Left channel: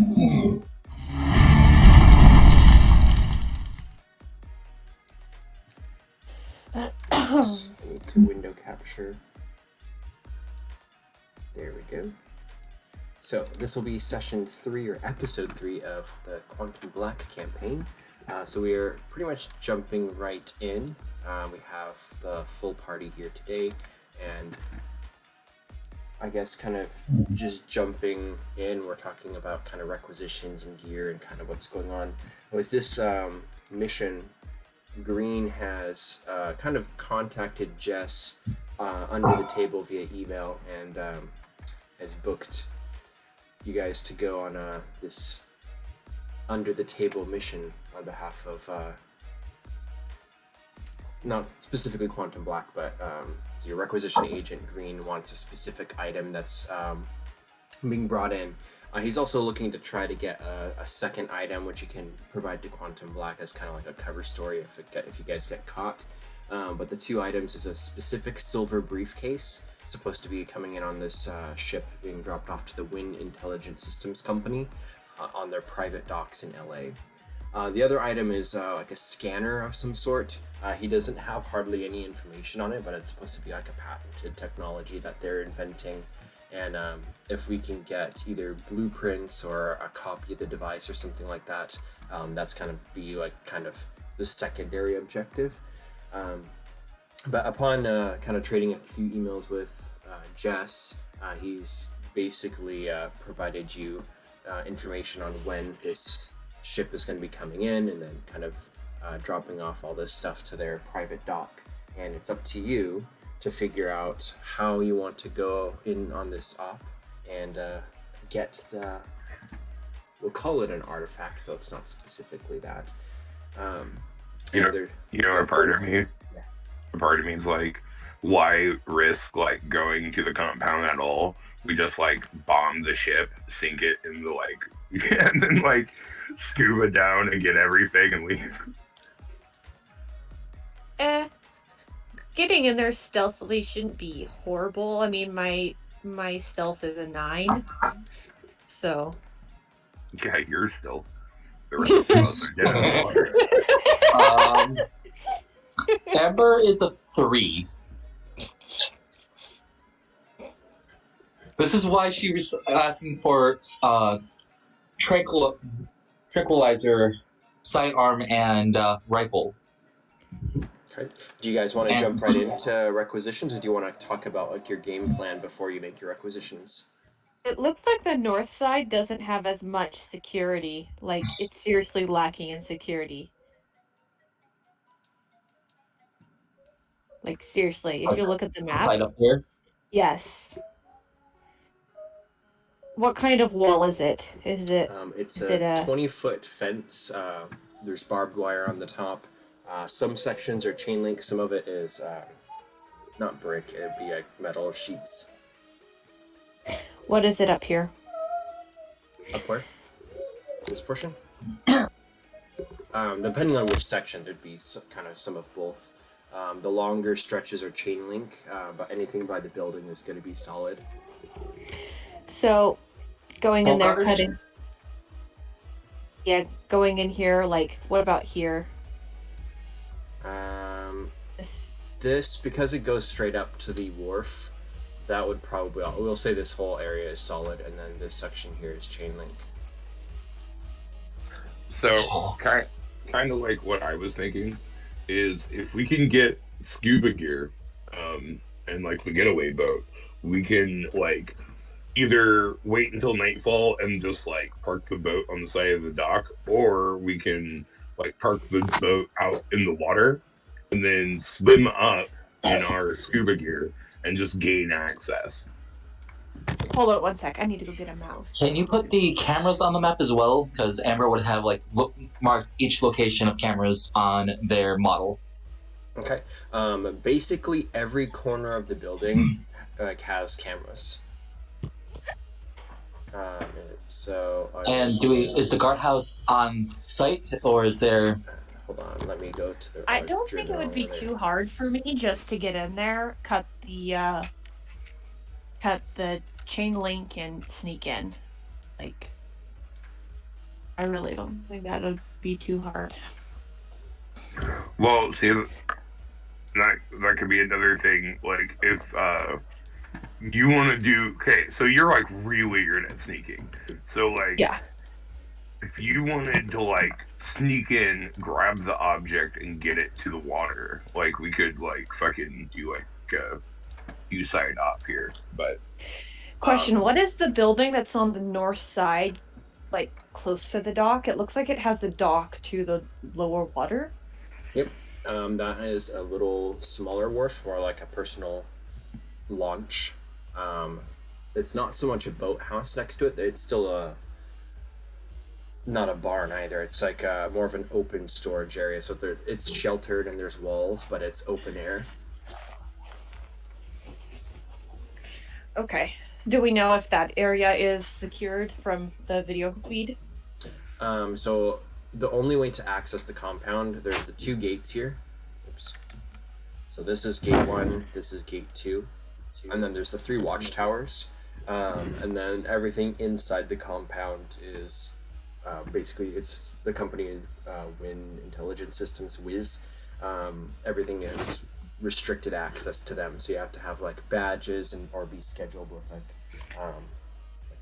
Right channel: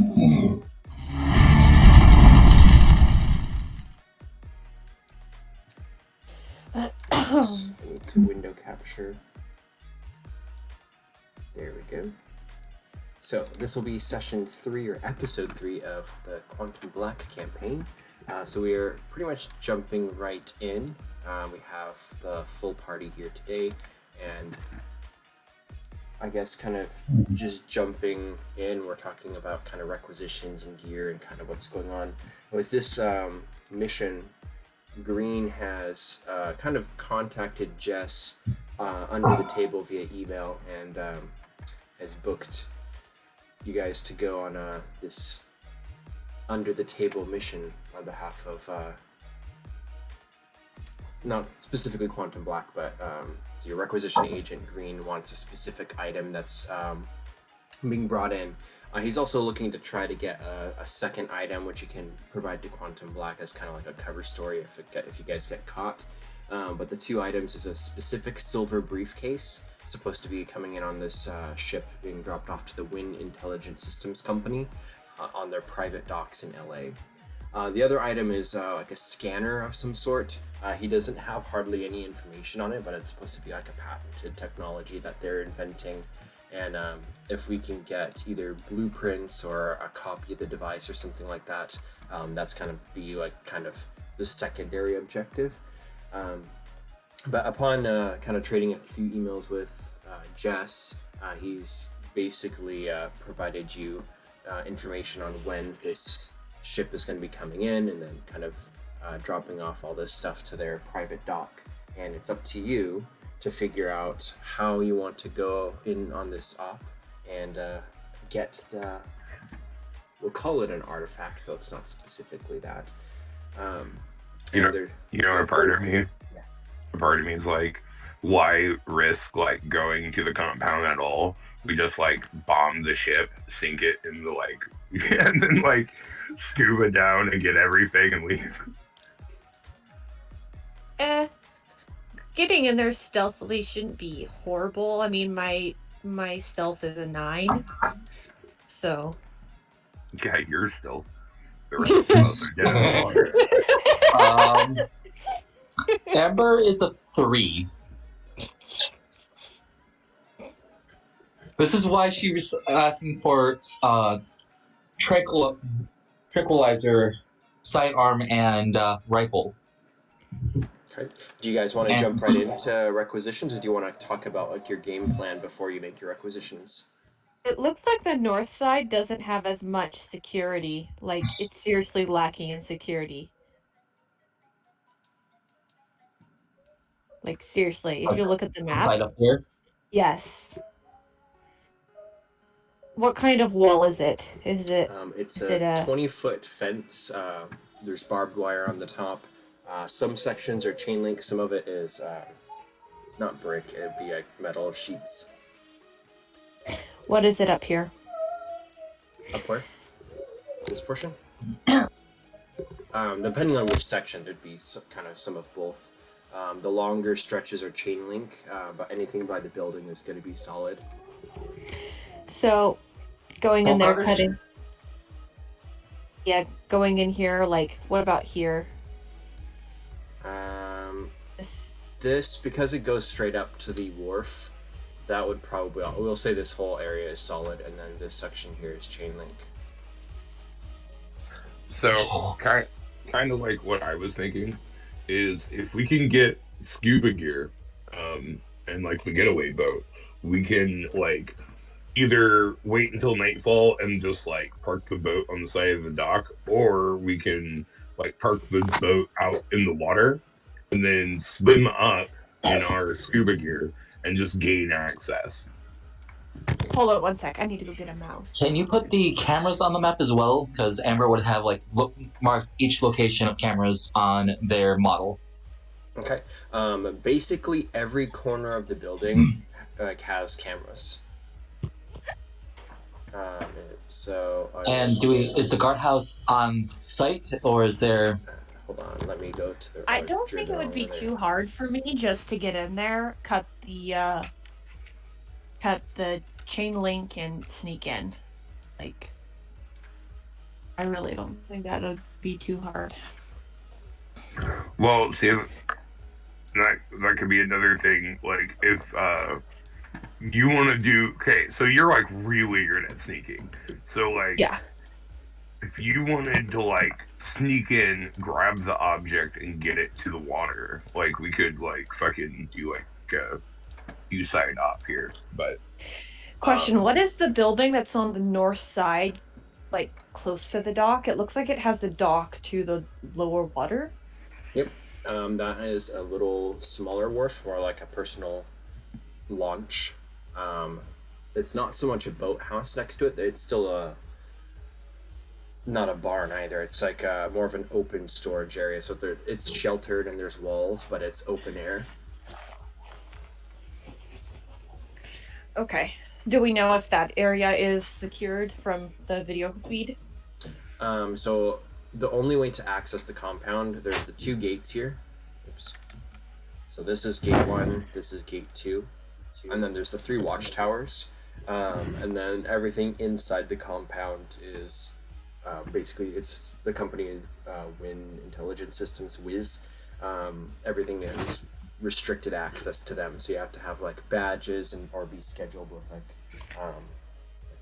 I need to window capture. There we go. So this will be session 3 or episode 3 of the Quantum Black campaign. So we are pretty much jumping right in. We have the full party here today, and I guess kind of just jumping in, we're talking about kind of requisitions and gear and kind of what's going on. With this mission, Greene has kind of contacted Jess under the table via email and has booked you guys to go on this under the table mission on behalf of not specifically Quantum Black, but so your requisition agent Greene wants a specific item that's being brought in. He's also looking to try to get a second item which he can provide to Quantum Black as kind of like a cover story if you guys get caught. But the two items is a specific silver briefcase supposed to be coming in on this ship being dropped off to the Wynne Intelligent Systems company on their private docks in LA. The other item is like a scanner of some sort. He doesn't have hardly any information on it, but it's supposed to be like a patented technology that they're inventing. And if we can get either blueprints or a copy of the device or something like that, that's kind of the secondary objective. But upon kind of trading a few emails with Jess, he's basically provided you information on when this ship is going to be coming in, and then kind of dropping off all this stuff to their private dock. And it's up to you to figure out how you want to go in on this op and get we'll call it an artifact, though it's not specifically that. You know, a part of me is like, why risk like going to the compound at all? We just like bomb the ship, sink it in the and then like scuba down and get everything and leave. Getting in there stealthily shouldn't be horrible. I mean, my stealth is a 9, so. Yeah, you're still. The rest of us are dead in the water. Amber is a 3. This is why she was asking for tranquilizer, sidearm, and rifle. Okay. Do you guys want to jump right into requisitions, or do you want to talk about like your game plan before you make your requisitions? It looks like the north side doesn't have as much security. Like, it's seriously lacking in security. Like, seriously, if you look at the map. Side up here? Yes. What kind of wall is it? Is it? It's a 20-foot fence. There's barbed wire on the top. Some sections are chain link. Some of it is not brick. It'd be like metal sheets. What is it up here? Up where? This portion? Depending on which section, there'd be kind of some of both. The longer stretches are chain link, but anything by the building is going to be solid. So, going in there, cutting. Yeah, going in here. Like, what about here? This because it goes straight up to the wharf. That would probably, we'll say this whole area is solid, and then this section here is chain link. So, kind of like what I was thinking is if we can get scuba gear and like the getaway boat, we can like either wait until nightfall and just like park the boat on the side of the dock, or we can like park the boat out in the water and then swim up in our scuba gear and just gain access. Hold on 1 sec. I need to go get a mouse. Can you put the cameras on the map as well? Because Amber would have like mark each location of cameras on their model. Okay. Basically, every corner of the building like has cameras. Is the guardhouse on site, or is there? Hold on, let me go to the. I don't think it would be too hard for me just to get in there, cut the chain link, and sneak in. Like, I really don't think that would be too hard. Well, see, that could be another thing. Like, if you want to do, okay, so you're like really good at sneaking. So like, Yeah. if you wanted to like sneak in, grab the object, and get it to the water, like we could like fucking do like you side off here. But Question, what is the building that's on the north side, like close to the dock? It looks like it has a dock to the lower water. Yep. That is a little smaller wharf, more like a personal launch. It's not so much a boathouse next to it. It's still not a barn either. It's like more of an open storage area. So it's sheltered and there's walls, but it's open air. Okay. Do we know if that area is secured from the video feed? So the only way to access the compound, there's the 2 gates here. Oops. So this is gate 1, this is gate 2, and then there's the 3 watchtowers, and then everything inside the compound is basically it's the company Wynne Intelligent Systems, Wiz. Everything is restricted access to them, so you have to have like badges or be scheduled with like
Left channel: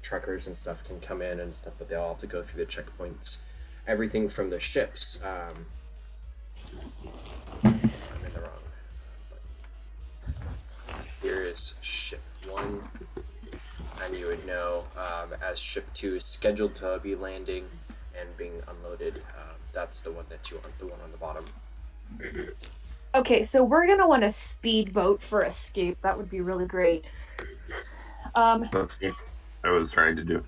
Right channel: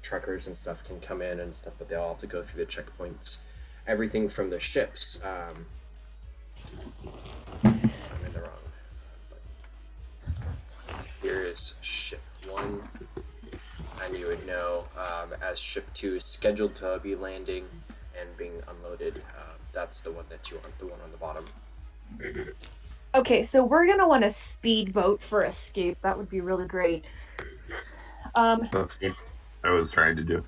truckers and stuff can come in and stuff, but they all have to go through the checkpoints. Everything from the ships. I'm in the wrong. Here is ship 1, and you would know as ship 2 is scheduled to be landing and being unloaded. That's the one that you want, the one on the bottom. Okay, so we're gonna want a speedboat for escape. That would be really great. that's what I was trying to do.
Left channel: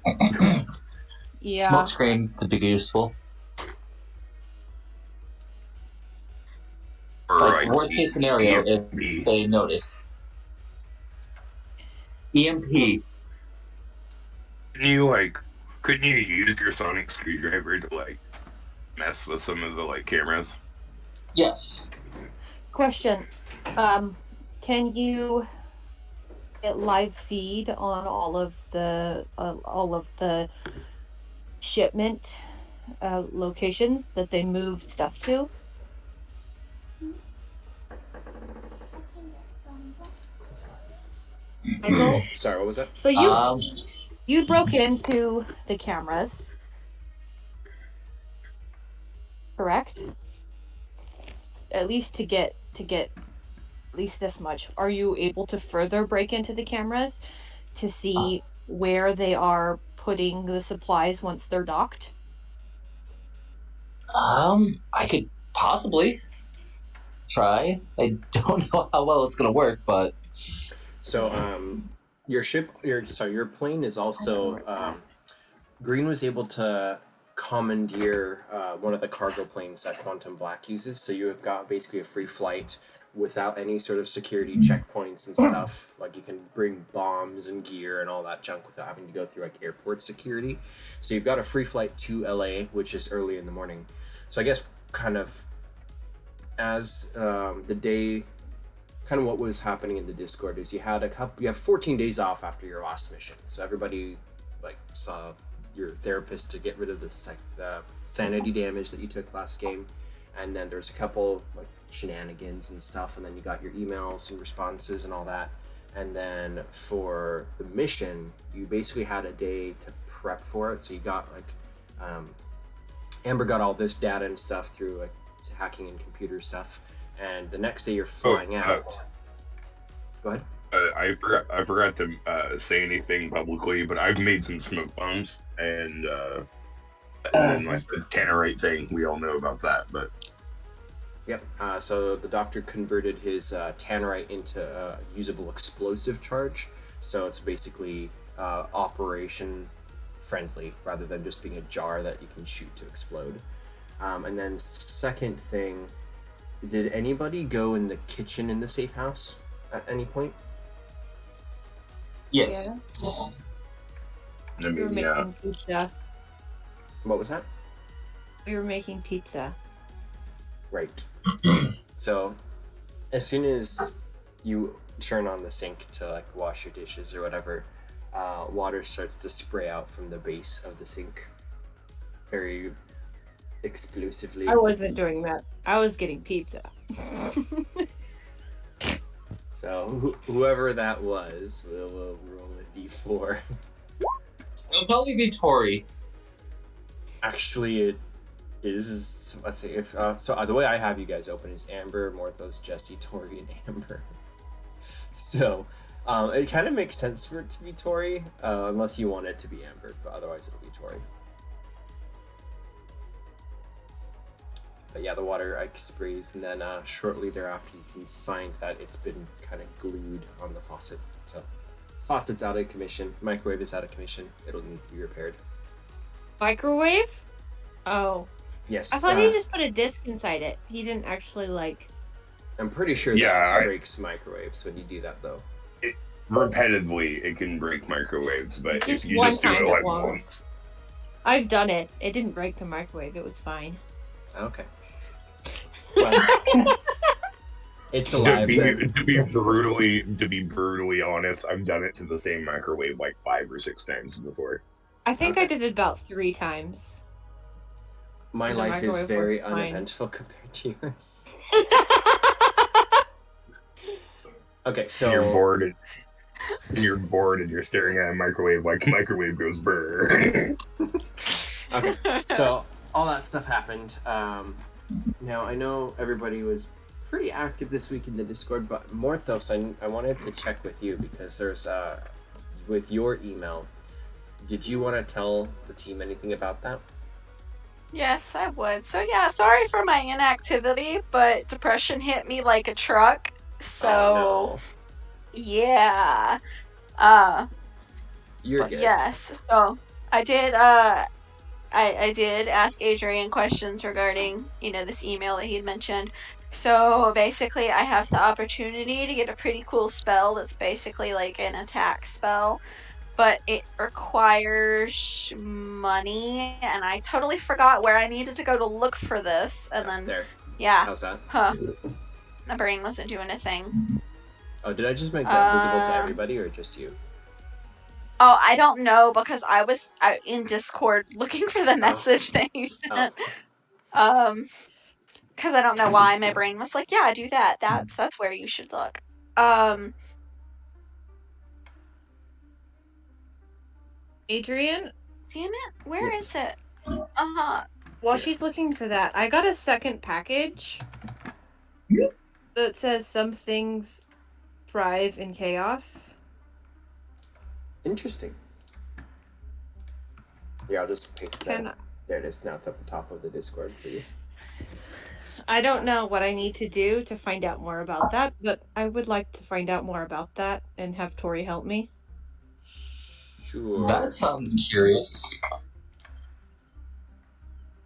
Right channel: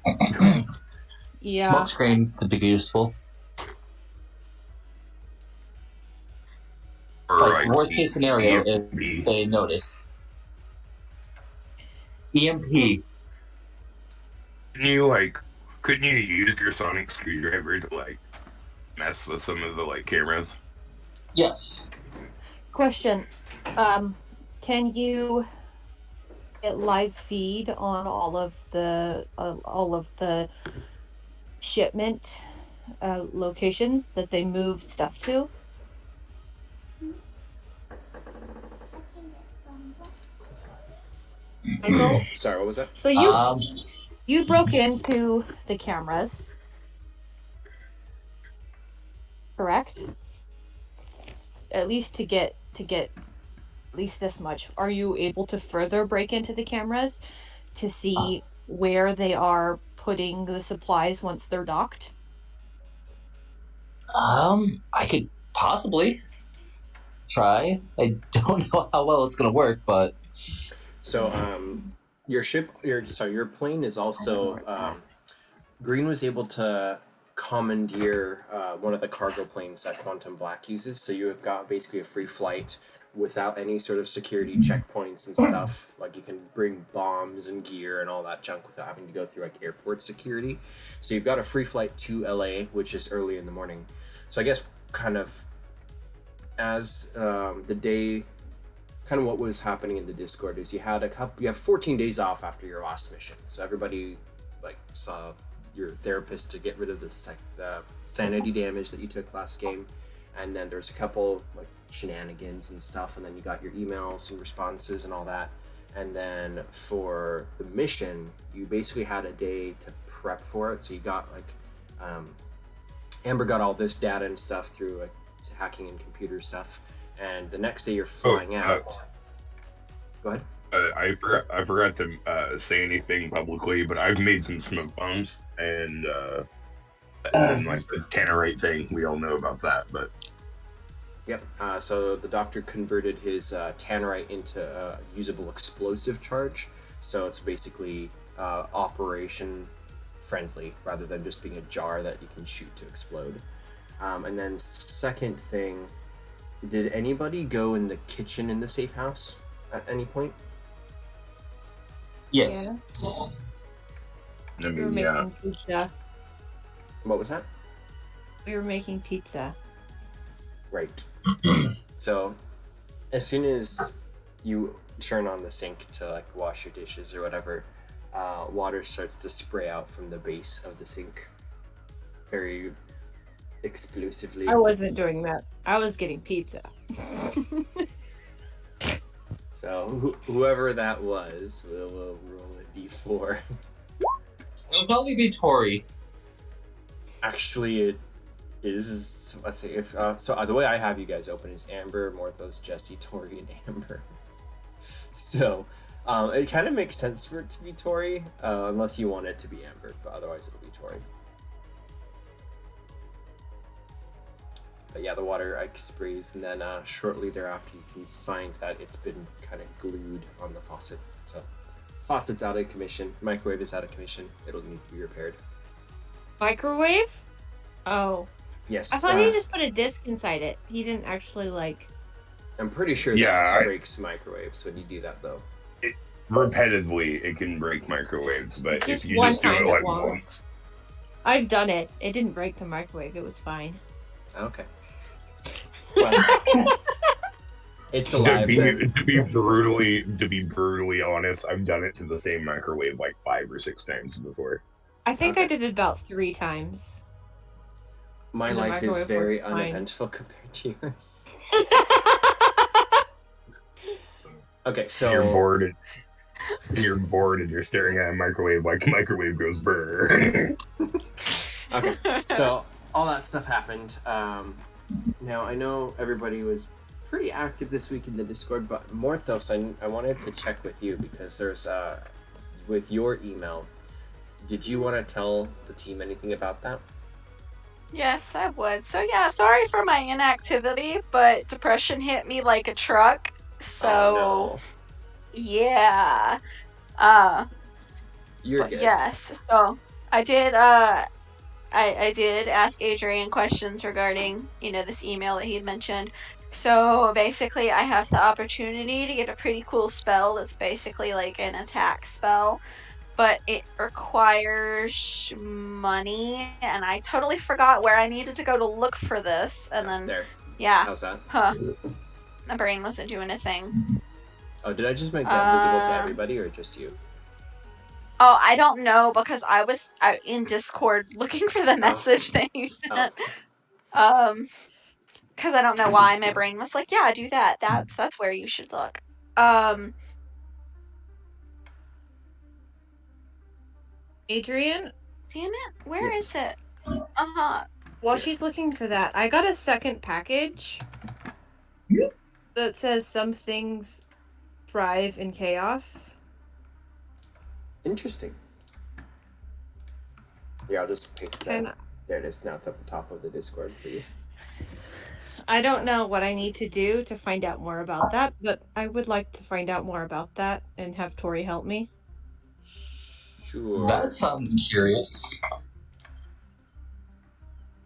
Yeah. Smoke screen could be useful. Or Like, worst case scenario, if EMP. they notice. EMP. Couldn't you use your sonic screwdriver to like mess with some of the like cameras? Yes. Question. Can you get live feed on all of the shipment locations that they move stuff to? Michael, Sorry, what was that? so you broke into the cameras, correct? At least to get at least this much. Are you able to further break into the cameras to see where they are putting the supplies once they're docked? I could possibly try. I don't know how well it's gonna work, but So your plane is also Greene was able to commandeer one of the cargo planes that Quantum Black uses, so you have got basically a free flight without any sort of security checkpoints and stuff. Like you can bring bombs and gear and all that junk without having to go through like airport security. So you've got a free flight to LA, which is early in the morning. So I guess kind of as the day, kind of what was happening in the Discord is you have 14 days off after your last mission. So everybody like saw your therapist to get rid of the sanity damage that you took last game, and then there's a couple like shenanigans and stuff, and then you got your emails and responses and all that. And then for the mission, you basically had a day to prep for it. So you got like Amber got all this data and stuff through like hacking and computer stuff, and the next day you're flying out. Go ahead. I forgot to say anything publicly, but I've made some smoke bombs and like the tannerite thing. We all know about that, but Yep. So the doctor converted his tannerite into a usable explosive charge. So it's basically operation friendly rather than just being a jar that you can shoot to explode. And then second thing, did anybody go in the kitchen in the safe house at any point? yes. I We were mean, making pizza. What was that? We were making pizza. Right. So as soon as you turn on the sink to like wash your dishes or whatever, water starts to spray out from the base of the sink. very explosively. I wasn't doing that. I was getting pizza. So whoever that was, we'll roll a d4. It'll probably be Tori. Actually, it is. Let's see if the way I have you guys open is Amber, Morthos, Jesse, Tori, and Amber. So it kind of makes sense for it to be Tori, unless you want it to be Amber, but otherwise it'll be Tori. But yeah, the water sprays, and then shortly thereafter you can find that it's been kind of glued on the faucet. So faucet's out of commission, microwave is out of commission, it'll need to be repaired. Microwave? Oh. Yes. I thought he just put a disc inside it. He didn't actually, like... I'm pretty sure Yeah, it breaks microwaves when you do that, though. Repetitively, it can break microwaves, but Just if you one just do time it it like won't. once, I've done it. It didn't break the microwave. It was fine. Okay. Well, it's alive. To be brutally honest, I've done it to the same microwave like 5 or 6 times before. I think Okay. I did it about 3 times. My The life is microwave very worked fine. uneventful compared to yours. Okay, so You're bored and you're staring at a microwave like a microwave goes brr. Okay, so all that stuff happened. Now I know everybody was pretty active this week in the Discord, but Morthos, I wanted to check with you because there's with your email. Did you want to tell the team anything about that? Yes, I would. So yeah, sorry for my inactivity, but depression hit me like a truck. So Oh yeah. no, you're good. Yes. So I did I did ask Adrian questions regarding, this email that he had mentioned. So basically I have the opportunity to get a pretty cool spell that's basically like an attack spell, but it requires money, and I totally forgot where I needed to go to look for this, and then There. yeah. How's that? Huh. My brain wasn't doing a thing. Oh, did I just make that visible to everybody or just you? Oh, I don't know, because I was in Discord looking for the message that you sent. Because I don't know why my brain was like, yeah, do that. That's where you should look. Adrian? Damn it, where Yes. is it? Uh-huh. While Here. she's looking for that, I got a second package that says some things thrive in chaos. Interesting. Yeah, I'll just paste that. Can There it is. Now it's at the top of the Discord for you. I don't know what I need to do to find out more about that, but I would like to find out more about that and have Tori help me. Sure. That sounds curious.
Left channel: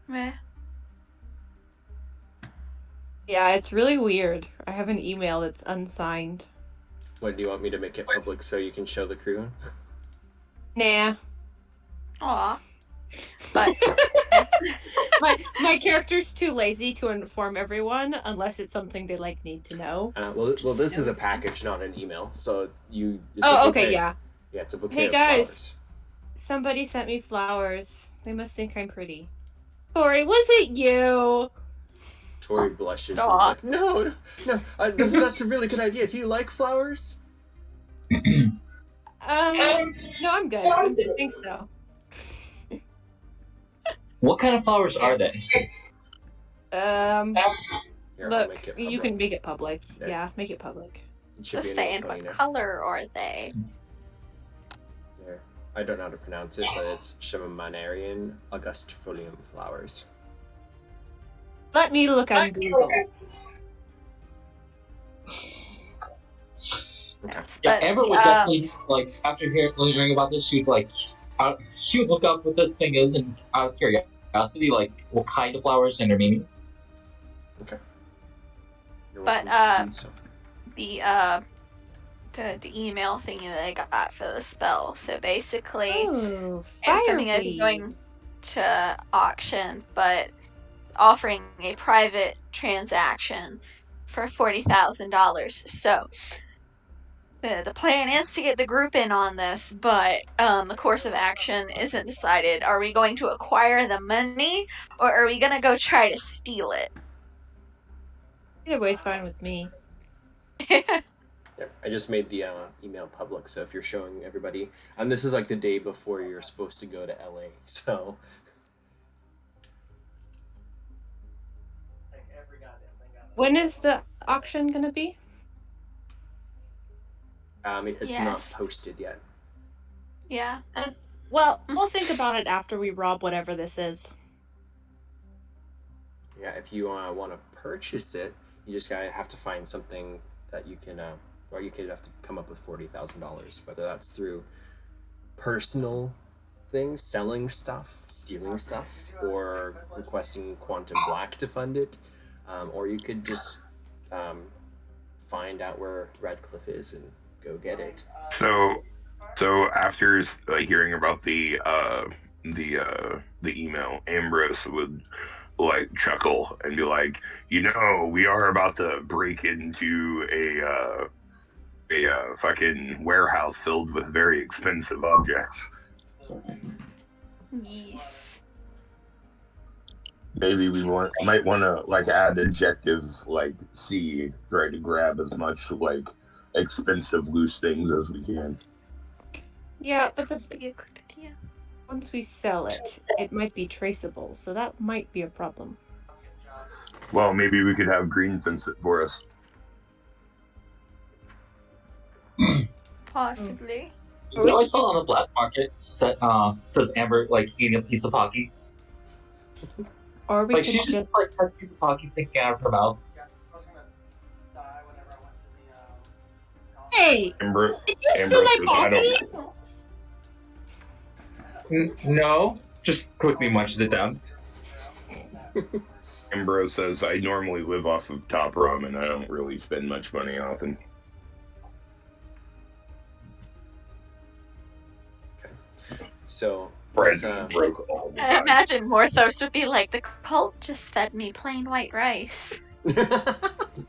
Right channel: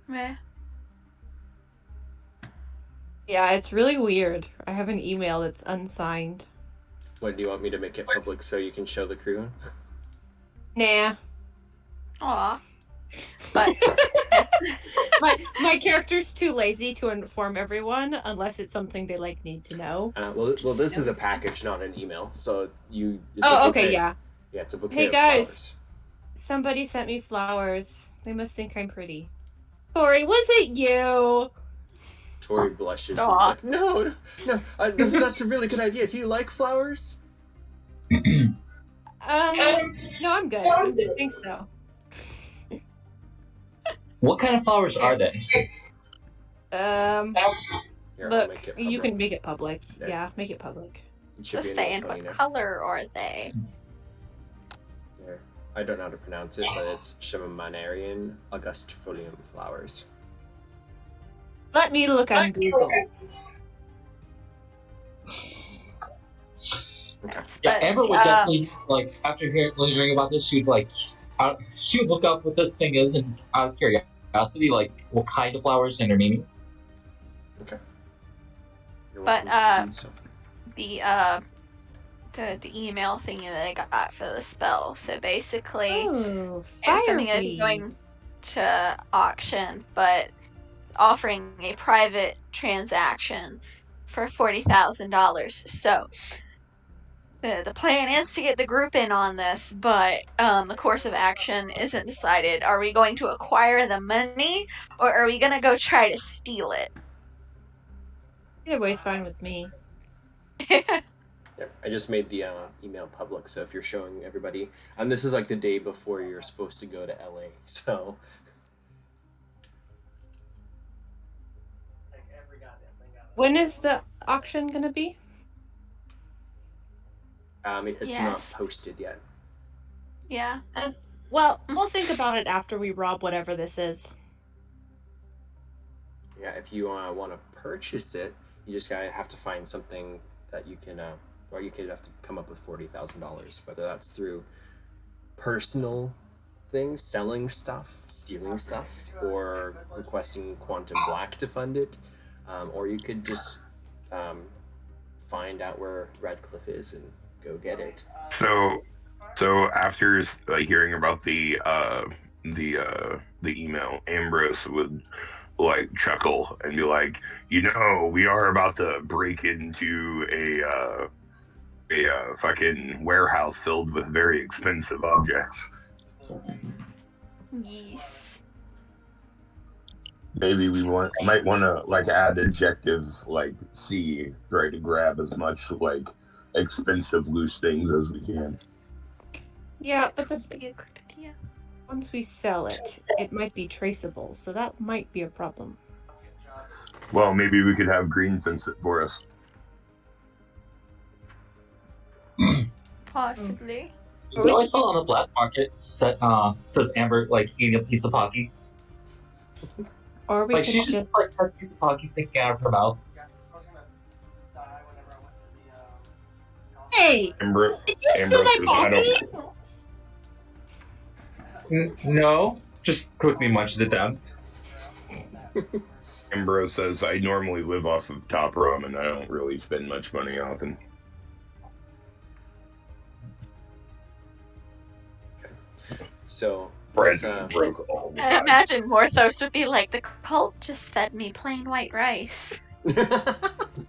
Meh. Yeah, it's really weird. I have an email that's unsigned. What, do you want me to make it public so you can show the crew? Nah. Aw. But My character's too lazy to inform everyone unless it's something they need to know. Well, this is a package, not an email. So it's a Oh, bouquet. okay, yeah. Yeah, it's a bouquet Hey, of guys. flowers. Somebody sent me flowers. They must think I'm pretty. Tori, was it you? Tori blushes. And is Aw. like, no, that's a really good idea. Do you like flowers? No, I'm good. I don't think so. What kind of flowers are they? Here, I'll Look, make it you public. can make it public. There. Yeah, make it public. It should just be in saying, Roll20 what now. color are they? There. I don't know how to pronounce it, but it's Shamamanarian Augustfolium flowers. Let me look on Google. Okay. Yeah, But, Amber would definitely after hearing about this, she would look up what this thing is, and out of curiosity, what kind of flowers and their meaning. Okay. You're But, welcome to do so. the email thingy that I got for the spell. So basically, Oh, it's something I'd be fiery. going to auction, but offering a private transaction for $40,000. So The plan is to get the group in on this, but the course of action isn't decided. Are we going to acquire the money, or are we gonna go try to steal it? Either way's fine with me. Yeah, I just made the email public, so if you're showing everybody, and this is like the day before you're supposed to go to LA, so. When is the auction gonna be? It's not posted yet. Yeah. Well, we'll think about it after we rob whatever this is. Yeah, if you want to purchase it, you just gotta have to find something that you can, or you could have to come up with $40,000, whether that's through personal things, selling stuff, stealing stuff, or requesting Quantum Black to fund it, or you could just find out where Radcliffe is and go get it. So after hearing about the email, Ambrose would like chuckle and be like, we are about to break into a fucking warehouse filled with very expensive objects. Yes. Maybe we might want to like add adjective like C, try to grab as much like expensive loose things as we can. Yeah, but that's Be a good idea. once we sell it, it might be traceable, so that might be a problem. Well, maybe we could have Greene fence it for us. Possibly. You know, I saw on the black market says Amber like eating a piece of Pocky. Or we Like could she just like has a piece of Pocky sticking out of her mouth. Hey! Amber, Did you see my says, I Pocky? don't. No, just quickly munches it down. Ambrose says, I normally live off of top ramen. I don't really spend much money often. So, Brandon broke all the I time. imagine Morthos would be like, the cult just fed me plain white rice.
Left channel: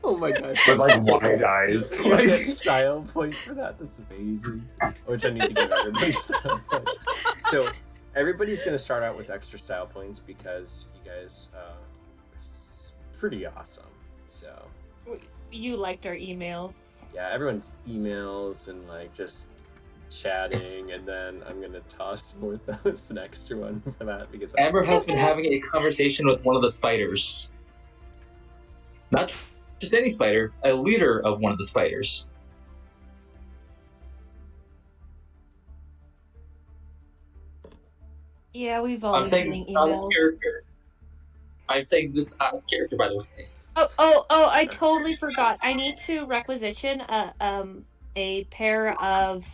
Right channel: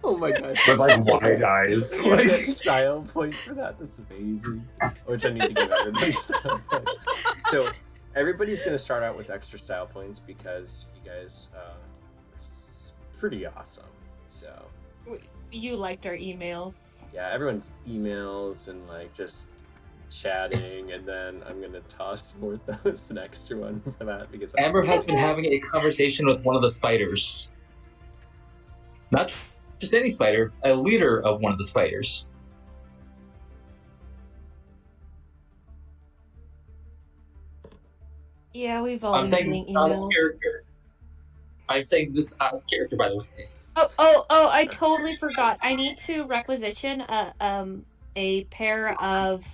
oh my god. With like wide eyes. You get style point for that. That's amazing. Which I need to give everybody style points. So everybody's gonna start out with extra style points because you guys are pretty awesome. So You liked our emails. yeah, everyone's emails and like just chatting, and then I'm gonna toss Morthos an extra one for that because Amber has been having a conversation with one of the spiders. Not just any spider, a leader of one of the spiders. Yeah, we've all I'm been saying getting this out of emails. character. I'm saying this out of character, by the way. Oh! I totally forgot. I need to requisition a pair of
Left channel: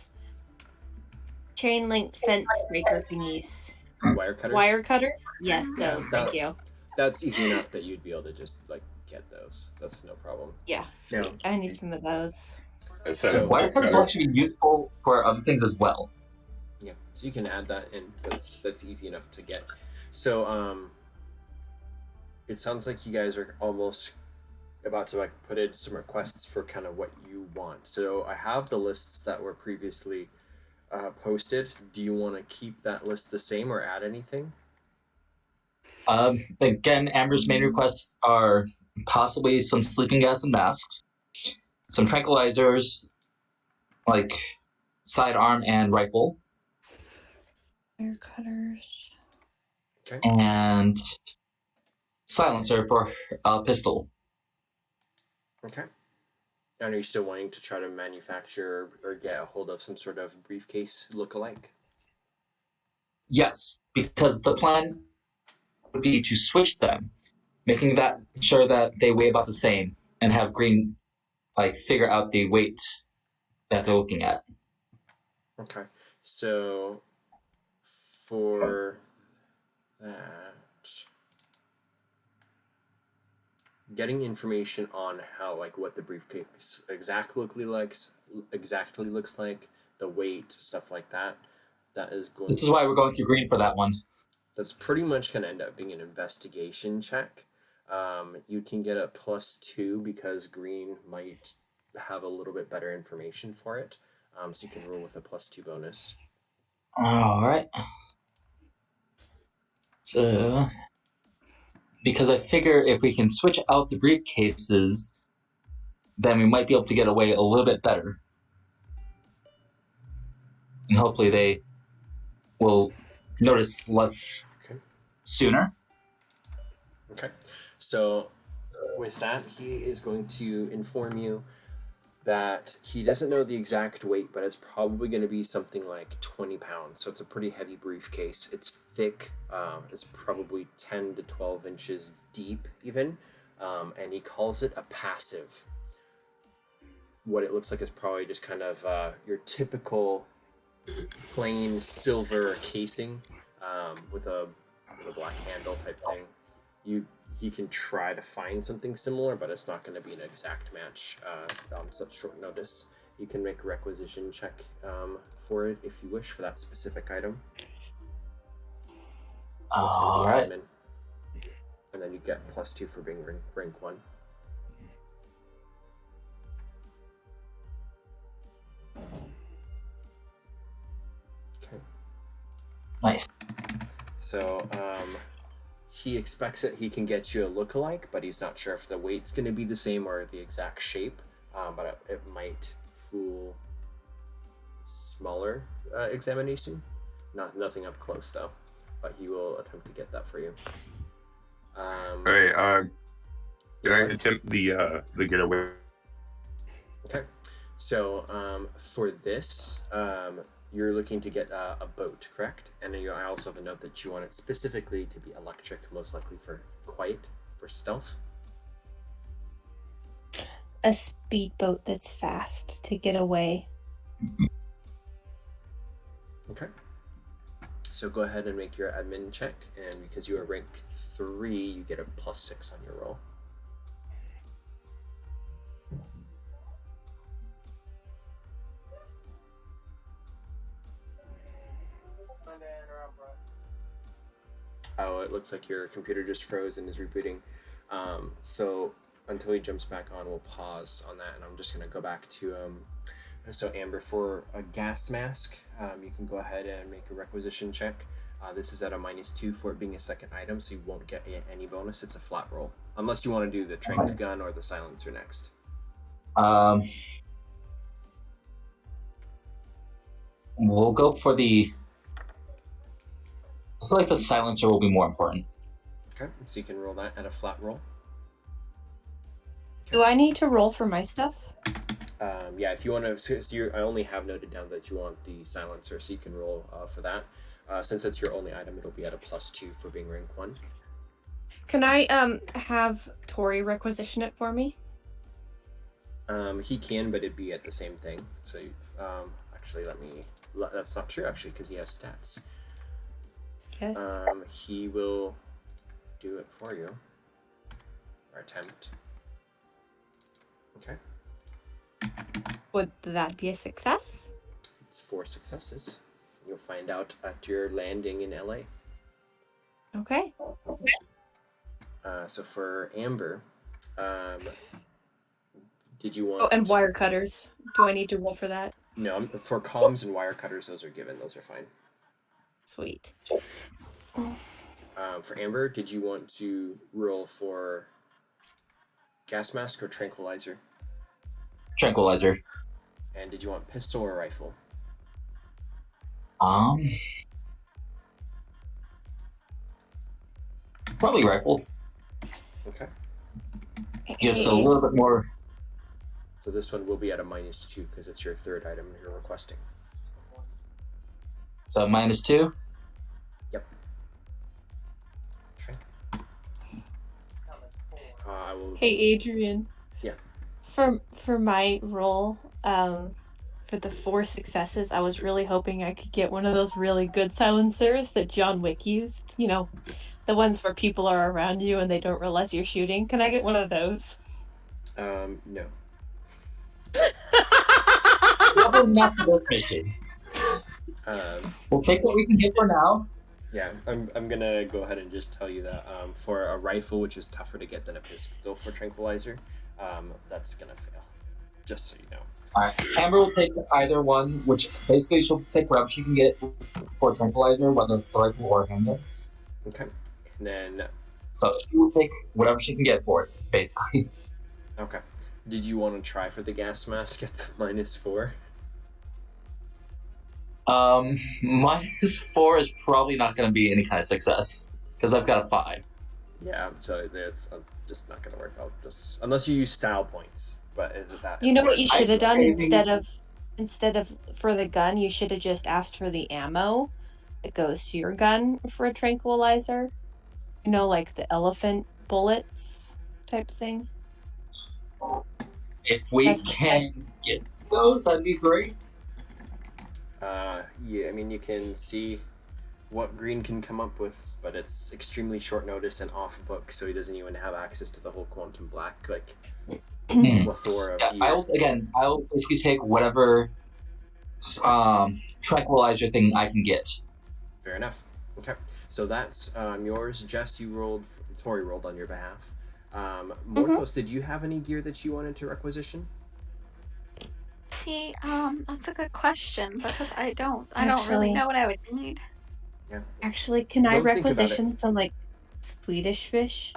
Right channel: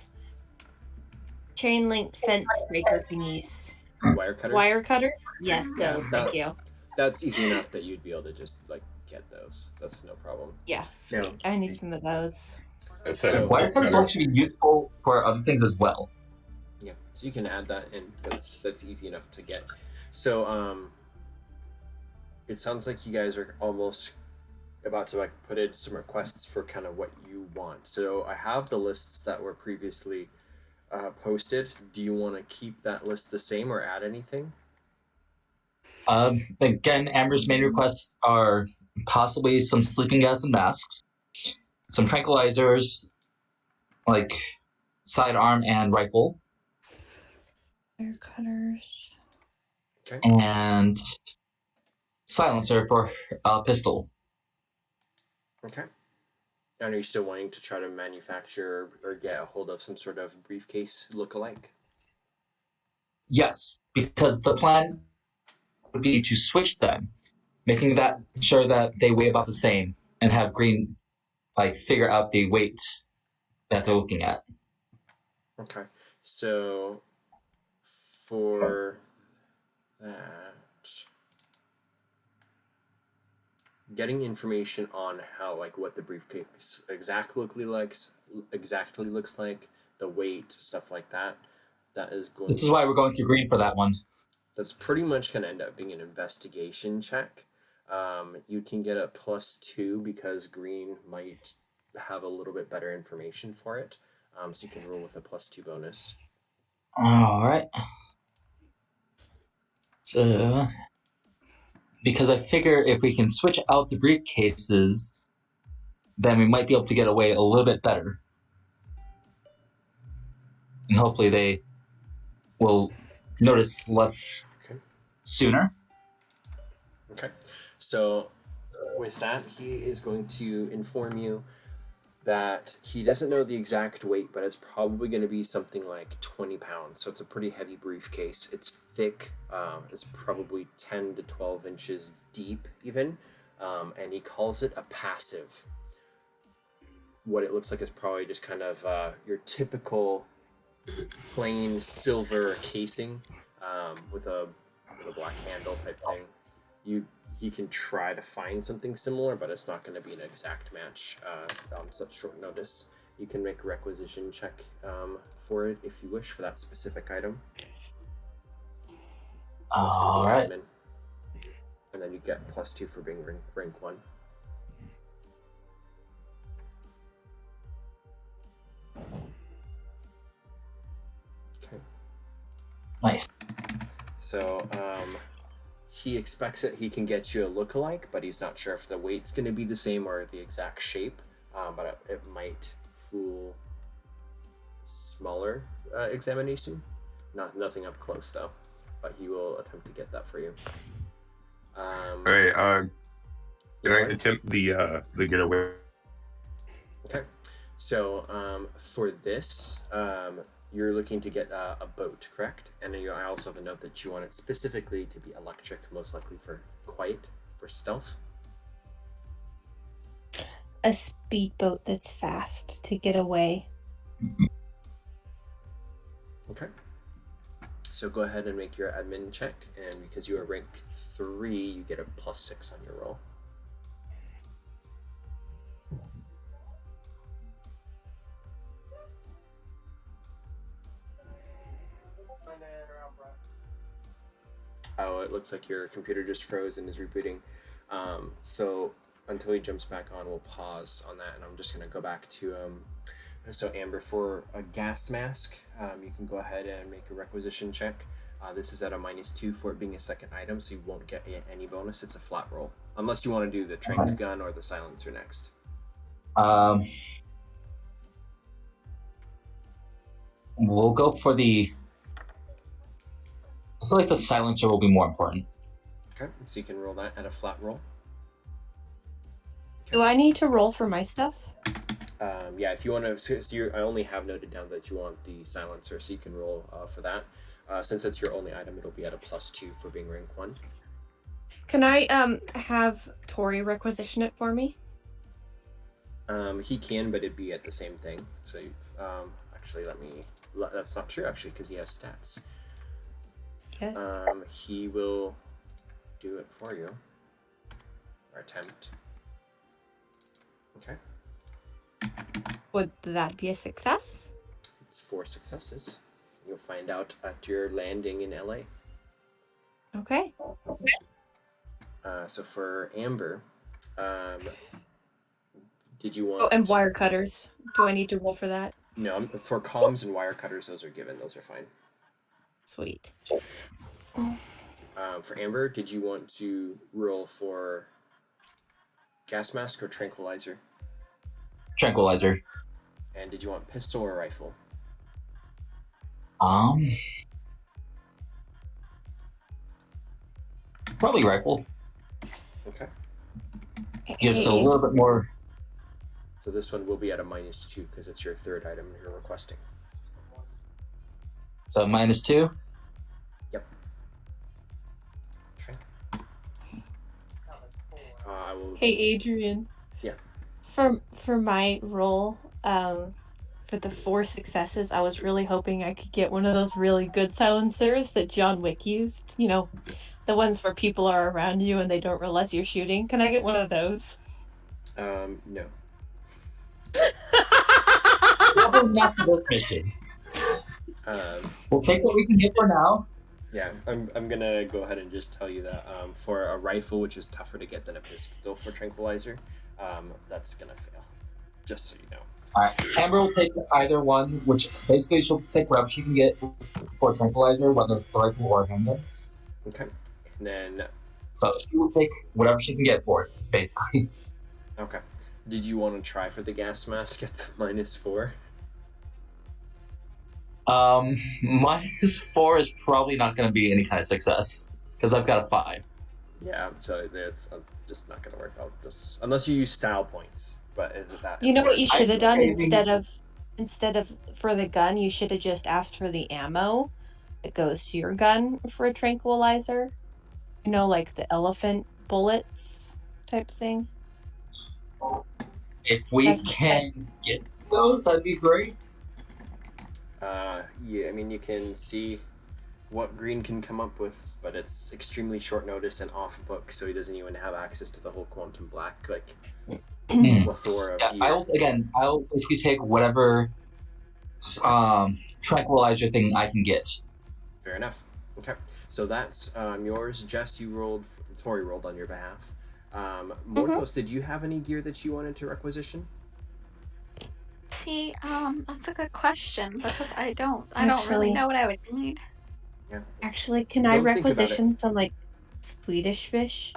chain link fence breaker thingies. wire cutters. Wire cutters? Yes, Yeah, those. Thank you. That's easy enough that you'd be able to just like get those. That's no problem. Yeah, sweet. No. I need some of those. So- Wire cutters will actually be useful for other things as well. Yeah, so you can add that in. That's easy enough to get. So it sounds like you guys are almost about to like put in some requests for kind of what you want. So I have the lists that were previously posted. Do you want to keep that list the same or add anything? Again, Amber's main requests are possibly some sleeping gas and masks, some tranquilizers, like sidearm and rifle, Wire cutters. Okay. and silencer for a pistol. Okay. And are you still wanting to try to manufacture or get a hold of some sort of briefcase look-alike? Yes, because the plan would be to switch them, making that sure that they weigh about the same, and have Greene like figure out the weights that they're looking at. Okay. So for that, getting information on how like what the briefcase exactly looks like, the weight, stuff like that. That is going. This is why we're going through Greene for that one. That's pretty much going to end up being an investigation check. You can get a +2 because Greene might have a little bit better information for it. So you can roll with a +2 bonus. All right. So, because I figure if we can switch out the briefcases, then we might be able to get away a little bit better. And hopefully they will notice less sooner. Okay. So with that, he is going to inform you that he doesn't know the exact weight, but it's probably going to be something like 20 pounds. So it's a pretty heavy briefcase. It's thick. It's probably 10 to 12 inches deep even. And he calls it a passive. What it looks like is probably just kind of your typical plain silver casing with a black handle type thing. He can try to find something similar, but it's not going to be an exact match on such short notice. You can make a requisition check for it if you wish for that specific item. That's going to be admin. And then you get +2 for being rank 1. Okay. Nice. So, he expects that he can get you a lookalike, but he's not sure if the weight's going to be the same or the exact shape. But it might fool smaller examination. Nothing up close though, but he will attempt to get that for you. Hey, can I attempt the getaway? Okay. So for this, you're looking to get a boat, correct? And then I also have a note that you want it specifically to be electric, most likely for quiet, for stealth. A speedboat that's fast to get away. Okay. So go ahead and make your admin check, and because you are rank 3, you get a +6 on your roll. Oh, it looks like your computer just froze and is rebooting. So until he jumps back on, we'll pause on that, and I'm just going to go back to so Amber, for a gas mask, you can go ahead and make a requisition check. This is at a -2 for it being a second item, so you won't get any bonus. It's a flat roll, unless you want to do the trank gun or the silencer next. We'll go for the... I feel like the silencer will be more important. Okay, so you can roll that at a flat roll. Do I need to roll for my stuff? Yeah, if you want to, I only have noted down that you want the silencer, so you can roll for that. Since it's your only item, it'll be at a +2 for being rank 1. Can I have Tori requisition it for me? He can, but it'd be at the same thing. So actually, that's not true actually, because he has stats. Yes. He will do it for you, or attempt. Okay. Would that be a success? It's 4 successes. You'll find out at your landing in LA. Okay. So for Amber, did you want... Oh, and wire cutters. Do I need to roll for that? No, for comms and wire cutters, those are given. Those are fine. Sweet. For Amber, did you want to roll for gas mask or tranquilizer? Tranquilizer. And did you want pistol or rifle? Probably rifle. Okay. Gives a little bit more. So this one will be at a -2 because it's your third item you're requesting. So -2. Yep. Okay. I will. Hey, Adrian. Yeah. For my roll, for the 4 successes, I was really hoping I could get one of those really good silencers that John Wick used. You know, the ones where people are around you and they don't realize you're shooting. Can I get one of those? No. Probably not for this mission. We'll take what we can get for now. Yeah, I'm gonna go ahead and just tell you that for a rifle, which is tougher to get than a pistol for tranquilizer, that's gonna fail. just so you know. Alright, Amber will take either one, which basically she'll take whatever she can get for a tranquilizer, whether it's the rifle or a handgun. Okay. And then, So she will take whatever she can get for it, basically. okay. Did you want to try for the gas mask at the -4? -4 is probably not going to be any kind of success because I've got a 5. Yeah, so it's just not going to work out. Just unless you use style points. But is it that? You know what you important? should have done I- instead of for the gun, you should have just asked for the ammo that goes to your gun for a tranquilizer. You know, like the elephant bullets type thing. If we That's- can get those, that'd be great. Yeah, I mean, you can see what Greene can come up with, but it's extremely short notice and off book, so he doesn't even have access to the whole Quantum Black plethora of Yeah, gear. I'll basically take whatever tranquilizer thing I can get. Fair enough. Okay, so that's yours. Jess, you rolled. Tori rolled on your behalf. Morthos, did you have any gear that you wanted to requisition? See, that's a good question because I don't Actually- really know what I would need. Yeah. Actually, can I Don't think about it. requisition some like Swedish fish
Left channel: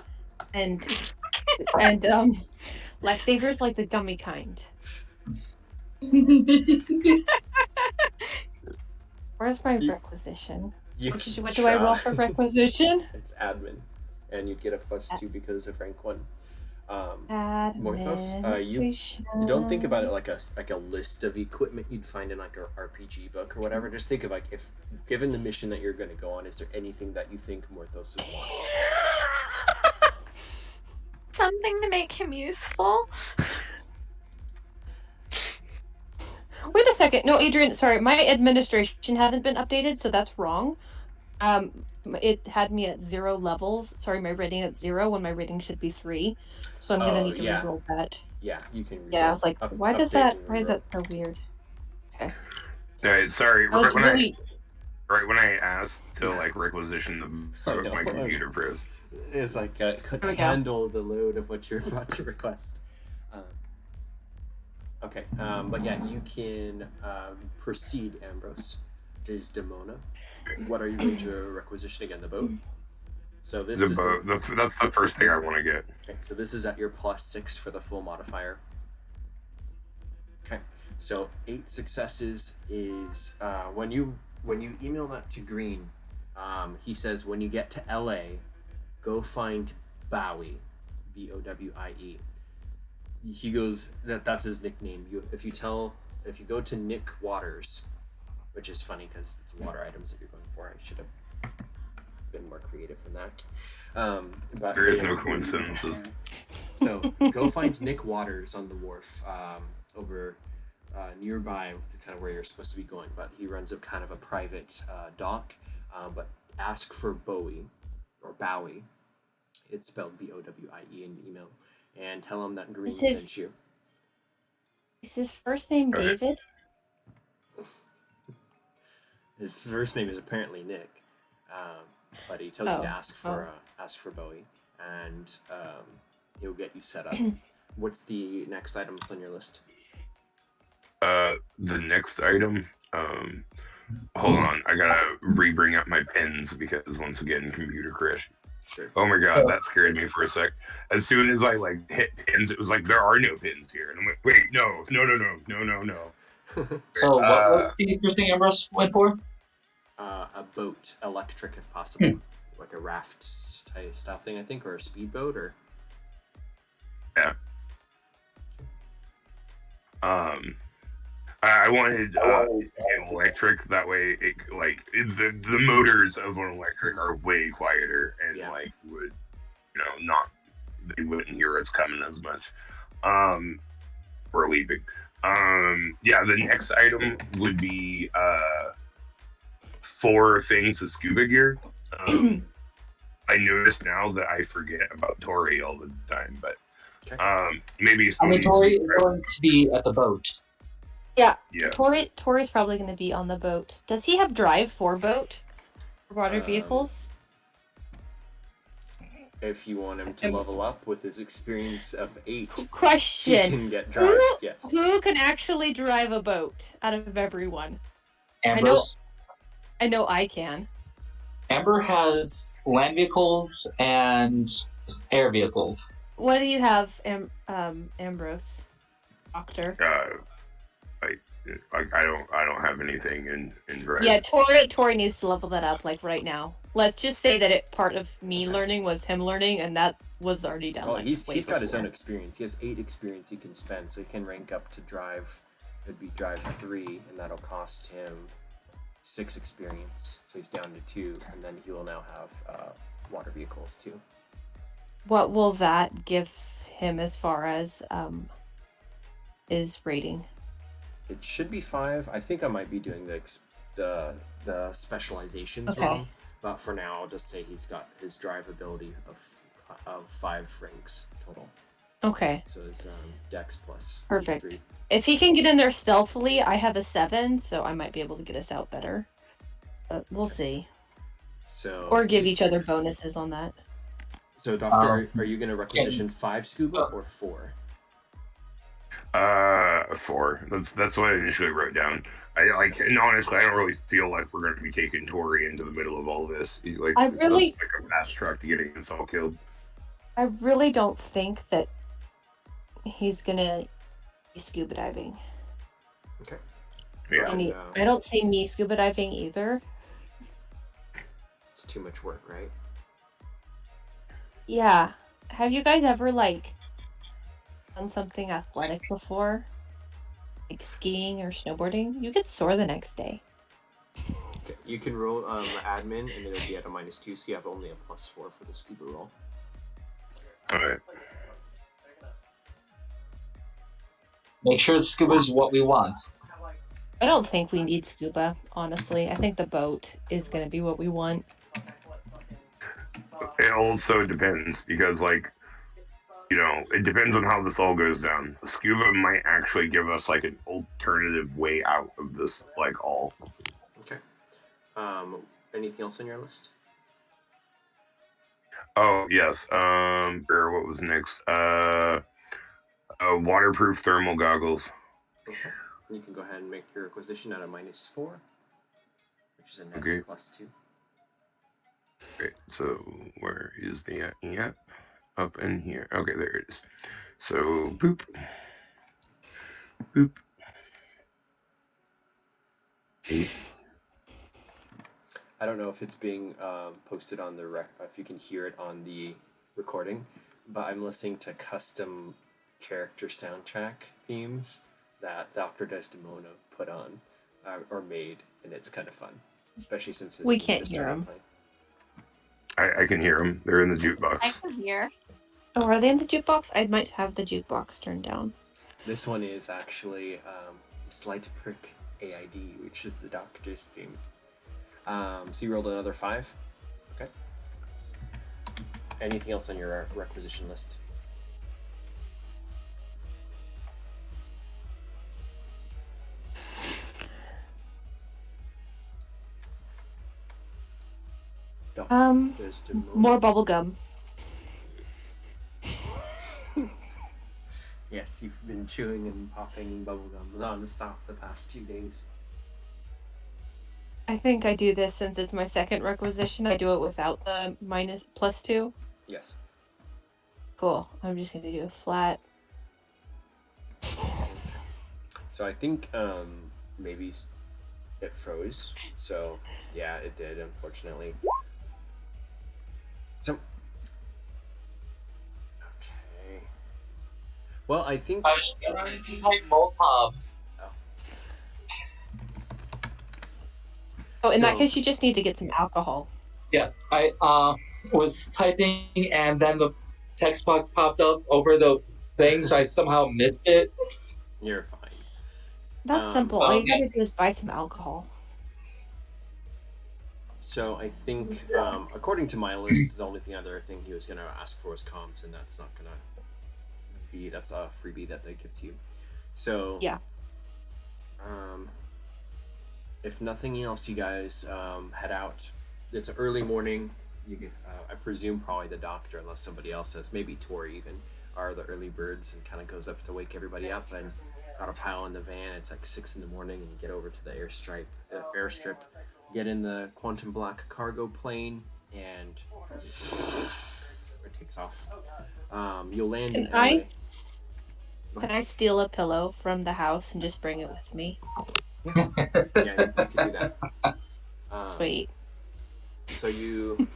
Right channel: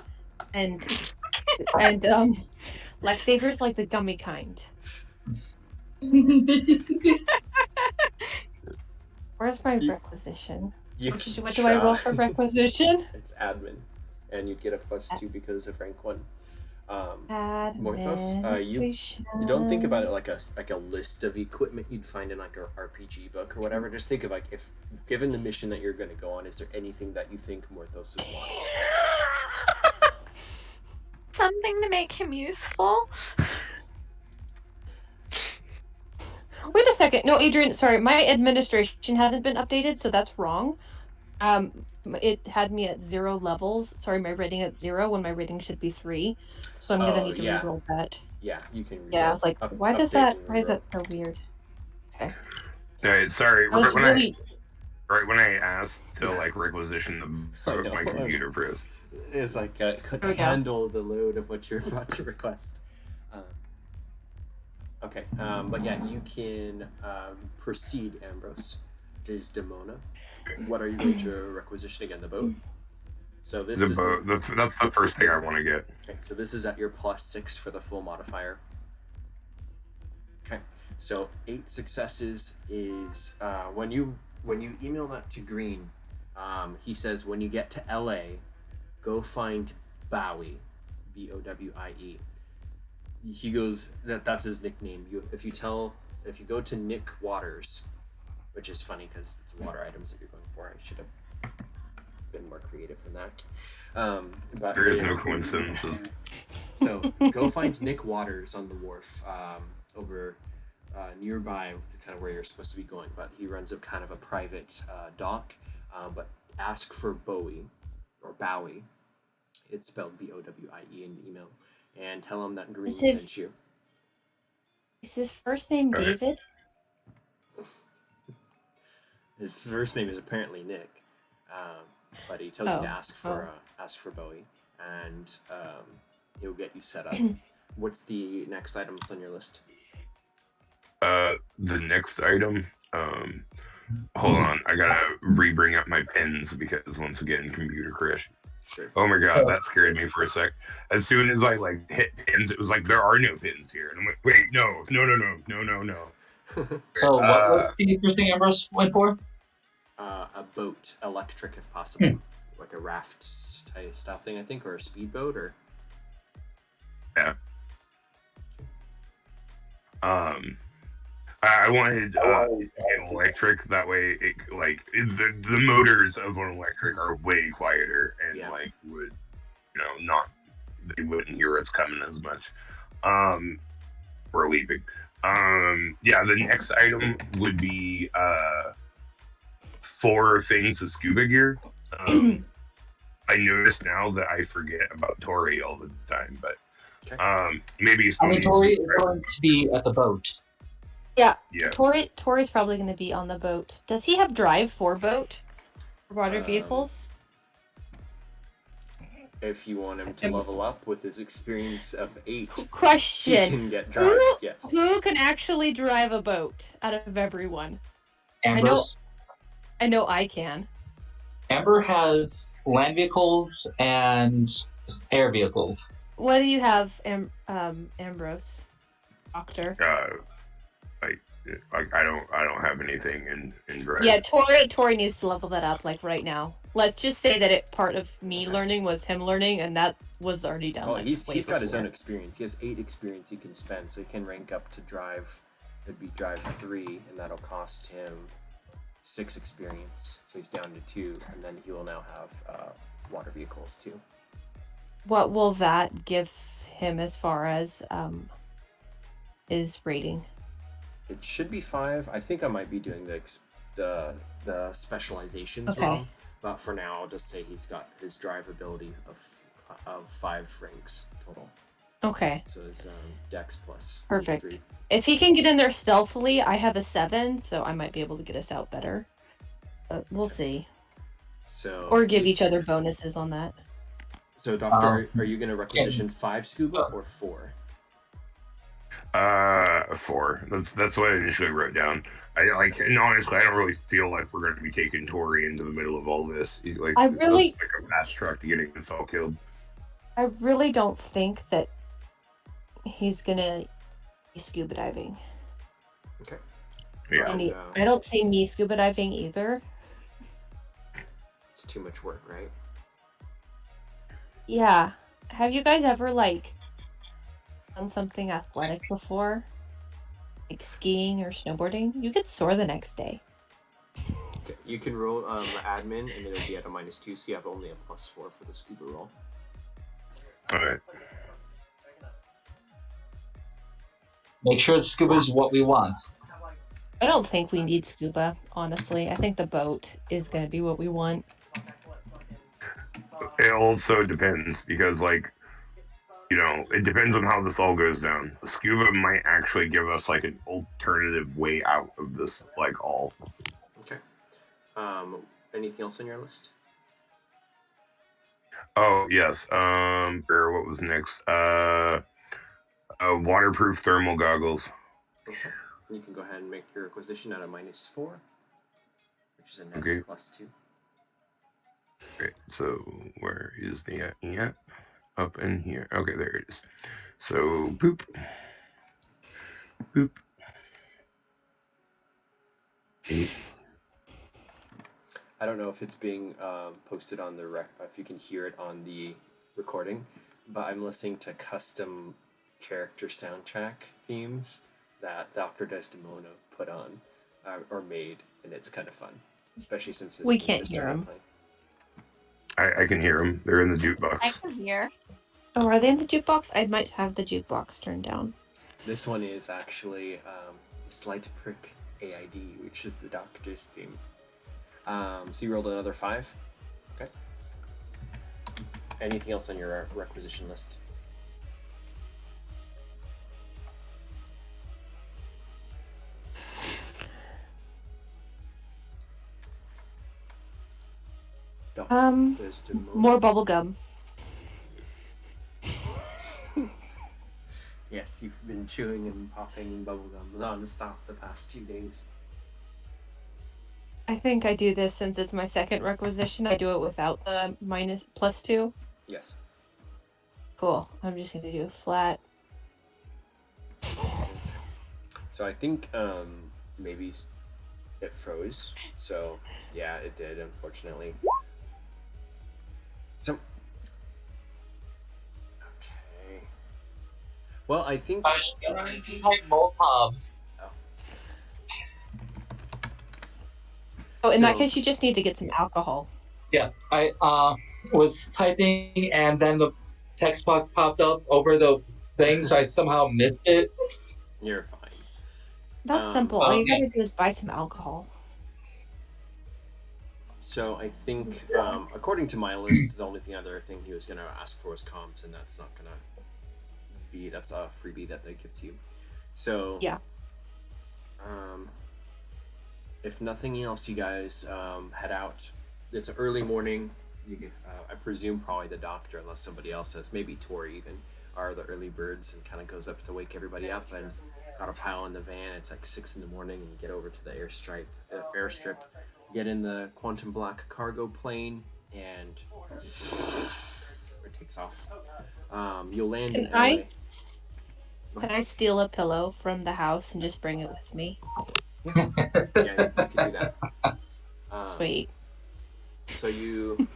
and lifesavers, like the gummy kind? Where's my You- requisition? You What can do I roll try. for requisition? It's admin, and you get a +2 because of rank 1. Morthos, you don't think about it like a list of equipment you'd find in like a RPG book or whatever. Just think of like, if given the mission that you're going to go on, is there anything that you think Morthos would want? Something to make him useful. Wait a second. No, Adrian, sorry. My administration hasn't been updated, so that's wrong. It had me at 0 levels. Sorry, my rating at 0 when my rating should be 3. So I'm gonna need to reroll that. Yeah, you can. Yeah, I was like, why is that so weird? Okay. Alright, sorry. I was Right when I asked to like requisition I the know. my computer froze. It's like couldn't we go. handle the load of what you're about to request. Okay, but yeah, you can proceed, Ambrose. Desdemona, what are you going to requisition again? The boat. So this The is boat. That's the first thing I want to get. Okay, so this is at your +6 for the full modifier. Okay, so 8 successes is when you email that to Greene, he says when you get to LA, go find Bowie, Bowie. He goes that's his nickname. If you go to Nick Waters, which is funny because it's water items that you're going for. I should have been more creative than that. But There is no coincidences. So go find Nick Waters on the wharf over nearby, kind of where you're supposed to be going. But he runs a kind of a private dock. But ask for Bowie or Bowie. It's spelled Bowie in the email, and tell him that Greene sent you. Is his first name David? His first name is apparently Nick, but he tells you to ask for Bowie, and he'll get you set up. What's the next items on your list? The next item. Hold on, I gotta re-bring up my pins because once again, computer crash. Sure. Oh my god, So- that scared me for a sec. As soon as I like hit pins, it was like there are no pins here, and I'm like, wait, no. So what was the first thing Ambrose went for? A boat, electric if possible, like a raft style thing, I think, or a speedboat, or. Yeah. I wanted an electric. That way, the motors of an electric are way quieter and would, not they wouldn't hear us coming as much. We're leaving. The next item would be 4 things of scuba gear. I notice now that I forget about Tori all the time, but maybe. Tori is going to be at the boat. Yeah. Yeah. Tori's probably going to be on the boat. Does he have drive for boat? For water vehicles? If you want him to level up with his experience of 8, he Question. can get drive. Yes. Who can actually drive a boat out of everyone? Amber's. I know I can. Amber has land vehicles and air vehicles. What do you have, Ambrose? Doctor. I don't have anything in drive. Yeah, Tori needs to level that up like right now. Let's just say that part of me learning was him learning, and that was already done. Well, like, he's got his before. own experience. He has 8 experience he can spend, so he can rank up to drive. It'd be drive 3, and that'll cost him 6 experience. So he's down to 2, and then he will now have water vehicles too. What will that give him as far as his rating? It should be 5. I think I might be doing the specializations wrong, but for now I'll just say he's got his drive ability of 5 ranks total. Okay. So his dex plus Perfect. 3. If he can get in there stealthily, I have a 7, so I might be able to get us out better. But we'll see. So Or give each other bonuses on that. So, Doctor, are you going to requisition 5 scuba or 4? 4. That's what I initially wrote down. And honestly, I don't really feel like we're going to be taking Tori into the middle of all this. It's like a fast track to getting us all killed. I really don't think that he's gonna be scuba diving. Okay. Yeah. And I don't see me scuba diving either. It's too much work, right? Yeah. Have you guys ever done something athletic before? Like skiing or snowboarding? You get sore the next day. Okay. You can roll admin, and it'll be at a -2, so you have only a +4 for the scuba roll. Alright. Make sure scuba's what we want. I don't think we need scuba, honestly. I think the boat is going to be what we want. It also depends, because, it depends on how this all goes down. Scuba might actually give us, an alternative way out of this, all. Okay. Anything else on your list? Oh, yes. What was next? Waterproof thermal goggles. Okay. You can go ahead and make your acquisition at a -4, which is a net Okay. +2. Okay, so where is the at? Up in here. Okay, there it is. So, boop. Boop. 8. I don't know if it's being posted on the if you can hear it on the recording, but I'm listening to custom character soundtrack themes that Dr. Desdemona put on or made, and it's kind of fun, especially since his We theme can't just hear started him. playing. I can hear them. They're in the jukebox. I can hear. Oh, are they in the jukebox? I might have the jukebox turned down. This one is actually Slight Prick AID, which is the Doctor's theme. So you rolled another 5. Okay. Anything else on your requisition list? More bubblegum. Yes, you've been chewing and popping bubblegum non-stop the past 2 days. I think I do this since it's my second requisition. I do it without the +2. Yes. Cool. I'm just gonna do a flat. So I think maybe it froze. So yeah, it did, unfortunately. So okay. Well, I think I was trying to type Molotovs. Oh, in that case, you just need to get some alcohol. Yeah, I was typing and then the text box popped up over the thing, so I somehow missed it. You're fine. That's simple. All you gotta do is buy some alcohol. So I think, according to my list, the only other thing he was gonna ask for was comms, and that's not gonna be. That's a freebie that they give to you. So yeah. If nothing else, you guys head out. It's an early morning. I presume probably the doctor, unless somebody else says, maybe Tori even, are the early birds and kind of goes up to wake everybody up and got a pile in the van. It's like 6 in the morning, and you get over to the airstrip, get in the quantum black cargo plane, and it takes off. You'll land in Can LA. can I steal a pillow from the house and just bring it with me? Yeah, you could do that. Sweet. So you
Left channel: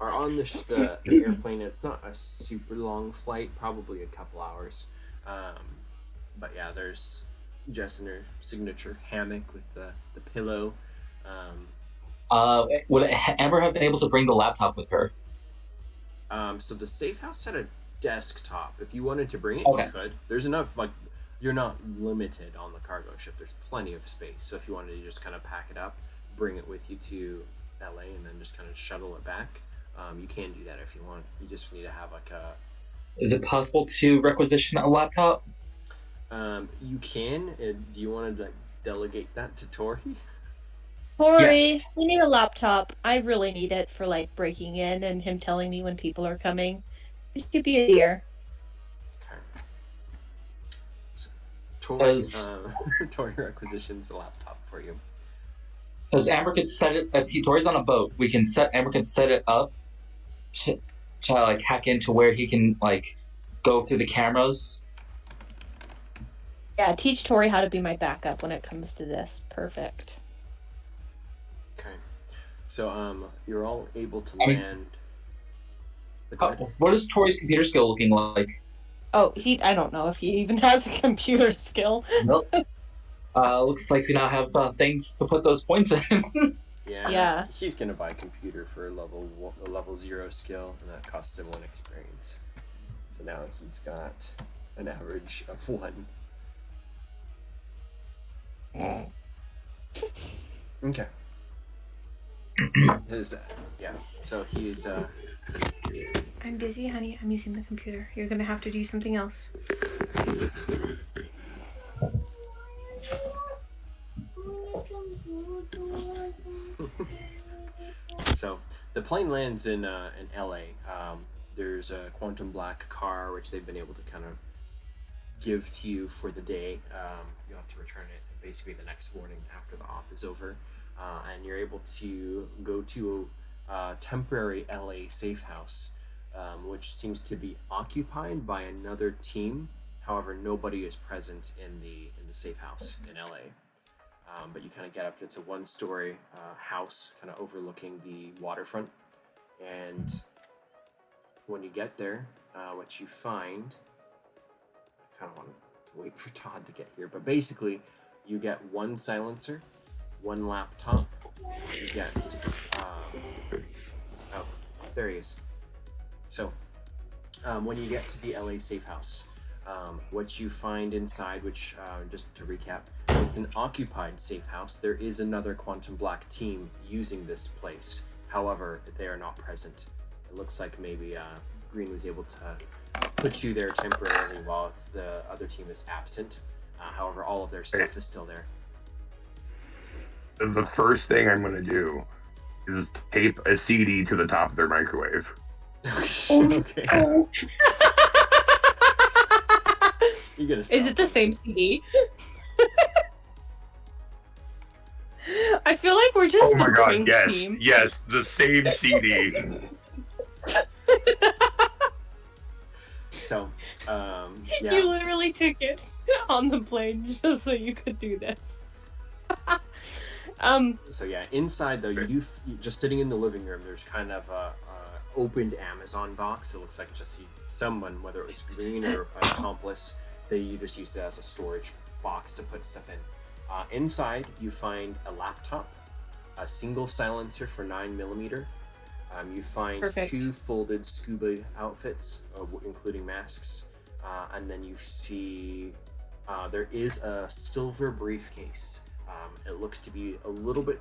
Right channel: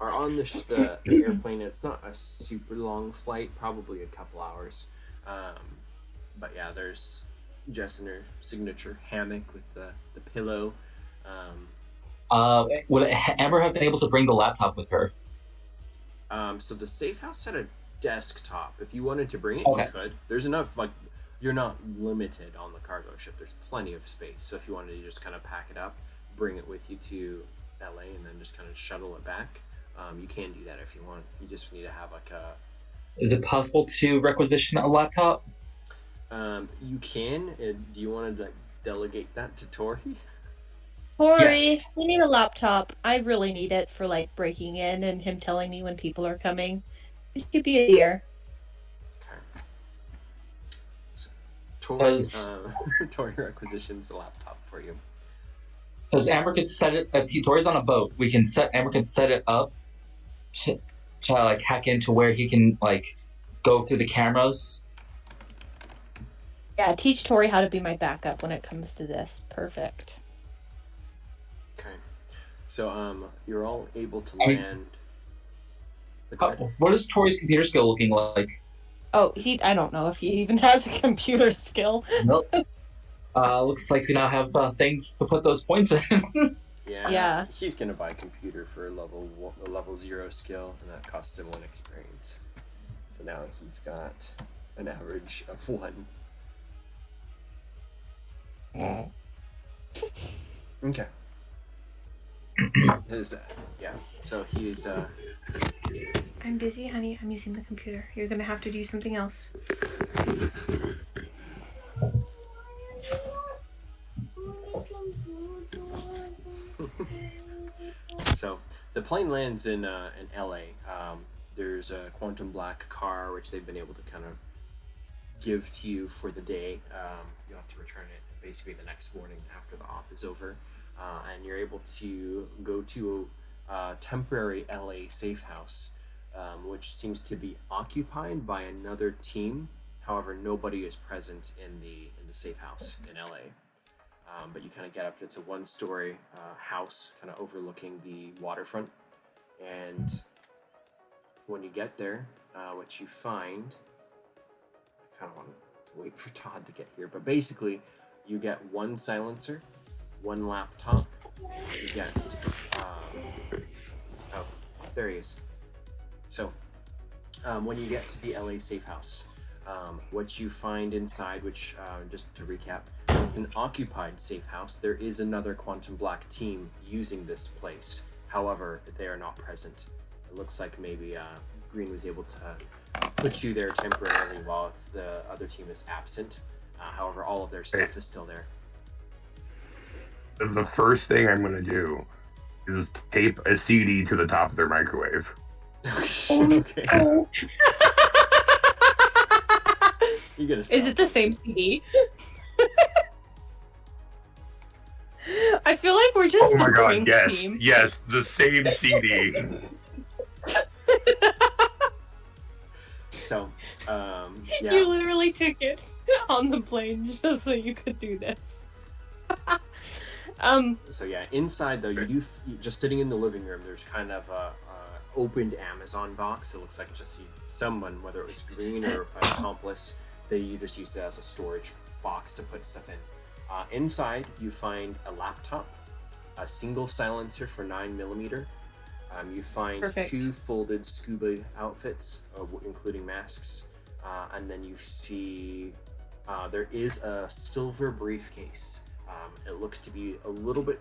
are on the airplane. It's not a super long flight, probably a couple hours. But yeah, there's Jess in her signature hammock with the pillow. Would Amber have been able to bring the laptop with her? So the safe house had a desktop. If you wanted to bring it, Okay. you could. There's enough, like, you're not limited on the cargo ship. There's plenty of space. So if you wanted to just kind of pack it up, bring it with you to LA, and then just kind of shuttle it back, you can do that if you want. You just need to have like a. Is it possible to requisition a laptop? You can. Do you want to like delegate that to Tori? Tori, Yes. we need a laptop. I really need it for like breaking in and him telling me when people are coming. It could be a year. Okay. So, Tori, Does- Tori requisitions a laptop for you. Because Amber could set it. If Tori's on a boat, Amber could set it up to like hack into where he can like go through the cameras. Yeah, teach Tori how to be my backup when it comes to this. Perfect. Okay. So you're all able to I mean- land. Go ahead. What is Tori's computer skill looking like? Oh, I don't know if he even has a computer skill. Nope. Looks like we now have things to put those points in. Yeah. He's gonna buy a computer for a level 0 skill, and that costs him 1 experience. So now he's got an average of 1. Okay. Yeah. So he's I'm busy, honey. I'm using the computer. You're gonna have to do something else. So the plane lands in LA. There's a quantum black car which they've been able to kind of give to you for the day. You'll have to return it basically the next morning after the op is over, and you're able to go to a temporary LA safe house, which seems to be occupied by another team. However, nobody is present in the safe house in LA. But you kind of get up. It's a 1-story house, kind of overlooking the waterfront. And when you get there, what you find, I kind of want to wait for Todd to get here, but basically, you get 1 silencer, 1 laptop. You get, oh, there he is. So, when you get to the LA safe house, what you find inside, which, just to recap, it's an occupied safe house. There is another Quantum Black team using this place. However, they are not present. It looks like maybe Greene was able to put you there temporarily while the other team is absent. However, all of their stuff is still there. The first thing I'm going to do is tape a CD to the top of their microwave. Okay. You gotta stop. Is it the same CD? I feel like we're just Oh my the god, prank yes, team. yes, the same CD. So, yeah. You literally took it on the plane just so you could do this. So yeah, inside though, you just sitting in the living room. There's kind of a opened Amazon box. It looks like just someone, whether it was Greene or an accomplice, they just used it as a storage box to put stuff in. Inside, you find a laptop, a single silencer for 9mm. You find Perfect. 2 folded scuba outfits, including masks, and then you see there is a silver briefcase. It looks to be a little bit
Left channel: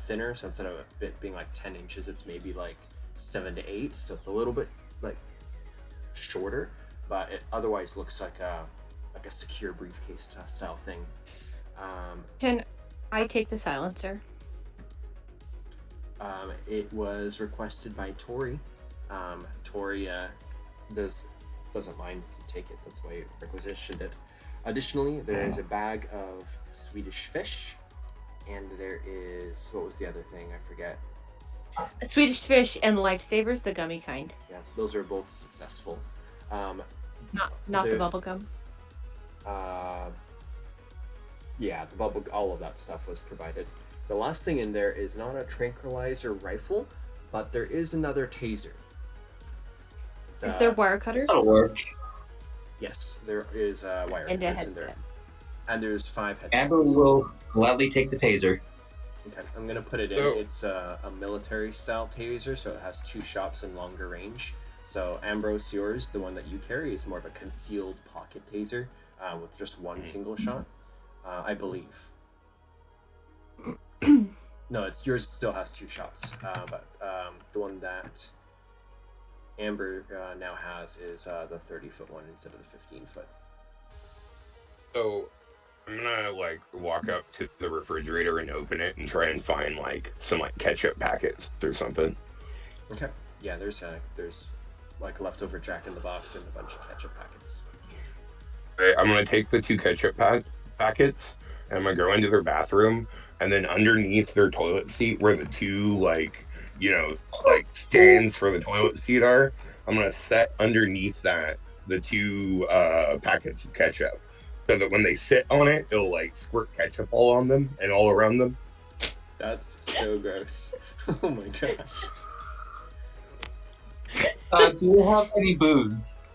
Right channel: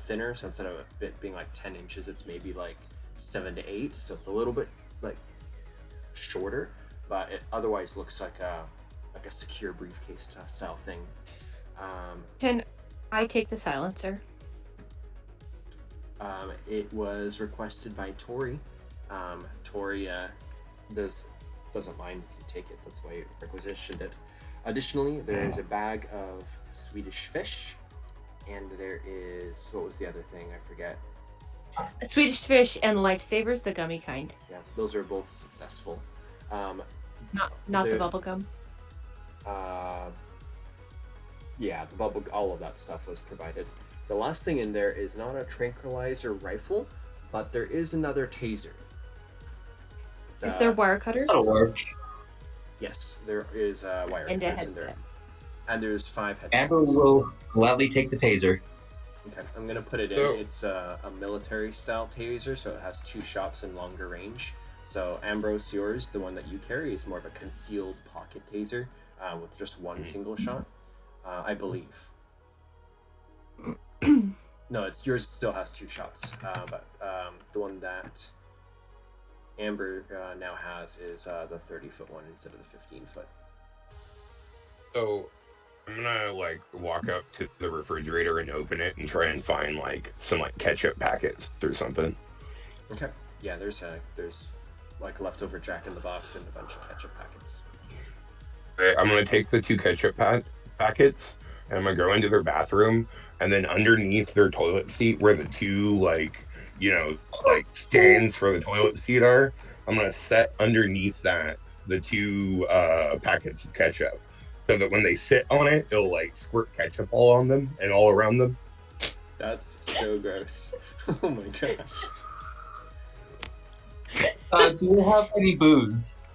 thinner, so instead of it being like 10 inches, it's maybe like 7 to 8, so it's a little bit like shorter, but it otherwise looks like a secure briefcase style thing. Can I take the silencer? It was requested by Tori. Tori doesn't mind if you take it. That's why you requisitioned it. Additionally, there is a bag of Swedish fish, and there is, what was the other thing? I forget. Swedish fish and lifesavers, the gummy kind. Yeah, those are both successful. Not the bubble gum. Yeah, the bubble, all of that stuff was provided. The last thing in there is not a tranquilizer rifle, but there is another taser. Is there wire cutters? That'll work. Yes, there is wire And a cutters in there. headset. And there's 5 headsets. Amber will gladly take the taser. Okay, I'm gonna put it in. So- It's a military style taser, so it has 2 shots in longer range. So Ambrose, yours, the one that you carry, is more of a concealed pocket taser with just 1 single shot, I believe. No, it's yours. Still has 2 shots, but the one that Amber now has is the 30-foot one instead of the 15-foot. So I'm gonna like walk up to the refrigerator and open it and try and find like some like ketchup packets or something. Okay. Yeah, there's like leftover Jack in the Box and a bunch of ketchup packets. Okay, I'm gonna take the 2 ketchup packets and I'm gonna go into their bathroom, and then underneath their toilet seat where the 2 like stands for the toilet seat are, I'm gonna set underneath that the 2 packets of ketchup, so that when they sit on it, it'll like squirt ketchup all on them and all around them. That's so gross. Oh my gosh. Do you have any booze?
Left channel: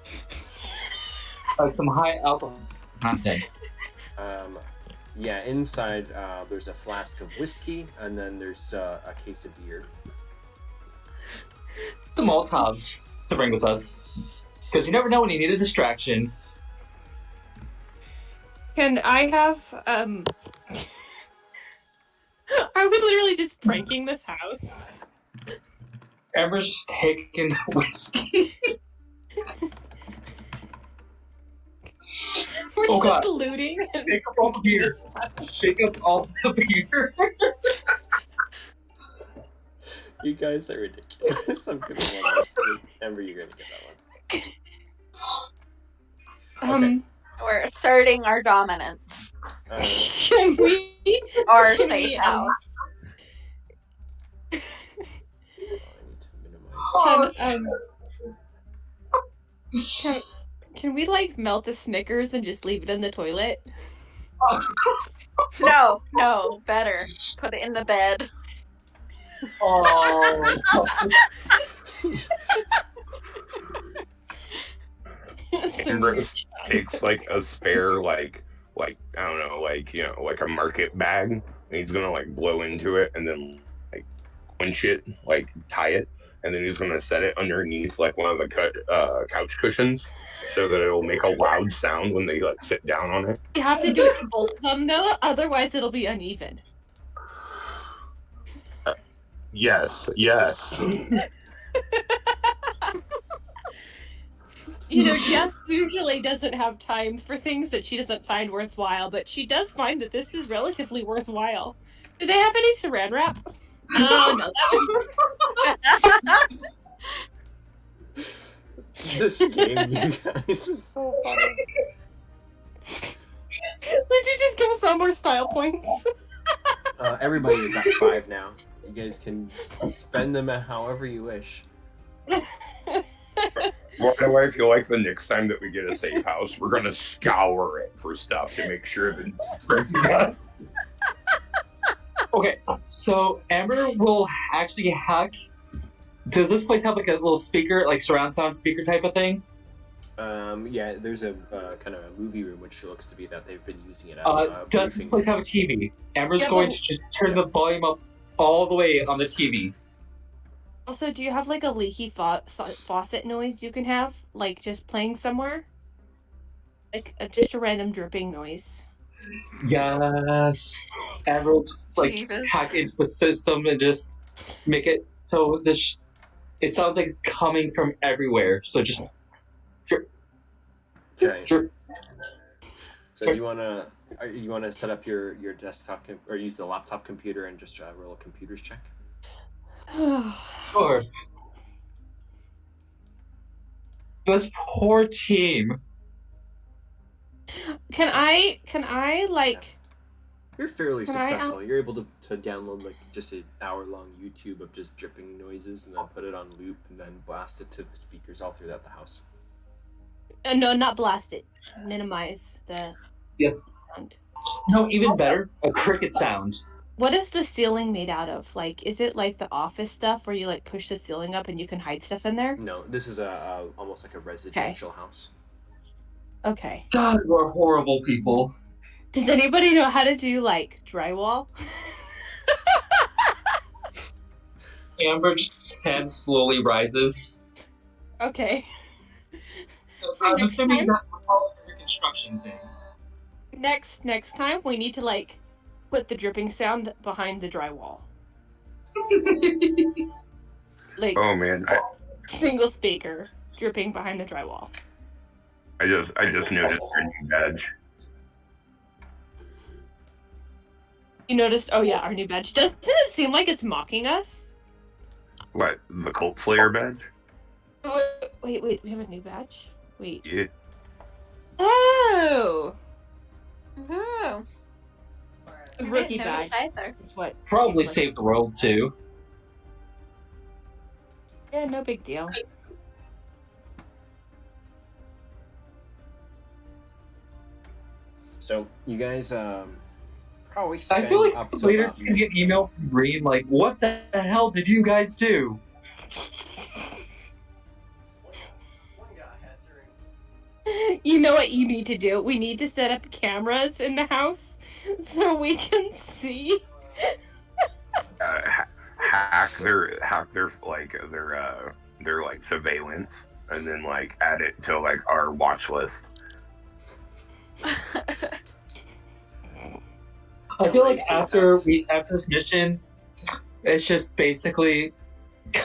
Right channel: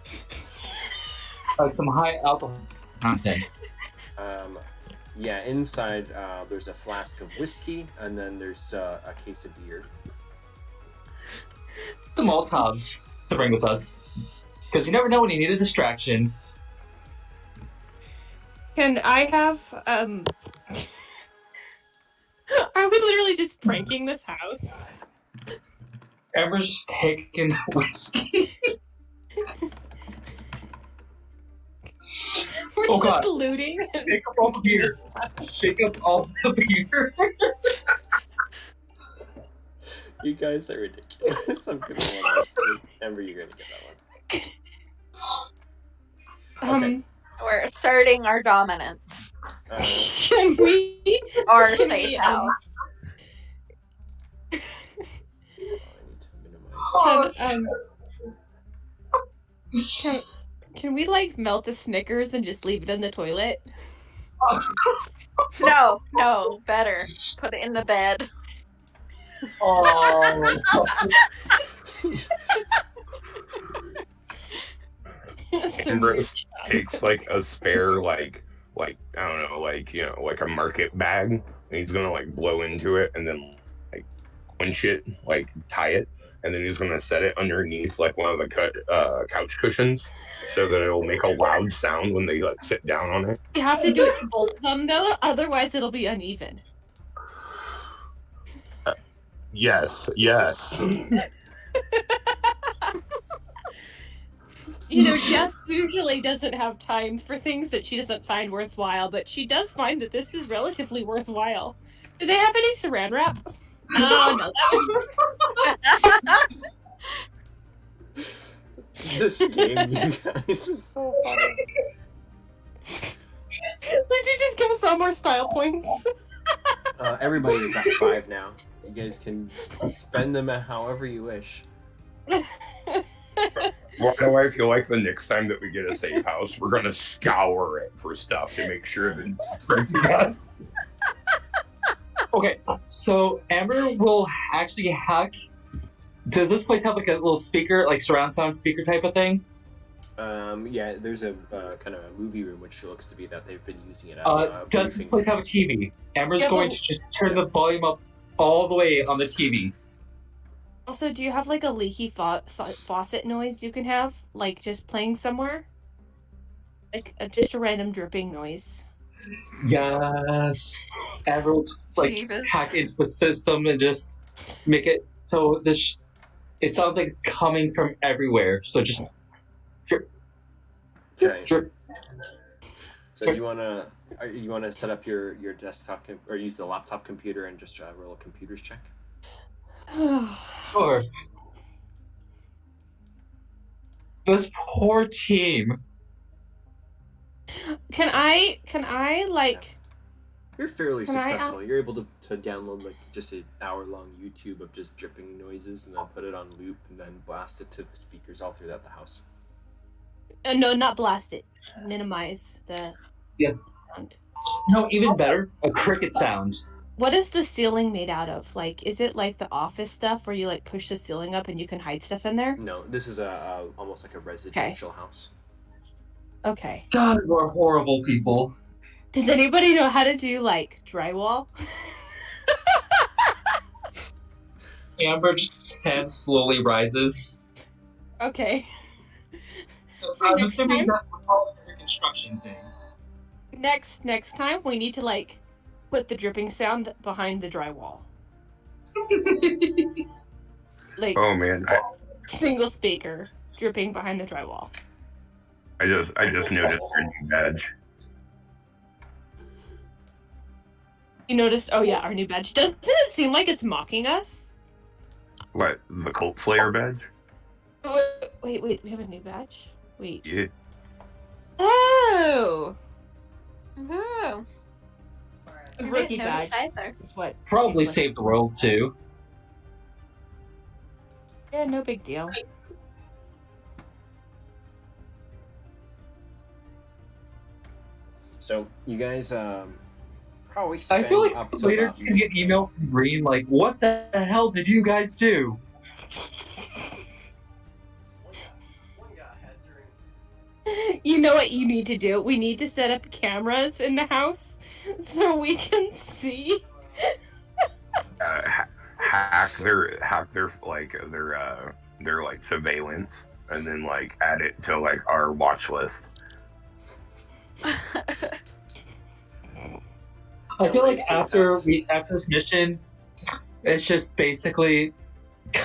Like some high alcohol content. Yeah, inside there's a flask of whiskey, and then there's a case of beer. Some Molotovs to bring with us. Because you never know when you need a distraction. Can I have are we literally just pranking this house? Amber's just taking the whiskey. We're Oh, just God. looting. Shake up all the beer. Shake up all the beer. You guys are ridiculous. I'm gonna want to Amber, you're gonna get that one. Okay. We're asserting our dominance. Can we? Our Can safe we, house. I need to minimize. Can we like melt a Snickers and just leave it in the toilet? No, better. Put it in the bed. Oh. Ambrose takes like a spare like I don't know, like like a market bag, and he's gonna like blow into it and then like quench it, like tie it, and then he's gonna set it underneath like one of the couch cushions, so that it'll make a loud sound when they like sit down on it. You have to do it to both of them though, otherwise it'll be uneven. Yes. You know, Jess usually doesn't have time for things that she doesn't find worthwhile, but she does find that this is relatively worthwhile. Do they have any saran wrap? No, that would... This game, you guys, is so funny. Did you just give us all more style points? Everybody is at 5 now. You guys can spend them however you wish. Why do I feel like the next time that we get a safe house, we're gonna scour it for stuff to make sure that Okay, so Amber will actually hack. Does this place have like a little speaker, like surround sound speaker type of thing? Yeah, there's a kind of a movie room which looks to be that they've been using it as a Does this briefing place room. have a TV? Amber's Yeah, going but- to just turn the volume up all the way on the TV. Also, do you have like a leaky faucet noise you can have? Like just playing somewhere? Like just a random dripping noise. Yes. Amber will just like Jeebus. hack into the system and just make it so this. It sounds like it's coming from everywhere. So just Okay. drip. So do you wanna set up your desktop or use the laptop computer and just roll a computer's check? Sure. This poor team. Can I like? You're fairly Can I successful. You're able to download like just an hour-long YouTube of just dripping noises, and then put it on loop, and then blast it to the speakers all throughout the house. No, not blast it. Minimize the Yep. sound. No, even better, a cricket sound. What is the ceiling made out of? Like, is it like the office stuff where you like push the ceiling up and you can hide stuff in there? No, this is a almost like a residential house. Okay. God, we're horrible people. Does anybody know how to do like drywall? Amber's hand slowly rises. Okay. I'm assuming that we're calling it a construction thing. Next time we need to like put the dripping sound behind the drywall. Like Oh man, single speaker dripping behind the drywall. I just noticed our new badge. You noticed? Oh yeah, our new badge. Doesn't it seem like it's mocking us? What, the Cult Slayer badge? Oh, wait, we have a new badge? Wait. Yeah. Oh! Ooh. The I rookie didn't notice badge either. is what Probably seems like. saved the world too. Yeah, no big deal. So you guys probably spend I feel like up to later about you get email from Greene like, what the hell did you guys do? You know what you need to do? We need to set up cameras in the house so we can see. Hack their like surveillance, and then like add it to like our watch list. I feel like LAC after house. after this mission, it's just basically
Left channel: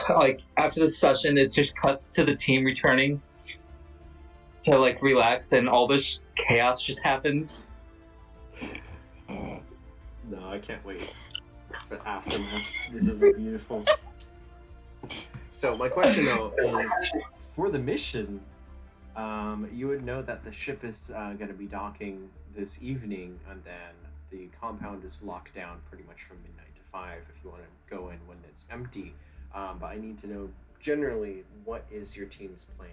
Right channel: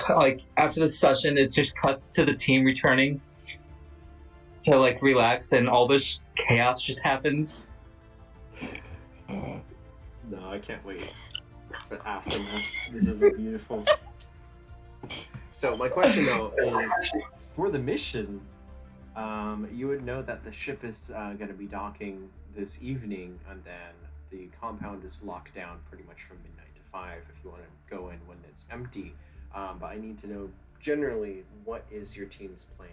like after this session, it's just cuts to the team returning to like relax, and all this chaos just happens. No, I can't wait for aftermath. This is beautiful. So my question though is, for the mission, you would know that the ship is going to be docking this evening, and then the compound is locked down pretty much from midnight to 5 if you want to go in when it's empty. But I need to know generally what is your team's plan.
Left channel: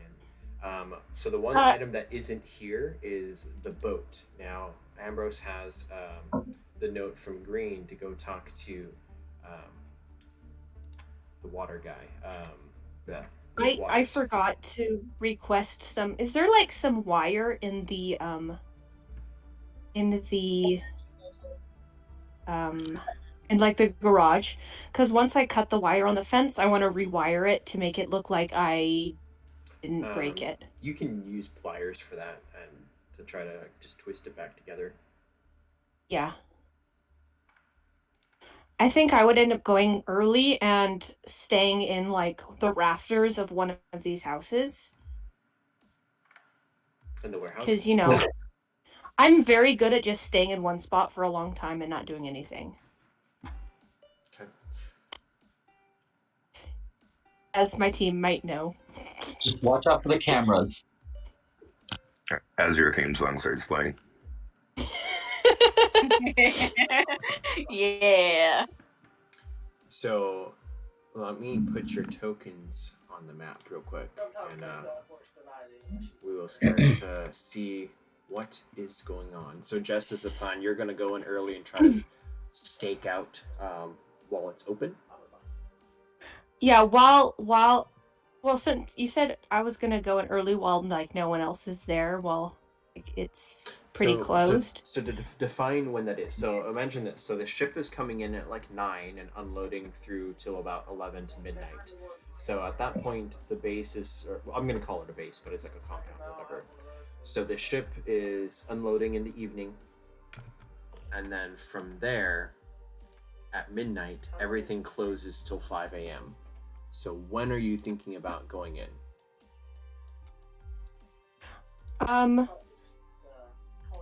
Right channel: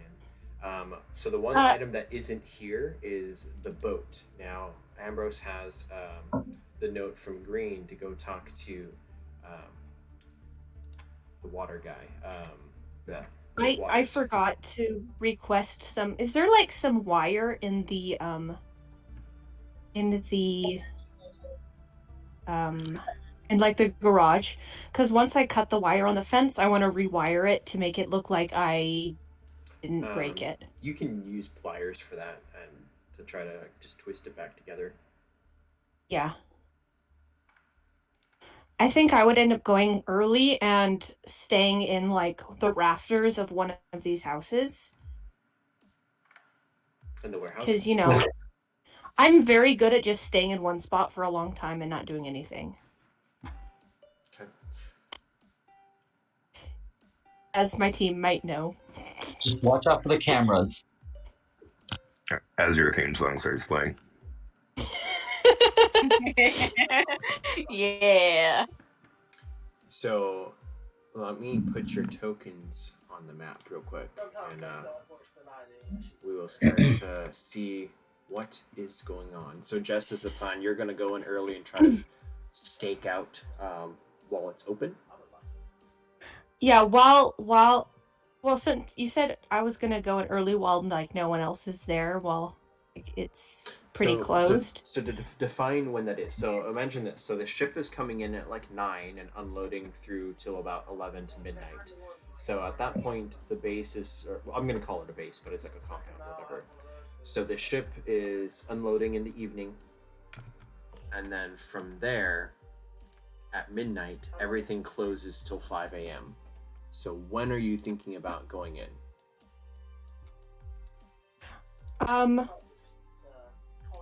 So the one item that isn't here is the boat. Now Ambrose has the note from Greene to go talk to the water guy. I forgot to request some. Is there like some wire in the in like the garage? Because once I cut the wire on the fence, I want to rewire it to make it look like I didn't break it. You can use pliers for that and to try to just twist it back together. Yeah. I think I would end up going early and staying in like the rafters of one of these houses. In the warehouse? Because, you know, I'm very good at just staying in one spot for a long time and not doing anything. Okay. As my team might know. Just watch out for the cameras. As your theme song starts playing. Yeah. So let me put your tokens on the map real quick, and we will start to see what is going on. So Jess, is the plan you're going to go in early and try to stake out while it's open? Yeah, well, since you said I was gonna go in early while like no one else is there, while like, it's pretty closed. So to define when that is. So imagine this. So the ship is coming in at like 9 and unloading through till about 11 to midnight. So at that point, the base is, or I'm going to call it a base, but it's like a compound or whatever. So the ship is unloading in the evening. And then from there, at midnight, everything closes till 5 a.m. So when are you thinking about going in?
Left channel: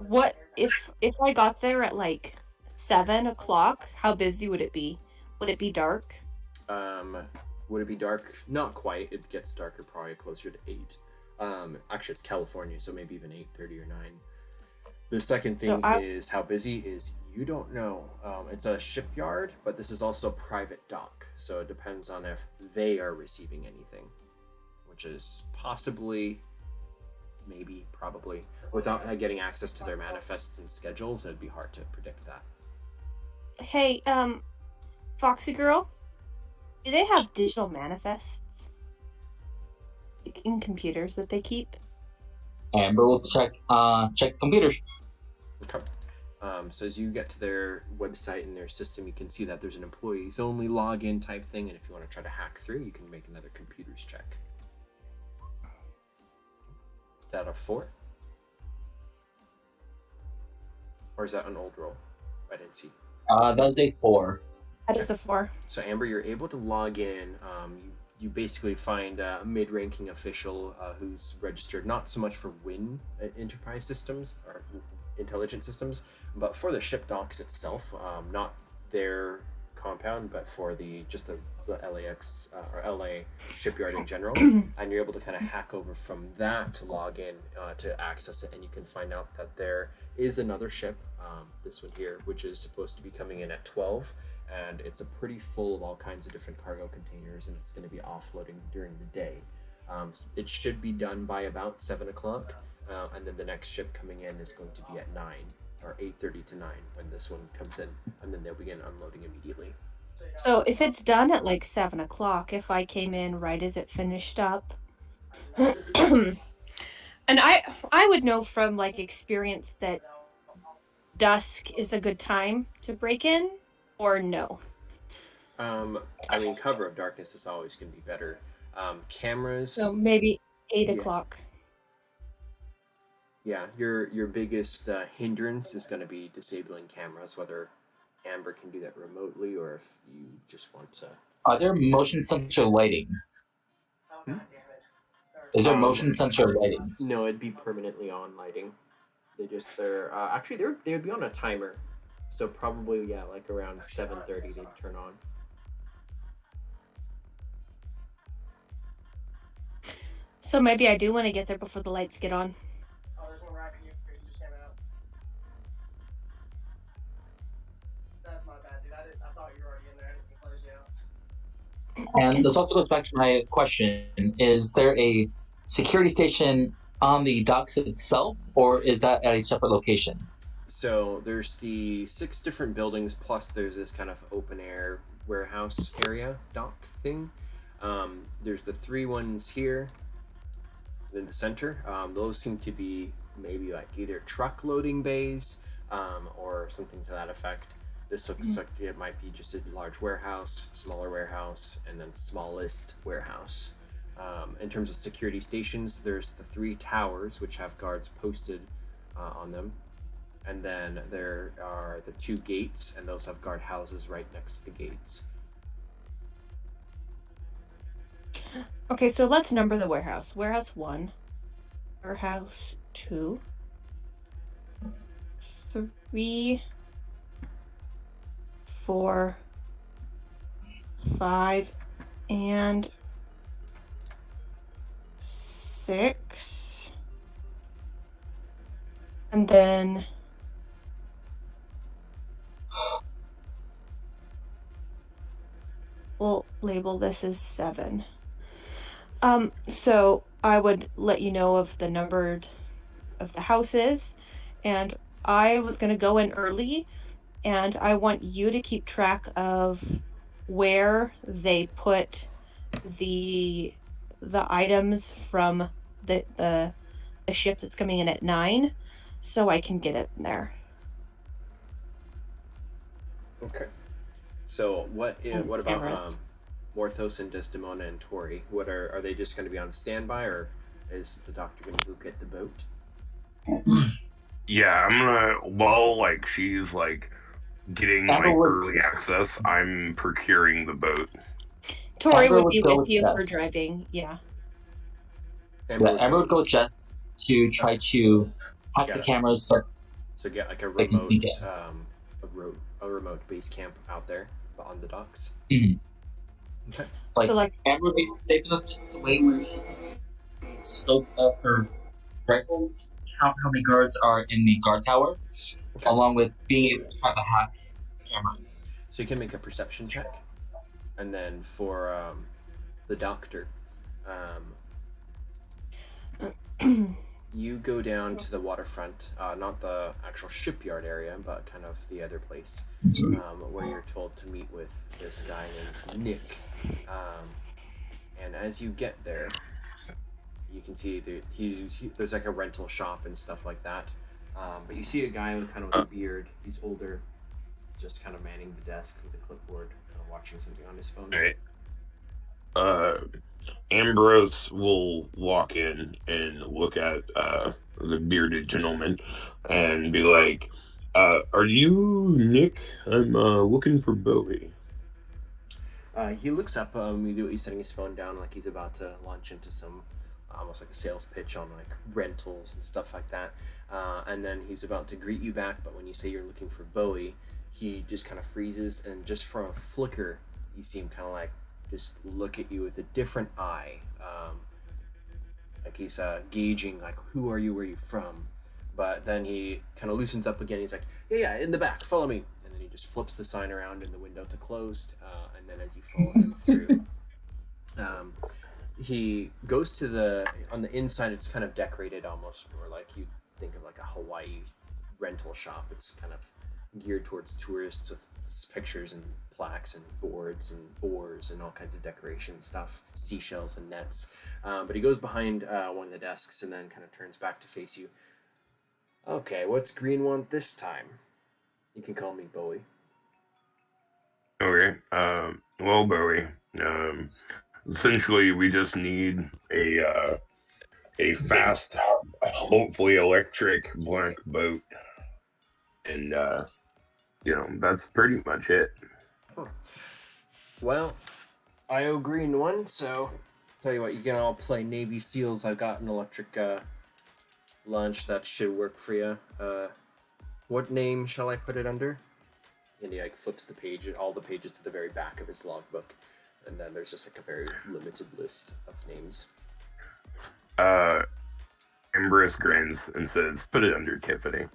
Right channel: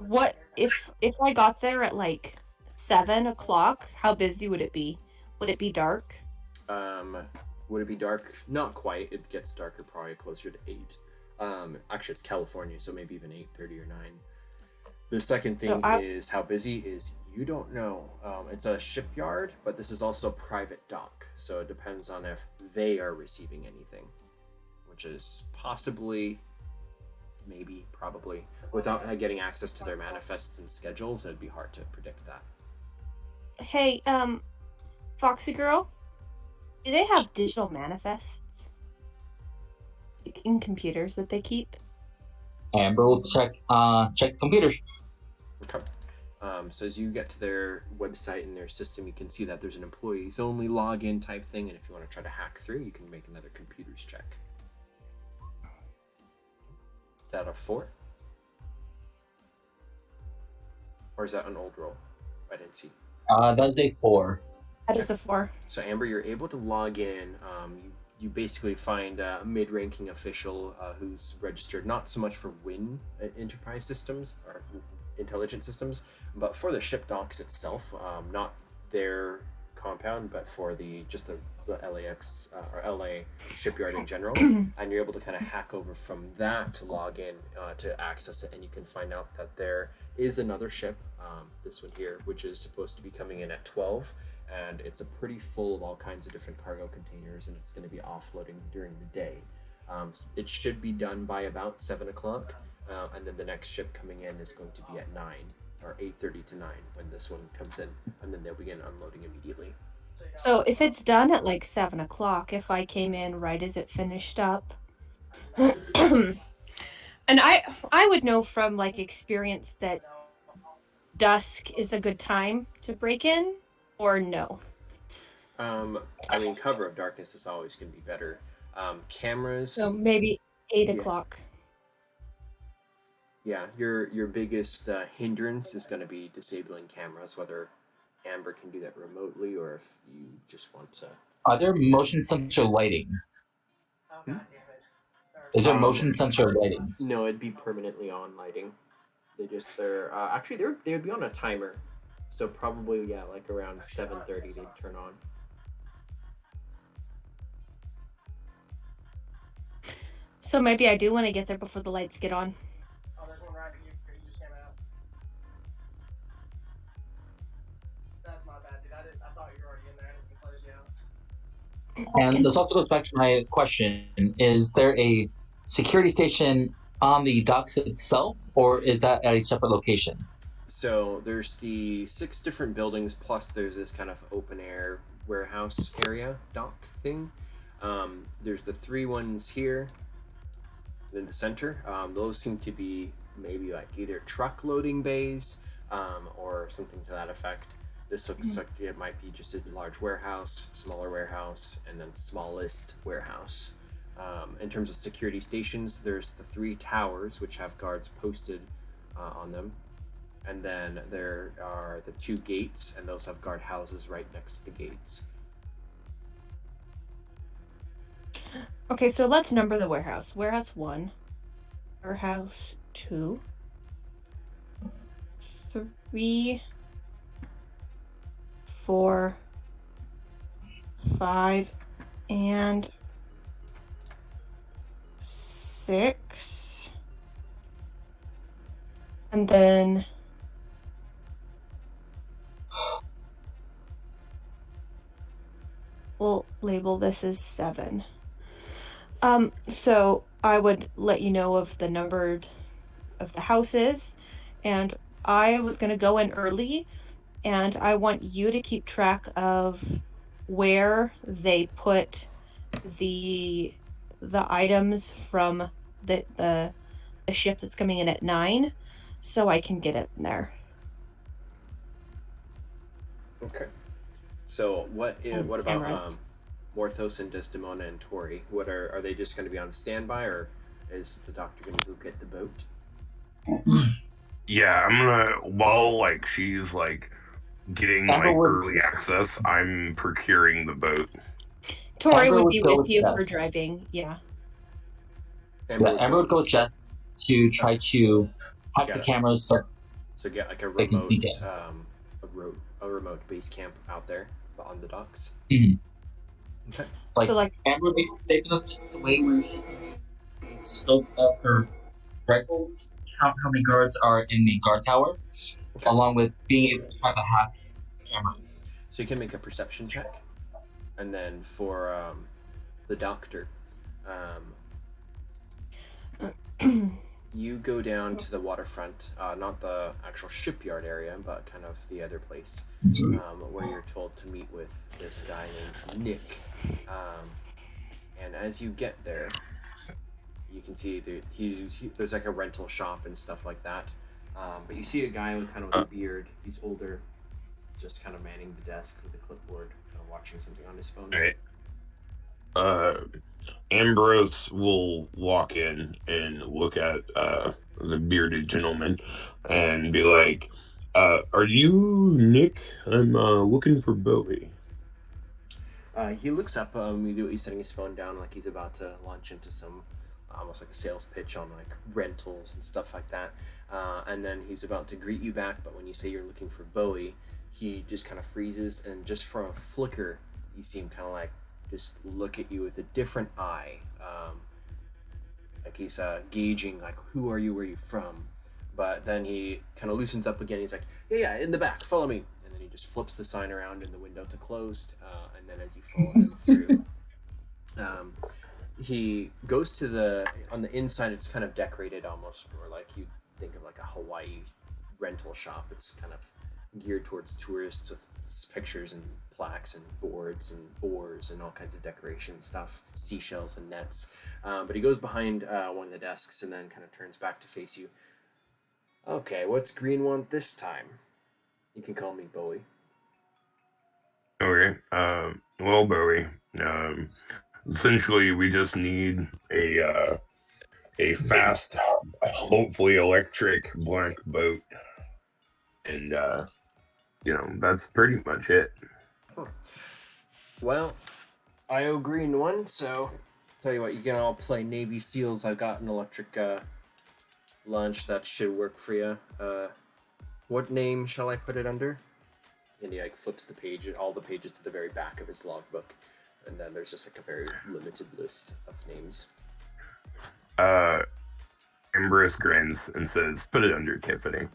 What if I got there at like 7 o'clock? How busy would it be? Would it be dark? Would it be dark? Not quite. It gets darker probably closer to 8. Actually, it's California, so maybe even 8:30 or 9. The second thing is how busy is you don't know. It's a shipyard, but this is also a private dock, so it depends on if they are receiving anything, which is possibly, maybe, probably. Without getting access to their manifests and schedules, it'd be hard to predict that. Hey, Foxy Girl, do they have digital manifests in computers that they keep? Amber will check the computers. Okay. So as you get to their website and their system, you can see that there's an employees only login type thing, and if you want to try to hack through, you can make another computers check. Is that a 4? Or is that an old roll? I didn't see. That is a 4. That is a 4. So Amber, you're able to log in. You basically find a mid-ranking official who's registered not so much for Wynne Enterprise Systems or Intelligent Systems, but for the ship docks itself, not their compound, but for the LAX or LA shipyard in general. And you're able to kind of hack over from that to log in to access it, and you can find out that there is another ship, this one here, which is supposed to be coming in at 12. And it's a pretty full of all kinds of different cargo containers, and it's going to be offloading during the day. It should be done by about 7 o'clock, and then the next ship coming in is going to be at 9, or 8:30 to 9 when this one comes in, and then they'll begin unloading immediately. So if it's done at like 7 o'clock, if I came in right as it finished up, and I would know from like experience that dusk is a good time to break in, or no? I mean, cover of darkness is always going to be better. Cameras. So maybe 8 o'clock. Yeah, your biggest hindrance is going to be disabling cameras, whether Amber can do that remotely or if you just want to. Are there motion sensor lighting? Is there motion sensor lightings? No, it'd be permanently on lighting. They would be on a timer. So probably, yeah, like around 7:30 they'd turn on. So maybe I do want to get there before the lights get on. Oh, there's one right here. You just came out. That's my bad, dude. I thought you were already in there. I didn't close you out. And this also goes back to my question. Is there a security station on the docks itself, or is that at a separate location? So there's the 6 different buildings, plus there's this kind of open air warehouse area dock thing. There's the 3 ones here in the center. Those seem to be maybe like either truck loading bays or something to that effect. This looks like it might be just a large warehouse, smaller warehouse, and then smallest warehouse. In terms of security stations, there's the 3 towers, which have guards posted on them. And then there are the 2 gates, and those have guard houses right next to the gates. Okay, so let's number the warehouse. Warehouse 1, warehouse 2, 3, 4, 5, and 6. And then we'll label this as 7. So I would let you know of the number of the houses, and I was going to go in early, and I want you to keep track of where they put the items from the ship that's coming in at 9, so I can get it in there. Okay. So what about Morthos and Desdemona and Tori? What are they just going to be on standby, or is the doctor going to go get the boat? Yeah, I'm gonna, while like she's like getting like early access, I'm procuring the boat. Tori would be with you for driving, yeah. Amber would go with Jess to try to hack the cameras. So get like a remote base camp out there on the docks. Mm-hmm. Okay. Like, So, like, Amber would be safe enough just to wait where she can scope of her rifle, count how many guards are in the guard tower, Okay. along with being able to try to hack cameras. So you can make a perception check, and then for the doctor, you go down to the waterfront, not the actual shipyard area, but kind of the other place, where you're told to meet with this guy named Nick. And as you get there, you can see there's like a rental shop and stuff like that. But you see a guy with kind of a beard. He's older, just kind of manning the desk with a clipboard, kind of watching something on his phone. Right. Ambrose will walk in and look at the bearded gentleman and be like, "Are you Nick? I'm looking for Bowie." He looks up immediately, setting his phone down like he's about to launch into some almost like a sales pitch on like rentals and stuff like that. And then he's about to greet you back, but when you say you're looking for Bowie, he just kind of freezes, and just for a flicker, you see him kind of like just look at you with a different eye. Like he's gauging like, who are you, where are you from? But then he kind of loosens up again. He's like, yeah, in the back, follow me. And then he just flips the sign around in the window to closed. And then as you follow him through, he goes to on the inside, it's kind of decorated almost more like you think of like a Hawaii rental shop. It's kind of geared towards tourists with pictures and plaques and boards and oars and all kinds of decoration stuff, seashells and nets. But he goes behind one of the desks and then kind of turns back to face you. Okay, what's Greene want this time? You can call me Bowie. Okay. Well, Bowie. Essentially, we just need a fast, hopefully electric black boat, and that's pretty much it. Well, I owe Greene one, so tell you what, you can all play Navy SEALs. I've got an electric launch that should work for you. What name shall I put it under? And he like flips the page, all the pages to the very back of his logbook, and then there's just like a very limited list of names. Ambrose grins and says, "Put it under Tiffany."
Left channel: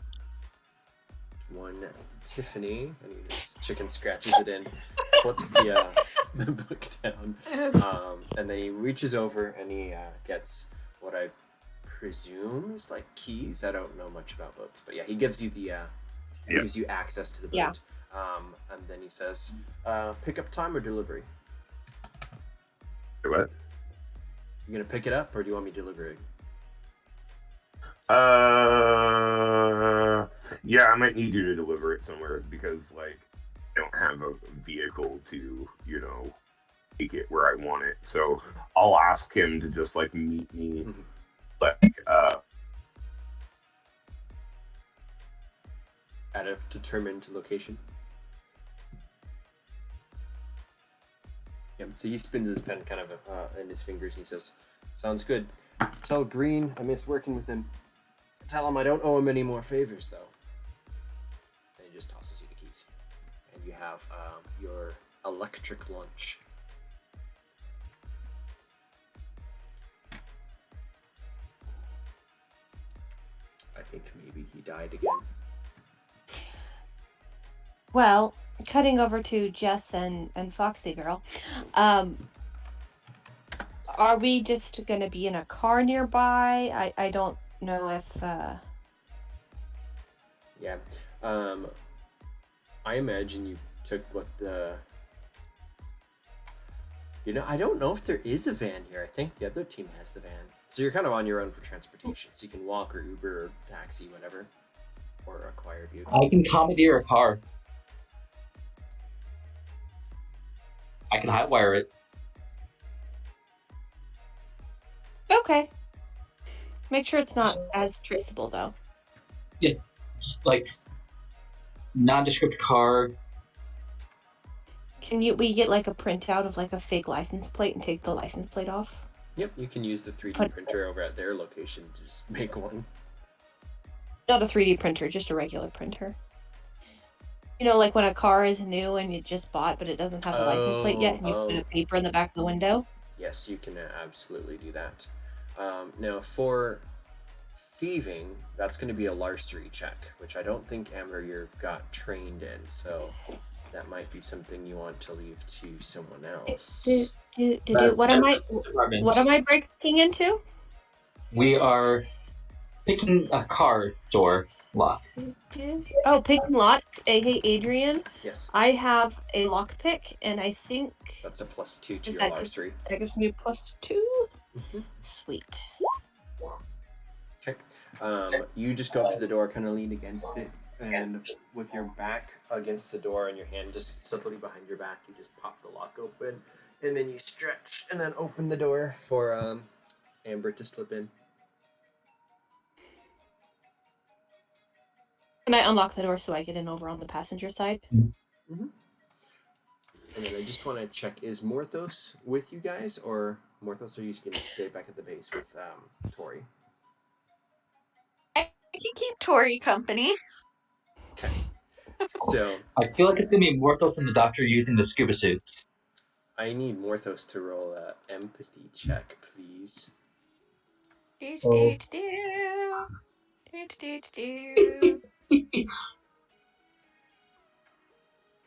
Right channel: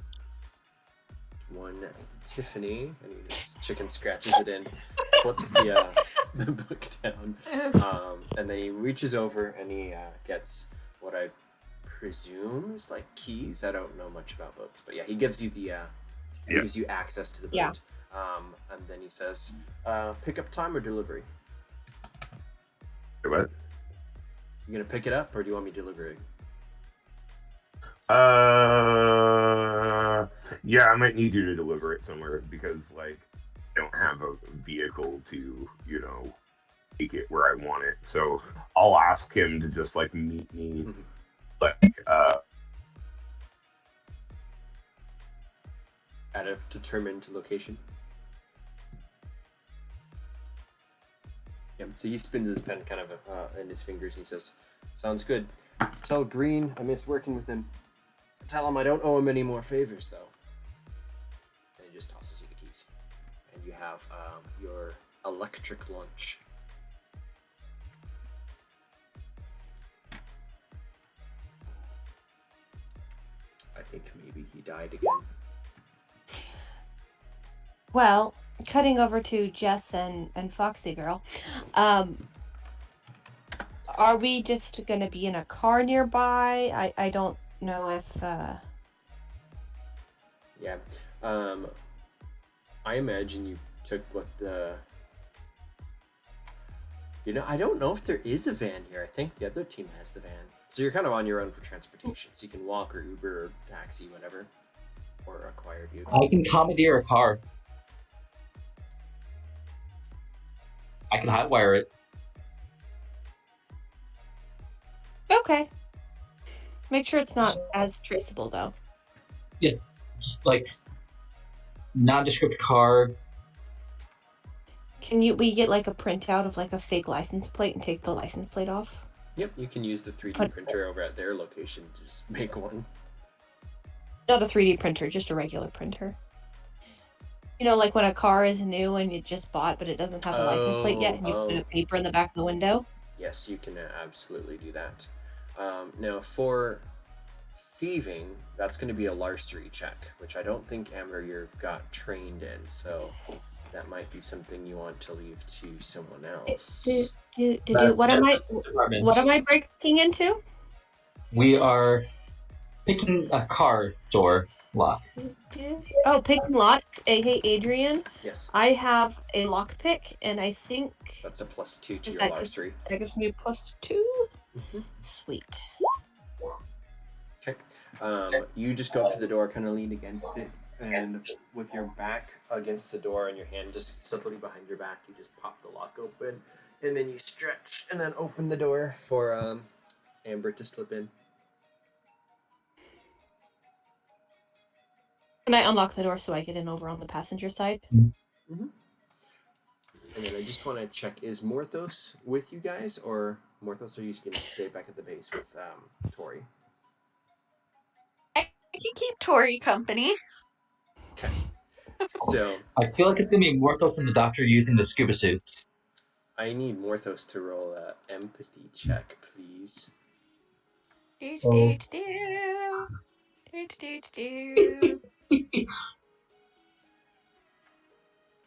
One Tiffany, and he just chicken scratches it in, flips the book down, and then he reaches over and he gets what I presume is like keys. I don't know much about boats, but yeah, he gives you gives you access to the boat. Yeah. And then he says, "Pickup time or delivery?" What? You gonna pick it up, or do you want me to deliver it? Yeah, I might need you to deliver it somewhere because, like, I don't have a vehicle to, take it where I want it. So I'll ask him to just, like, meet me, at a determined location. Yeah, so he spins his pen kind of in his fingers and he says, "Sounds good. Tell Greene I missed working with him. Tell him I don't owe him any more favors, though." And he just tosses you the keys. And you have your electric lunch. I think maybe he died again. Well, cutting over to Jess and Foxy Girl, are we just gonna be in a car nearby? I don't know if Yeah. I imagine you took what the... I don't know if there is a van here. I think the other team has the van. So you're kind of on your own for transportation. So you can walk or Uber or taxi, whatever. Or acquire a vehicle. I can commandeer a car. I can hotwire it. okay. Make sure it's not as traceable though. Just like nondescript car. Can we get like a printout of like a fake license plate and take the license plate off? Yep, you can use the 3D printer over at their location to just make one. Not a 3D printer, just a regular printer. like when a car is new and you just bought, but it doesn't have a license plate yet, and you put a paper in the back of the window? Yes, you can absolutely do that. Now, for thieving, that's going to be a larceny check, which I don't think, Amber, you've got trained in, so that might be something you want to leave to someone else. What am I breaking into? We are picking a car door lock. Oh, picking lock. Hey, Adrian. Yes. I have a lockpick, and I think that's a +2 to your larceny. That gives me a +2. Mm-hmm. Sweet. Okay. You just go up to the door, kind of lean against it, and with your back against the door and your hand just subtly behind your back, you just pop the lock open, and then you stretch and then open the door for Amber to slip in. Can I unlock the door so I get in over on the passenger side? Mm-hmm. And then I just want to check, is Morthos with you guys, or Morthos, are you going to stay back at the base with Tori? I can keep Tori company. Okay. So I feel like it's going to be Morthos and the doctor using the scuba suits. I need Morthos to roll an empathy check, please.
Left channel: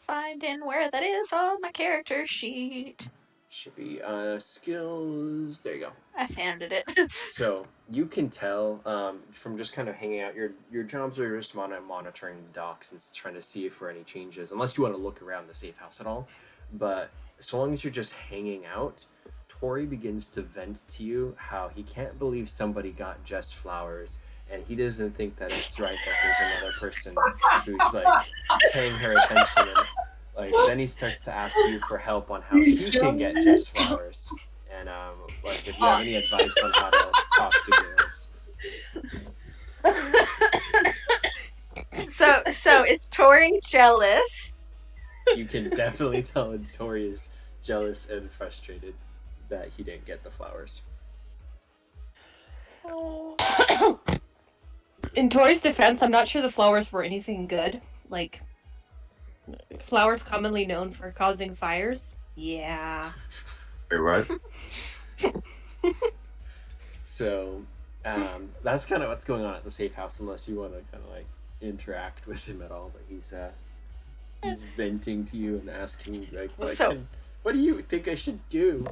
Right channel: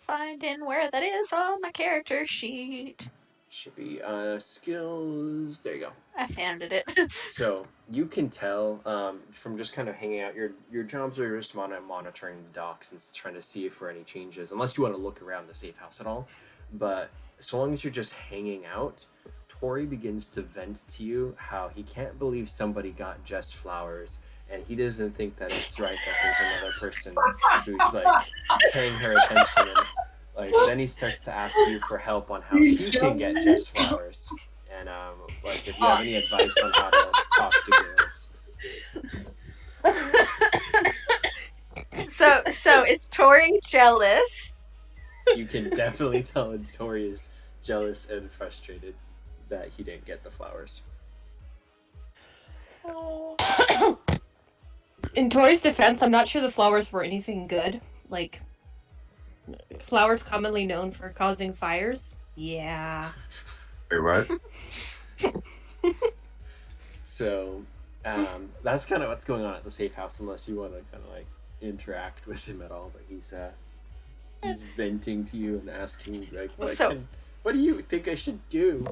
Finding where that is on my character sheet. Should be skills. There you go. I found it. So you can tell from just kind of hanging out. Your jobs are just monitoring the docks and trying to see if for any changes, unless you want to look around the safe house at all. But so long as you're just hanging out, Tori begins to vent to you how he can't believe somebody got Jess flowers, and he doesn't think that it's right that there's another person who's like paying her attention. And like then he starts to ask you for help on how he can get Jess flowers, and like if you have any advice on how to talk to girls. So is Tori jealous? You can definitely tell Tori is jealous and frustrated that he didn't get the flowers. In Tori's defense, I'm not sure the flowers were anything good. Like, flowers commonly known for causing fires. Yeah. Wait, what? So, that's kind of what's going on at the safe house, unless you want to kind of like interact with him at all. But he's venting to you and asking like, what do you think I should do?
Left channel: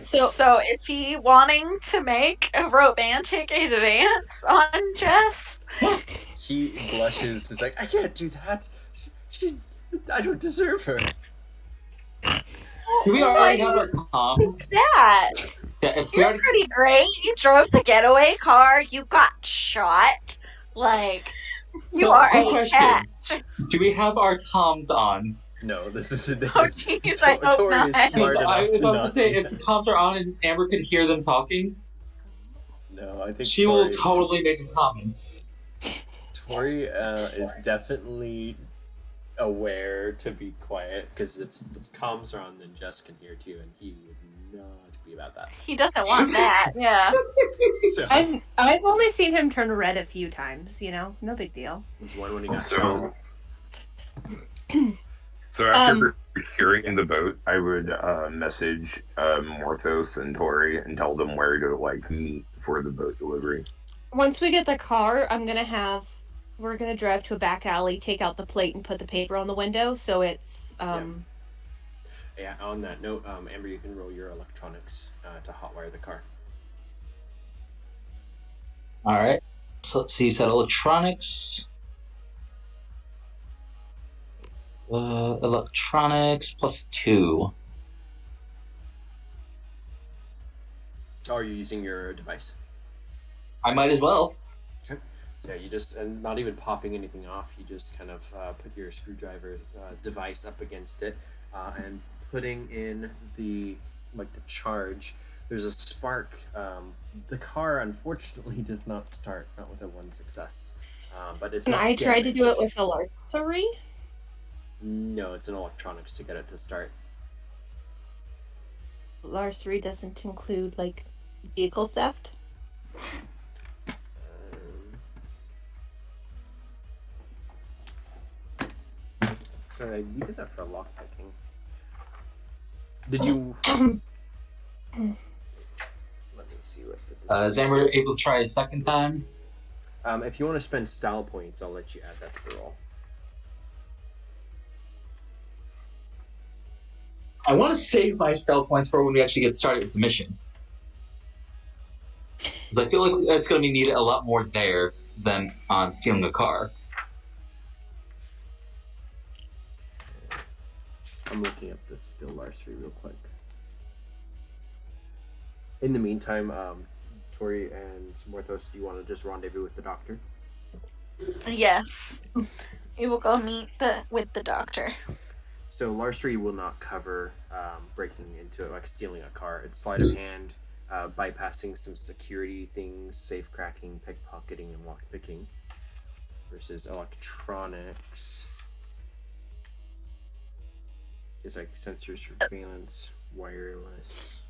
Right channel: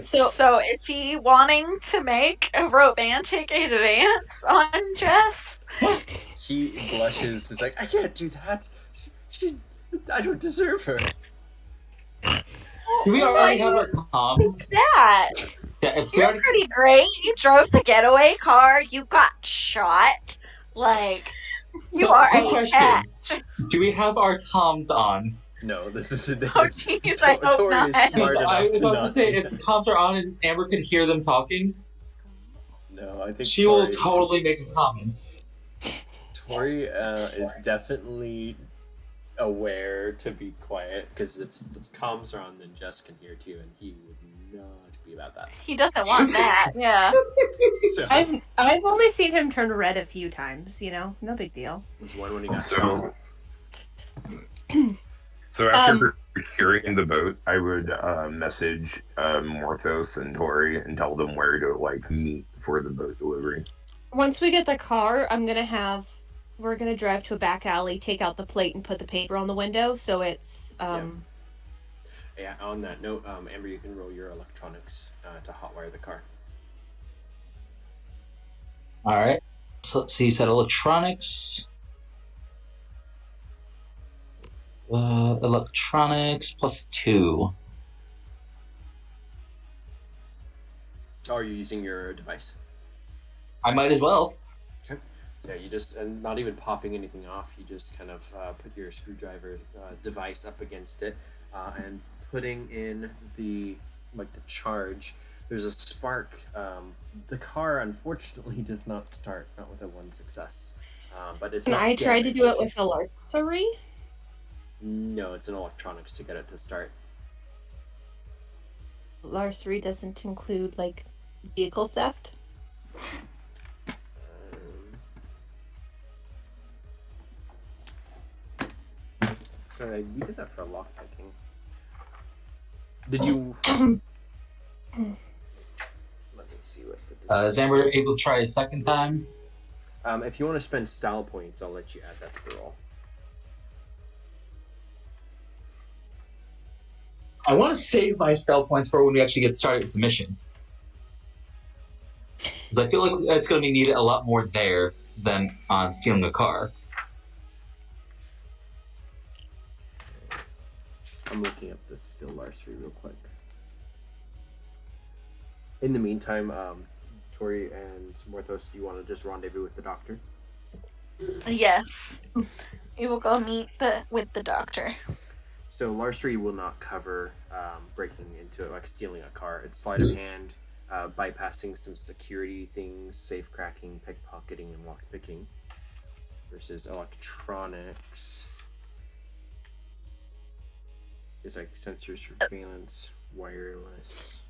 So is he wanting to make a romantic advance on Jess? He blushes. He's like, I can't do that. I don't deserve her. Do we already have our comms? What's that? Yeah, if You're pretty great. You drove the getaway car. You got shot. Like, you are a cat. Do we have our comms on? No, this is a Oh, jeez, I hope Tori not. is smart I enough was to about not to say, do if that. the comms are on and Amber could hear them talking, No, I think she Tori will totally make a comment. Tori is definitely aware to be quiet, because if the comms are on, then Jess can hear too, and he would not be about that. He doesn't want that. Yeah. So, I've only seen him turn red a few times. No big deal. was one when he got shot. So after securing the boat, I would message Morthos and Tori and tell them where to like meet for the boat delivery. Once we get the car, we're gonna drive to a back alley, take out the plate, and put the paper on the window, so it's Yeah, on that note, Amber, you can roll your electronics to hotwire the car. Alright. So let's see, you said electronics. Electronics +2. Oh, are you using your device? I might as well. Okay. So you just, and not even popping anything off, you just kind of put your screwdriver device up against it and putting in the charge. There's a spark. The car unfortunately does not start, not with a 1 success. But it's not. I tried to damaged. do it with a larceny. No, it's an electronics to get it to start. Larceny doesn't include like vehicle theft. Sorry, we did that for lockpicking. Did you? Let me see what the. Is Amber able to try a second time? If you want to spend style points, I'll let you add that to the roll. I want to save my style points for when we actually get started with the mission. Because I feel like it's going to be needed a lot more there than on stealing a car. I'm looking up the skill larceny real quick. In the meantime, Tori and Morthos, do you want to just rendezvous with the doctor? Yes. We will go meet with the doctor. So larceny will not cover breaking into it, like stealing a car. It's sleight of hand, bypassing some security things, safe cracking, pickpocketing, and lockpicking. Versus electronics is like sensor surveillance, wireless.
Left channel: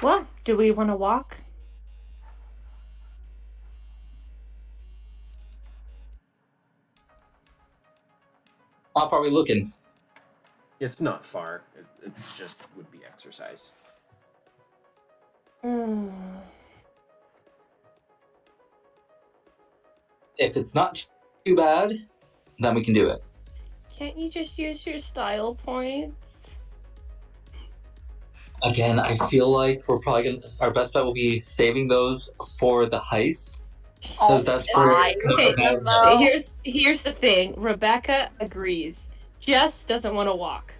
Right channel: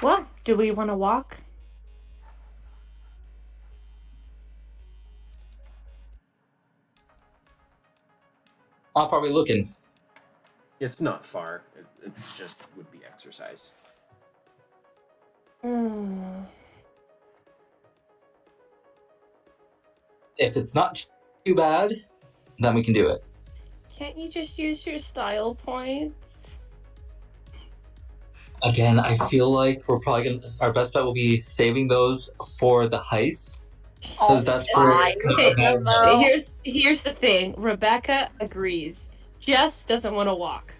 Well, do we want to walk? How far are we looking? It's not far. It's just would be exercise. If it's not too bad, then we can do it. Can't you just use your style points? Again, I feel like we're probably going to... Our best bet will be saving those for the heist. Because that's where it's going to matter. Here's the thing. Rebecca agrees. Jess doesn't want to walk.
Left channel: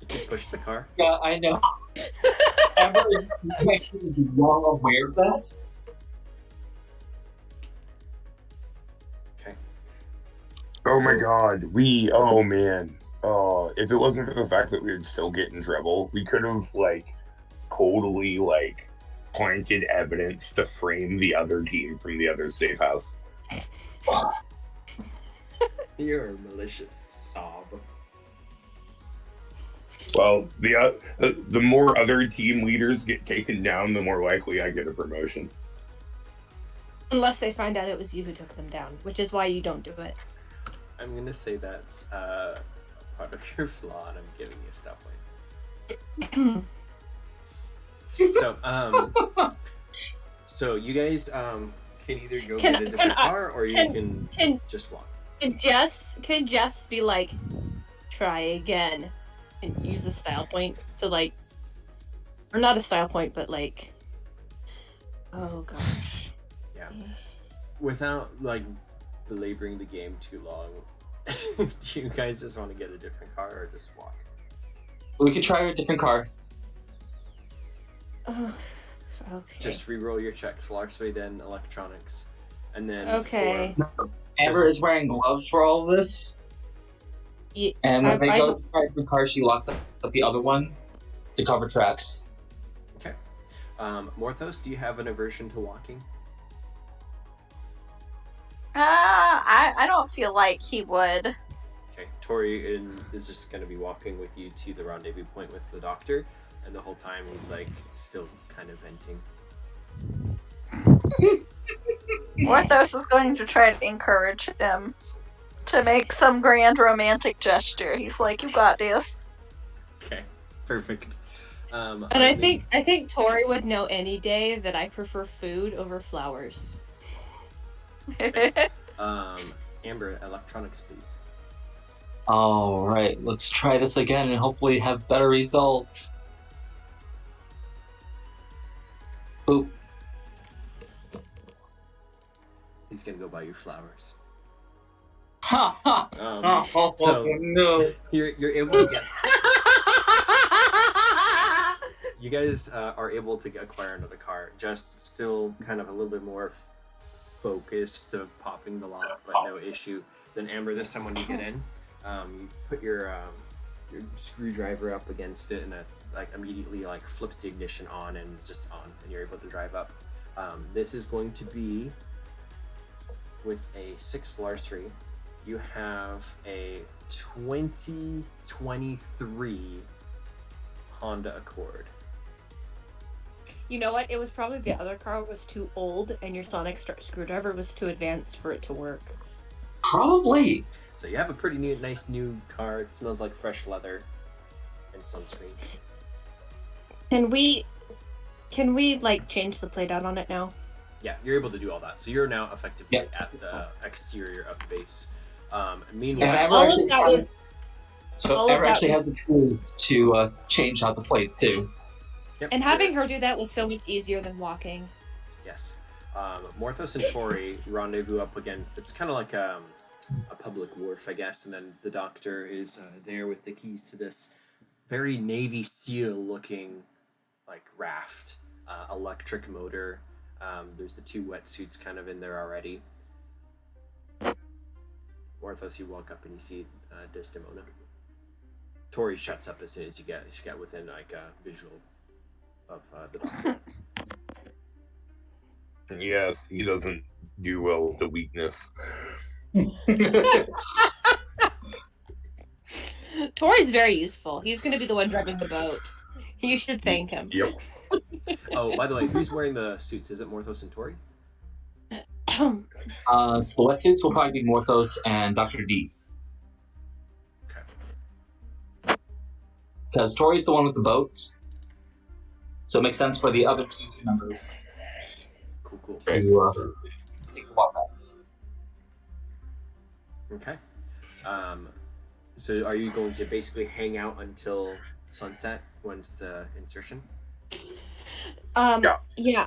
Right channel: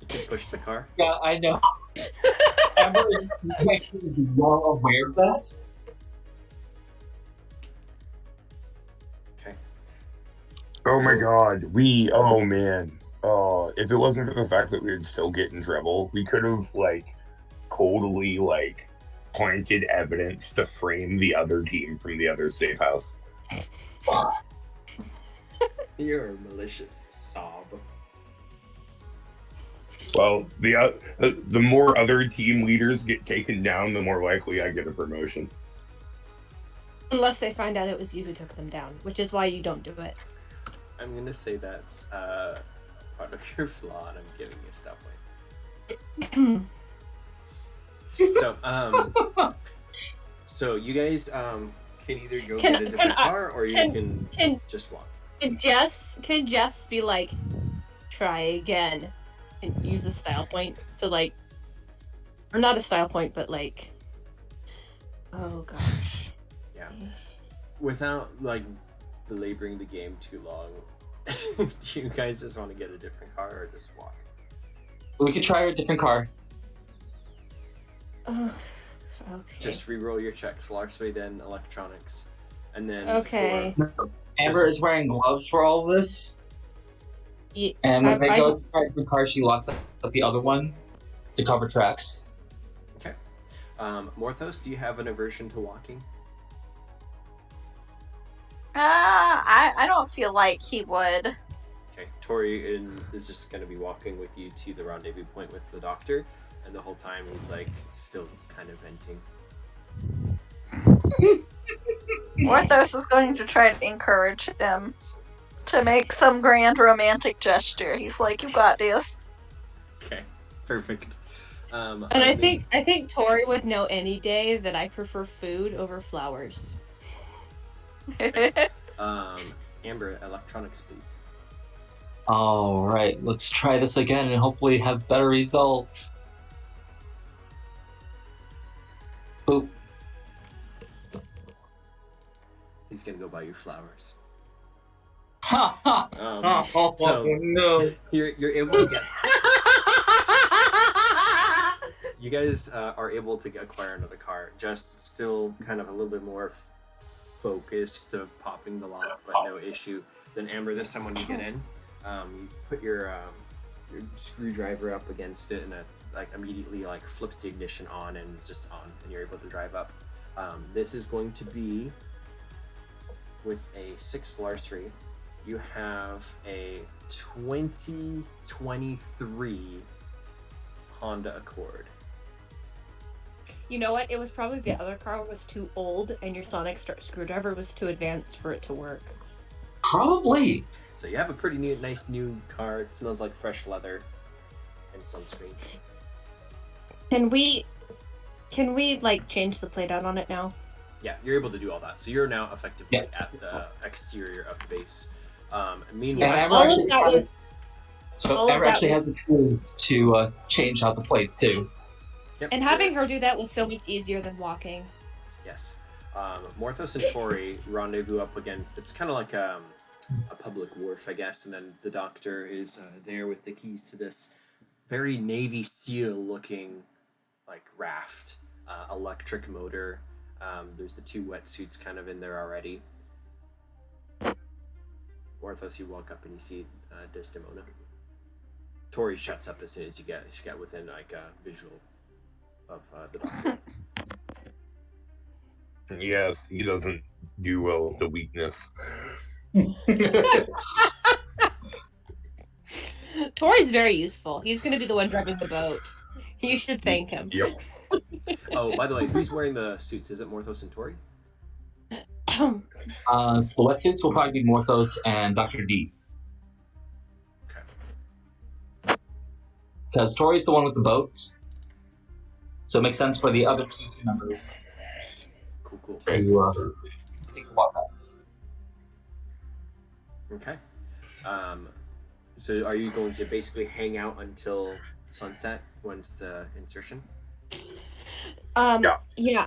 You can push the car. Yeah, I know. Amber is well aware of that. Okay. Oh my god, oh man. If it wasn't for the fact that we would still get in trouble, we could have, like, totally, like, planted evidence to frame the other team from the other safe house. You're a malicious sob. Well, the more other team leaders get taken down, the more likely I get a promotion. Unless they find out it was you who took them down, which is why you don't do it. I'm gonna say that's part of your flaw, and I'm giving you a stop point. So you guys can either go get a different car, or you can just walk. Can Jess be like, try again, and use a style point to, like, or not a style point, but like, oh gosh. Yeah. Without, like, belaboring the game too long, do you guys just want to get a different car or just walk? We could try a different car. Okay. Just re-roll your checks, larceny, then electronics, and then Okay. Amber is wearing gloves for all of this. Yeah, And when they go to try a different car, she locks up the other one to cover tracks. Okay. Morthos, do you have an aversion to walking? I don't feel like he would. Okay. Tori is just going to be walking with you to the rendezvous point with the doctor, and the whole time he's, like, still kind of venting. Morthos is going to try to encourage him to make some grand romantic gesture. He's like, "You got this." Okay. Perfect. And I think Tori would know any day that I prefer food over flowers. Amber, electronics, please. Alright, let's try this again and hopefully have better results. Boop. He's gonna go buy you flowers. Ha ha! So no. you're able to get. You guys are able to acquire another car. Just still kind of a little bit more focused to popping the lock, but no issue. Then Amber, this time when you get in, you put your screwdriver up against it, and it like immediately like flips the ignition on, and it's just on, and you're able to drive up. This is going to be with a 6 larceny. You have a 2023 Honda Accord. You know what? It was probably the other car was too old, and your sonic screwdriver was too advanced for it to work. Probably. So you have a pretty nice new car. It smells like fresh leather and sunscreen. Can we like change the plate out on it now? Yeah, you're able to do all that. So you're now effectively at the exterior of the base. Meanwhile, And all of that was. So Ever actually has the tools to change out the plates too. Yep, And having her do that was so much easier than walking. Yes. Morthos and Tori rendezvous up against. It's kind of like a public wharf, I guess, and then the doctor is there with the keys to this very Navy SEAL looking like raft, electric motor. There's the 2 wetsuits kind of in there already. Morthos, you walk up and you see Desdemona. Tori shuts up as soon as you get within like a visual of the doctor. Yes, he doesn't do well with the weakness. Tori's very useful. He's going to be the one driving the boat. You should thank him. Yep. Oh, by the way, who's wearing the suits? Is it Morthos and Tori? So the wetsuits will probably be Morthos and Dr. D. Okay. Because Tori's the one with the boat. So it makes sense for the other 2 team members Cool. to take the walk out. Okay. So are you going to basically hang out until sunset? When's the insertion? Yeah.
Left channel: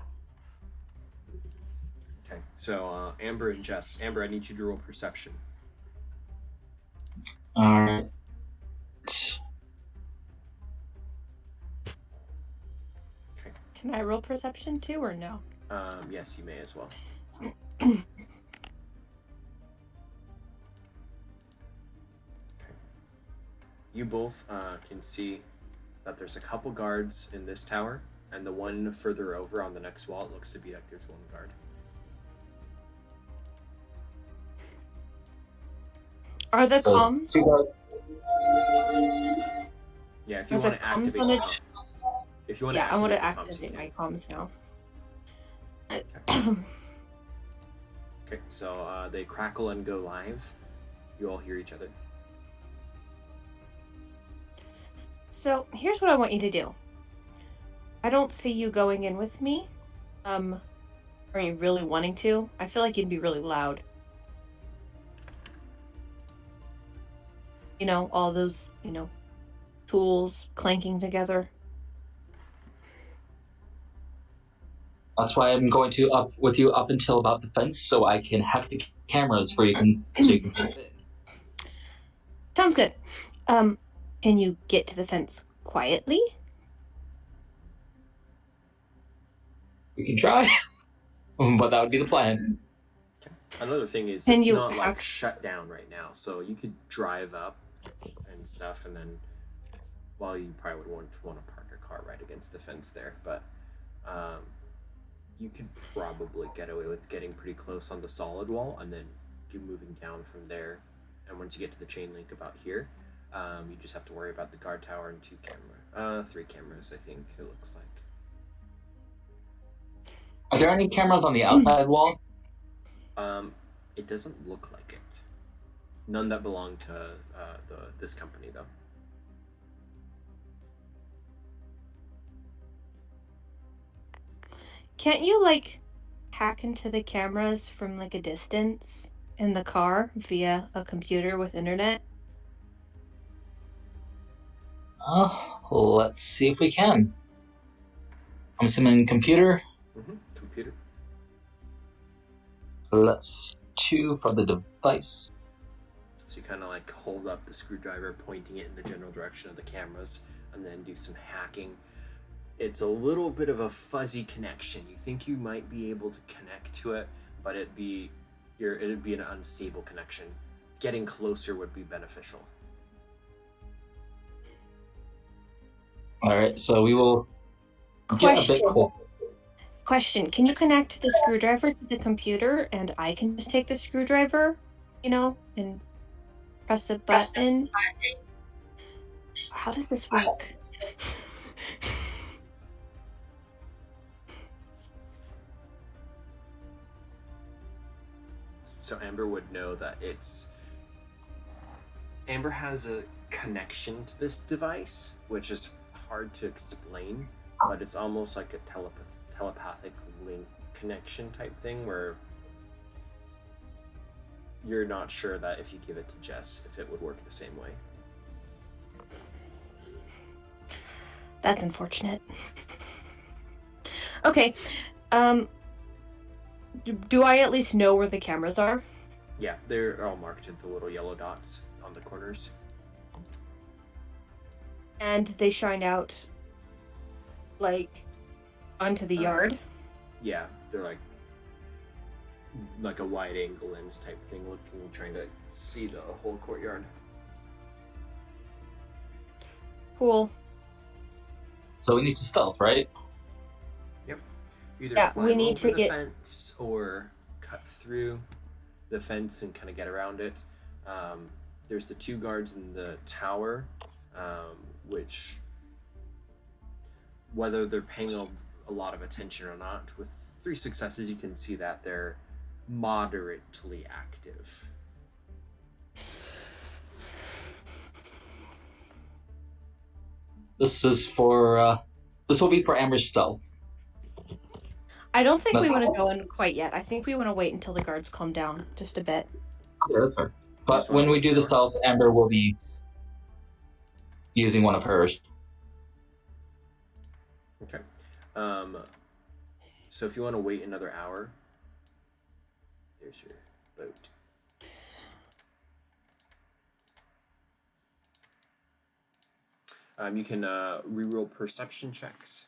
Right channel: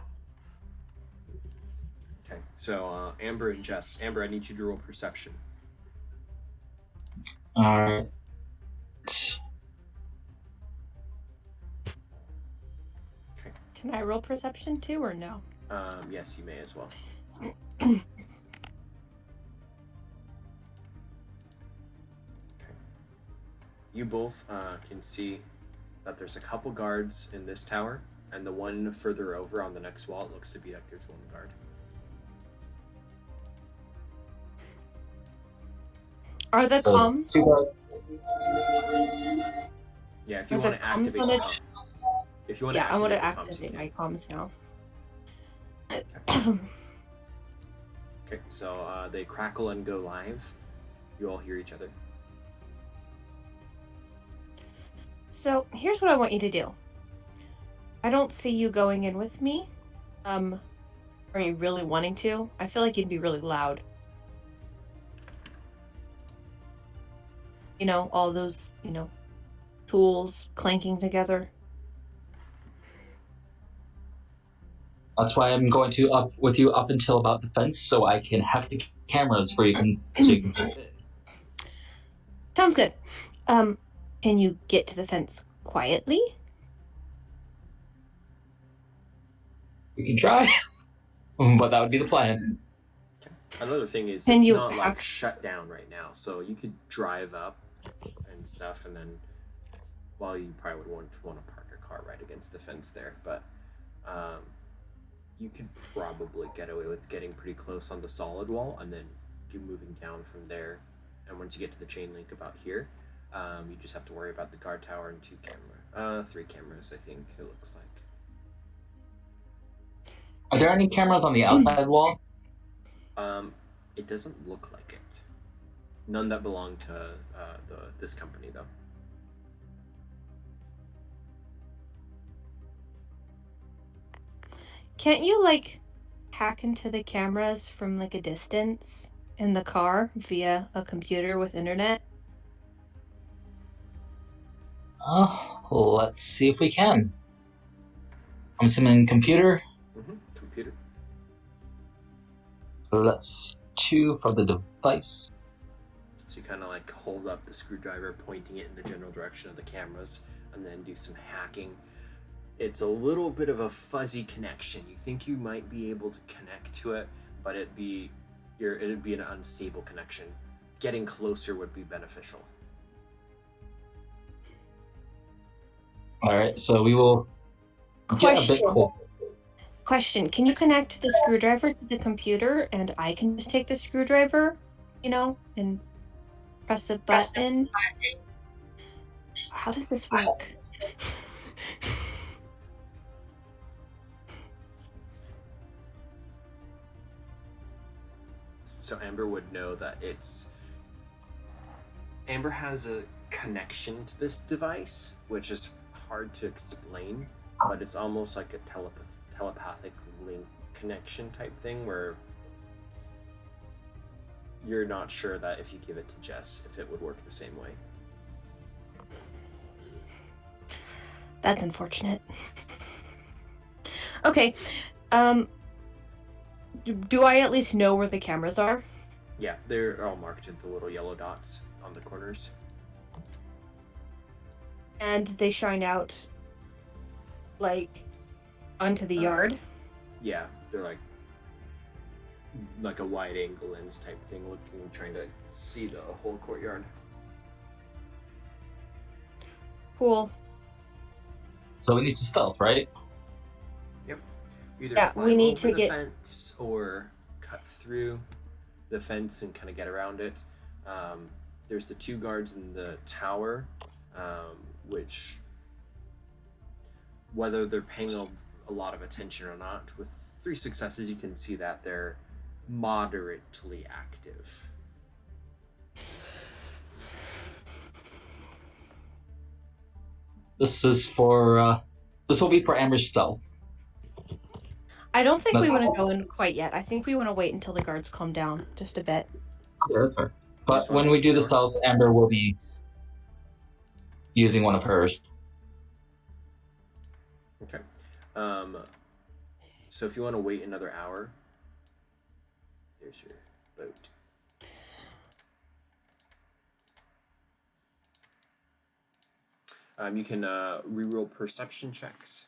Okay. So Amber and Jess. Amber, I need you to roll perception. All right. Okay. Can I roll perception too, or no? Yes, you may as well. You both can see that there's a couple guards in this tower, and the one further over on the next wall, it looks to be like there's 1 guard. Are the comms? 2 guards. Yeah, if you want to activate the comms. If you want to I want to activate activate my comms now. Okay, so they crackle and go live. You all hear each other. So here's what I want you to do. I don't see you going in with me. Are you really wanting to? I feel like you'd be really loud. You know, all those, tools clanking together. That's why I'm going to up with you up until about the fence, so I can hack the cameras so you can see. Sounds good. Can you get to the fence quietly? We can try, but that would be the plan. Another thing is, Can it's you not like shut down right now, so you could drive up and stuff, and then, well, you probably would want to park your car right against the fence there, but you could probably get away with getting pretty close on the solid wall, and then keep moving down from there. And once you get to the chain link about here, you just have to worry about the guard tower and 3 cameras, I think it looks like. Are there any cameras on the outside wall? It doesn't look like it. None that belong to this company, though. Can't you, like, hack into the cameras from, like, a distance in the car via a computer with internet? Let's see if we can. I'm assuming computer. Computer. Let's 2 for the device. So you kind of like hold up the screwdriver, pointing it in the general direction of the cameras, and then do some hacking. It's a little bit of a fuzzy connection. You think you might be able to connect to it, but it'd be an unstable connection. Getting closer would be beneficial. All right, so we will get a bit closer. Question, can you connect the screwdriver to the computer and I can just take the screwdriver, and press a button? How does this work? So Amber would know that Amber has a connection to this device, which is hard to explain, but it's almost like a telepathic link connection type thing where you're not sure that if you give it to Jess, if it would work the same way. That's unfortunate. Okay. Do I at least know where the cameras are? Yeah, they're all marked with the little yellow dots on the corners. And they shine out, like, onto the yard? Yeah, they're like a wide angle lens type thing, trying to see the whole courtyard. Cool. So we need to stealth, right? Yep. Either Yeah, climb we need over to the get... fence or cut through the fence and kind of get around it. There's the 2 guards in the tower, which, whether they're paying a lot of attention or not, with 3 successes, you can see that they're moderately active. This will be for Amber's stealth. I don't think we want to go in quite yet. I think we want to wait until the guards calm down just a bit. Okay, that's fair. But wanna when we wait do the for- stealth, Amber will be using one of hers. Okay. So if you want to wait another hour, there's your boat. You can reroll perception checks.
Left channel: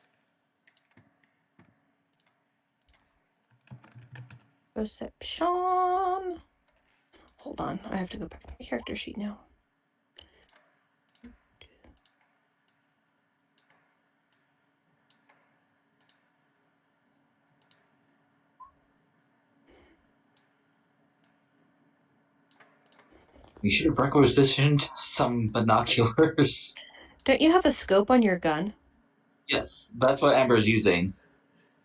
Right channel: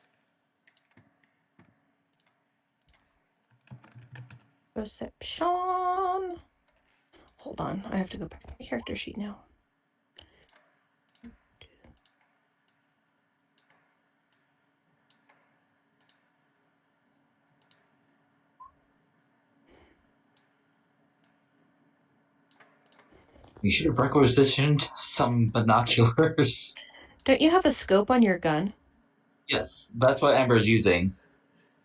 Perception. Hold on, I have to go back to my character sheet now. We should have requisitioned some binoculars. Don't you have a scope on your gun? Yes, that's what Amber's using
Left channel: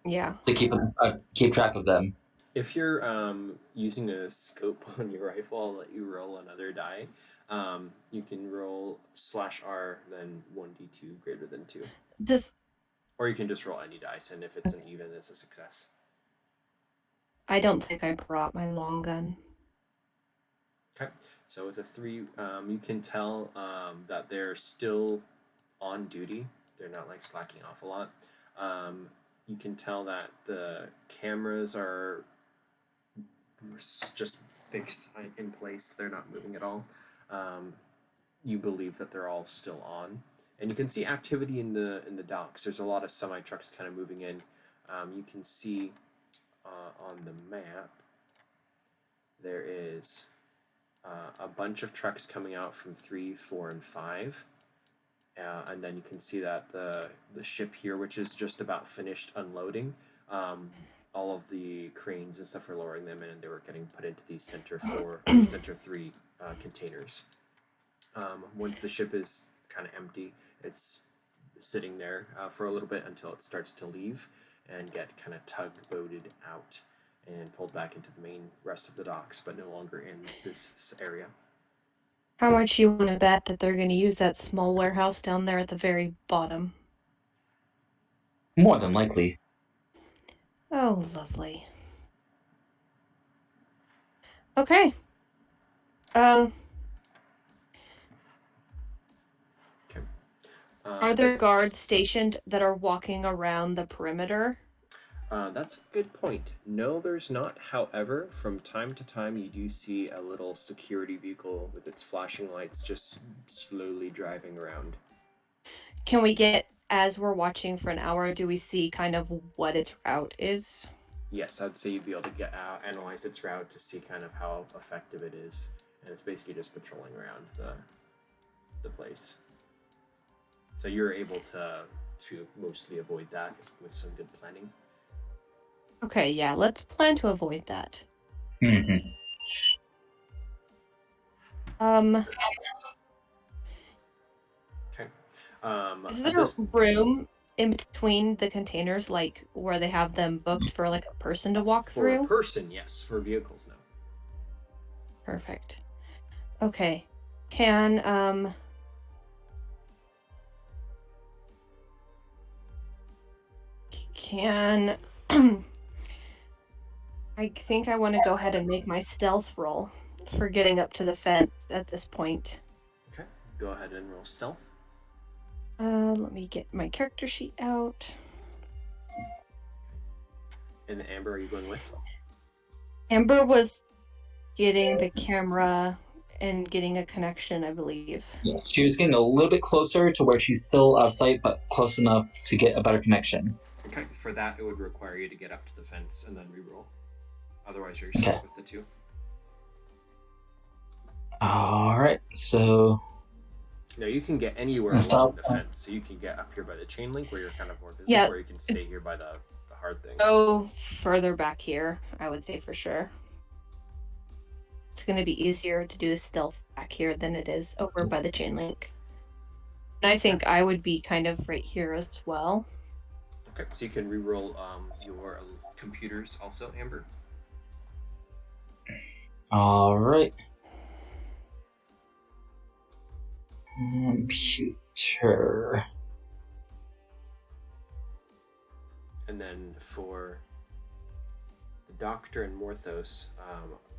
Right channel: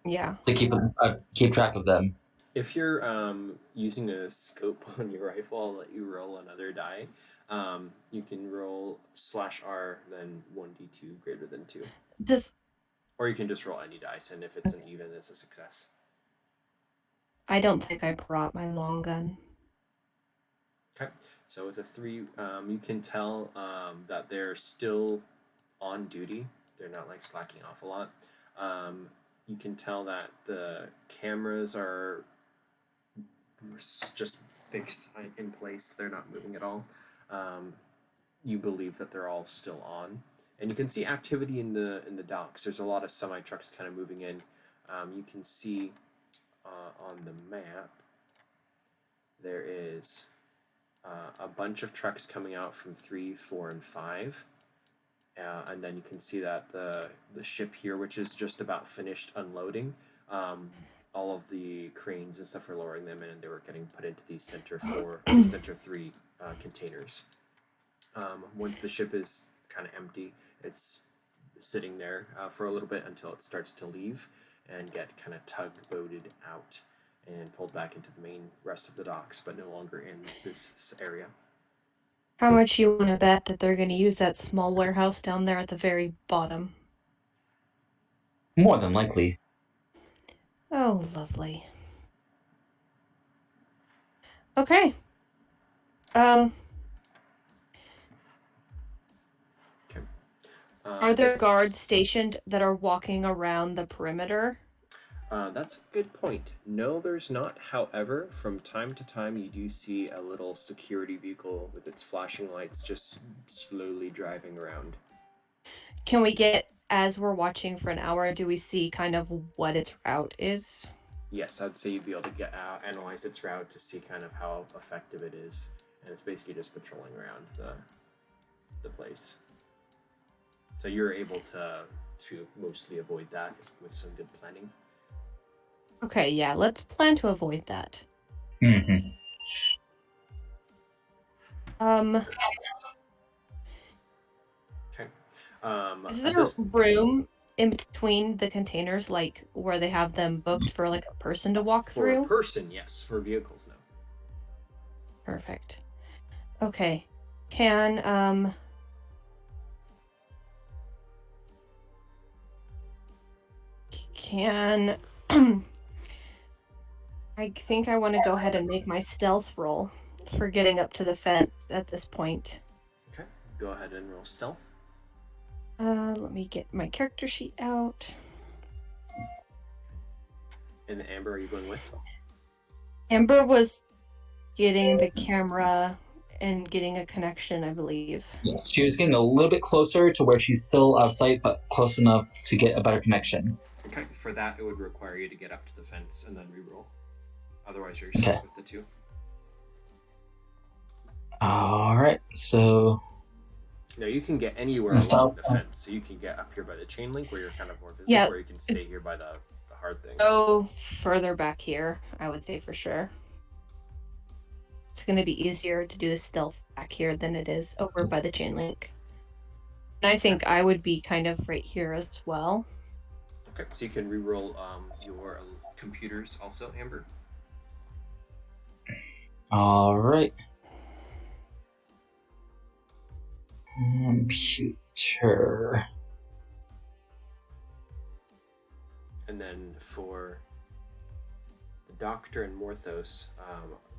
Yeah. to keep track of them. If you're using a scope on your rifle, I'll let you roll another die. You can roll /R, then 1d2 greater than 2. Or you can just roll any dice, and if it's an even, it's a success. I don't think I brought my long gun. Okay. So with a 3, you can tell that they're still on duty. They're not like slacking off a lot. You can tell that the cameras are just fixed in place. They're not moving at all. You believe that they're all still on, and you can see activity in the docks. There's a lot of semi trucks kind of moving in. You can see on the map there is a bunch of trucks coming out from 3, 4, and 5. And then you can see that the ship here, which is just about finished unloading, all of the cranes and stuff are lowering them in, and they were getting put into these Center 3 containers. Once the ship is kind of empty, it's sitting there for a little bit until it starts to leave and get kind of tugboated out and pulled back into the main rest of the docks, but no longer in this area. How much you want to bet that they're going to use that small warehouse down there at the very bottom? More than likely. Oh, lovely. Okay. Okay. Are there guards stationed that are walking around the perimeter? That's a good point. No, there's not. However, from time to time, you do see a little security vehicle with its flashing lights just slowly driving around. Can we get, as we're watching for an hour, do we see kind of what its route is? Yes, I'd say you'd be able to analyze its route to see kind of how effective it is. And it's basically just patrolling around the place. So you're able to mostly avoid that with some good planning. Okay, yeah, let's plan to avoid that. Mm-hmm. Okay. Is there room in between the containers, like where they have them booked for like a person to walk through? For a person, yes. For vehicles, no. Perfect. Okay. Can I think I want to go ahead and make my stealth roll for getting up to the fence at this point. Okay, go ahead and roll stealth. Let me get my character sheet out. And Amber, are you going with? Amber was getting the camera and getting a connection, I believe. Yes, she was getting a little bit closer to where she's still out of sight, but close enough to get a better connection. Okay, for that, it would require you to get up to the fence and then re-roll. Otherwise, you're stuck with the 2. Alright, so... No, you can get anywhere along the fence. So you can get up here by the chain link where you're kind of more visible, or you can stay here by the hard thing. Go further back here, I would say for sure. It's going to be easier to do a stealth back here than it is over by the chain link. And I think I would be kind of right here as well. Okay, so you can re-roll your computers also, Amber. Alright. Computer. And then for the Doctor and Morthos,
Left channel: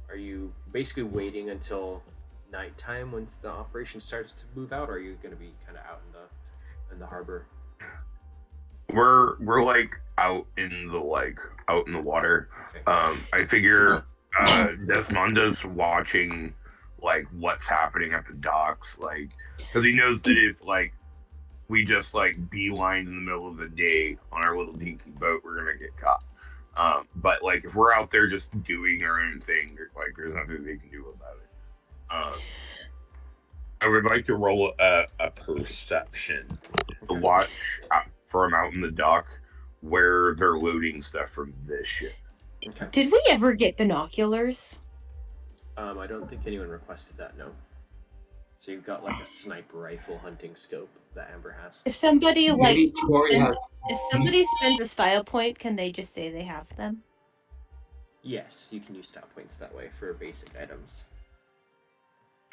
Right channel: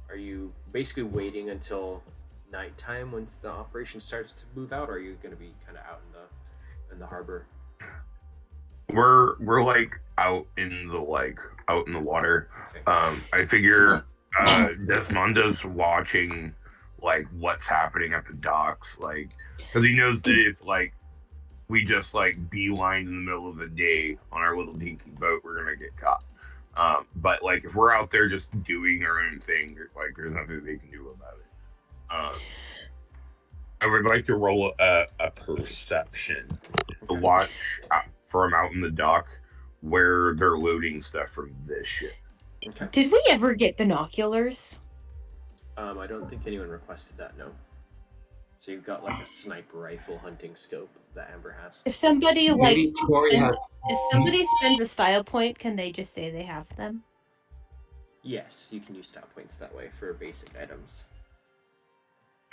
are you basically waiting until nighttime once the operation starts to move out, or are you going to be kind of out in the harbor? We're like out in the water. Okay. I figure Desmonda's watching like what's happening at the docks, like because he knows that if like we just like beeline in the middle of the day on our little dinky boat, we're gonna get caught. But like if we're out there just doing our own thing, like there's nothing they can do about it. I would like to roll a perception to watch from out in the dock where they're loading stuff from this ship. Okay. Did we ever get binoculars? I don't think anyone requested that, no. So you've got like a sniper rifle hunting scope that Amber has. If somebody Maybe Tori has... if somebody spends a style point, can they just say they have them? Yes, you can use style points that way for basic items.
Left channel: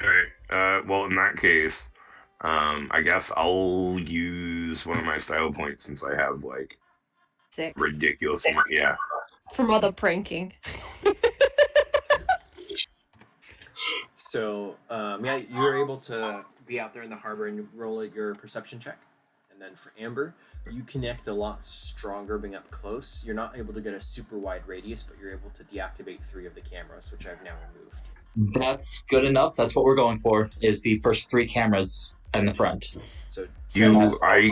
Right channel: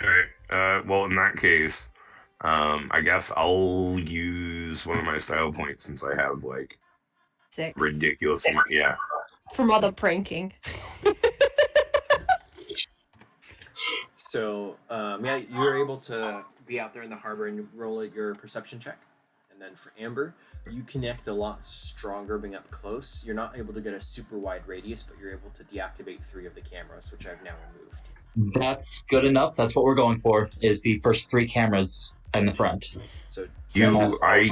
Alright, well in that case, I guess I'll use one of my style points since I have like 6. ridiculous, yeah. From all the pranking. So, yeah, you're able to be out there in the harbor and roll your perception check. And then for Amber, you connect a lot stronger being up close. You're not able to get a super wide radius, but you're able to deactivate 3 of the cameras, which I've now removed. That's good enough. That's what we're going for, is the first 3 cameras in the front. So, Do I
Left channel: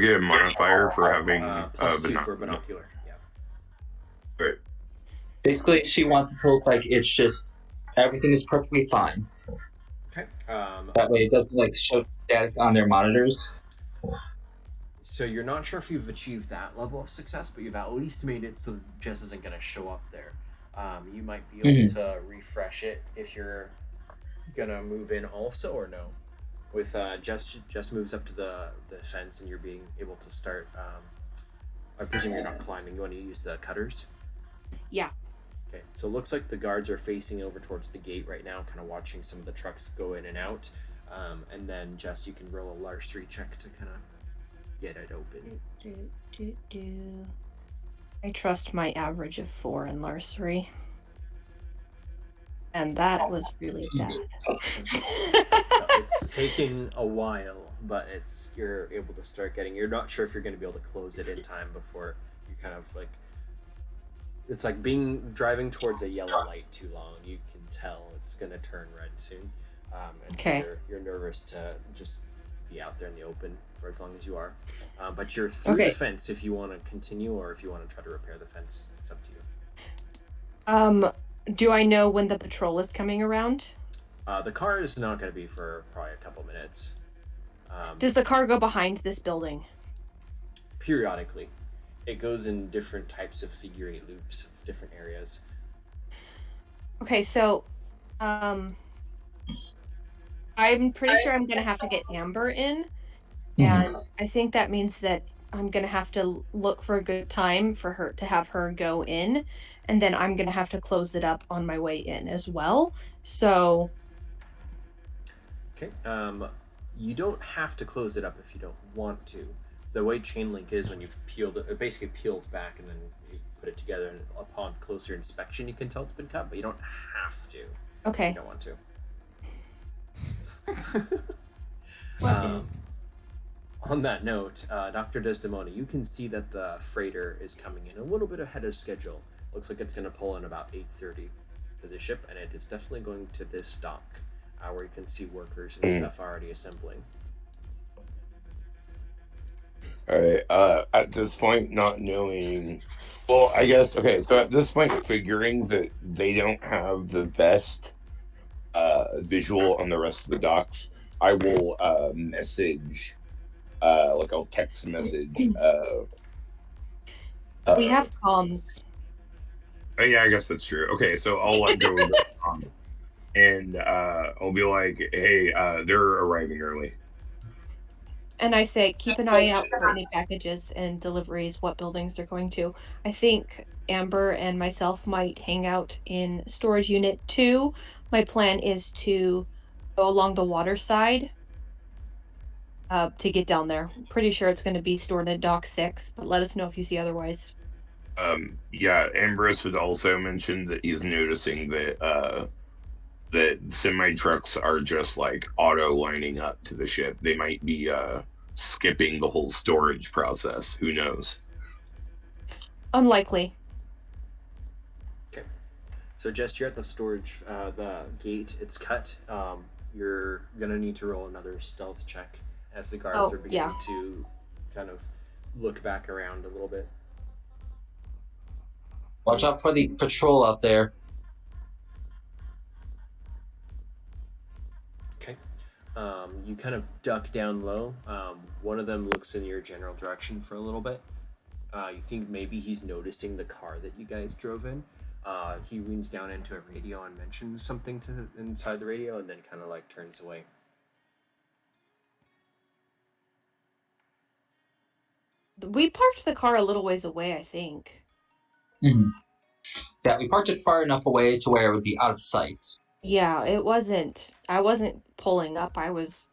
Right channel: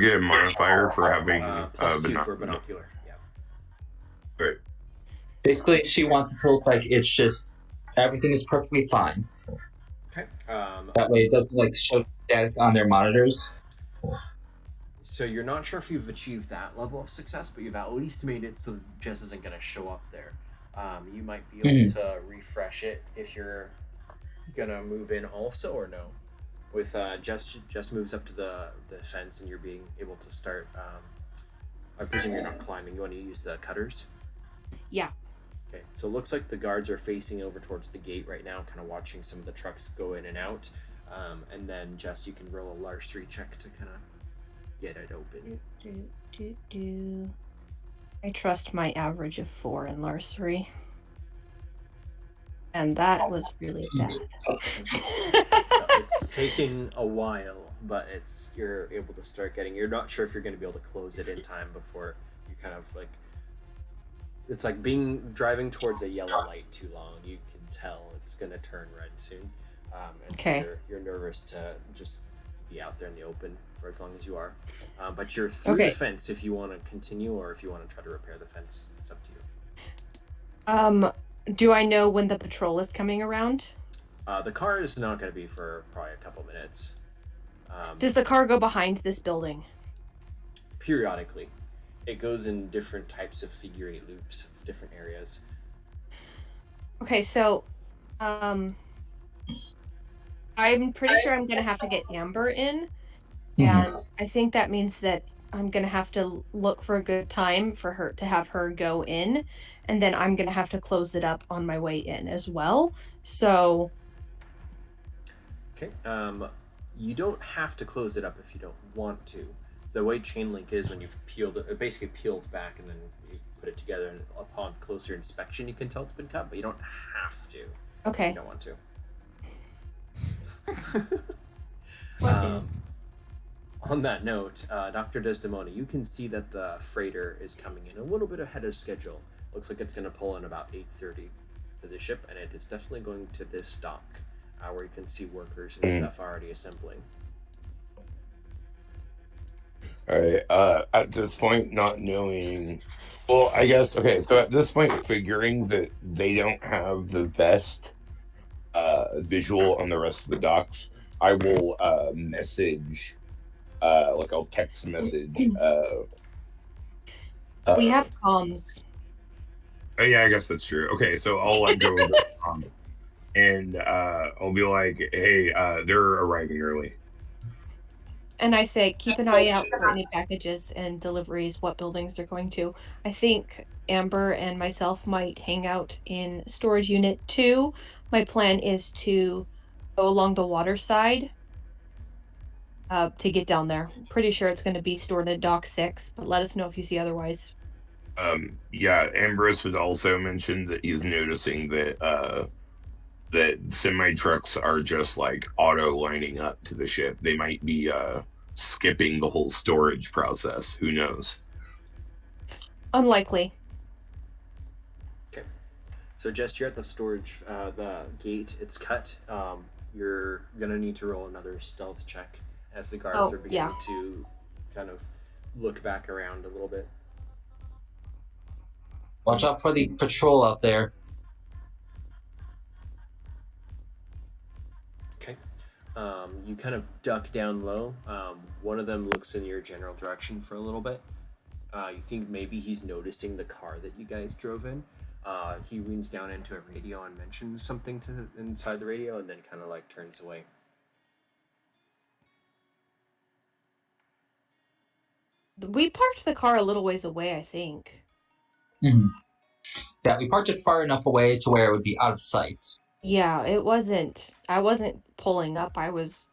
get a modifier for having plus 2 for binocular, yeah. Right. Basically, she wants it to look like it's just everything is perfectly fine. Okay. That way it doesn't like show static on their monitors. So you're not sure if you've achieved that level of success, but you've at least made it so Jess isn't going to show up there. You might be able to refresh it if you're going to move in also, or no. With Jess moves up to the fence and you're being able to start, I presume you're not climbing. You want to use the cutters? Yeah. Okay, so it looks like the guards are facing over towards the gate right now, kind of watching some of the trucks go in and out. And then, Jess, you can roll a larceny check to kind of get it open. I trust my average of 4 in larceny. And that was really bad. It's taking a while, but you're able to start getting... You're not sure if you're going to be able to close it in time before you kind of like... It's like driving towards a yellow light too long. You can tell it's going to turn red soon. And okay. So you're nervous to just be out there in the open for as long as you are. But you're through the fence if you want to continue, or if you want to try to repair the fence. It's up to you. Do I know when the patrol is coming around? The car is not going to be for probably a couple minutes. Does the car go behind this building? Periodically. It goes in different types of figure 8 loops of different areas. Okay, so I'm pretty sure I'm gonna have to get Amber in, and I think that means that I'm gonna have to look for a good time for her to have her go in, and then I'm gonna have to close it up on my way in as well. So Okay. You don't have to close it up if you don't want to. The way chain link is, when you've peeled it, it basically peels back and then you put it together, and upon closer inspection you can tell it's been cut, but you don't have to. okay. You don't want to. What is? On that note, Dr. Desdemona, you can see that the freighter is coming in a little bit ahead of schedule. Looks like it's going to pull in about 8:30 to the ship, and it is definitely going to this dock, where you can see workers and stuff already assembling. All right. At this point, not knowing, well, I guess okay. So at this point, figuring that they don't have the best visual on the rest of the docks, I will message, like I'll text message. We have comms. Yeah, I guess that's true. Okay, so I'll like go over and I'll be like, hey, they're arriving early. And I say, keep an eye out for any packages and deliveries, what buildings they're going to. I think Amber and myself might hang out in storage unit 2. My plan is to go along the water side to get down there. Pretty sure it's going to be stored in dock 6, but let us know if you see otherwise. Yeah, Ambrose would also mention that he's noticing that that semi trucks are just like auto lining up to the ship. They might be skipping the whole storage process. Who knows? Unlikely. Okay. So, Jess, you're at the storage, the gate. It's cut. You're gonna need to roll another stealth check as the guards are beginning to kind of look back around a little bit. Watch out for the patrol out there. Okay. You kind of duck down low. One of them looks in your general direction for a little bit. You think maybe he's noticing the car that you guys drove in. He leans down into a radio and mentions something to inside the radio, and then kind of like turns away. We parked the car a little ways away, I think. Mm-hmm. Yeah, we parked it far enough away to where it would be out of sight. Yeah, it wasn't. I wasn't pulling up. I was,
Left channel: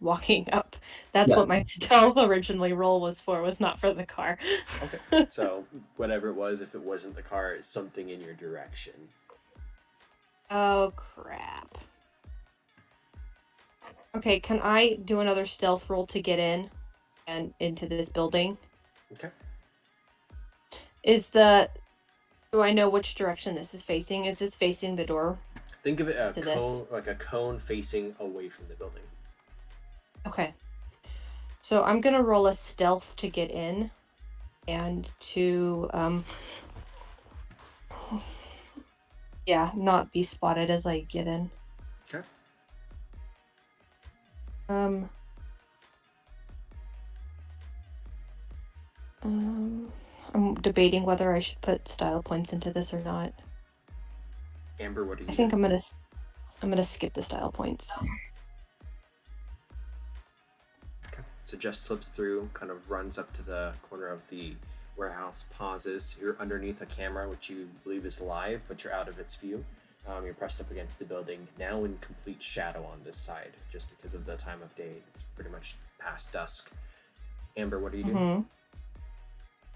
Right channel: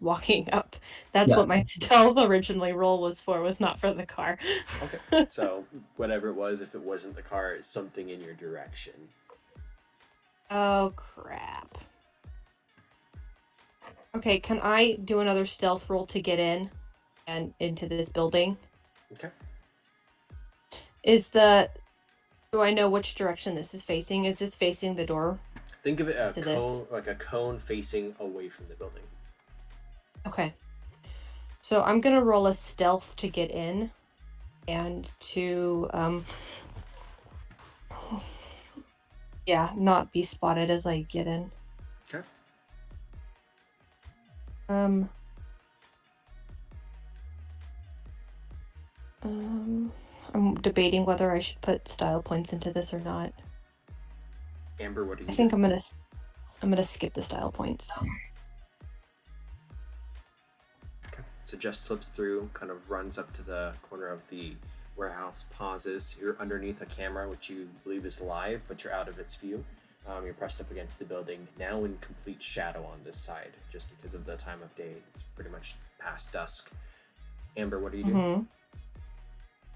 walking up. That's what my stealth originally roll was for. Was not for the car. Okay. So whatever it was, if it wasn't the car, it's something in your direction. Oh crap. Okay, can I do another stealth roll to get in and into this building? Okay. Do I know which direction this is facing? Is this facing the door? Think of it like a cone facing away from the building. Okay. So I'm gonna roll a stealth to get in, and to not be spotted as I get in. Okay. I'm debating whether I should put style points into this or not. Amber, what do you? I think I'm gonna skip the style points. Okay. So Jess slips through, kind of runs up to the corner of the warehouse, pauses. You're underneath a camera, which you believe is live, but you're out of its view. You're pressed up against the building, now in complete shadow on this side, just because of the time of day. It's pretty much past dusk. Amber, what are you doing?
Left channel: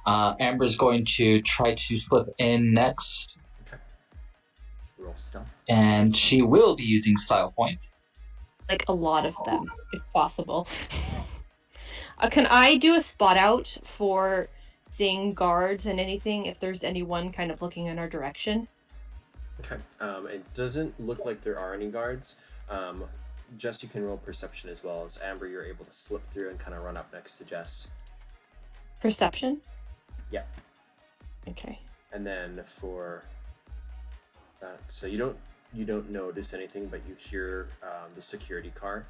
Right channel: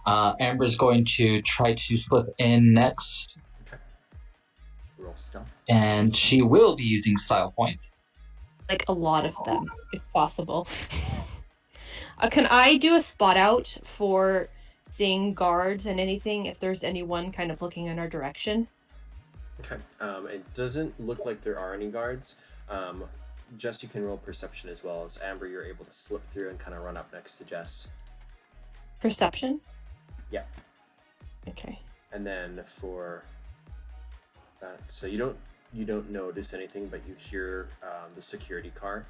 Amber's going to try to slip in next. Okay. Roll stealth. And she will be using style points. Like a lot of them, if possible. Can I do a spot out for seeing guards and anything if there's anyone kind of looking in our direction? Okay. It doesn't look like there are any guards. Jess, you can roll perception as well. As Amber, you're able to slip through and kind of run up next to Jess. Perception? Yeah. Okay. And then for that, so you don't notice anything, but you hear the security car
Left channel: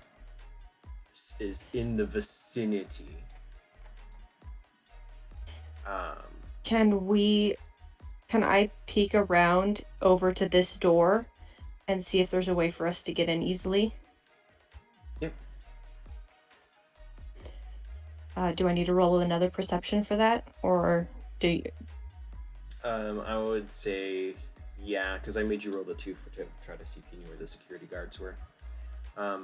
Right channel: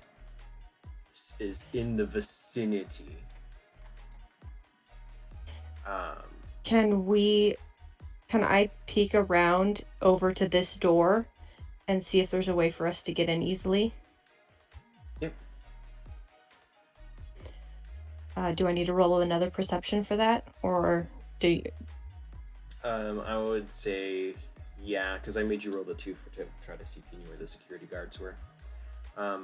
is in the vicinity. Can I peek around over to this door and see if there's a way for us to get in easily? Yep. Do I need to roll another perception for that, or do you? I would say, yeah, because I made you roll the 2 to try to see if you knew where the security guards were. I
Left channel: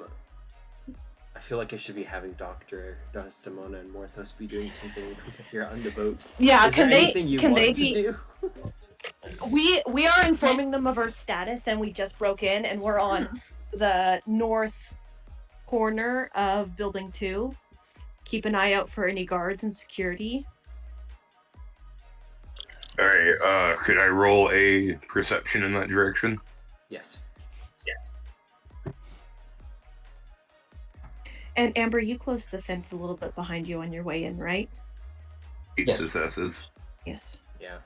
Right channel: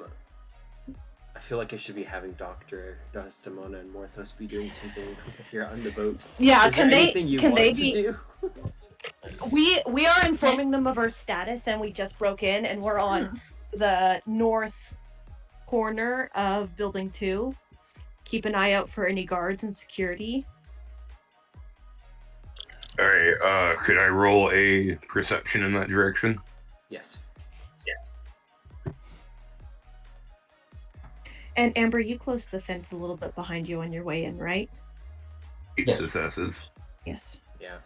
feel like I should be having Dr. Desdemona and Morthos be doing something here on the boat. Yeah, Is there anything you want to do? We are informing them of our status, and we just broke in, and we're on the north corner of Building 2. Keep an eye out for any guards and security. All right. Could I roll a perception in that direction? Yes. And Amber, you closed the fence a little bit behind you on your way in, right? 8 Yes. successes. Yes. Yeah.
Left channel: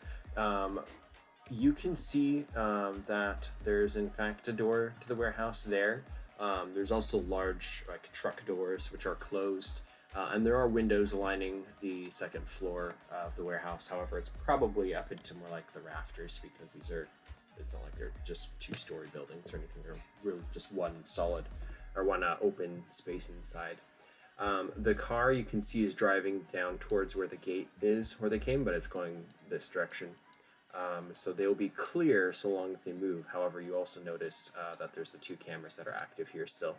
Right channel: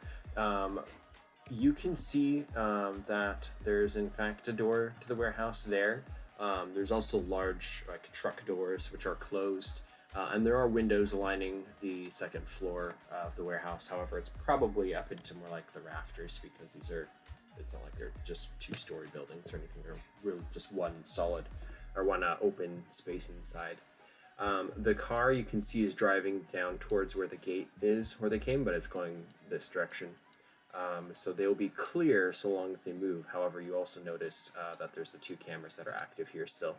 You can see that there's in fact a door to the warehouse there. There's also large truck doors which are closed, and there are windows lining the second floor of the warehouse. However, it's probably up into more like the rafters because it's not like they're just 2-story buildings or anything. They're really just one solid or one open space inside. The car you can see is driving down towards where the gate is where they came, but it's going this direction. So they'll be clear so long as they move. However, you also notice that there's the 2 cameras that are active here still.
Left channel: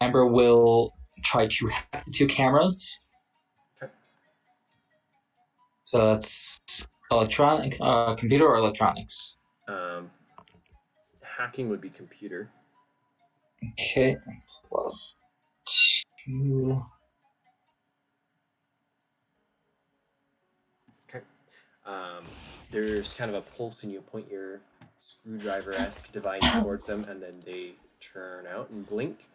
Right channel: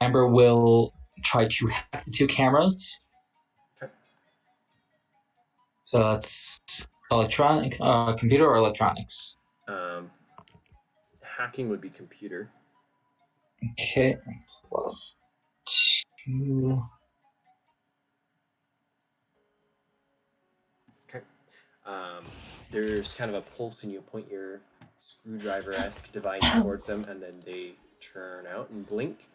Amber will try to hack the 2 cameras. Okay. So that's computer or electronics. Hacking would be computer. Okay, +2. Okay. There's kind of a pulse, and you point your screwdriver-esque device towards them, and then they turn out and blink,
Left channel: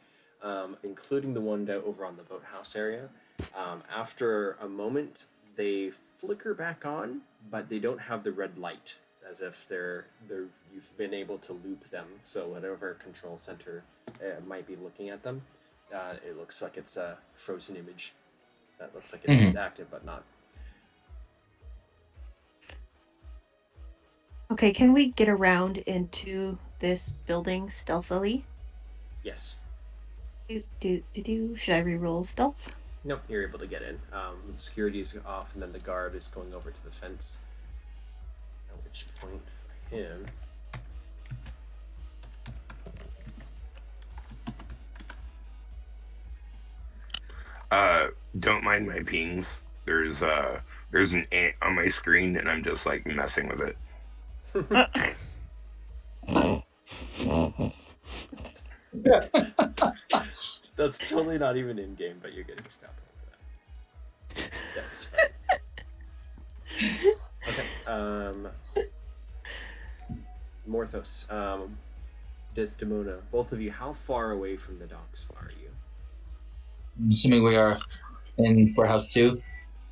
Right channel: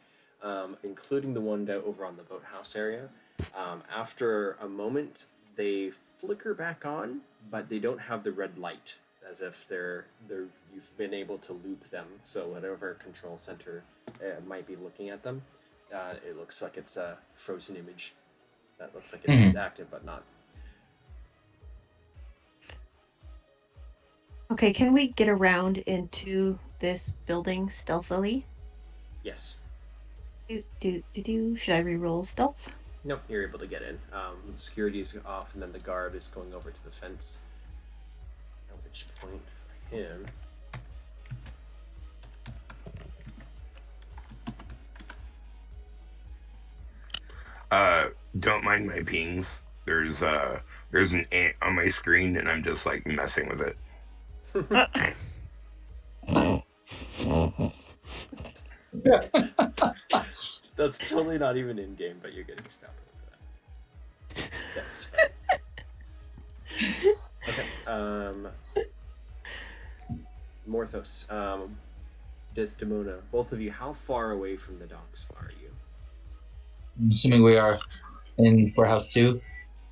including the one over on the boathouse area. After a moment, they flicker back on, but they don't have the red light, as if you've been able to loop them. So whatever control center might be looking at them, it looks like it's a frozen image. That looks like it's active, but not. Okay, can we get around into this building stealthily? Yes. Should I re-roll stealth? Nope, you're able to get in. The security is off, and then the guard is going over to the fence. At which point, for him... Don't mind my pings. There's an ant on my screen, and I'm just like messing with it. That's totally not even in game, but you're getting stopped for that. That's fine. Okay. Morthos, Desdemona, both of you, how far away from the docks are you? I'm assuming we are in warehouse 2.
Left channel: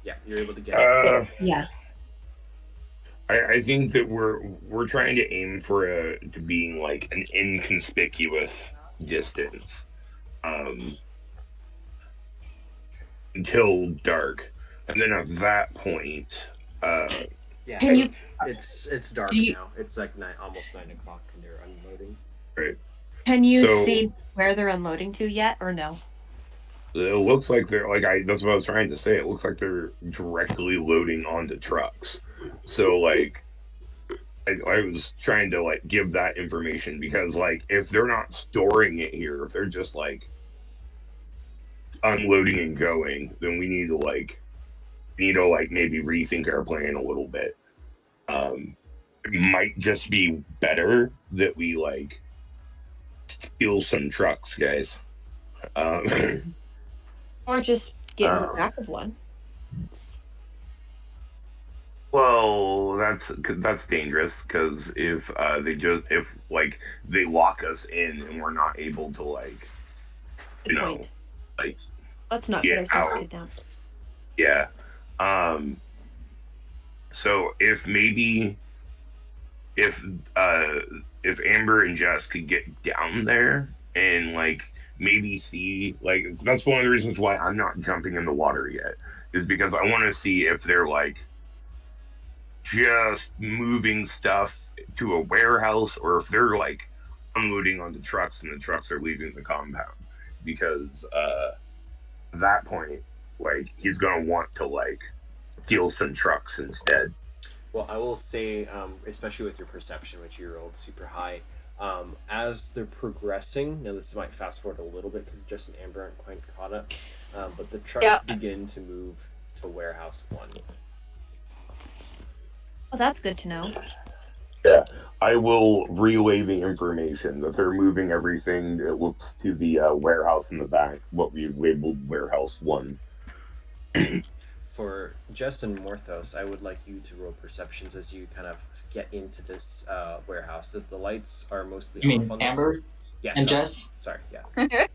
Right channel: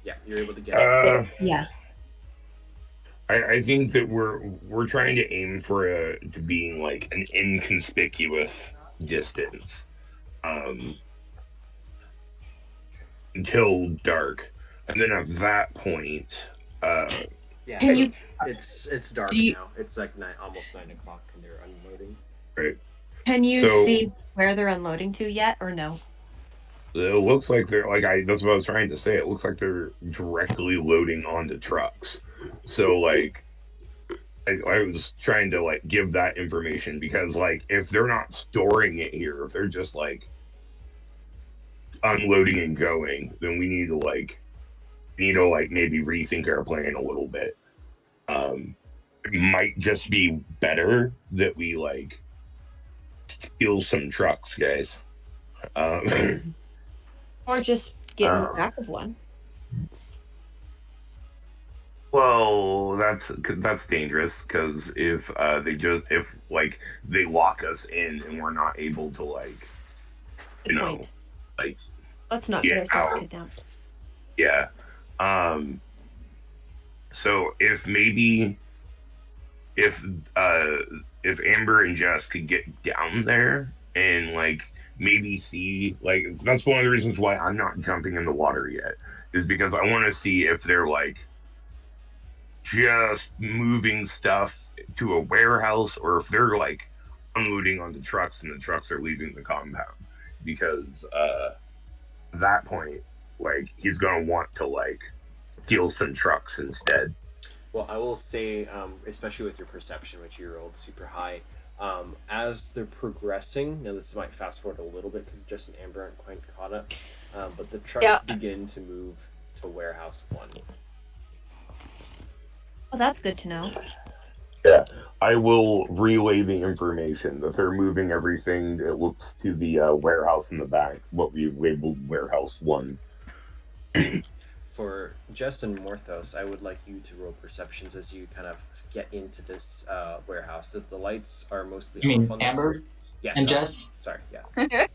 Yeah, you're able to get in. Yeah. I think that we're trying to aim for to being like an inconspicuous distance, until dark, and then at that point, yeah, Can you- it's dark now. It's like almost 9 o'clock, and they're unloading. right? Can you So- see where they're unloading to yet, or no? It looks like they're that's what I was trying to say. It looks like they're directly loading onto trucks. So like, I was trying to like give that information because like if they're not storing it here, if they're just like unloading and going, then we need to maybe rethink our plan a little bit. It might just be better that we like steal some trucks, guys. Or just get in the back of one? Well, that's dangerous because if they lock us in and we're not able to Good point. like Let's not get get ourselves out. hit down. Yeah. So if Amber and Jess could get down there and like maybe see, like, that's one of the reasons why I'm not jumping in the water yet, is because I want to see if they're like just moving stuff to a warehouse or if they're like unloading onto trucks and the trucks are leaving the compound, because that point, like, he's gonna want to, like, steal some trucks instead. Well, I will say, especially with your perception, which you rolled super high, as they're progressing, now this might fast forward a little bit because Jess and Amber aren't quite caught up, but the trucks Yeah. begin to move to warehouse 1. Oh, that's good to know. Yeah, I will relay the information that they're moving everything. It looks to the warehouse in the back, what we labeled warehouse 1. For Jess and Morthos, I would like you to roll perceptions as you kind of get into this warehouse. The lights are mostly You mean off on Amber this. Yeah, and sorry. Jess? Sorry, yeah.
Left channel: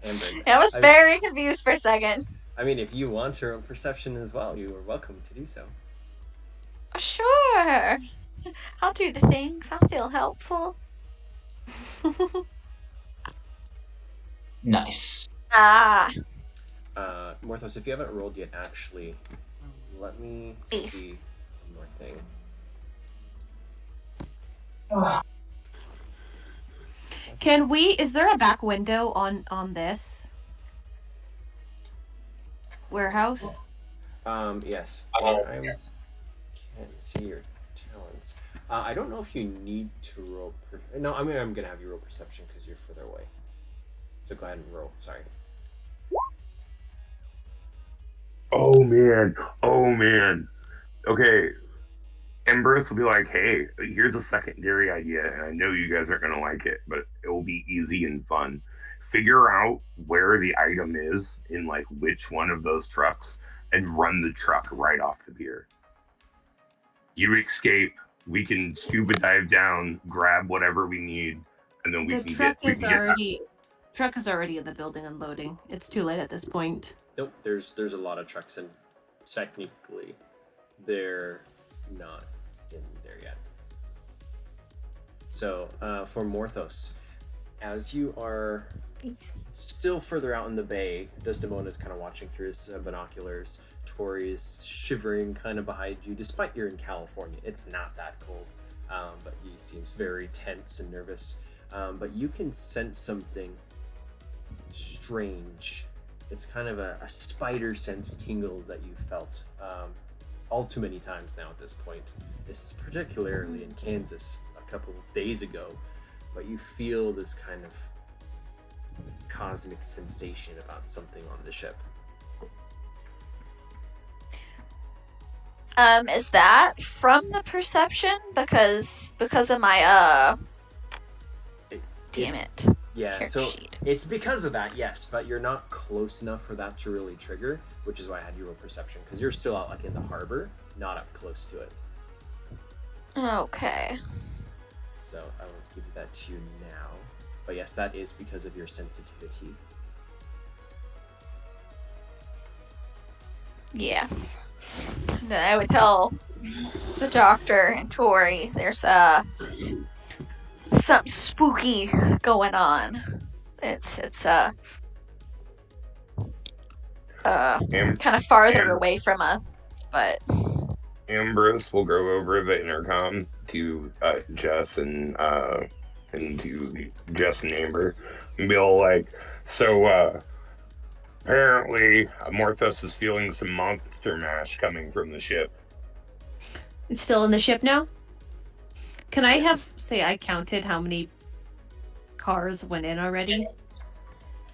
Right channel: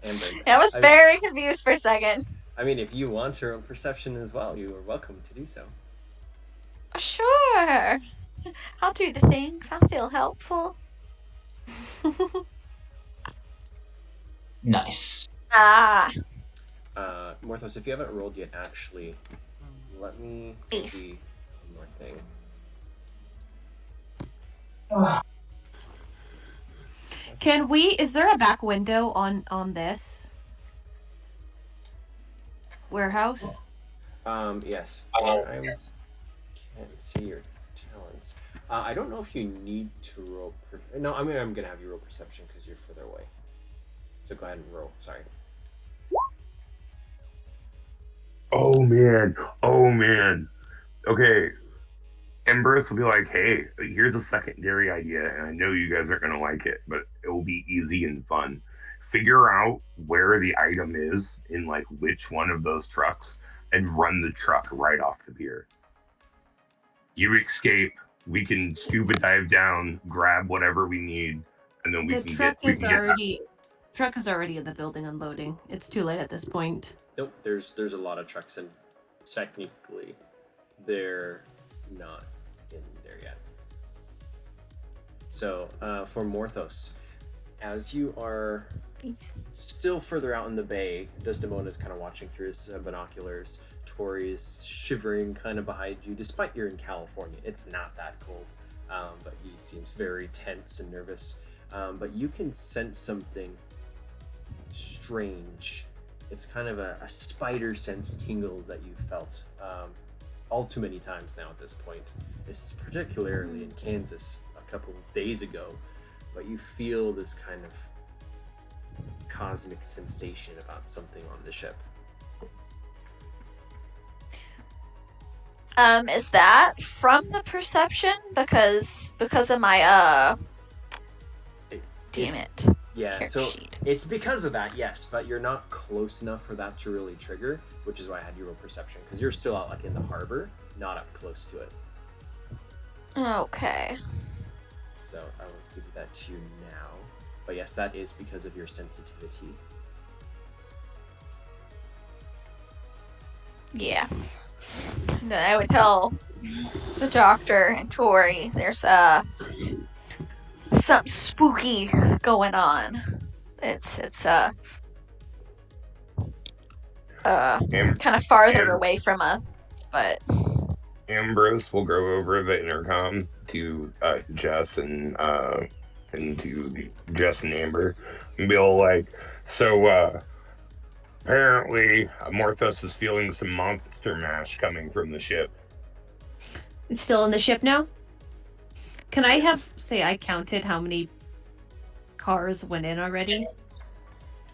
Amber. I was very confused for a second. I mean, if you want to roll perception as well, you are welcome to do so. Sure. I'll do the things. I'll feel helpful. Nice. Ah. Morthos, if you haven't rolled yet, actually, let me Ace. see one more thing. Is there a back window on this warehouse? Yes. I can't see your talents. I don't know if you need to roll. No, I mean, I'm gonna have you roll perception because you're further away. So go ahead and roll. Sorry. Oh man. Okay. Embers will be like, hey, here's a secondary idea, and I know you guys aren't gonna like it, but it will be easy and fun. Figure out where the item is in like which one of those trucks and run the truck right off the pier. You escape, we can scuba dive down, grab whatever we need, and then The truck is already in the building unloading. It's too late at this point. Nope. There's a lot of trucks, and technically, they're not in there yet. So for Morthos, as you are still further out in the bay, Desdemona's kind of watching through his binoculars. Tori's shivering kind of behind you, despite you're in California. It's not that cold, but he seems very tense and nervous. But you can sense something strange. It's kind of a spider sense tingle that you felt all too many times now at this point. It's particularly in Kansas a couple of days ago, but you feel this kind of cosmic sensation about something on the ship. Is that from the perception? Because of my damn it. Yeah, Character so sheet. it's because of that, yes, but you're not close enough for that to really trigger, which is why I had you roll perception, because you're still out like in the harbor, not up close to it. Okay. So I will give you that to you now. But yes, that is because of your sensitivity. Yeah. And then I would tell the doctor and Tori there's something spooky going on. It's kind of farther away from us, but Ambrose will go over the intercom to Jess and to Jess and Amber and be all like, so apparently Morthos is feeling some monster mash coming from the ship. It's still in the ship now? Can I Yes. I counted how many cars went in already?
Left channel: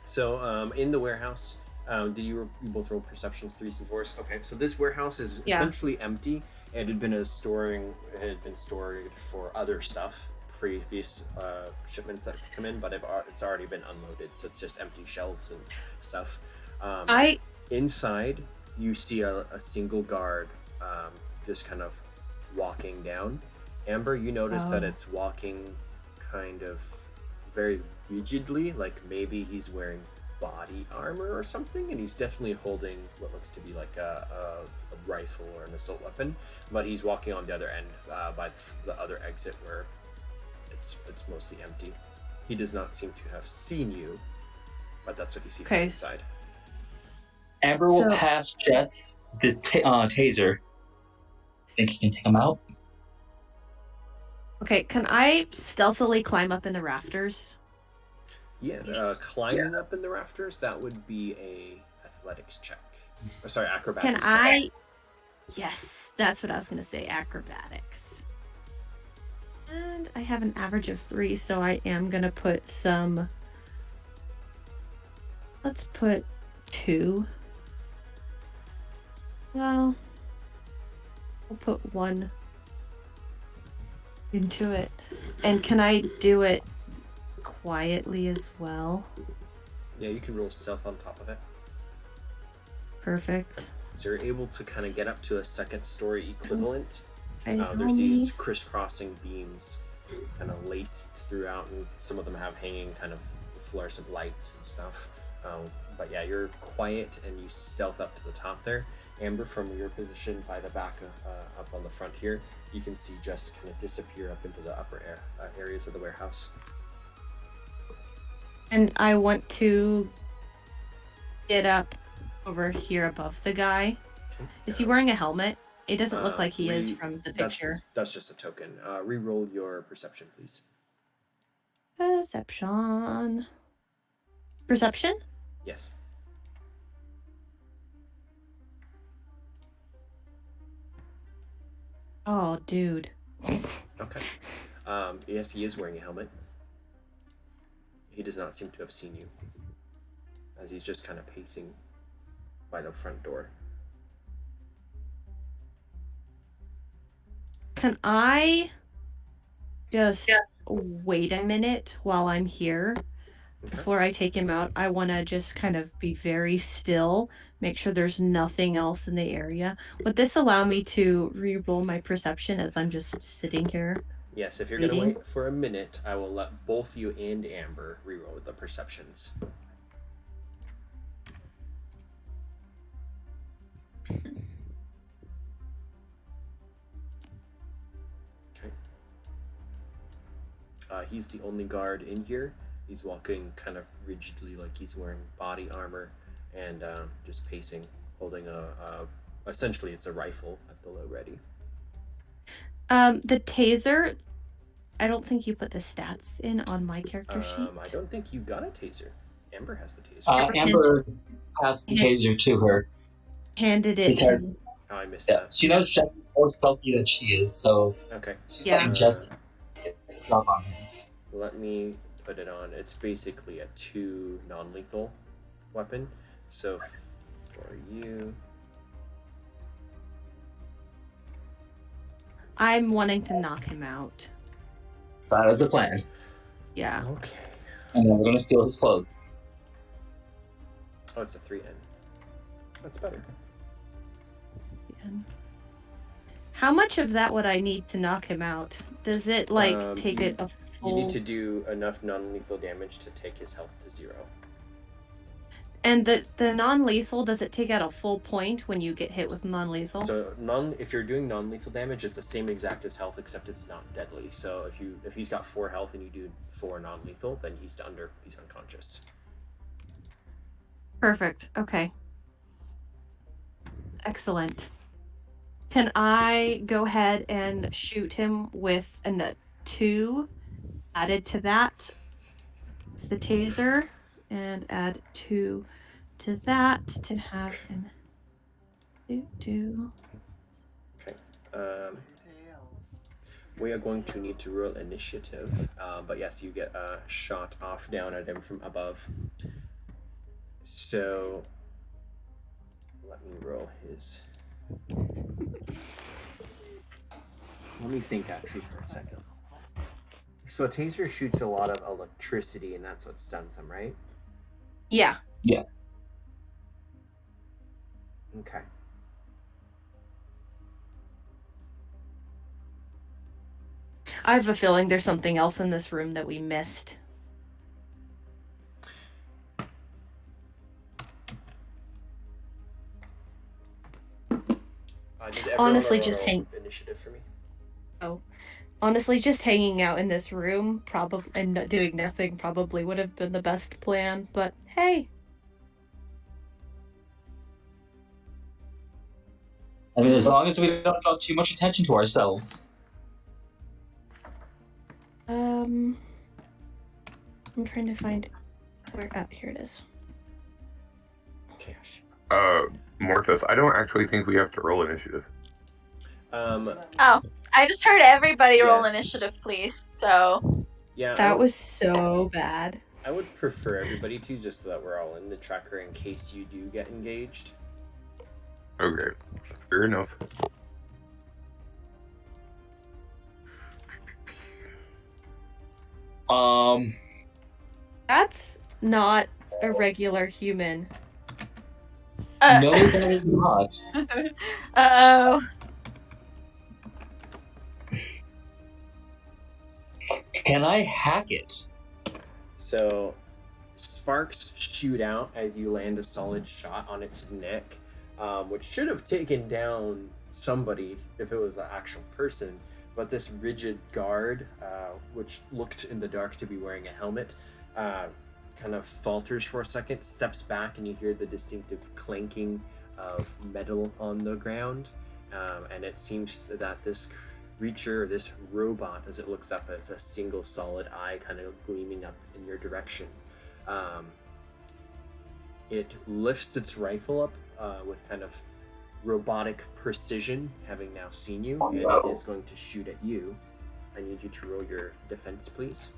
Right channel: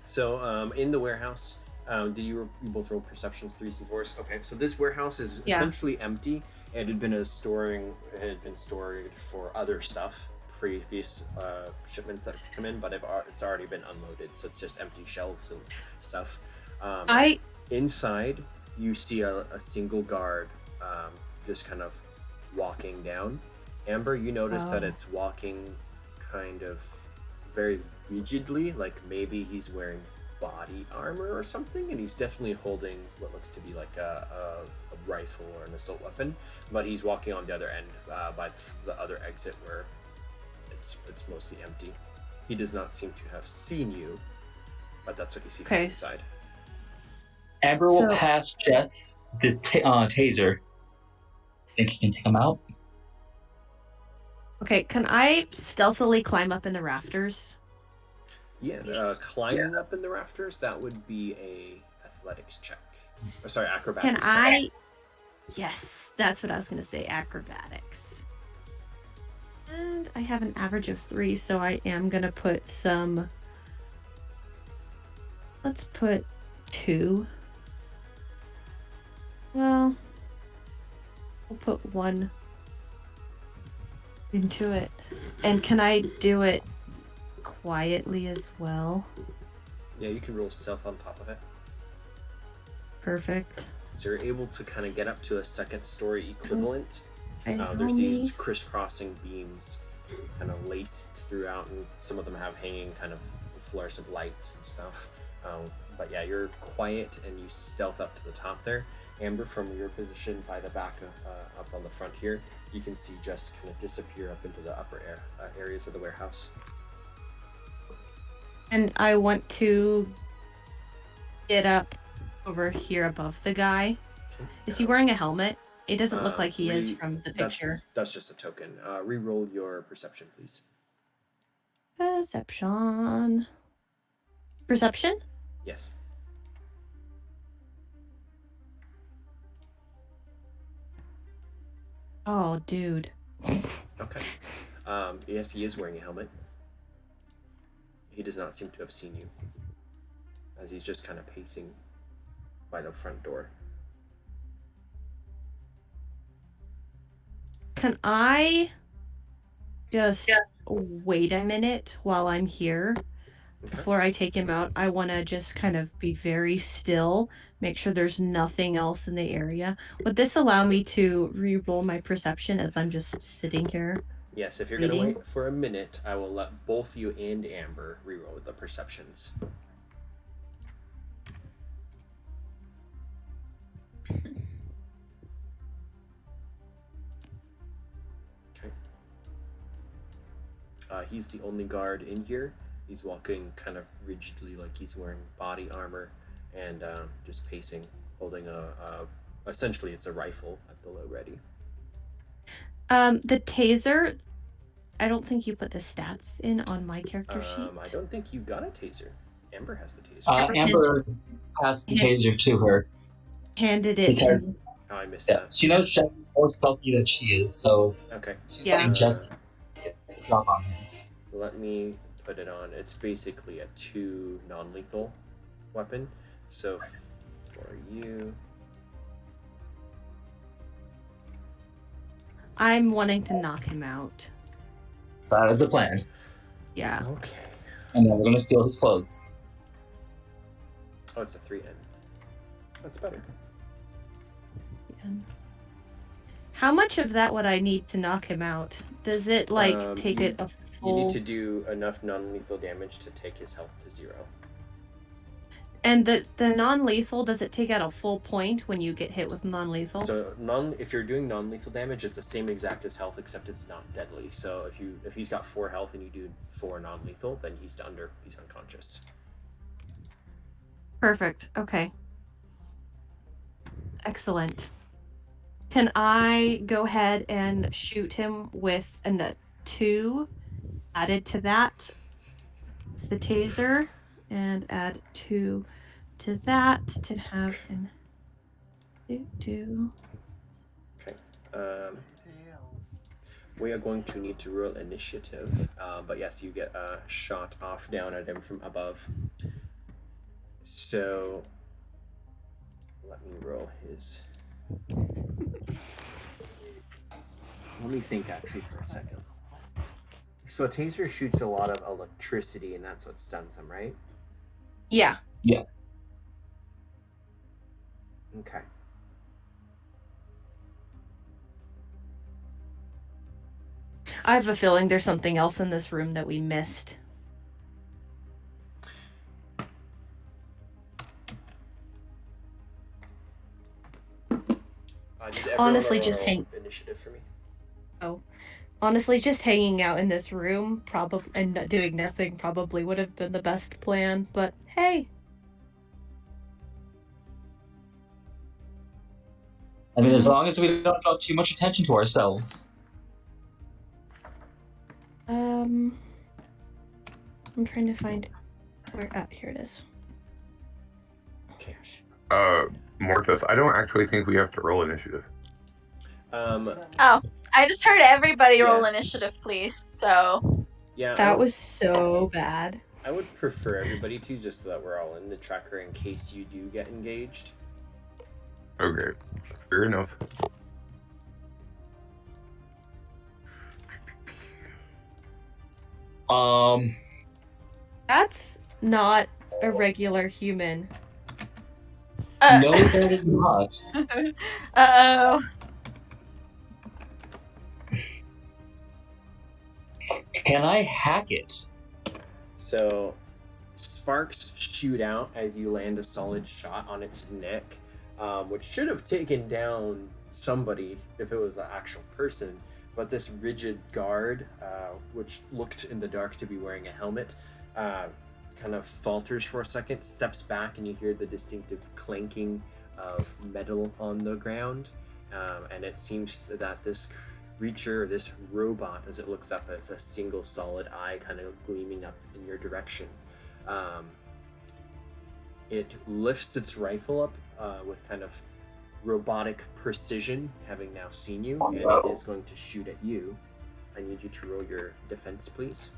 So in the warehouse, did you both roll perceptions 3s and 4s? Okay, so this warehouse is essentially empty. It had been stored for other stuff, previous shipments that have come in, but it's already been unloaded, so it's just empty shelves and stuff. Inside, you see a single guard just kind of walking down. Amber, you notice that it's walking kind of very rigidly, like maybe he's wearing body armor or something, and he's definitely holding what looks to be like a rifle or an assault weapon, but he's walking on the other end by the other exit where it's mostly empty. He does not seem to have seen you, but that's what you see from inside. Amber will pass Jess this taser. Think he can take him out? Okay, can I stealthily climb up in the rafters? Yeah, climbing up in the rafters, that would be a athletics check. Or sorry, Can acrobatics check. I? Yes, that's what I was gonna say. Acrobatics. And I have an average of 3, so I am gonna put some. Let's put 2. Well, we'll put 1 into it. And can I do it quietly as well? Yeah, you can roll stealth on top of it. Perfect. So you're able to kind of get up to a second story equivalent. There's these crisscrossing beams kind of laced throughout, and some of them have hanging kind of fluorescent lights and stuff. But yeah, you're quiet and you stealth up to the top there. Amber, from your position by the back up on the front here, you can see Jess kind of disappear up into the upper areas of the warehouse. And I want to get up over here above the guy. Is he wearing a helmet? It doesn't look like he is from the picture. That's just a token. Reroll your perception, please. Perception. Perception? Yes. Oh, dude. Okay. Yes, he is wearing a helmet. He does not seem to have seen you, as he's just kind of pacing by the front door. Can I just wait a minute while I'm here before I take him out? I want to just kind of be very still, make sure there's nothing else in the area. Would this allow me to re-roll my perception as I'm just sitting here? Yes, if you're going to wait for a minute, I will let both you and Amber reroll the perceptions. Okay. He's the only guard in here. He's walking kind of rigidly, like he's wearing body armor, and just pacing, holding essentially it's a rifle at the low ready. The taser, I don't think you put the stats in on my character sheet. I don't think you got a taser. Amber has the taser. Amber passed the taser to her. Handed it to me. Oh, I missed that. She knows Jess is more stealthy than she is, so Okay. she's letting Jess drop on him. Let me put it on. It's basically a 2 non-lethal weapon. So for you, I'm wanting to knock him out. That is the plan. Yeah. okay. And then we're gonna steal his clothes. Oh, it's a 3N. That's better. How much of that would I need to knock him out? Does it take it a full... You need to do enough non-lethal damage to take his health to 0. And the non-lethal, does it take out a full point when you get hit with non-lethal? So if you're doing non-lethal damage, it's the same exact as health, except it's not deadly. So if he's got 4 health and you do 4 non-lethal, then he's unconscious. Perfect. Okay. Excellent. Can I go ahead and shoot him with a 2 added to that? It's the taser, and add 2 to that to have him do. Okay. We are going to need to roll initiative, but yes, you get a shot off down at him from above. So let me roll his. Let me think actually for a second. So a taser shoots a lot of electricity, and that's what stuns him, right? Yeah. Yeah. Okay. I have a feeling there's something else in this room that we missed. Did everyone Honestly, roll just hang initiative for me? Oh. Honestly, just hanging out in this room probably and doing nothing probably would have been the best plan, but hey. I mean, as long as we don't draw too much attention to ourselves. I'm trying to find where. Oh, here it is. Okay. Morthos, I don't actually think we have to roll initiative. Oh, I just heard everybody Yeah. roll initiative, please. So Yeah, That was so bad. I would prefer everybody to, just so that we're all in the tracker in case you do get engaged. Okay, fair enough. That's not a regular human. No, that is not. Uh-oh. Can I hack it? So, sparks shoot out as you land a solid shot on its neck, which should have taken down somebody if it was an actual person. But this rigid guard, which looked in the dark to be wearing a helmet, kind of falters for a second, steps back, and you hear the distinctive clanking of metal on the ground. And it seems that this creature, this robot, as it looks up, as a single solid eye kind of gleaming up in your direction. It lifts its rifle up with kind of robotic precision, having now seen you, and it is going to shoot at you. I need you to roll your defense, please.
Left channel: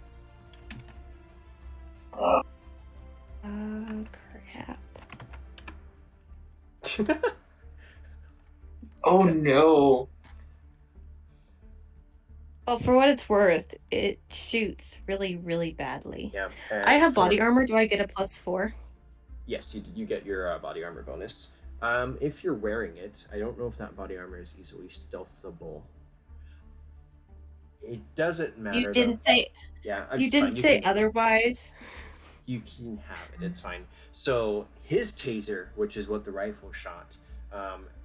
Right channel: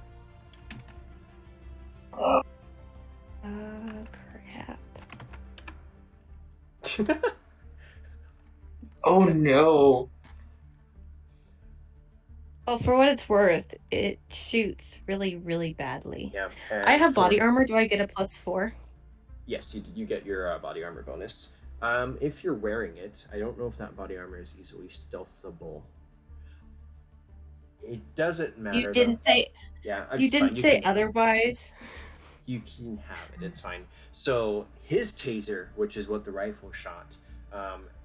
Crap. Oh no. Well, for what it's worth, it shoots really, really badly. Yeah. I have body armor. Do I get a +4? Yes, you get your body armor bonus. If you're wearing it, I don't know if that body armor is easily stealthable. It doesn't matter. You didn't say. Yeah, You didn't say otherwise. You can have it. It's fine. So his taser, which is what the rifle shot,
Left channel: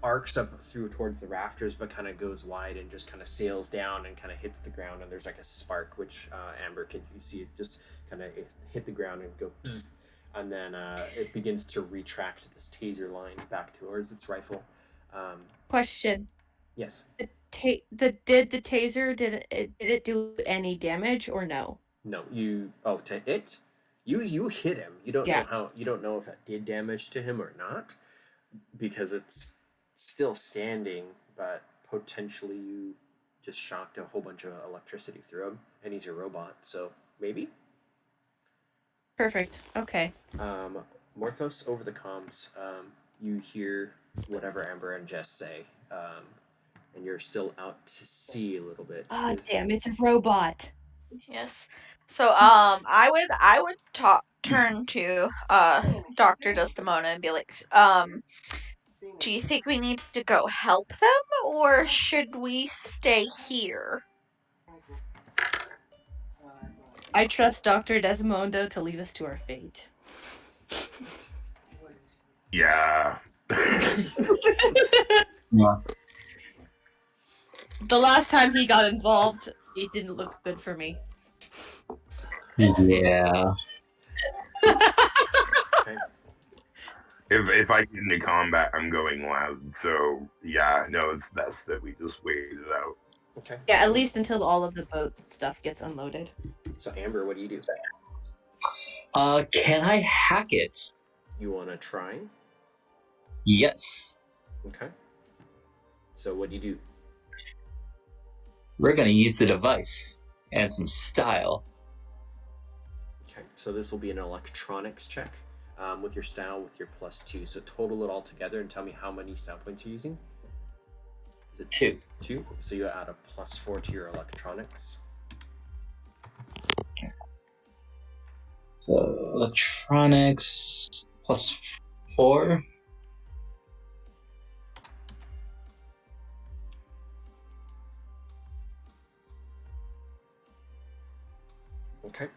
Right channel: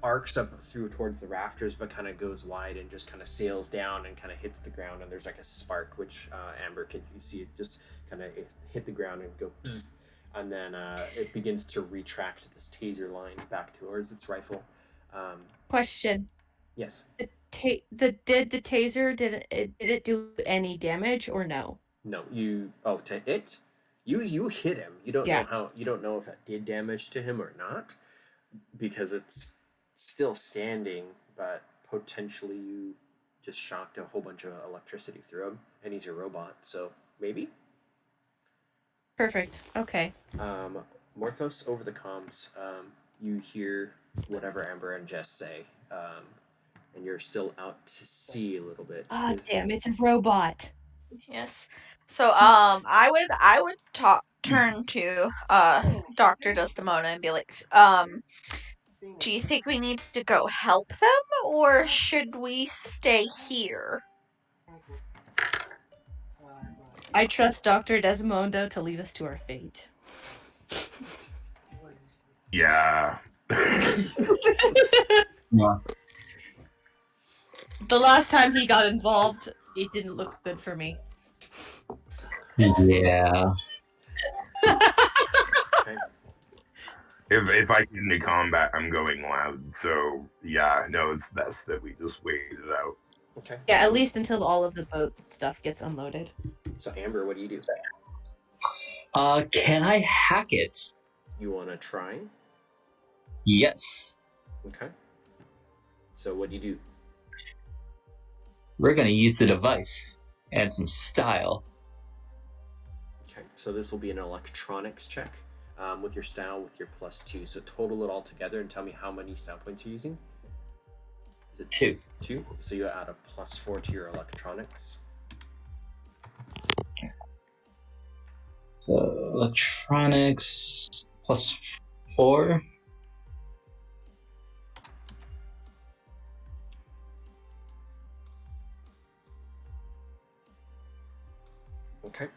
arcs up through towards the rafters, but kind of goes wide and just kind of sails down and kind of hits the ground. And there's like a spark, which Amber, can you see it just kind of hit the ground and go, bzz, and then it begins to retract this taser line back towards its rifle. Question. Yes. Did the taser did it do any damage or no? No, you hit him. You don't know if that did damage to him or not, because it's still standing, but potentially you just shocked a whole bunch of electricity through him, and he's a robot, so maybe. Perfect. Okay. Morthos, over the comms, you hear whatever Amber and Jess say, and you're still out to sea a little bit. Ah, damn! It's a robot. Yes. So I would turn to Dr. Desdemona and be like, do you think we need to go help them, or should we stay here? I trust Dr. Desmond to lead us to our fate. Yeah. Yeah. The last time he got involved, it didn't look good for me. Yeah. Okay. If I get into combat, I'm going loud. So yeah, no, it's best that we just wait it out. Okay. Yeah, at least until all of the boat stuff gets unloaded. So Amber, what do you do? Can I hack it? You want to try? Yes. Okay. So what do you do? We're gonna use the device and some style. Okay, so this will be an electronics check with your style, with your +2. So total it all together and tell me how many style points you're using. Is it 2? 2? So you add a +4 to your electronics. So electronics +4. Okay.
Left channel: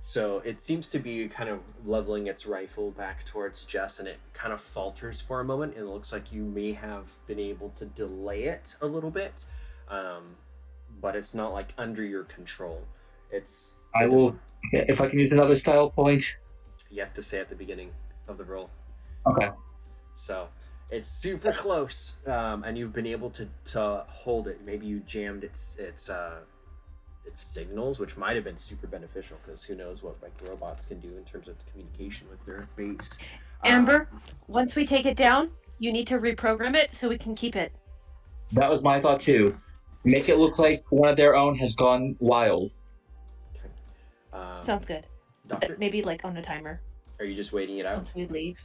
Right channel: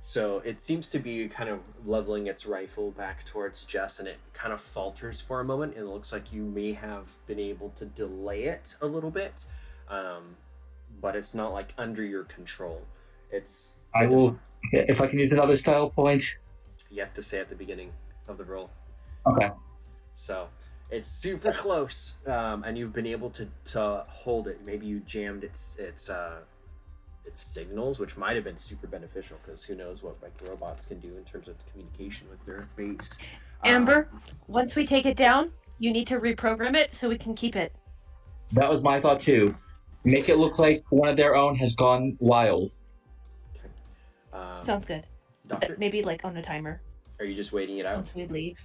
So it seems to be kind of leveling its rifle back towards Jess, and it kind of falters for a moment, and it looks like you may have been able to delay it a little bit, but it's not like under your control. It's I will, if I can use another style point. You have to say at the beginning of the roll. Okay. So it's super close, and you've been able to hold it. Maybe you jammed its signals, which might have been super beneficial, because who knows what like robots can do in terms of communication with their base. Amber, once we take it down, you need to reprogram it so we can keep it. That was my thought too. Make it look like one of their own has gone wild. Okay. Sounds good. Doctor, Maybe like on a timer are you just waiting it out? once we leave.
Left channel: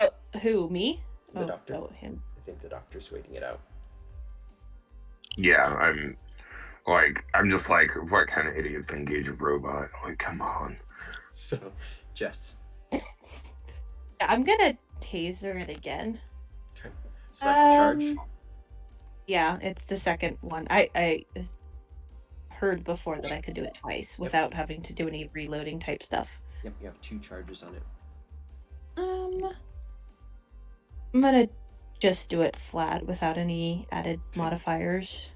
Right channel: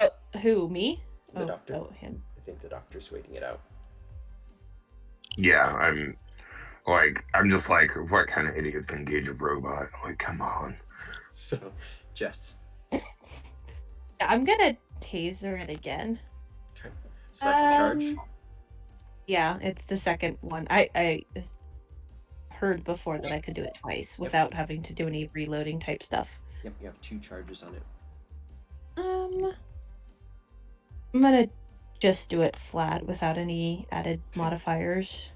Oh, who? Me? The doctor? Oh, him. I think the doctor's waiting it out. Yeah, I'm just like, what kind of idiots engage a robot? Like, come on. So, Jess. I'm gonna taser it again. Okay. Second charge. Yeah, it's the second one. I heard before that I could do it twice without having to do any reloading type stuff. Yep, you have 2 charges on it. I'm gonna just do it flat without any added modifiers.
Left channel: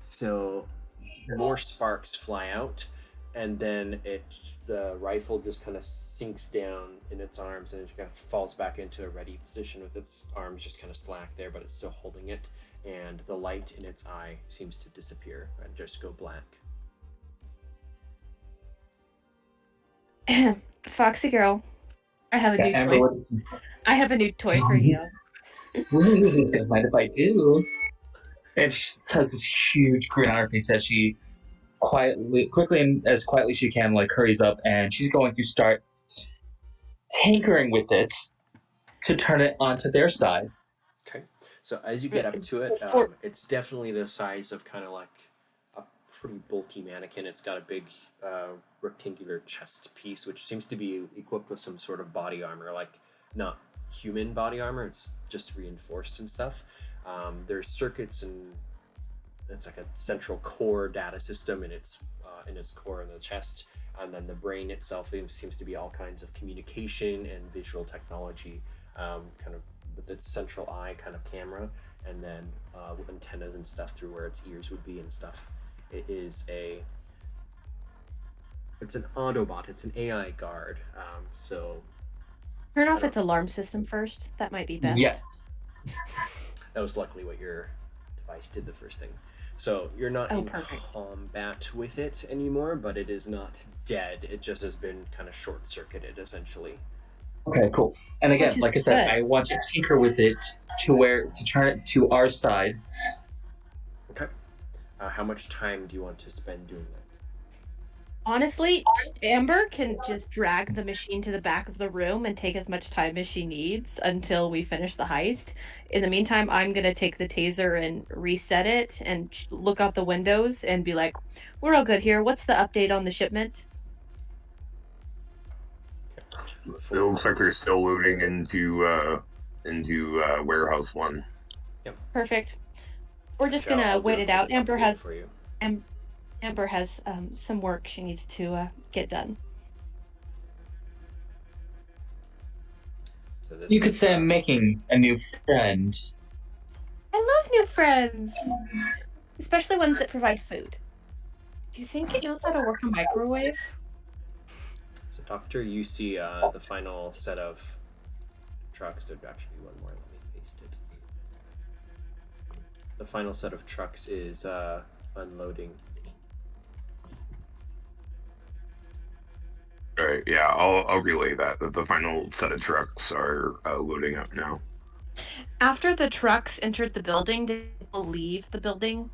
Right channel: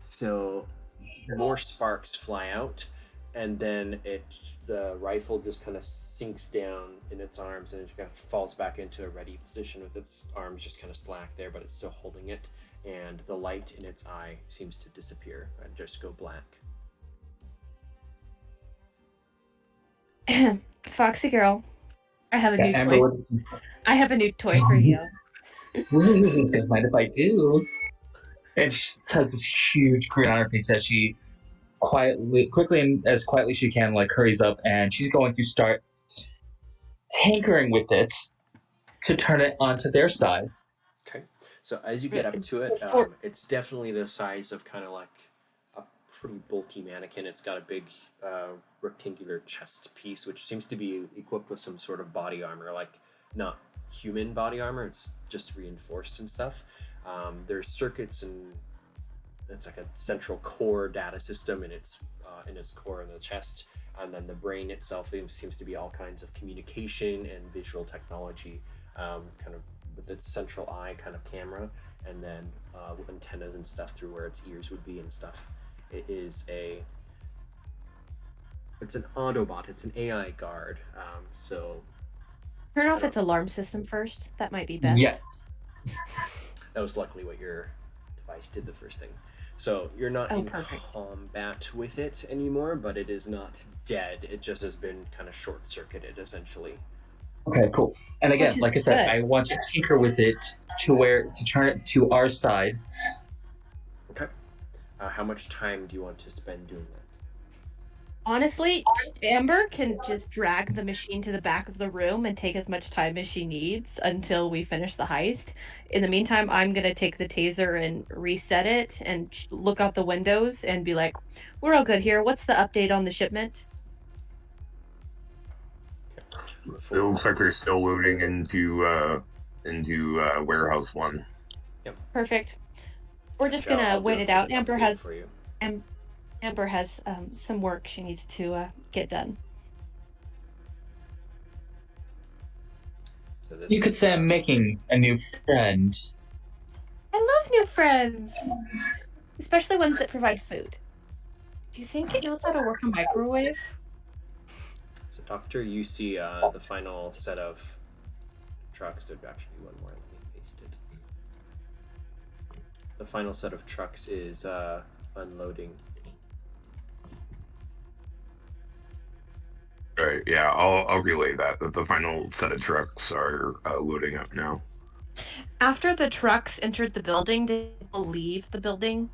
So, more sparks fly out, and then the rifle just kind of sinks down in its arms, and it kind of falls back into a ready position with its arms just kind of slack there, but it's still holding it, and the light in its eye seems to disappear and just go black. Foxy girl, I have a new Amber, toy. I have a new toy for you. Don't mind if I do. And she has this huge grin on her face as she quickly and as quietly as she can, like hurries up, and she's going to start tinkering with it to turn it onto their side. Okay. So as you get up to it, it's definitely the size of kind of like a pretty bulky mannequin. It's got a big rectangular chest piece, which seems to be equipped with some sort of body armor, like not human body armor. It's just reinforced and stuff. There's circuits, and it's like a central core data system in its core in the chest, and then the brain itself seems to be all kinds of communication and visual technology, kind of with its central eye kind of camera, and then with antennas and stuff through where its ears would be and stuff. It's an Autobot. It's an AI guard. So Turn off its alarm system first. That might be best. Yes. that was luckily what your device did the first thing. So you're not in perfect. combat with it anymore, but it is not dead. It just has been kind of short-circuited, essentially. Okay, cool. And again, like I said, I want to tinker with it to turn it to our side. Okay. How much time do you want to spend doing that? Honestly, Amber can just drag the machine to the back of the room and take as much time as she needs until we finish the heist. In the meantime, I'm going to take the taser and reset it and look out the windows and be like, we're all good here. What's the update on the shipment? It looks like they're still loading into warehouse 1. Yep. Perfect. We're just Gotcha, going to I'll do wait a it out. quick Amber update has for you. Amber has some work she needs to get done. So this You could is, say I'm making a new friend. I love new friends, especially ones that provide food. Do you think it knows how to work a microwave? So, Doctor, you see the final set of trucks. There'd actually be one more. Let me paste it. The final set of trucks is unloading. All right, yeah, I'll relay that the final set of trucks are loading up now. After the trucks entered the building, did people leave the building?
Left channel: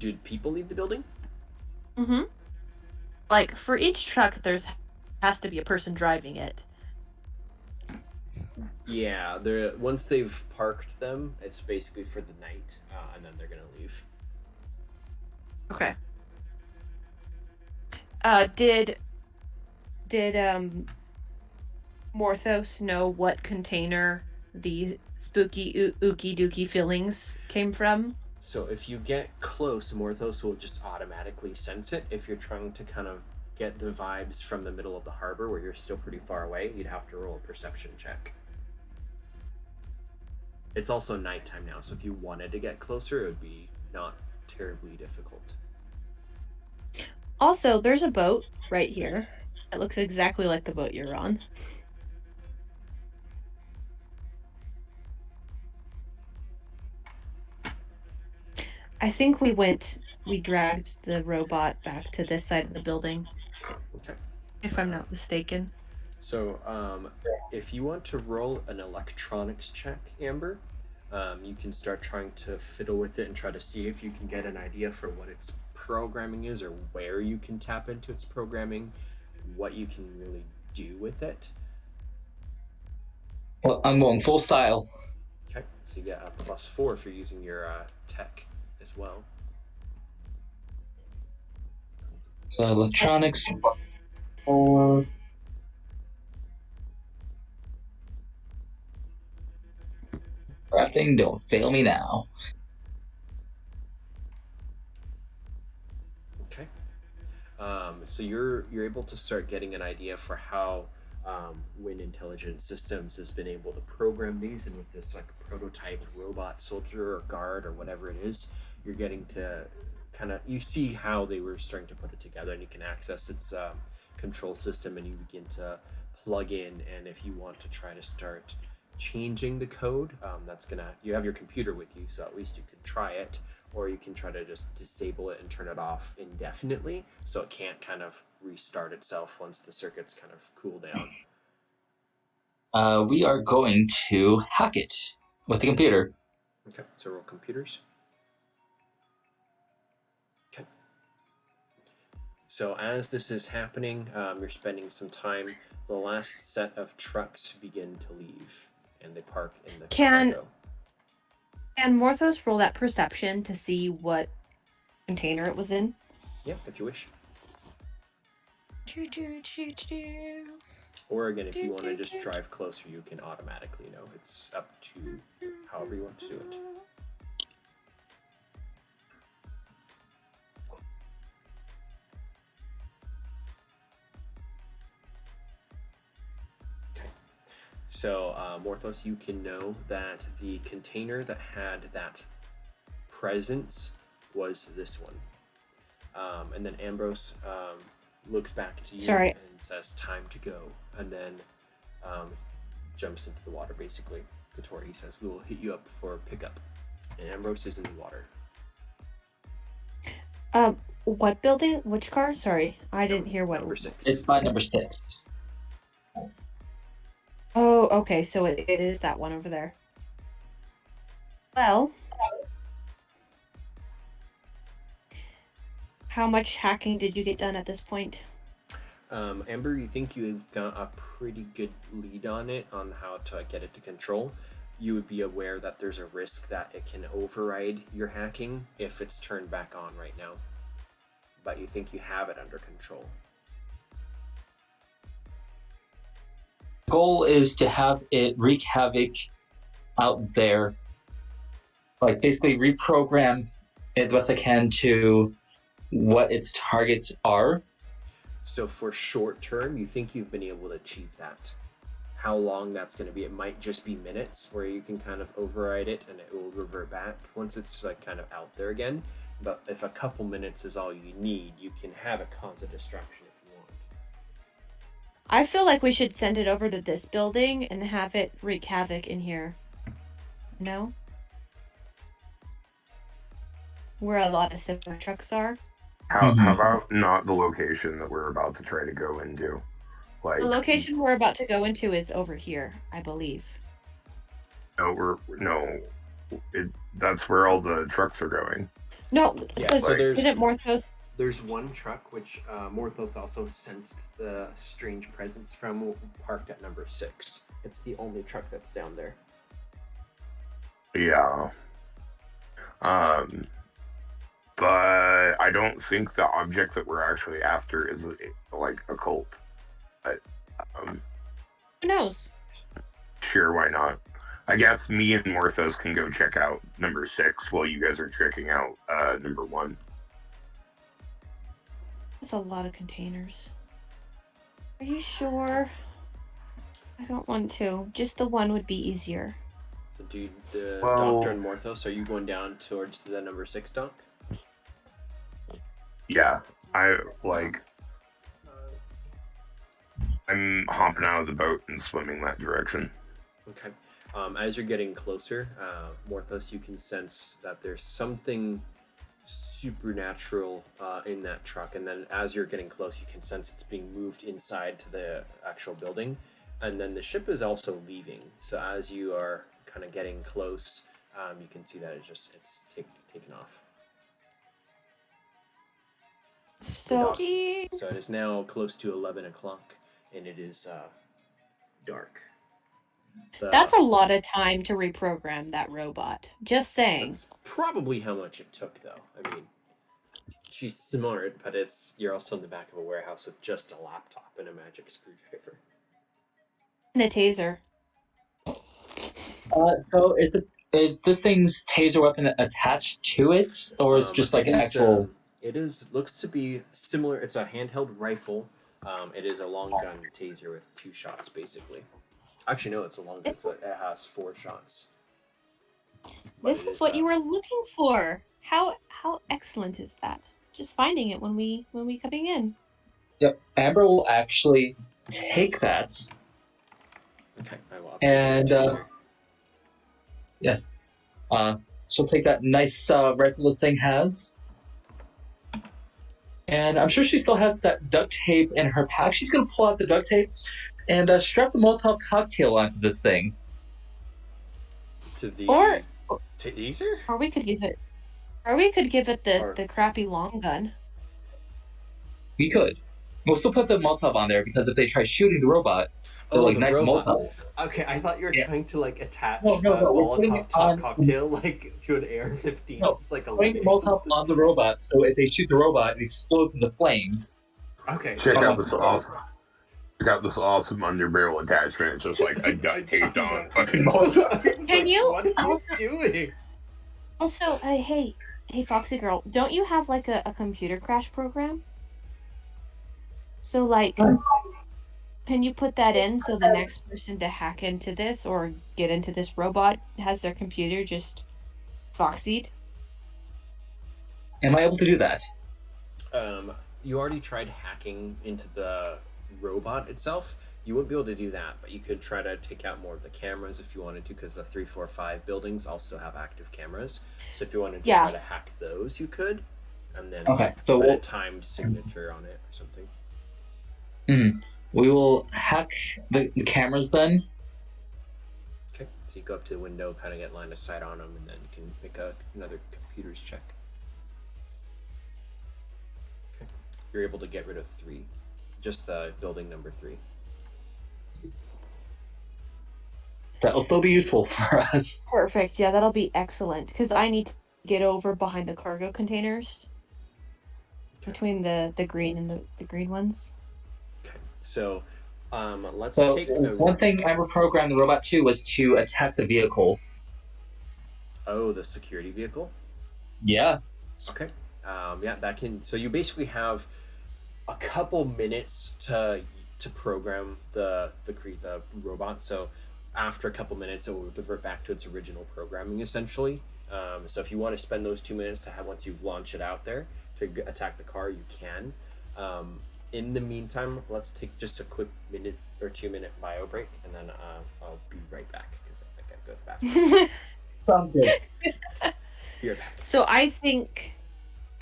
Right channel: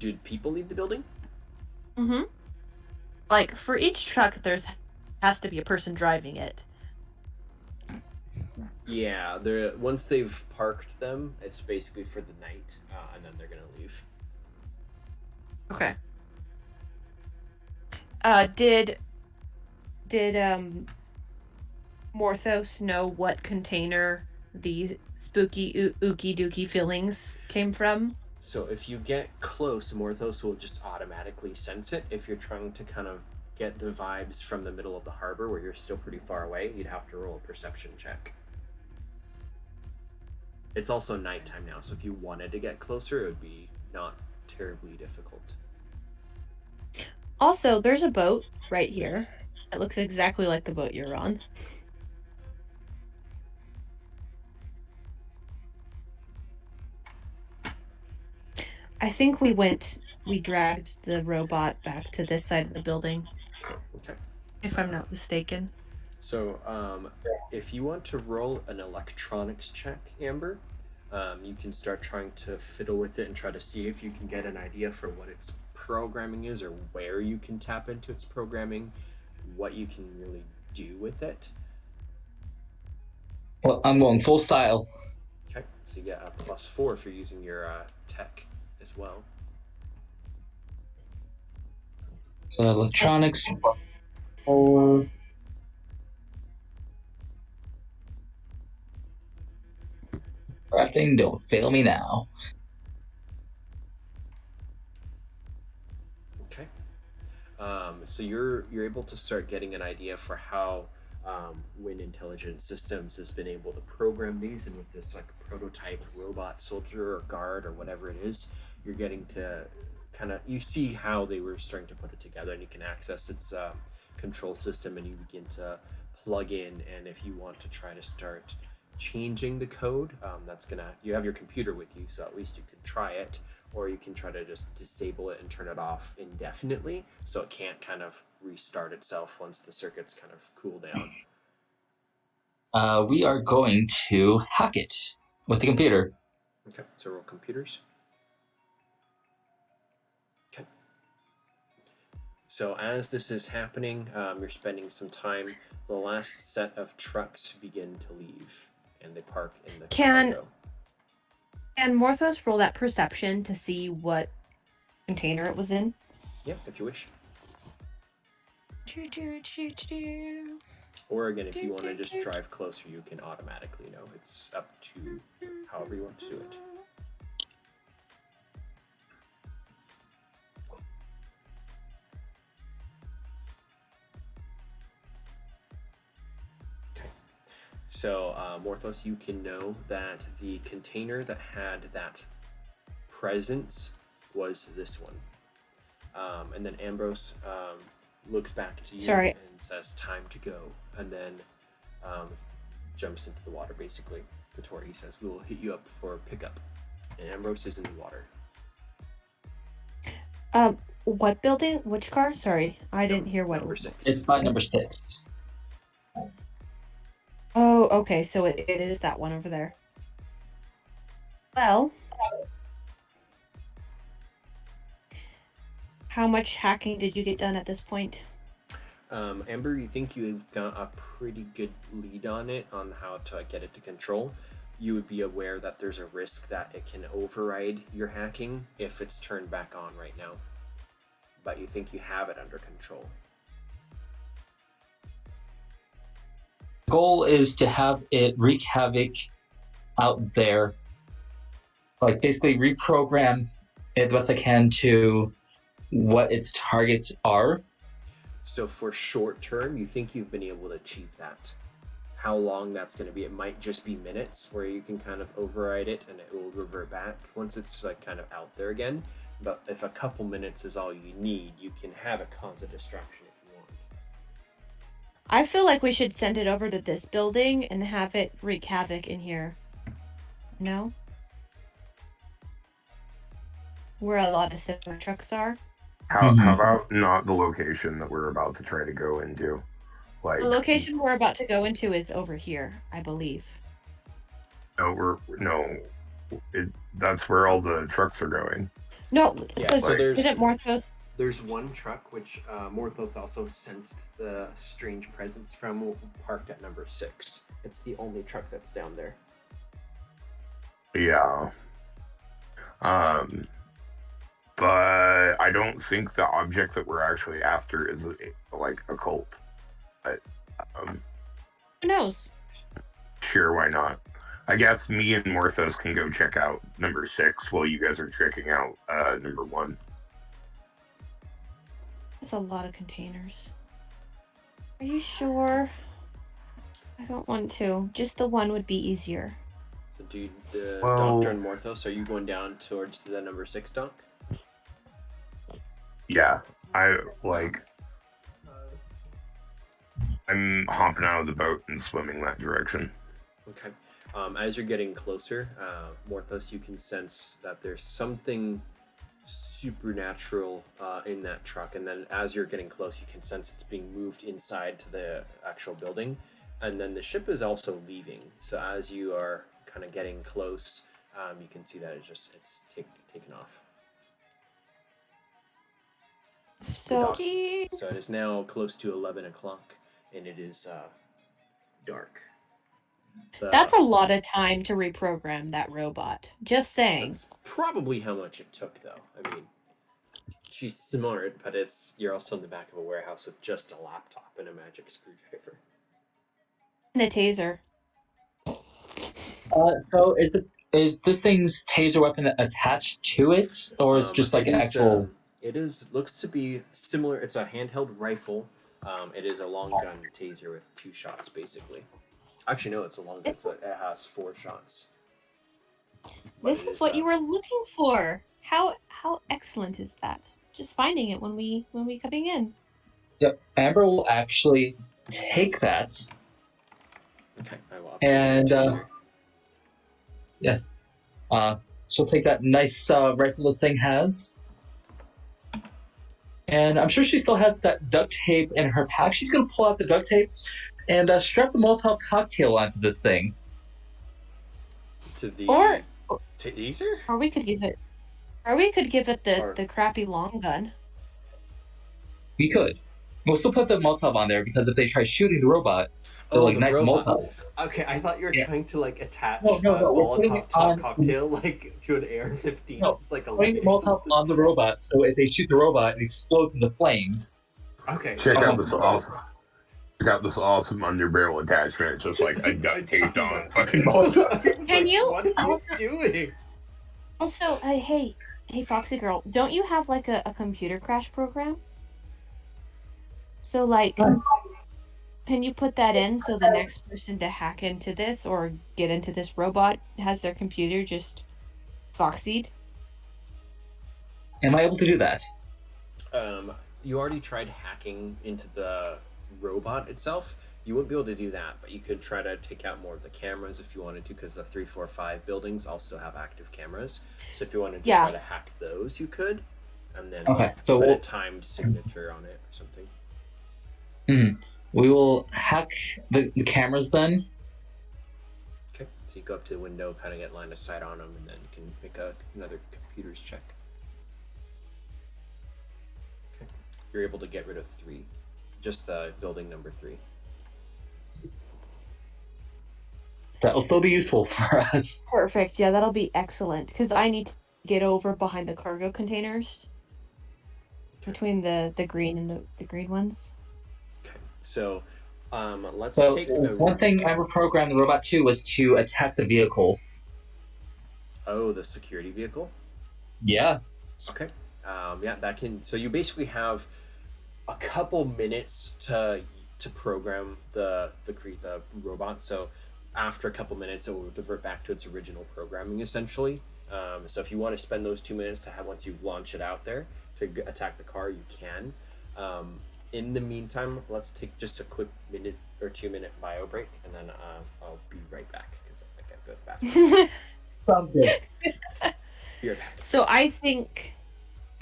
Did people leave the building? Mm-hmm. Like, for each truck, has to be a person driving it. Yeah, once they've parked them, it's basically for the night, and then they're gonna leave. Okay. Did Morthos know what container the spooky ookie dookie fillings came from? So if you get close, Morthos will just automatically sense it. If you're trying to kind of get the vibes from the middle of the harbor where you're still pretty far away, you'd have to roll a perception check. It's also nighttime now, so if you wanted to get closer, it would be not terribly difficult. Also, there's a boat right here. It looks exactly like the boat you're on. I think we dragged the robot back to this side of the building. Okay. If I'm not mistaken. So, if you want to roll an electronics check, Amber, you can start trying to fiddle with it and try to see if you can get an idea for what its programming is or where you can tap into its programming, what you can really do with it. Well, I'm going full style. Okay, so you get a +4 if you're using your tech as well. So electronics +4. Crafting, don't fail me now. Okay. So you're able to start getting an idea for how Wynne Intelligent Systems has been able to program these, and with this like prototype robot soldier or guard or whatever it is, you're getting to you see how they were starting to put it together, and you can access its control system, and you begin to plug in. And if you want to try to start changing the code, you have your computer with you, so at least you can try it, or you can try to just disable it and turn it off indefinitely so it can't kind of restart itself once the circuits kind of cool down. We are going to hack it with the computer. Okay, so roll computers. Okay. So as this is happening, you're spending some time. The last set of trucks begin to leave, and they park in the cargo. Can Morthos roll that perception to see what container it was in? Yeah, if you wish. Or again, if you want to just drive closer, you can automatically know. It's up to however you want to do it. Okay. So, Morthos, you can know that the container that had that presence was this one. And then Ambrose looks back to you and says, "Time to go," and then jumps into the water, basically. To Tori, he says, "We will hit you up for pickup." And Ambrose is in the water. What building? Which car? Sorry, I didn't hear what. Number 6. It's by number 6. Oh, okay, so it is that one over there. Well, how much hacking did you get done at this point? Amber, you think you've got a pretty good lead on it, on how to get it to control. You would be aware that there's a risk that it can override your hacking if it's turned back on right now. But you think you have it under control. The goal is to have it wreak havoc out there. Like, basically reprogram it the best I can to what its targets are. So for short term, you think you've been able to achieve that. How long that's going to be, it might just be minutes where you can kind of override it and it will revert back once it's like kind of out there again. But if a couple minutes is all you need, you can have it cause a distraction if you want. I feel like we should send it over to this building and have it wreak havoc in here. No? Where a lot of similar trucks are. How about not the location that we're about to try to go into? Like, the location we're about to go into is over here, I believe. That's where all the trucks are going. No, yeah. So isn't Morthos? There's one truck which Morthos also sensed the strange presence from, parked at number 6. It's the only truck that's down there. Yeah. But I don't think the object that we're actually after is like a cult. But, who knows? Sure, why not? I guess me and Morthos can go check out number 6 while you guys are checking out number 1. That's a lot of containers. Are you sure? I don't want to. Just the one would be easier. So, dude, Doctor and Morthos, are you going down towards the number 6 dock? Yeah, I'm hopping out of the boat and swimming that direction. Okay. As you're getting closer, Morthos, you can sense that there's something supernatural in that truck, and then as you're getting close, you can sense it's being moved inside to the actual building, and then the ship is also leaving. So as you are kind of getting close, you can see that it's taken off. So Spooky. So it is now close to 11 o'clock, and it is dark. that's a lot of time to reprogram that robot. Just saying. That's probably how much it took, though. I mean, she's smart, but you're also in the back of a warehouse with just a laptop and a magic screwdriver. And a taser. So is this thing's taser weapon attached to it, or is it just like an actual? It looks to be similar. It's a handheld rifle. It is a long gun taser with 2 shots, basically. Actually, no, it's a long gun, so it has 4 shots. This is what you were looking for. How excellent is that? Just finding it when we coming in. Yep, Amber will actually take that. Okay, I will. And yes, she'll take that nice rifle this thing has. And I'm sure she still has that duct tape in her pack. She's going to pull out the duct tape and strap the Molotov cocktail onto this thing. To the Or taser? Or we could give it the crappy long gun. We could. We'll still put the Molotov on there because if they try shooting the robot, they'll ignite the Molotov. Okay, I thought you were trying to attach No, a we're Molotov cocktail to an AR-15. No, it's like a putting the Molotov on the robot, so if they shoot the robot, it explodes into flames. Okay. Check out this awesome underbarrel attachment. It's just like a duct taped on fucking Molotov. Can you? What are you doing? Also, hey, Foxy girl, don't you have a computer crash program? So can you put that in so the next person to hack into this or get into this robot has their computer just Foxied? Am I able to do that? You already tried hacking into the robot itself. You wouldn't be able to do that, but you could try to take out more of the cameras if you wanted to, because the 3, 4, 5 buildings also have active cameras. So if you wanted to try to hack those, you could, and then put a timed signature on it or something. We will hack the cameras then. Okay, so you go up to the window, kind of get line of sight on them, and then you can make another computer's check. Okay, you're able to get rid of 3, just the building number 3. That will still be useful for us. Perfect. Yeah, that'll be excellent because I need to get over behind the cargo containers between the green and the green ones. Okay, so let's take one thing I reprogrammed the robot to was to attack the vehicle. Oh, the security vehicle? Yeah. Okay. Yeah, that can. So you basically have a couple minutes to program the robot. So after a couple minutes, it will divert back to its original programming, essentially. So if you want to spend those 2 minutes once you launch it out there to attack the car, you can. In the meantime, let's take just a quick 1 or 2 minute bio break, and then I'll be right back because I gotta go to the bathroom. Sounds good. Be right back. So I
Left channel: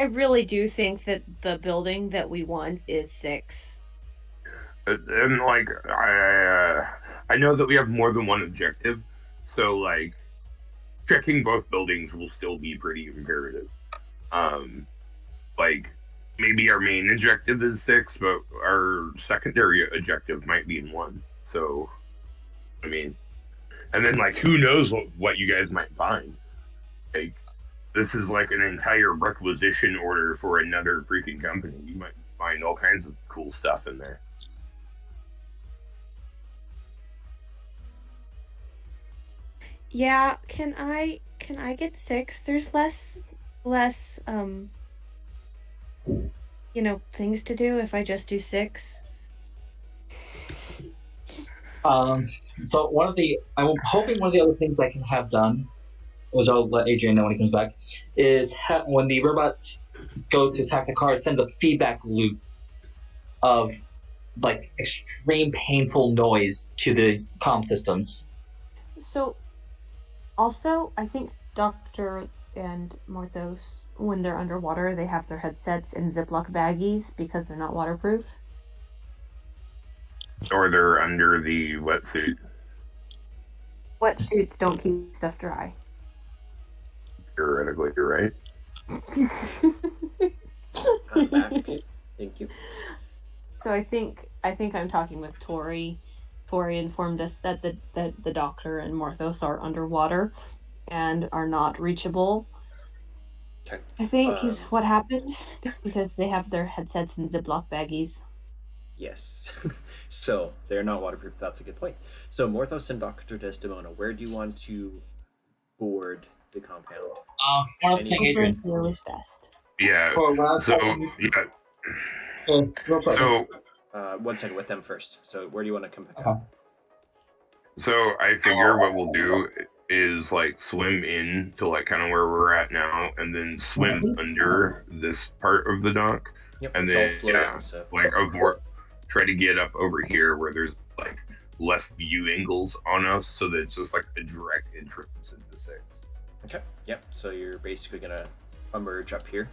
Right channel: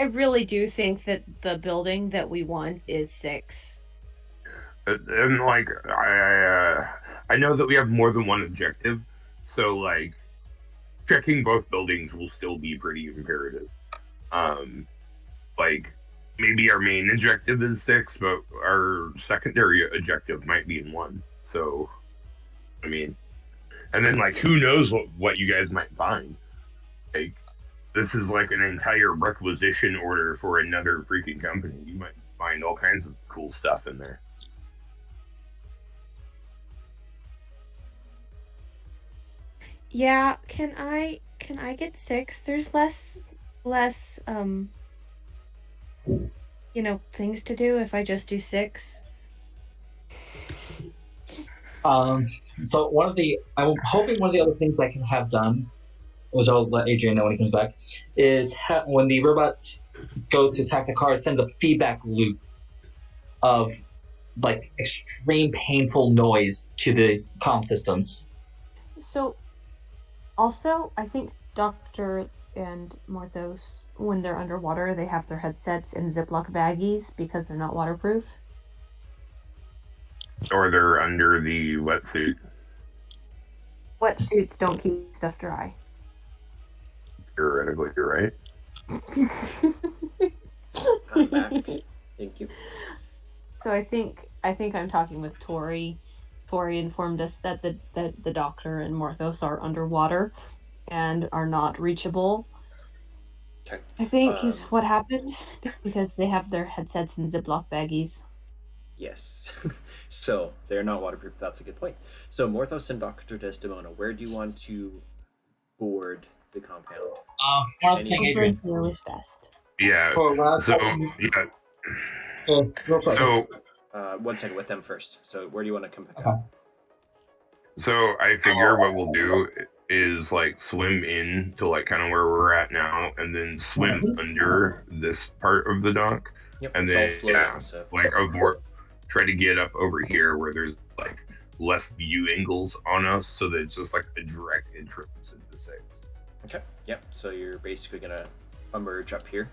really do think that the building that we want is 6. And I know that we have more than one objective, so checking both buildings will still be pretty imperative. Maybe our main objective is 6, but our secondary objective might be in 1. So, I mean, and then who knows what you guys might find. This is an entire requisition order for another freaking company. You might find all kinds of cool stuff in there. Yeah, can I get 6? There's less things to do if I just do 6. So I'm hoping one of the other things I can have done, which I'll let Adrian know when he comes back, is when the robot goes to attack the car, it sends a feedback loop of extreme painful noise to the comm systems. So also, I think Dr. and Morthos, when they're underwater, they have their headsets in Ziploc baggies because they're not waterproof. Or they're under the wetsuit. Wetsuits don't keep stuff dry. Theoretically, you're right. I'm back. Thank you. So I think I'm talking with Tori. Tori informed us that the doctor and Morthos are underwater and are not reachable. Okay. I think is what happened because they have their headsets in Ziploc baggies. Yes. So they're not waterproof. That's a good point. So Morthos and Dr. Desdemona, where do you want to board the compound? One thing, Adrian. Here was best. Yeah. For lab, So yeah. So real quick. So 1 second with them first. So where do you want to come pick Okay. up? So I figure what we'll do is like swim in to like kind of where we're at now, and then swim under this part of the dock, Yep. and It's then all floating. So like try to get up over here where there's like less view angles on us, so that it's just like a direct entrance into space. okay. Yep. So you're basically gonna emerge up here.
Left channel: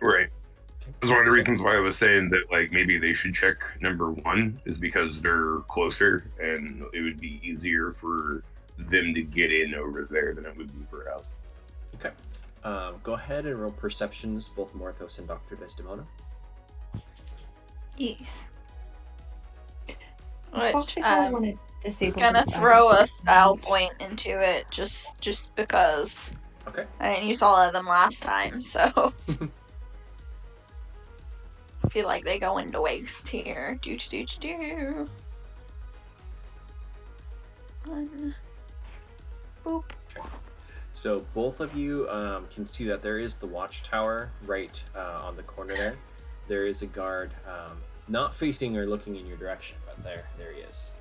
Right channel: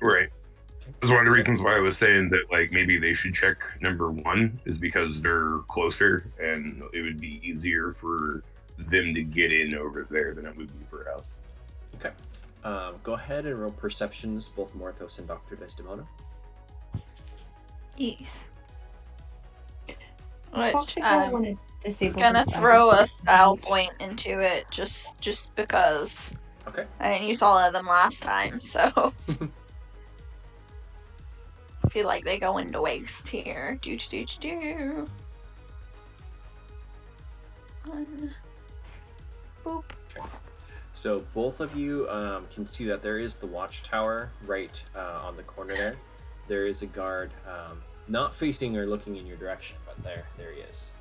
Right. Okay. That's one of the So- reasons why I was saying that like maybe they should check number 1 is because they're closer and it would be easier for them to get in over there than it would be for us. Okay. Go ahead and roll perceptions, both Morthos and Dr. Desdemona. Yes. Fox Which Signal wanted to disable gonna his throw a battery. style point into it just because Okay. I didn't use all of them last time, so I feel like they go into waste here. Do. One. Boop. So both of you can see that there is the watchtower right on the corner there. There is a guard not facing or looking in your direction, but there he is.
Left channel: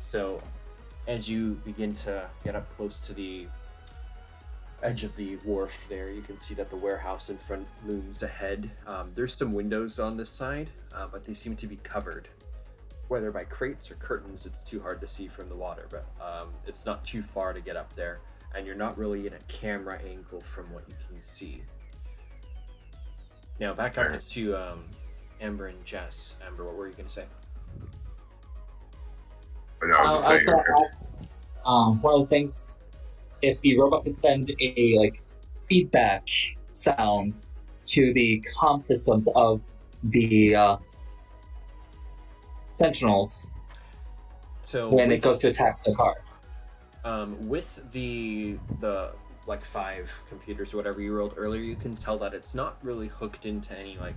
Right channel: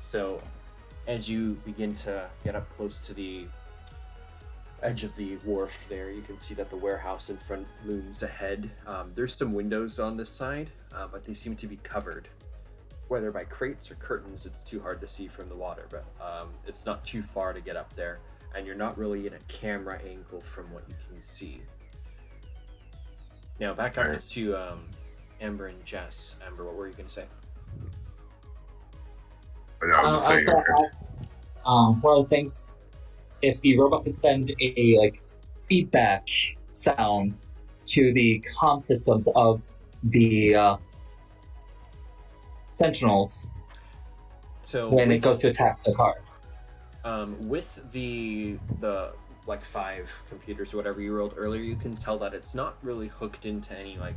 So as you begin to get up close to the edge of the wharf there, you can see that the warehouse in front looms ahead. There's some windows on this side, but they seem to be covered. Whether by crates or curtains, it's too hard to see from the water, but it's not too far to get up there, and you're not really in a camera angle from what you can see. Now back up to Amber and Jess. Amber, what were you going to say? But I was I was just saying, gonna ask, one of the things, if the robot could send a like feedback sound to the comm systems of the sentinels So when with, it goes to attack the car. with the like 5 computers or whatever you rolled earlier, you can tell that it's not really hooked into any like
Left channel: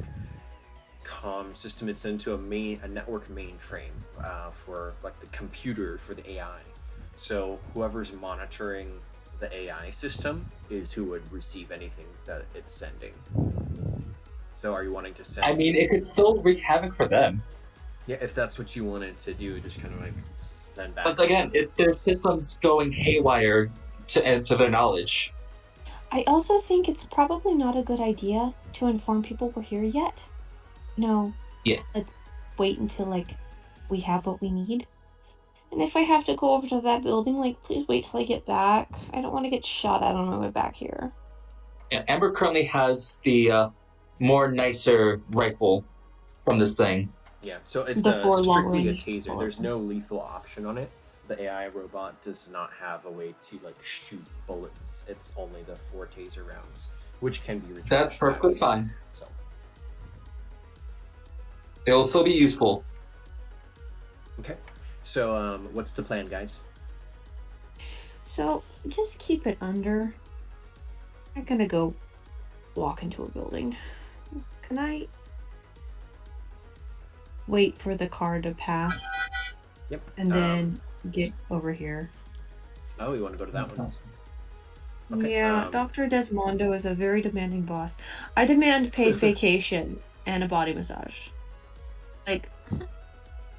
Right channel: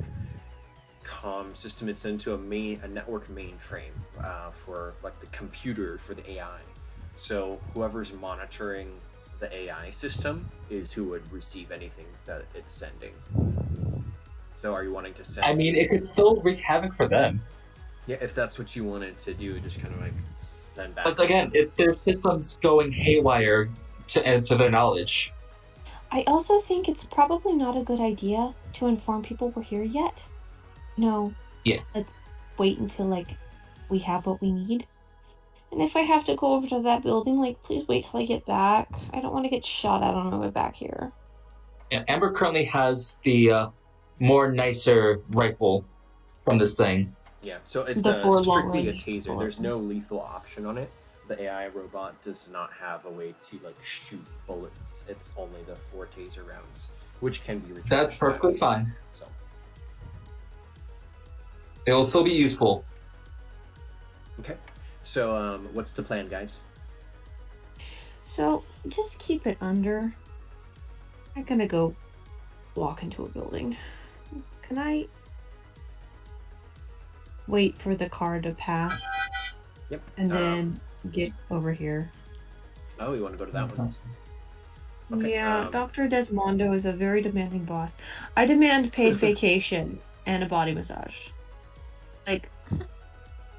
comm system. It's into a network mainframe for like the computer for the AI. So whoever's monitoring the AI system is who would receive anything that it's sending. So are you wanting to send? I mean, it could still wreak havoc for them. Yeah, if that's what you wanted to do, just kind of like send back. Because again, it's their systems going haywire to their knowledge. I also think it's probably not a good idea to inform people we're here yet. No. Yeah. Let's wait until like we have what we need. And if I have to go over to that building, like please wait till I get back. I don't want to get shot at on my way back here. Yeah, Amber currently has the more nicer rifle from this thing. Yeah, so it's The 4 strictly a long-range taser. bullets. There's no lethal option on it. The AI robot does not have a way to like shoot bullets. It's only the 4 taser rounds, which can be recharged. That's perfectly back. fine. So It'll still be useful. okay, so what's the plan, guys? So just keep it under. I'm gonna go walk into a building. Can I wait for the car to pass Yep. and then get over here? Oh, you want to go to that one? Okay, Yeah, Dr. Desmondo is a very demanding boss. I demand paid vacation and a body massage. Like, I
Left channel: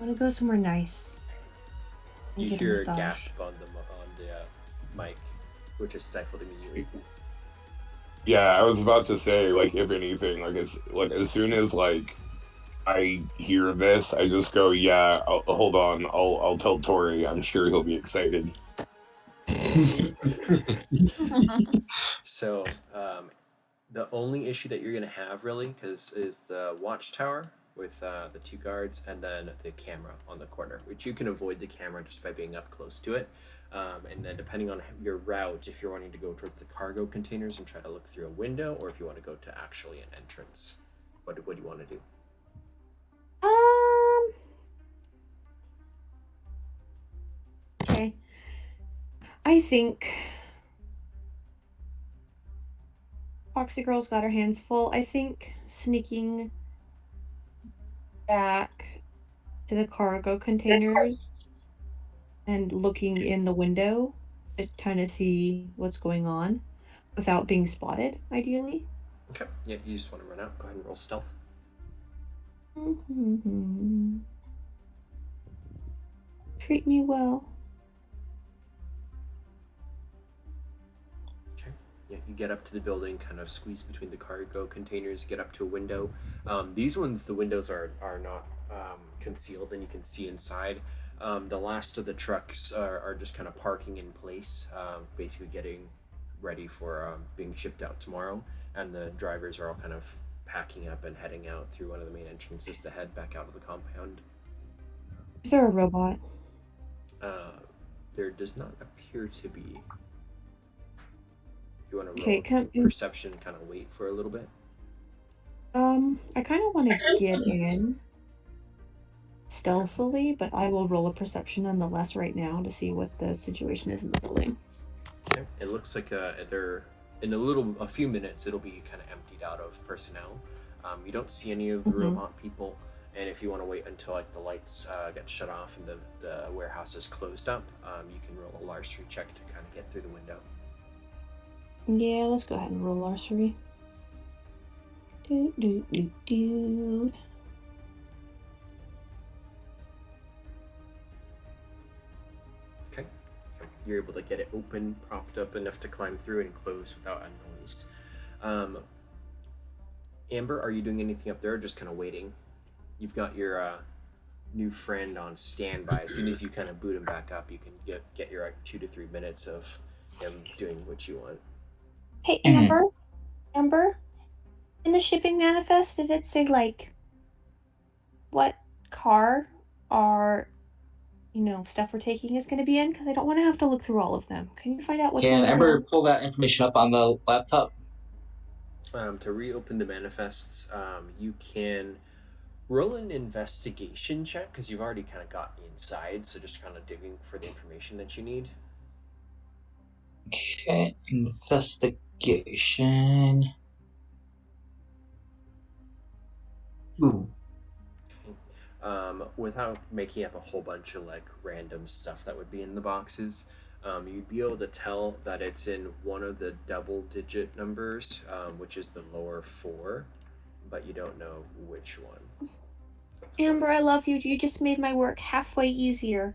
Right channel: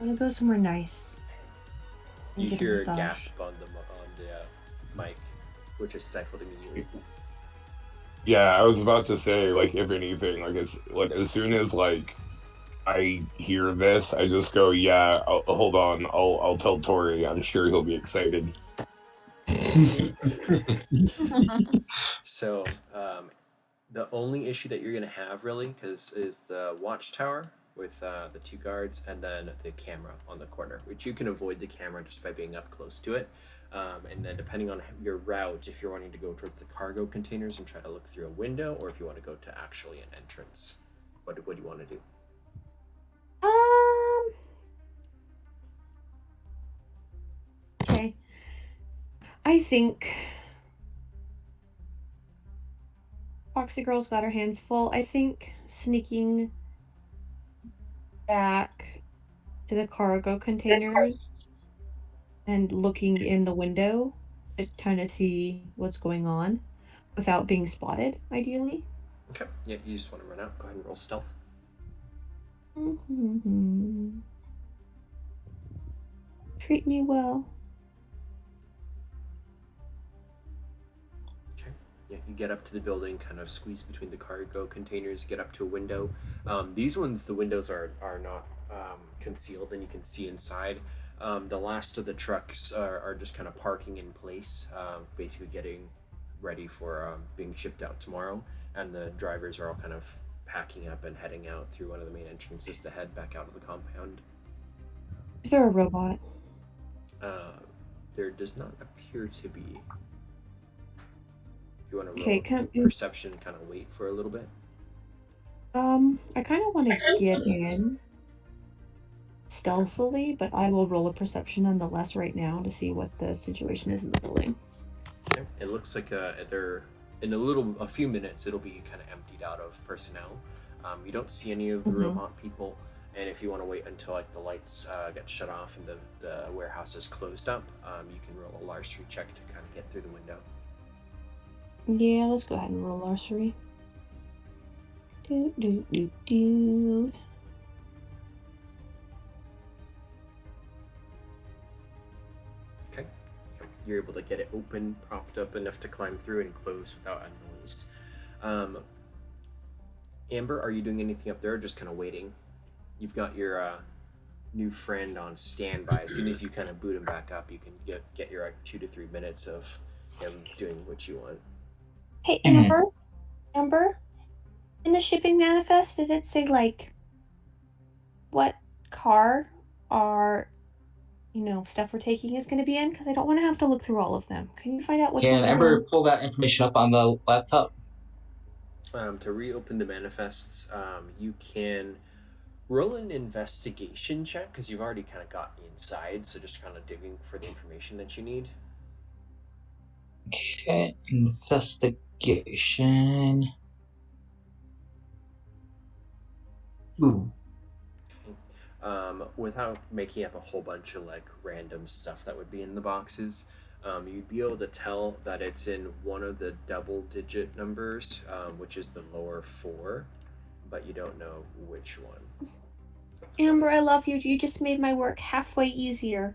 want to go somewhere nice. and You get hear a massage. gasp on the mic, which is stifled immediately. yeah, I was about to say, like, if anything, like, it's like as soon as like I hear this, I just go, yeah, hold on, I'll tell Tori. I'm sure he'll be excited. So, the only issue that you're gonna have really, is the watchtower with the two guards, and then the camera on the corner, which you can avoid the camera just by being up close to it. And then depending on your route, if you're wanting to go towards the cargo containers and try to look through a window, or if you want to go to actually an entrance, what do you want to do? Okay. I think Foxy Girl's got her hands full. I think sneaking back to the cargo containers and looking in the window to kind of see what's going on without being spotted, ideally. Okay. Yeah, you just want to run out. Go ahead and roll stealth. Treat me well. Yeah, you get up to the building, kind of squeeze between the cargo containers, get up to a window. These ones, the windows are not concealed, and you can see inside. The last of the trucks are just kind of parking in place, basically getting ready for being shipped out tomorrow. And the drivers are all kind of packing up and heading out through one of the main entrances to head back out of the compound. Is there a robot? There does not appear to be. You want to Okay, roll perception and kind of wait for a little bit? I kind of want to get in stealthily, but I will roll a perception nonetheless right now to see what the situation is in the building. Okay. It looks like they're in a few minutes it'll be kind of emptied out of personnel. You don't see any of the robot people, and if you want to wait until like the lights get shut off and the warehouse is closed up, you can roll a larceny check to kind of get through the window. Yeah, let's go ahead and roll larceny. Do. Okay. You're able to get it open, propped up enough to climb through and close without a noise. Amber, are you doing anything up there, or just kind of waiting? You've got your new friend on standby. As soon as you kind of boot him back up, you can get your 2 to 3 minutes of him doing what you want. Hey, Amber? Amber? In the shipping manifest, did it say, like, what car our, stuff we're taking is going to be in? Because I don't want to have to look through all of them. Can you find out which one? Can Amber pull that information up on the laptop? To reopen the manifests, you can roll an investigation check, because you've already kind of got inside, so just kind of digging for the information that you need. Okay, investigation. Ooh. Without making up a whole bunch of like random stuff that would be in the boxes, you'd be able to tell that it's in one of the double-digit numbers, which is the lower 4, but you don't know which one. Amber, I love you. You just made my work halfway easier.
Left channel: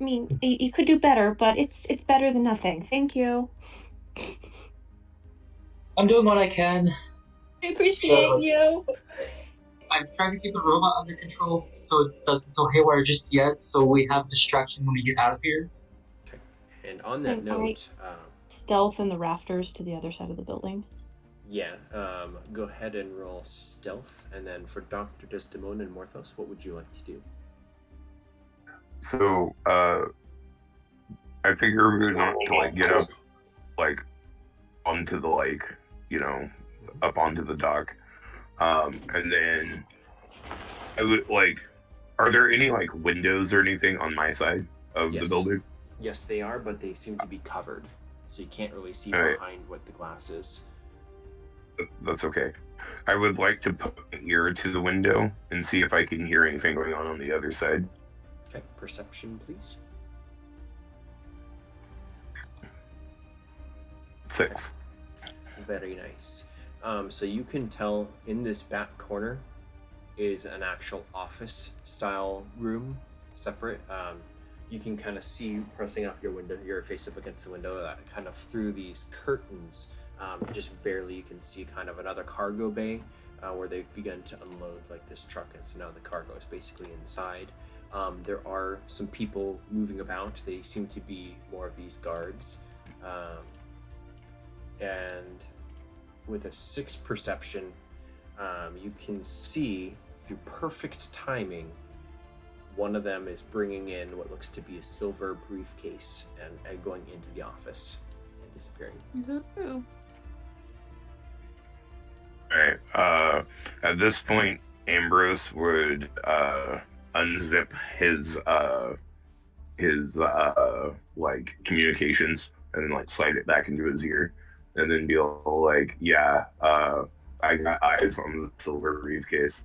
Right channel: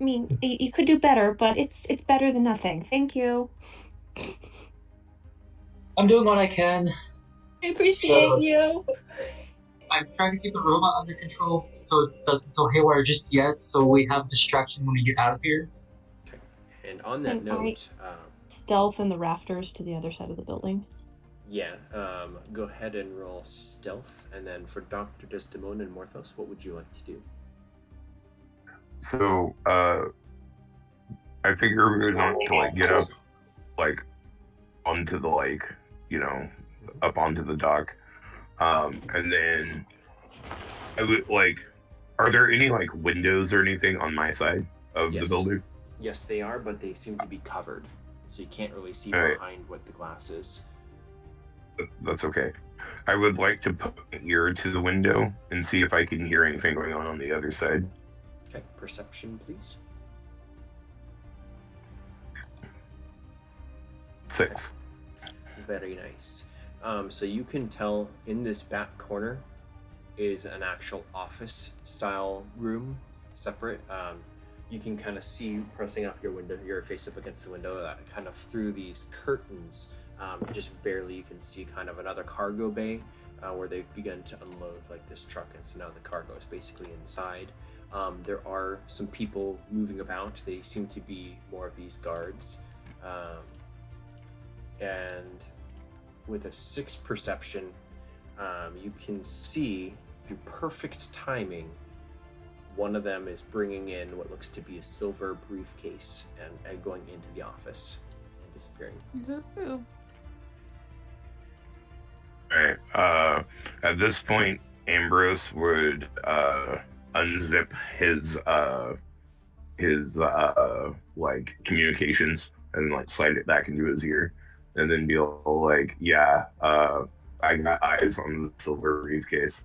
I mean, you could do better, but it's better than nothing. Thank you. I'm doing what I can. I appreciate you. I'm trying to keep the robot under control so it doesn't go haywire just yet, so we have distraction when we get out of here. Okay. And on that note, stealth in the rafters to the other side of the building. Yeah. Go ahead and roll stealth, and then for Dr. Desdemona and Morthos, what would you like to do? So, I figure we're going to like get up, like, onto the up onto the dock, and then I would like. Are there any like windows or anything on my side of the building? Yes, they are, but they seem to be covered, so you can't really see behind what the glass is. That's okay. I would like to put an ear to the window and see if I can hear anything going on the other side. Okay, perception, please. 6. Okay. Very nice. So you can tell in this back corner is an actual office style room, separate. You can kind of see, pressing up your face up against the window, that kind of through these curtains, just barely you can see kind of another cargo bay where they've begun to unload like this truck, and so now the cargo is basically inside. There are some people moving about. They seem to be more of these guards. And with a 6 perception, you can see through perfect timing, one of them is bringing in what looks to be a silver briefcase and going into the office and disappearing. Ooh. Alright, at this point, Ambrose would unzip his like communications and like slide it back into his ear, and then be like, "Yeah, I got eyes on the silver briefcase.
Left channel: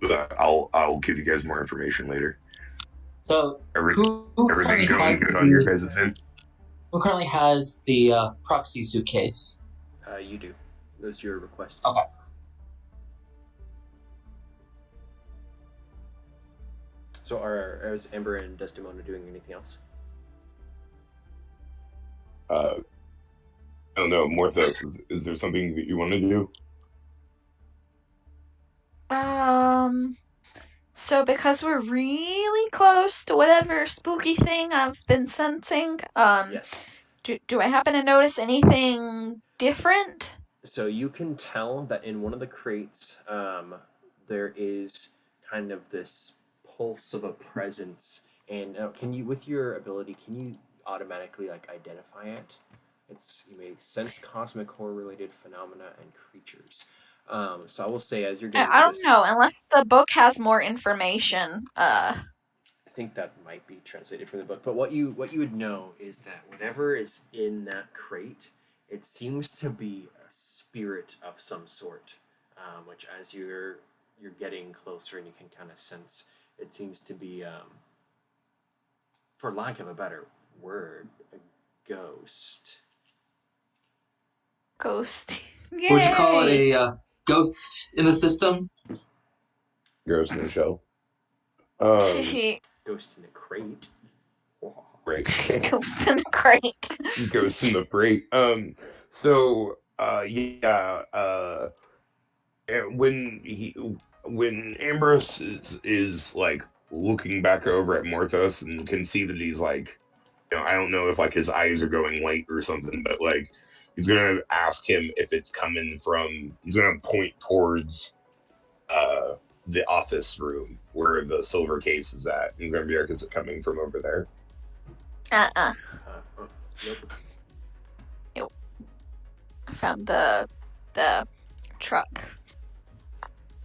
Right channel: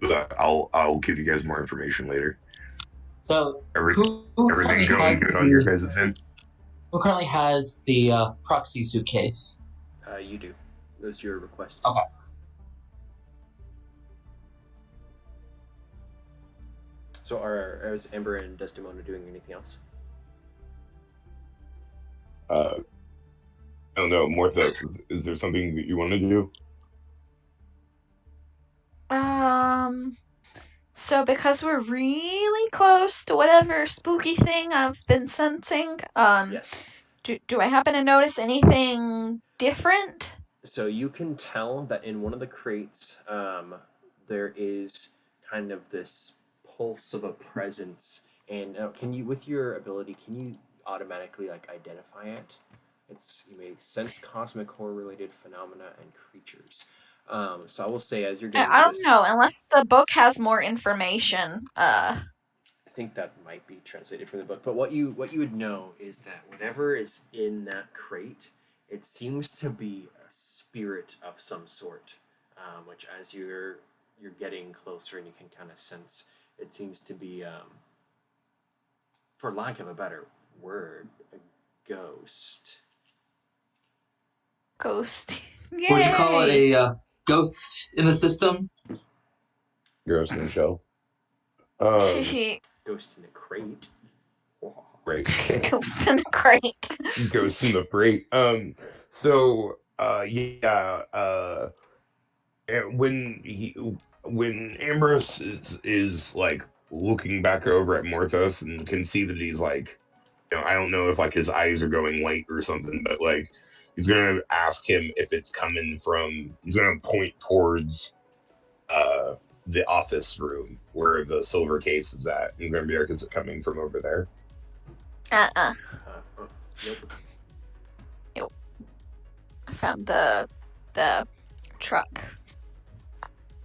But I'll give you guys more information later." So who Everything currently going has good on your guys' end? who currently has the proxy suitcase? You do. Those are your requests. Okay. So is Ember and Desdemona doing anything else? I don't know, Morthos, is there something that you want to do? So because we're really close to whatever spooky thing I've been sensing, Yes. do I happen to notice anything different? So you can tell that in one of the crates, there is kind of this pulse of a presence. And can you, with your ability, can you automatically like identify it? You may sense cosmic horror-related phenomena and creatures. So I will say, as you're getting I to don't this, know, unless the book has more information. I think that might be translated from the book. But what you would know is that whatever is in that crate, it seems to be a spirit of some sort. Which, as you're getting closer and you can kind of sense, it seems to be, for lack of a better word, a ghost. Ghost. Would you call it a ghost in the system? Ghost in the shell. Ghost in a crate. Great. Ghost in a crate. Ghost in the freight. So when Ambrose is like looking back over at Morthos and can see that he's like, I don't know if like his eyes are going white or something, but like he's gonna ask him if it's coming from. He's gonna point towards the office room where the silver case is at. He's gonna be like, "Is it coming from over there?" Nope. I found the truck.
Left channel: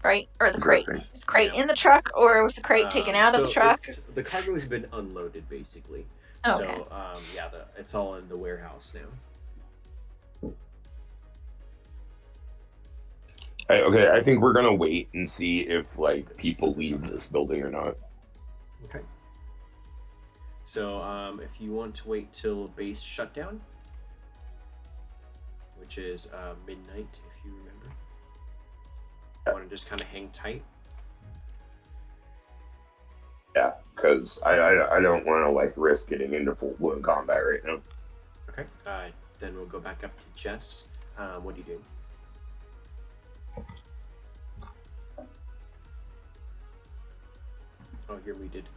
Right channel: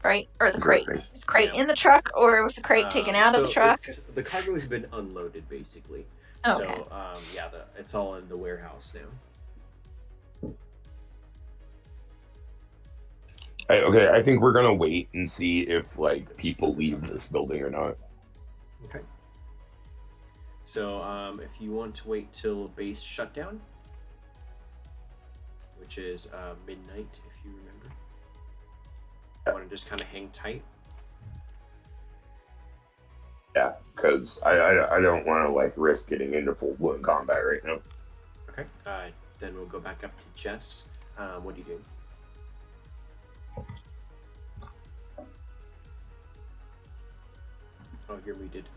Right? Or the crate. Crate in the truck, or was the crate taken out of the truck? The cargo has been unloaded, basically. Okay. So, it's all in the warehouse now. Okay, I think we're gonna wait and see if like people leave this building or not. Okay. So, if you want to wait till base shutdown, which is midnight, if you remember, you want to just kind of hang tight. Yeah, because I don't want to like risk getting into full-blown combat right now. Okay. Then we'll go back up to Jess. What are you doing? Oh, here we did.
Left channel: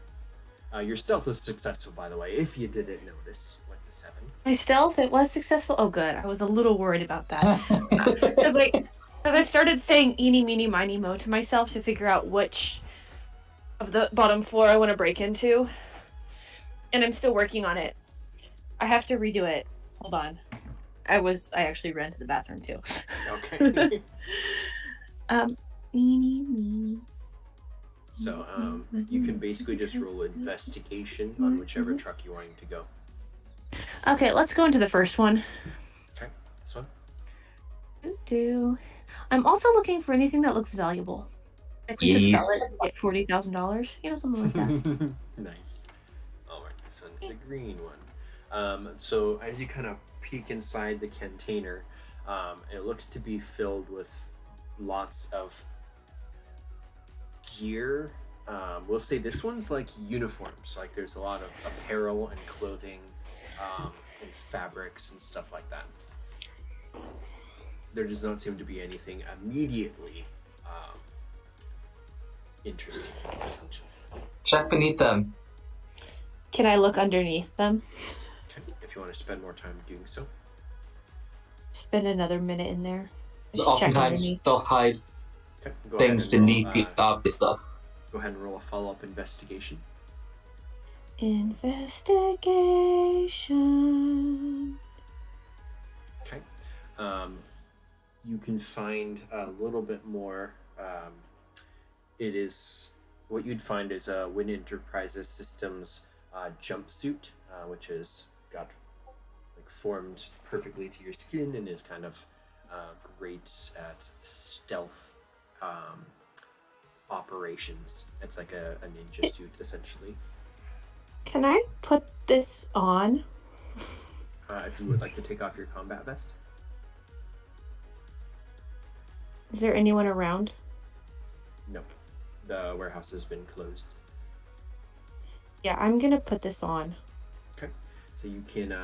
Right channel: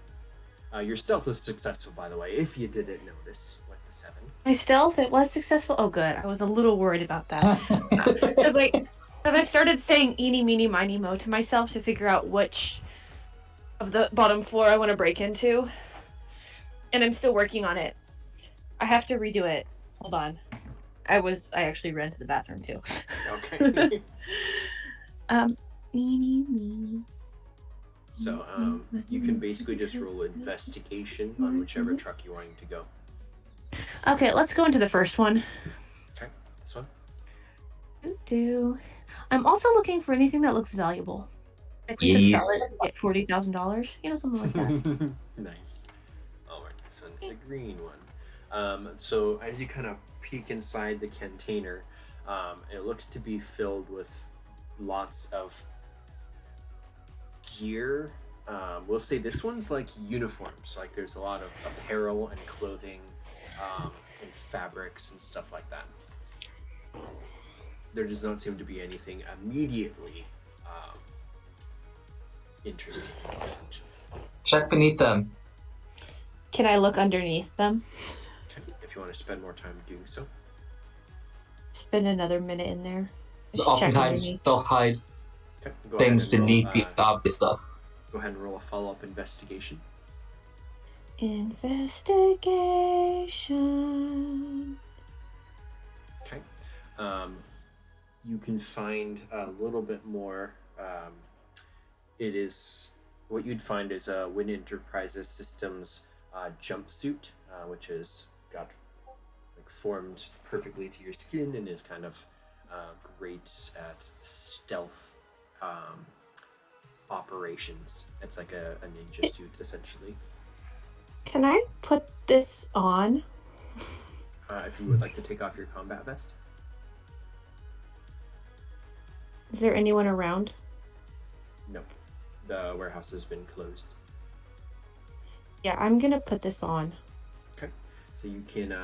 Your stealth was successful, by the way, if you didn't notice, with the 7. My stealth, it was successful. Oh, good. I was a little worried about that. Because I started saying eeny, meeny, miny, mo to myself to figure out which of the bottom floor I want to break into. And I'm still working on it. I have to redo it. Hold on. I actually ran to the bathroom, too. Okay. Eeny, meeny. So, you can basically just roll investigation on whichever truck you're wanting to go. Okay, let's go into the first one. Okay, this one? I'm also looking for anything that looks valuable. Like we could sell it for like $40,000, something like that. Nice. All right, this one, the green one. So as you kind of peek inside the container, it looks to be filled with lots of gear. We'll say this one's like uniforms. Like there's a lot of apparel and clothing, and fabrics and stuff like that. There does not seem to be anything immediately interesting. Check beneath them. Can I look underneath them? Okay. If you want to spend more time doing so. Spend another minute in there. Just check Oftentimes underneath. they'll hide Okay. Go things ahead and roll. beneath the obvious stuff. Go ahead and roll a follow-up investigation. Investigation. Okay. You can find a little bit more. It is what you'd find is a Wynne Enterprises Systems jumpsuit, which is got like formed perfectly to your skin and is kind of great at stealth operations. It's like a ninja suit essentially. Can I put this on? If you would like to take off your combat vest. Is there anyone around? Nope. The warehouse has been closed. Yeah, I'm gonna put this on. Okay. So you can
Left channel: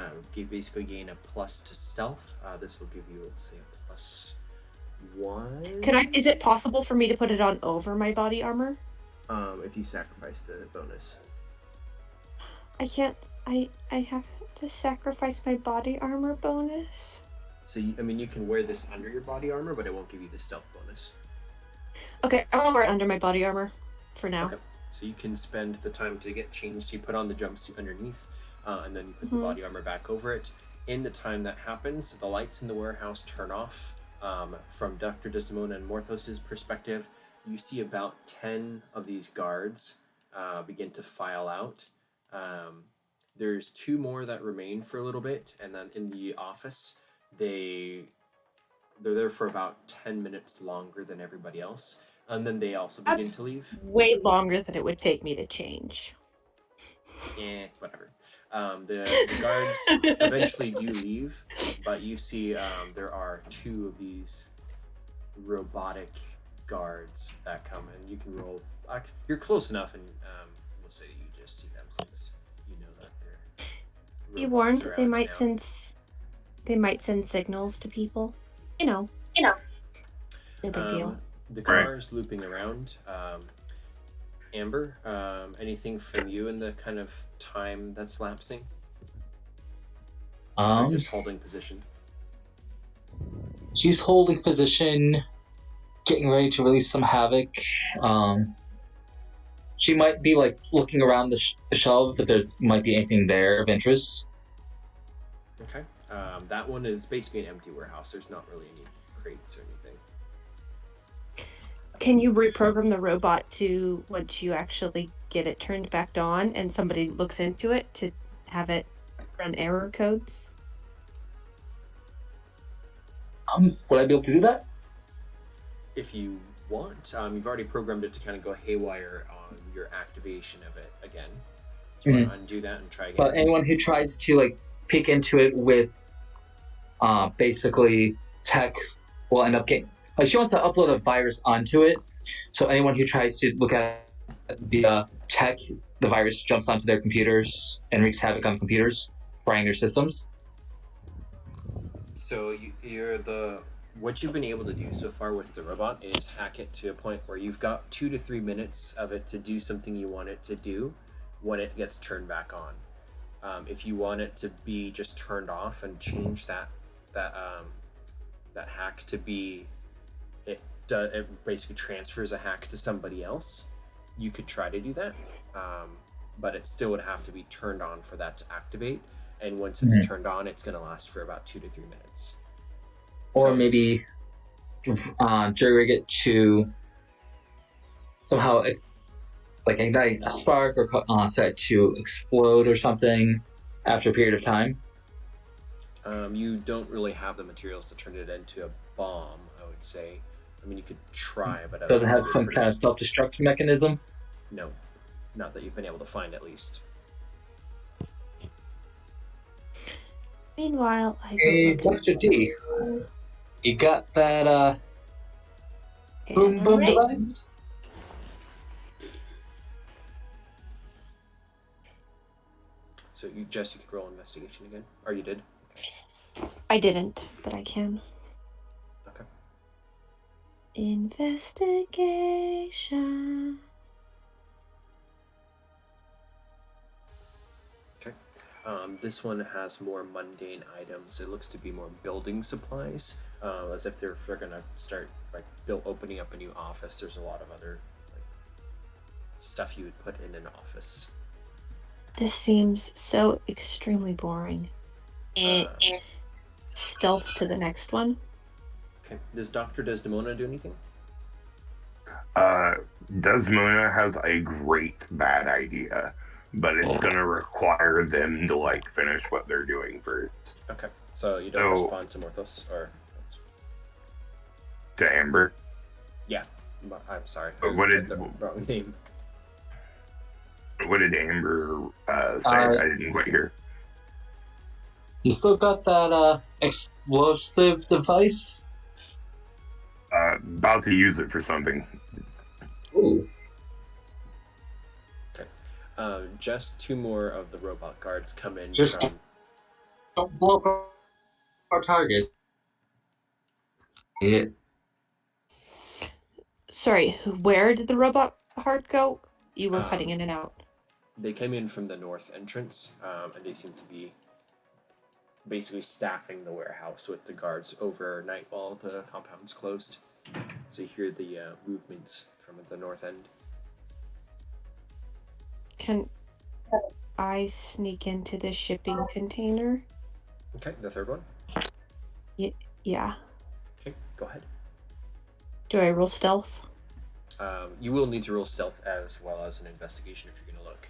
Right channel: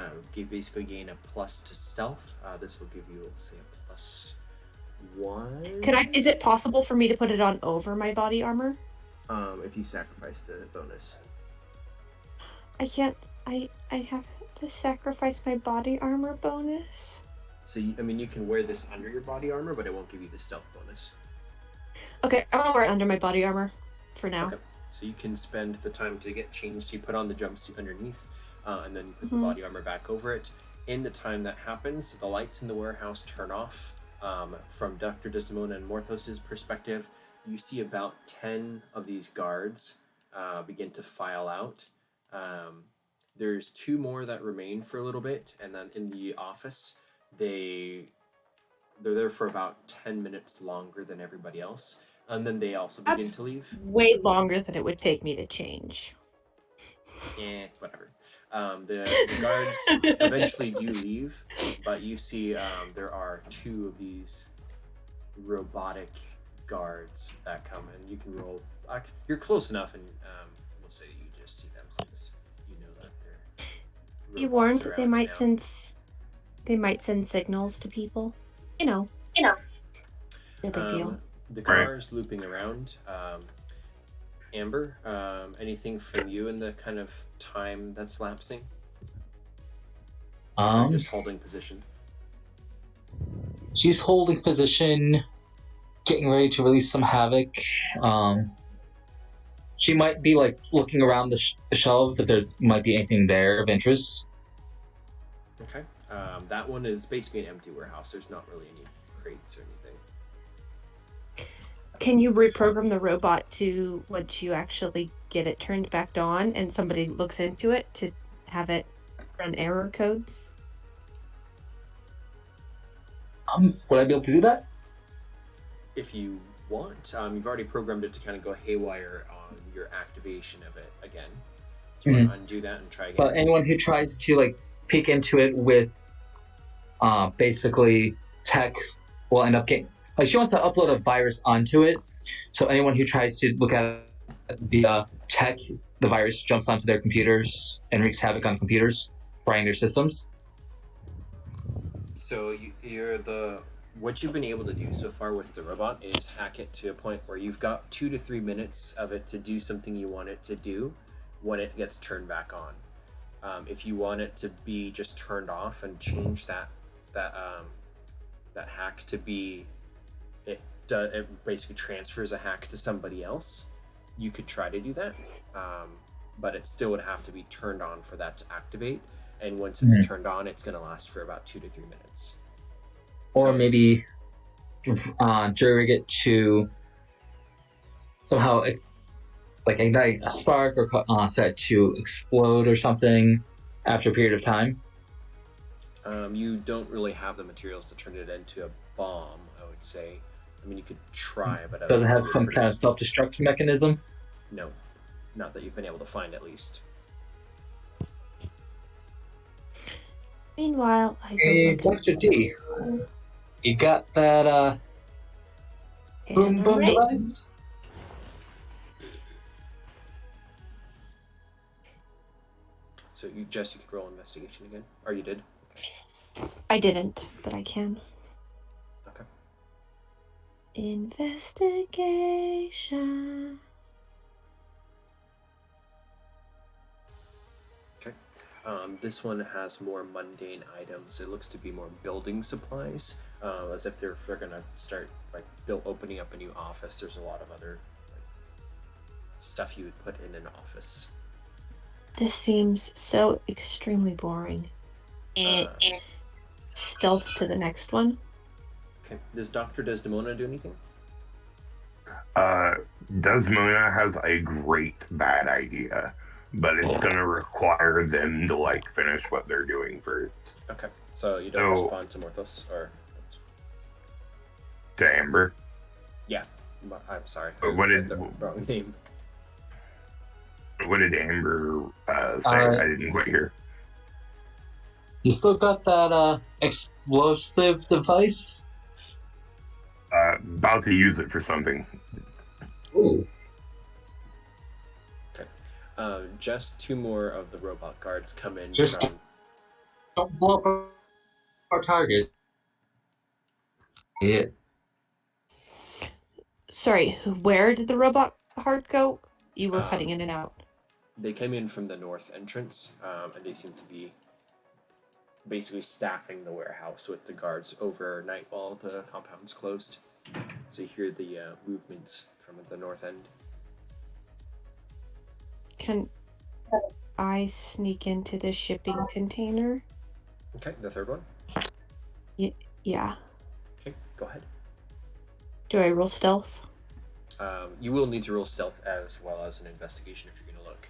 basically gain a plus to stealth. This will give you, say, a +1. Is it possible for me to put it on over my body armor? If you sacrifice the bonus. I can't. I have to sacrifice my body armor bonus. So you can wear this under your body armor, but it won't give you the stealth bonus. Okay, I'm gonna wear it under my body armor for now. Okay. So you can spend the time to get changed. You put on the jumpsuit underneath, and then you put the body armor back over it. In the time that happens, the lights in the warehouse turn off. From Dr. Desdemona and Morthos's perspective, you see about 10 of these guards begin to file out. There's 2 more that remain for a little bit, and then in the office, they're there for about 10 minutes longer than everybody else, and then they also begin to leave. Way longer than it would take me to change. Whatever. The guards eventually do leave, but you see there are 2 of these robotic guards that come, and you can roll. You're close enough, and we'll say you just see them since you know that they're. Be warned, robots they around might now. send signals to people. You know. No big deal. The car is looping around. Amber, anything from you in the kind of time that's lapsing? Or just holding position? She's holding position, getting ready to release some havoc. She might be like looking around the shelves if there's might be anything there of interest. Okay. That one is basically an empty warehouse. There's not really any crates or anything. Can you reprogram the robot to, once you actually get it turned back on and somebody looks into it, to have it run error codes? Would I be able to do that? If you want, you've already programmed it to kind of go haywire on your activation of it again. Do you want to undo that and try again? But anyone who tries to like peek into it with basically tech will end up getting, like, she wants to upload a virus onto it, so anyone who tries to look at the tech, the virus jumps onto their computers and wreaks havoc on computers, frying their systems. So what you've been able to do so far with the robot is hack it to a point where you've got 2 to 3 minutes of it to do something you want it to do when it gets turned back on. If you want it to be just turned off and change that hack to be, it basically transfers a hack to somebody else, you could try to do that, but it still would have to be turned on for that to activate, and once it's turned on, it's going to last for about 2 to 3 minutes. Or maybe jury-rig it to somehow like ignite a spark or set it to explode or something after a period of time. You don't really have the materials to turn it into a bomb, I would say. I mean, you could try, but does it have some kind of self-destruct mechanism? No, not that you've been able to find, at least. Meanwhile, Hey, Dr. D, you got that boom device? So Jess, you could roll investigation again, or you did? Okay. I didn't, but I can. Okay. Investigation. This one has more mundane items. It looks to be more building supplies, as if they're gonna start like opening up a new office. There's a lot of other like stuff you would put in an office. This seems so extremely boring. Stealth to the next one. Okay. Does Dr. Desdemona do anything? Desmona has a great bad idea, but it's gonna require them to like finish what they're doing first. Okay. So you don't respond to Morthos, or that's... To Amber. Yeah. I'm sorry. What did the wrong name? What did Amber say? I didn't quite hear. You still got that explosive device? About to use it for something. Ooh. Okay. Just 2 more of the robot guards come in Just from... don't blow up our target. Yeah. Sorry, where did the robot heart go? You were cutting in and out. They came in from the north entrance, and they seem to be basically staffing the warehouse with the guards overnight while the compound's closed. So you hear the movements from the north end. Can I sneak into the shipping container? Okay, the third one. Yeah. Okay, go ahead. Do I roll stealth? You will need to roll stealth as well as an investigation if you're going to look.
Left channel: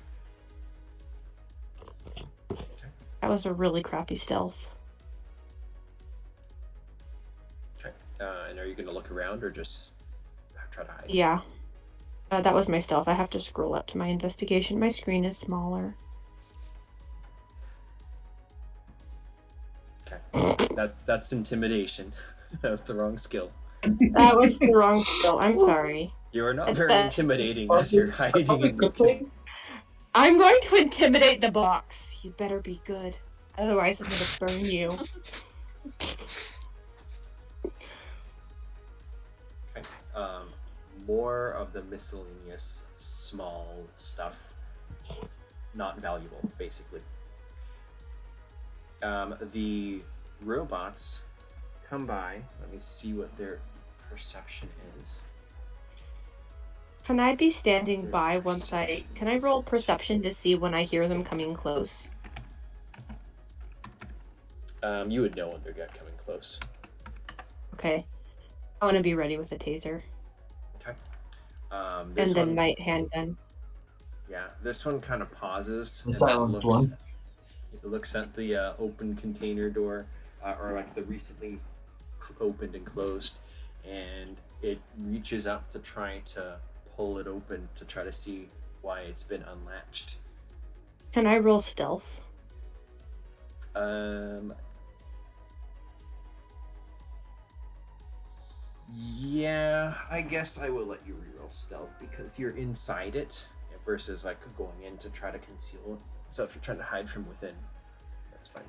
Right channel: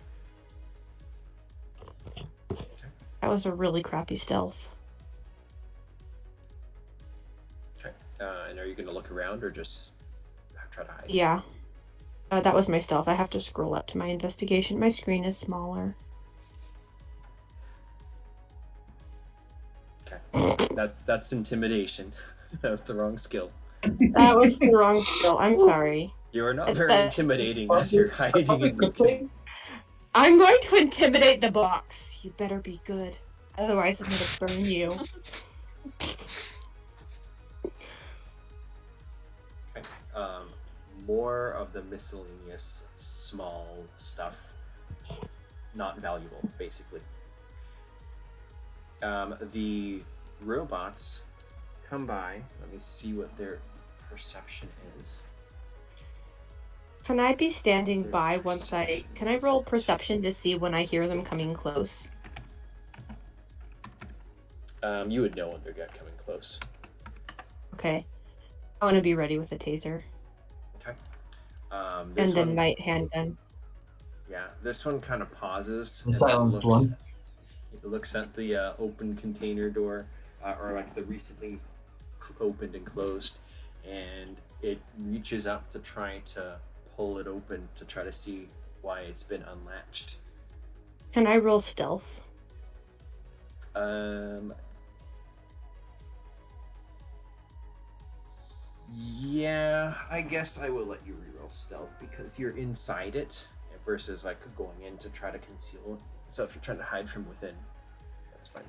Okay. That was a really crappy stealth. Okay. And are you going to look around or just try to hide? Yeah. That was my stealth. I have to scroll up to my investigation. My screen is smaller. Okay. That's intimidation. That was the wrong skill. That was the wrong skill. I'm sorry. You are not very intimidating as you're hiding in the thing. I'm going to intimidate the box. You better be good. Otherwise, I'm going to burn you. Okay. More of the miscellaneous small stuff. Not valuable, basically. The robots come by. Let me see what their perception is. Can I be standing by once can I roll perception to see when I hear them coming close? You would know when they're coming close. Okay. I want to be ready with the taser. Okay. And This then one, my handgun. yeah, this one kind of pauses The and silenced then one. it looks at the open container door, or like the recently opened and closed, and it reaches up to try to pull it open to try to see why it's been unlatched. Can I roll stealth? Yeah, I guess I will let you reroll stealth because you're inside it versus like going in to try to conceal it. So if you're trying to hide from within, that's fine.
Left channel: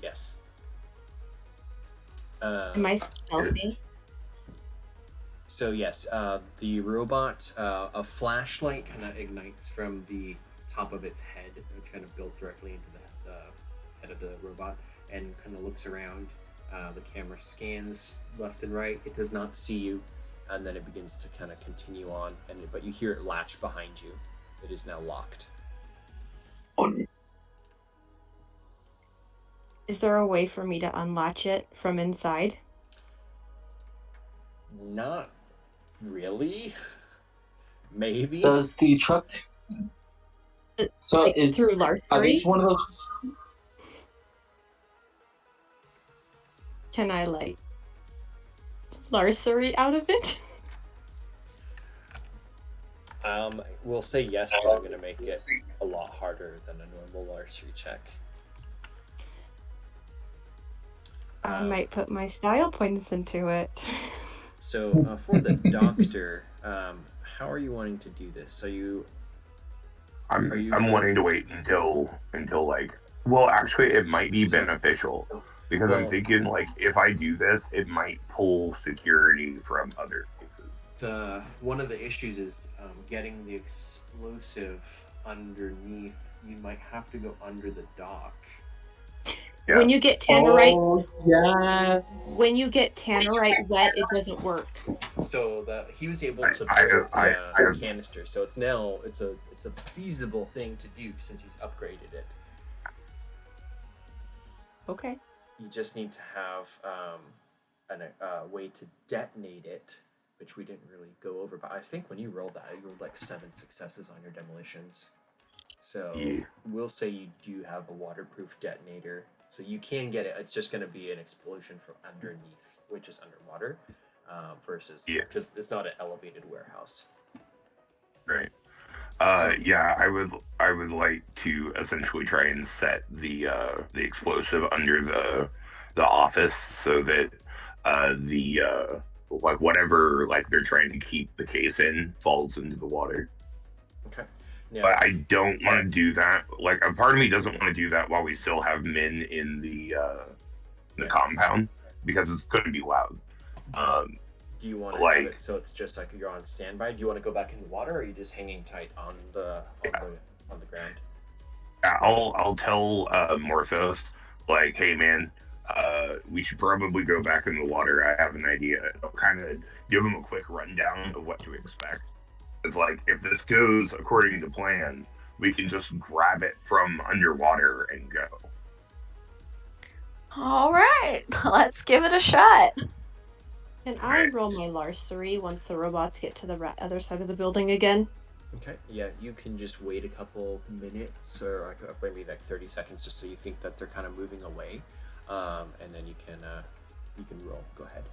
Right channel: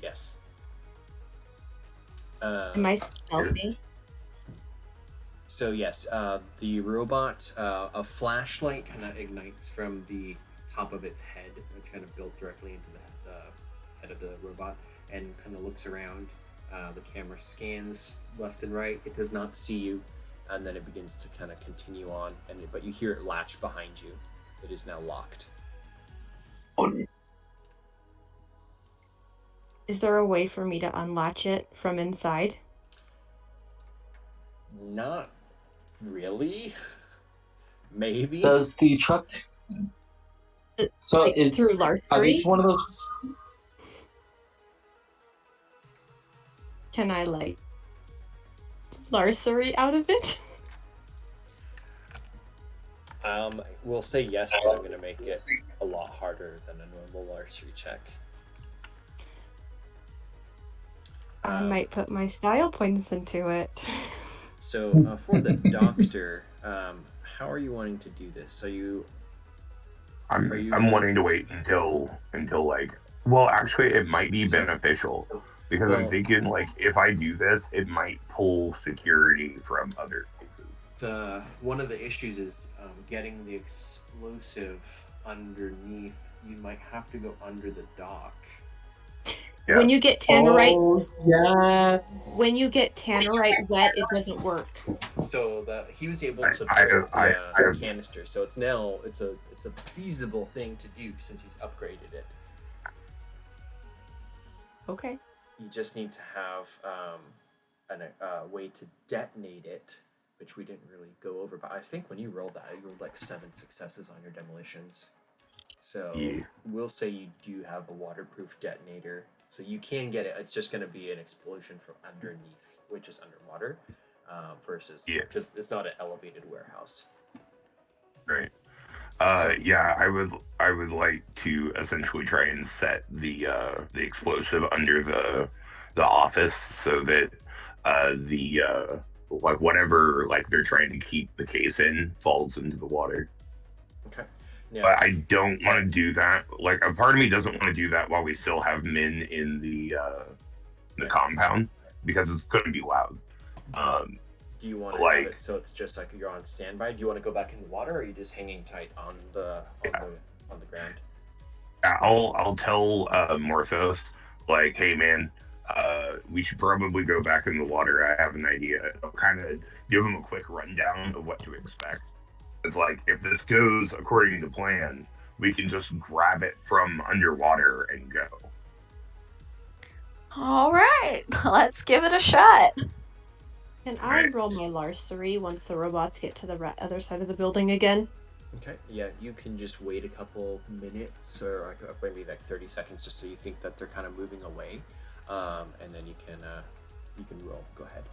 Yes. Am I stealthy? So yes, the robot, a flashlight kind of ignites from the top of its head, kind of built directly into the head of the robot, and kind of looks around. The camera scans left and right. It does not see you, and then it begins to kind of continue on. But you hear it latch behind you. It is now locked. Is there a way for me to unlatch it from inside? Not really. Maybe. Does the truck? So Like, through are larceny? these one of those? Can I like larceny out of it? We'll say yes, but I'm gonna make it a lot harder than a normal larceny check. I might put my style points into it. So for the doctor, how are you wanting to do this? So I'm wanting to wait until like, well, actually it might be beneficial because I'm thinking like if I do this, it might pull security from other places. one of the issues is getting the explosive underneath. You might have to go under the dock. Yeah. When you get tannerite, Oh, yes. when you get tannerite wet, it doesn't work. So he was able to I put have the canister. So it's now it's a feasible thing to do since he's upgraded it. Okay. You just need to have a way to detonate it, which we didn't really go over. But I think when you rolled that, you rolled like 7 successes on your demolitions. So we'll say you do have a waterproof detonator, so you can get it. It's just going to be an explosion from underneath, which is underwater, versus because it's not an elevated warehouse. Right. Yeah, I would like to essentially try and set the explosive under the office so that the like whatever like they're trying to keep the case in falls into the water. Okay. Now, but I don't want to do that. Like a part of me doesn't want to do that while we still have men in the compound because it's going to be loud. Do you want to have it so it's just like you're on standby? Do you want to go back in the water, or are you just hanging tight on the ground? I'll tell Morthos, like, hey man, we should probably go back in the water. I have an idea. I'll kind of give him a quick rundown of what to expect. It's like if this goes according to plan, we can just grab it from underwater and go. All right, let's give it a shot. Can I roll my larceny once the robots get to the other side of the building again? Okay, yeah, you can just wait a couple minutes or like maybe like 30 seconds just so you think that they're kind of moving away, and then you can roll. Go ahead.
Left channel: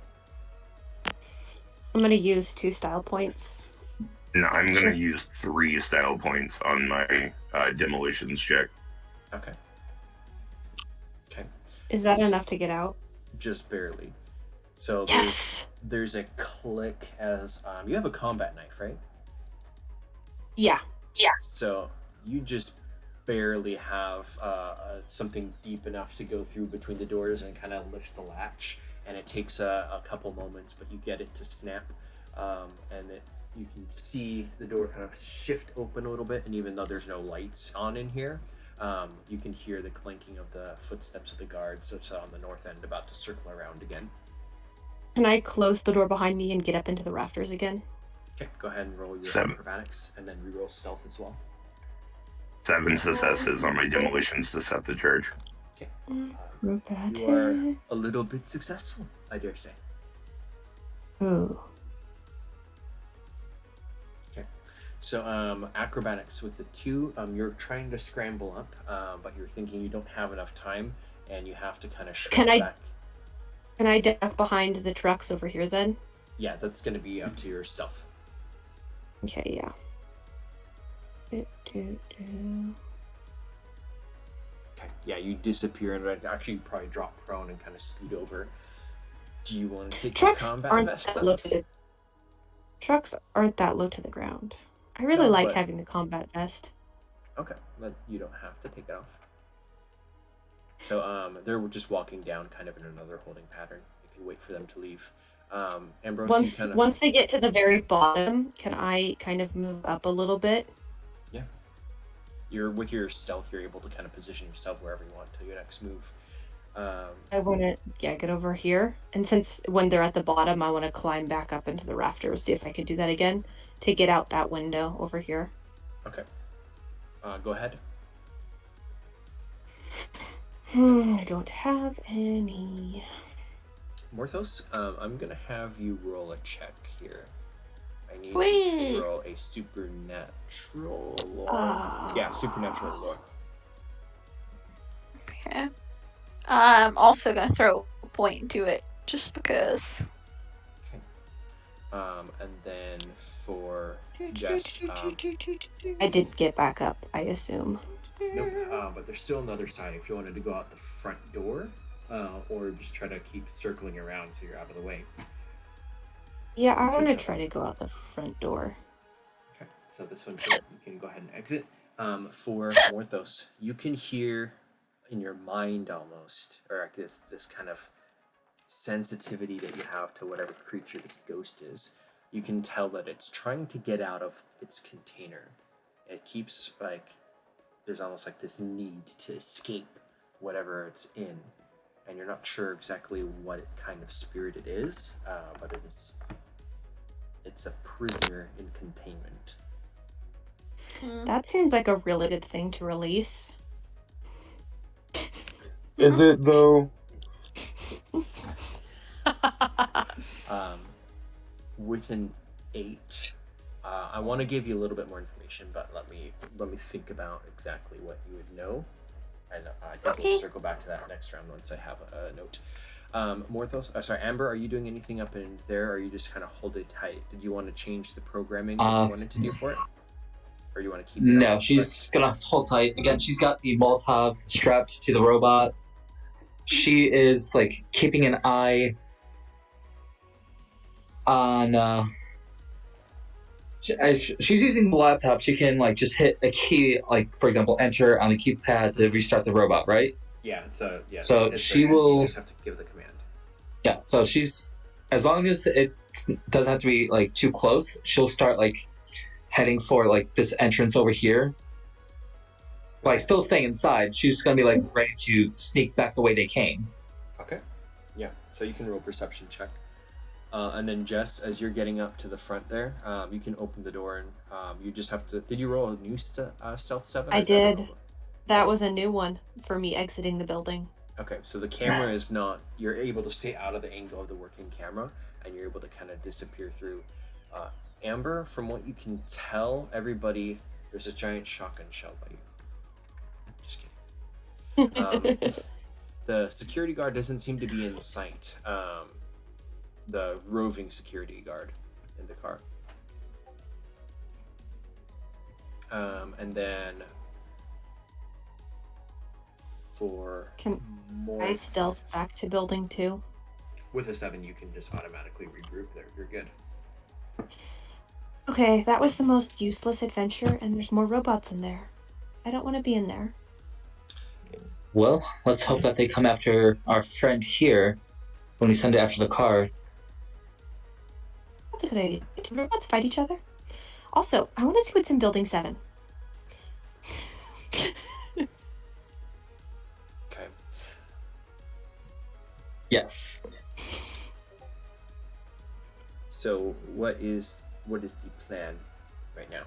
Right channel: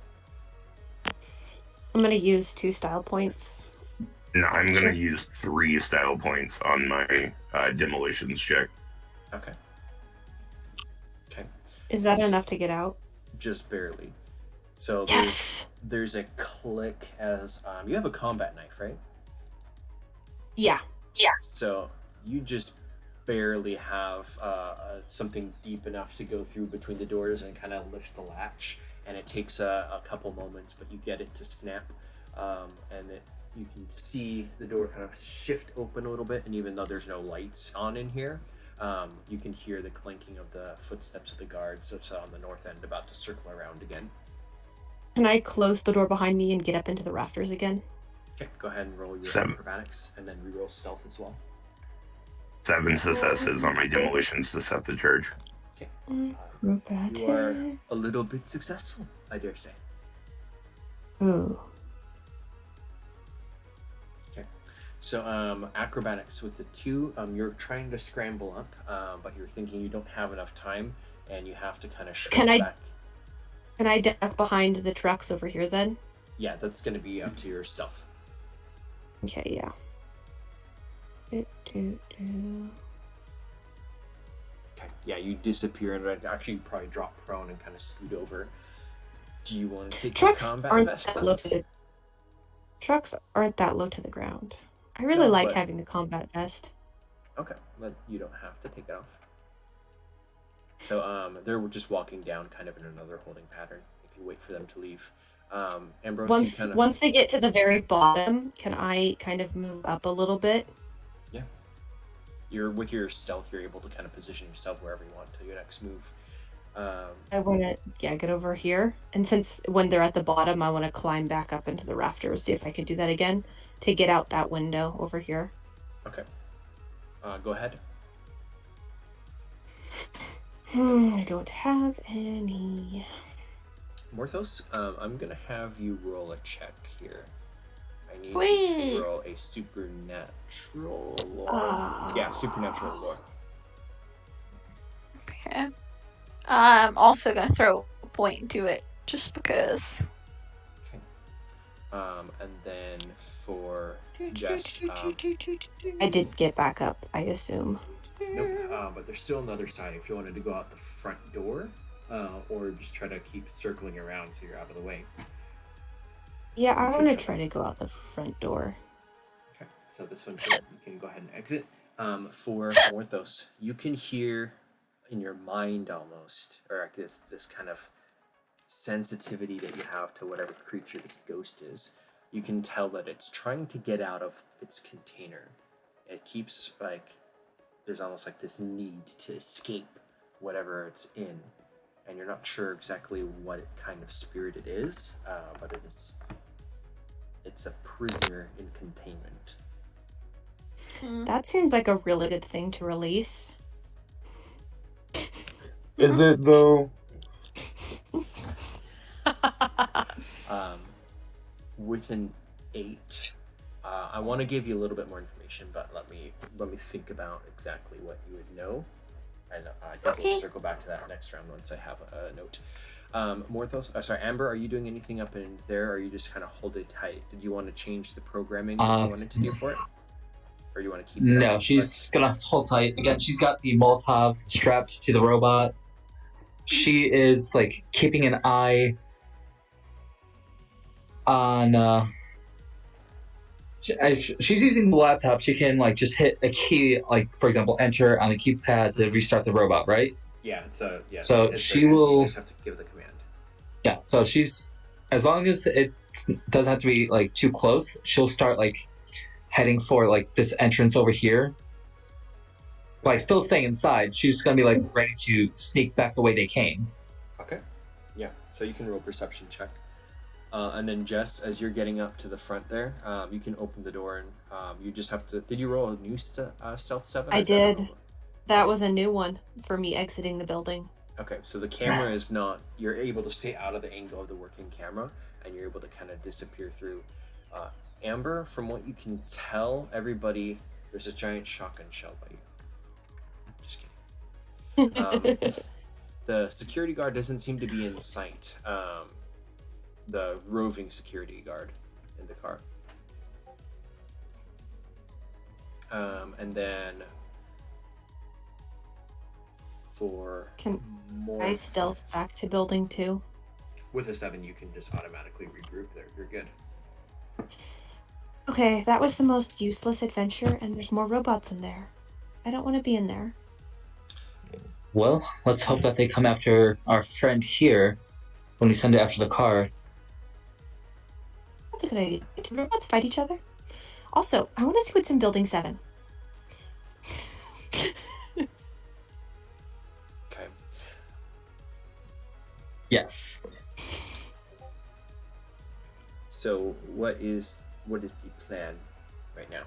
I'm gonna use 2 style points. No, I'm gonna use 3 style points on my demolitions check. Okay. Okay. Is that enough to get out? Just barely. So there's a click as you have a combat knife, right? Yeah. So you just barely have something deep enough to go through between the doors and kind of lift the latch, and it takes a couple moments, but you get it to snap, and you can see the door kind of shift open a little bit, and even though there's no lights on in here, you can hear the clanking of the footsteps of the guards that's on the north end about to circle around again. Can I close the door behind me and get up into the rafters again? Okay, go ahead and roll your acrobatics, and then reroll stealth as well. 7 successes on my demolitions to set the charge. Okay. You are a little bit successful, I dare say. Ooh. Okay. So acrobatics with the 2, you're trying to scramble up, but you're thinking you don't have enough time, and you have to kind of shrink back. Can I duck behind the trucks over here then? Yeah, that's going to be up to your stealth. Okay, yeah. Okay, yeah, you disappear and actually probably drop prone and kind of scoot over. Do you want to take the combat vest? Trucks aren't that low to the ground. I really like having the combat vest. Okay, but you don't have to take it off. So they're just walking down kind of in another holding pattern. You can wait for them to leave. Ambrose, once they get to the very bottom, can I kind of move up a little bit? Yeah. With your stealth, you're able to kind of position yourself wherever you want to your next move. I want to get over here, and since when they're at the bottom, I want to climb back up into the rafters, see if I can do that again to get out that window over here. Okay. Go ahead. I don't have any. Morthos, I'm gonna have you roll a check here. I need you to roll a supernatural lore. Yeah, supernatural lore. Okay. I'm also gonna throw a point into it just because. Okay. And then for Jess, I did get back up, I assume. Nope. But there's still another side if you wanted to go out the front door, or just try to keep circling around so you're out of the way. Yeah, I want to try to go out the front door. Okay, so this one here, you can go ahead and exit. For Morthos, you can hear in your mind almost, or this kind of sensitivity that you have to whatever creature this ghost is. you can tell that it's trying to get out of its container. It keeps there's almost like this need to escape whatever it's in, and you're not sure exactly what kind of spirit it is, but it's a prisoner in containment. That seems like a really good thing to release. Is it though? With an 8, I want to give you a little bit more information, but let me think about exactly what you would know, and I think we'll circle back to that next round once I have a note. Amber, are you doing anything up in there, or are you just kind of hold it tight? Did you want to change the programming that you wanted to do for it, or do you want to keep it? No, she's gonna hold tight. Again, she's got the Molotov strapped to the robot. She is like keeping an eye on. If she's using the laptop, she can like just hit a key, like for example, enter on the keypad to restart the robot, right? Yeah. So she will. You just have to give the command. Yeah. So she's, as long as it doesn't have to be like too close, she'll start like heading for like this entrance over here. Like still staying inside. She's just gonna be like ready to sneak back the way they came. Okay. Yeah. So you can roll perception check. And then Jess, as you're getting up to the front there, you can open the door, and you just have to. Did you roll a new stealth 7? I did. That was a new one for me exiting the building. Okay, so the camera is not. You're able to stay out of the angle of the working camera, and you're able to kind of disappear through. Amber, from what you can tell, everybody, there's a giant shotgun shell by you. Just kidding. The security guard doesn't seem to be in sight. The roving security guard in the car. And then for more, I stealth back to building 2. With a 7, you can just automatically regroup there. You're good. Okay, that was the most useless adventure, and there's more robots in there. I don't want to be in there. Well, let's hope that they come after our friend here when we send it after the car. That's a good idea. Do robots fight each other? Also, I want to see what's in Building 7. Okay. Yes. So what is the plan right now?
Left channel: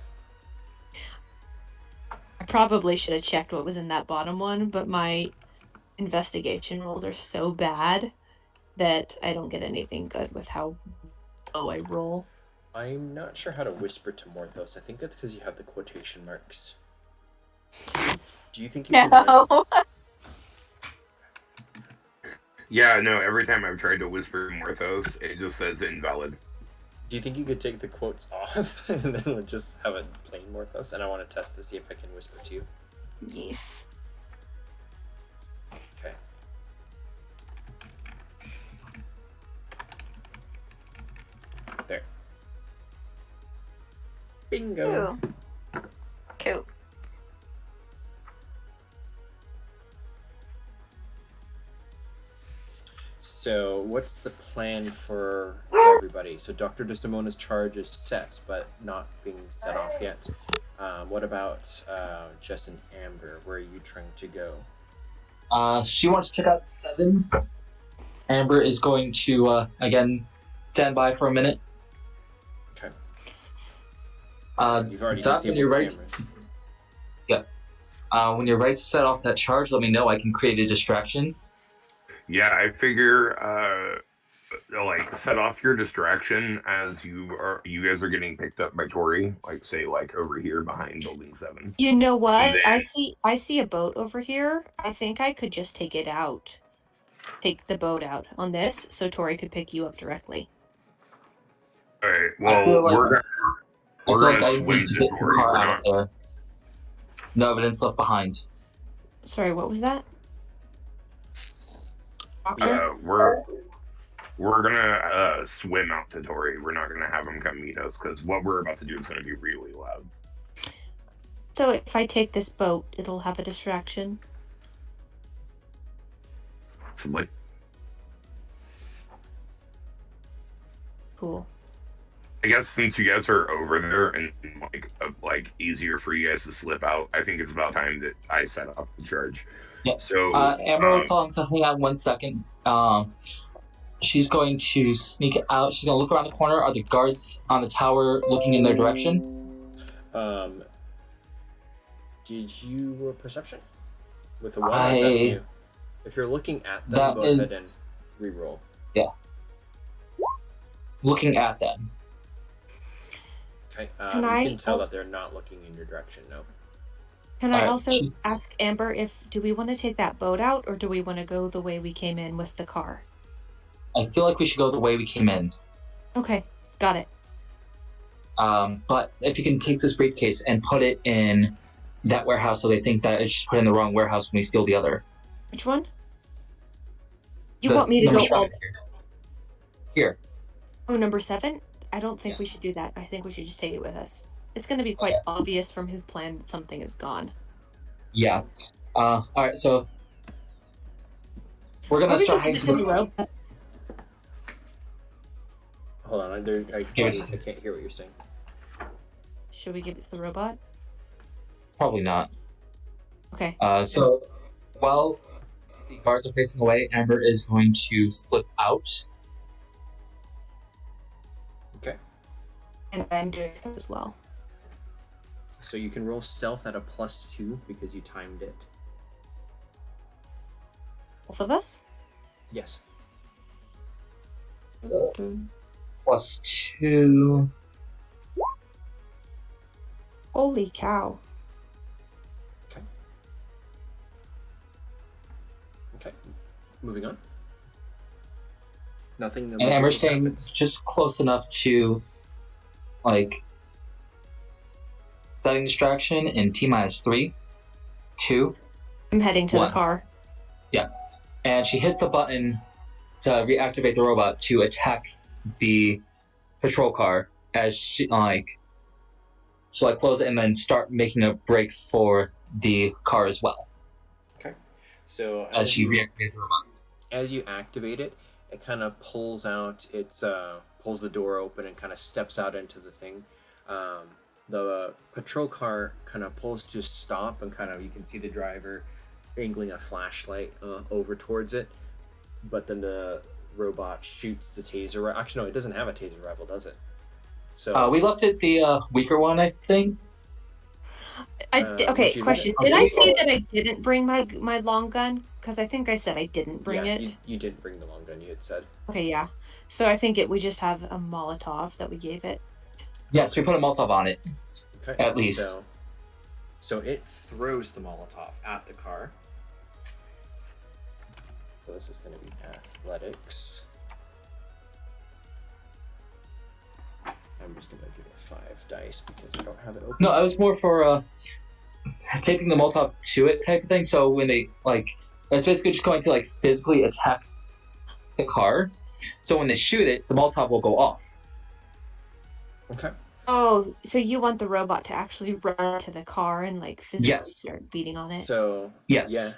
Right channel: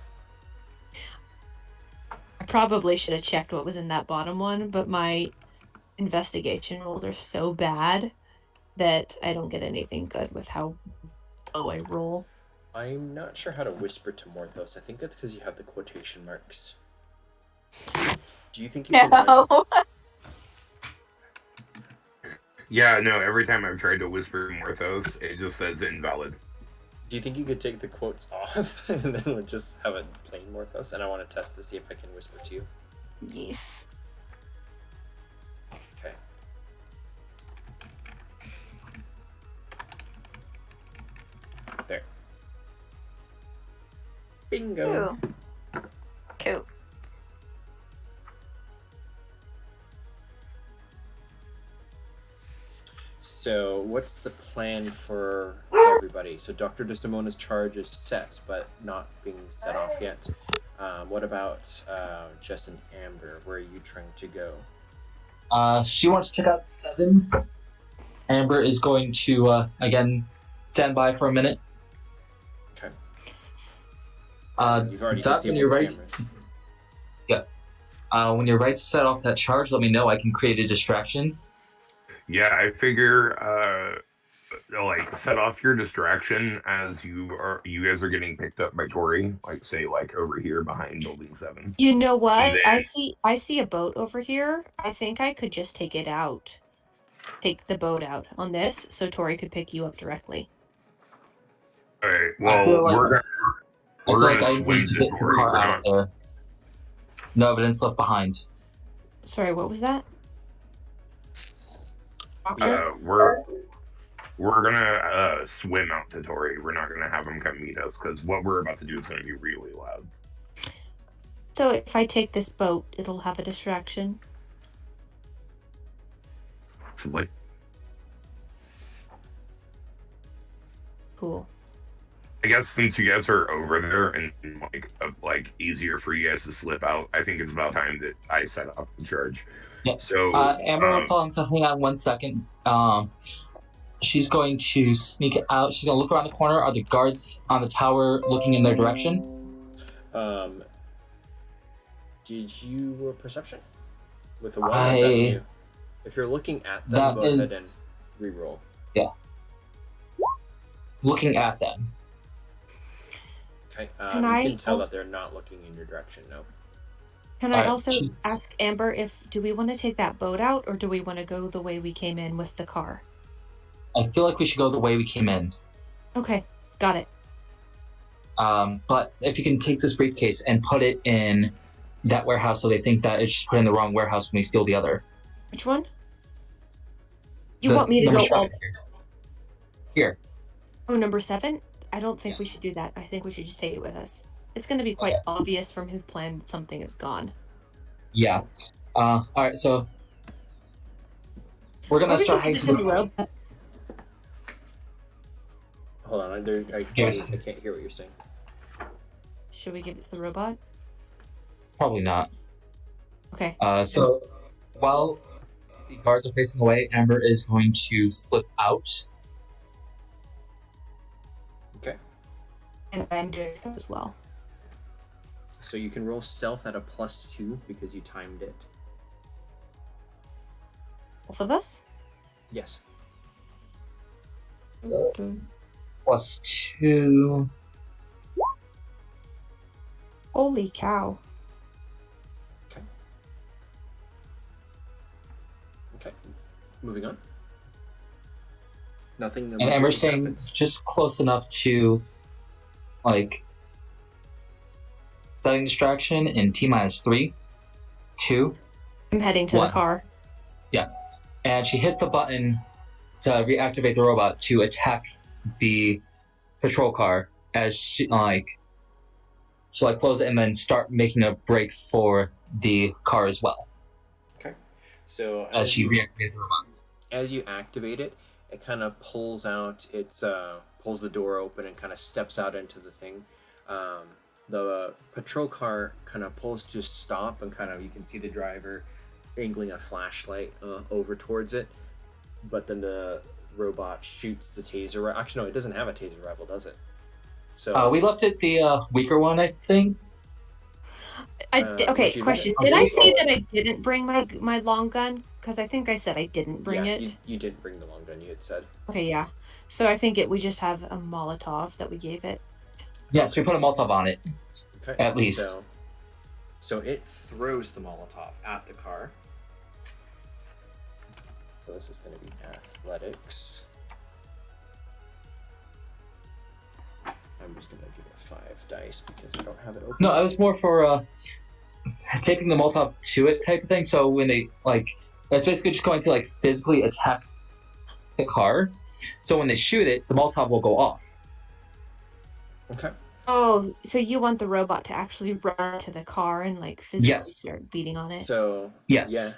I probably should have checked what was in that bottom one, but my investigation rolls are so bad that I don't get anything good with how low I roll. I'm not sure how to whisper to Morthos. I think it's because you have the quotation marks. Do you think you can... No. Yeah, no, every time I've tried to whisper Morthos, it just says invalid. Do you think you could take the quotes off and then we'll just have a plain Morthos? And I want to test to see if I can whisper to you. Yes. Okay. There. Bingo. Ooh. Cool. So, what's the plan for everybody? So, Dr. Desdemona's charge is set, but not being set off yet. What about Jess and Amber? Where are you trying to go? She wants to check out 7. Amber is going to, again, stand by for a minute. Okay. You've already Doc, disabled the cameras. Yep. When you're ready to set off that charge, let me know. I can create a distraction. Yeah, I figure, like, set off your distraction as you guys are getting picked up by Tori, like, say, like, over here behind Building 7. You know what? Then... I see a boat over here. I think I could just take it out. Take the boat out on this, so Tori could pick you up directly. Alright, well, we're gonna I swim need to to get the Tori. car We're out not... of there. No evidence left behind. Sorry, what was that? We're gonna swim out to Tori. We're not gonna have him come meet us because what we're about to do is gonna be really loud. So if I take this boat, it'll have a distraction. Possibly. Cool. I guess since you guys are over there and like easier for you guys to slip out, I think it's about time that I set off the charge. Yeah. So Amber will tell him to hang on 1 second. She's going to sneak out. She's going to look around the corner. Are the guards on the tower looking in their direction? Did you roll perception with a 1? Or is that new? If you're looking at them, go ahead and re-roll. Yeah. Looking at them. Okay. You can tell that they're not looking in your direction. No. Can I also ask Amber do we want to take that boat out, or do we want to go the way we came in with the car? I feel like we should go the way we came in. Okay, got it. But if you can take this briefcase and put it in that warehouse, so they think that it's just put in the wrong warehouse when we steal the other. Which one? You want me to go all... Here. Oh, number 7? I don't think we should do that. I think we should just take it with us. It's going to be quite obvious from his plan that something is gone. Yeah. All right, so we're gonna start hanging from the rope. Hold on, I can't hear what you're saying. Should we give it to the robot? Probably not. Okay. So while the guards are facing away, Amber is going to slip out. Okay. And I'm doing it as well. So you can roll stealth at a +2 because you timed it. Both of us? Yes. +2. Holy cow. Okay. Moving on. Nothing. And Amber's staying just close enough to, like, setting distraction in T-3, 2. I'm heading to 1. the car. Yeah. And she hits the button to reactivate the robot to attack the patrol car as she'll close it and then start making a break for the car as well. Okay. So as she reactivates the robot. As you activate it, it kind of pulls out. Pulls the door open and kind of steps out into the thing. The patrol car kind of pulls to a stop, and you can see the driver angling a flashlight over towards it. But then the robot shoots the taser. Actually, no, it doesn't have a taser rifle, does it? So we left it the weaker one, I think. Okay, question. Did I say that I didn't bring my long gun? Because I think I said I didn't bring it. You didn't bring the long gun, you had said. Okay, yeah. So I think we just have a Molotov that we gave it. Yes, we put a Molotov on it. Okay. At least. So it throws the Molotov at the car. So this is going to be athletics. I'm just going to give it 5 dice because I don't have it open. No, I was more for taping the Molotov to it type of thing. So when they, that's basically just going to, physically attack the car. So when they shoot it, the Molotov will go off. Okay. Oh, so you want the robot to actually run to the car and physically start beating on it? So yes. Yeah.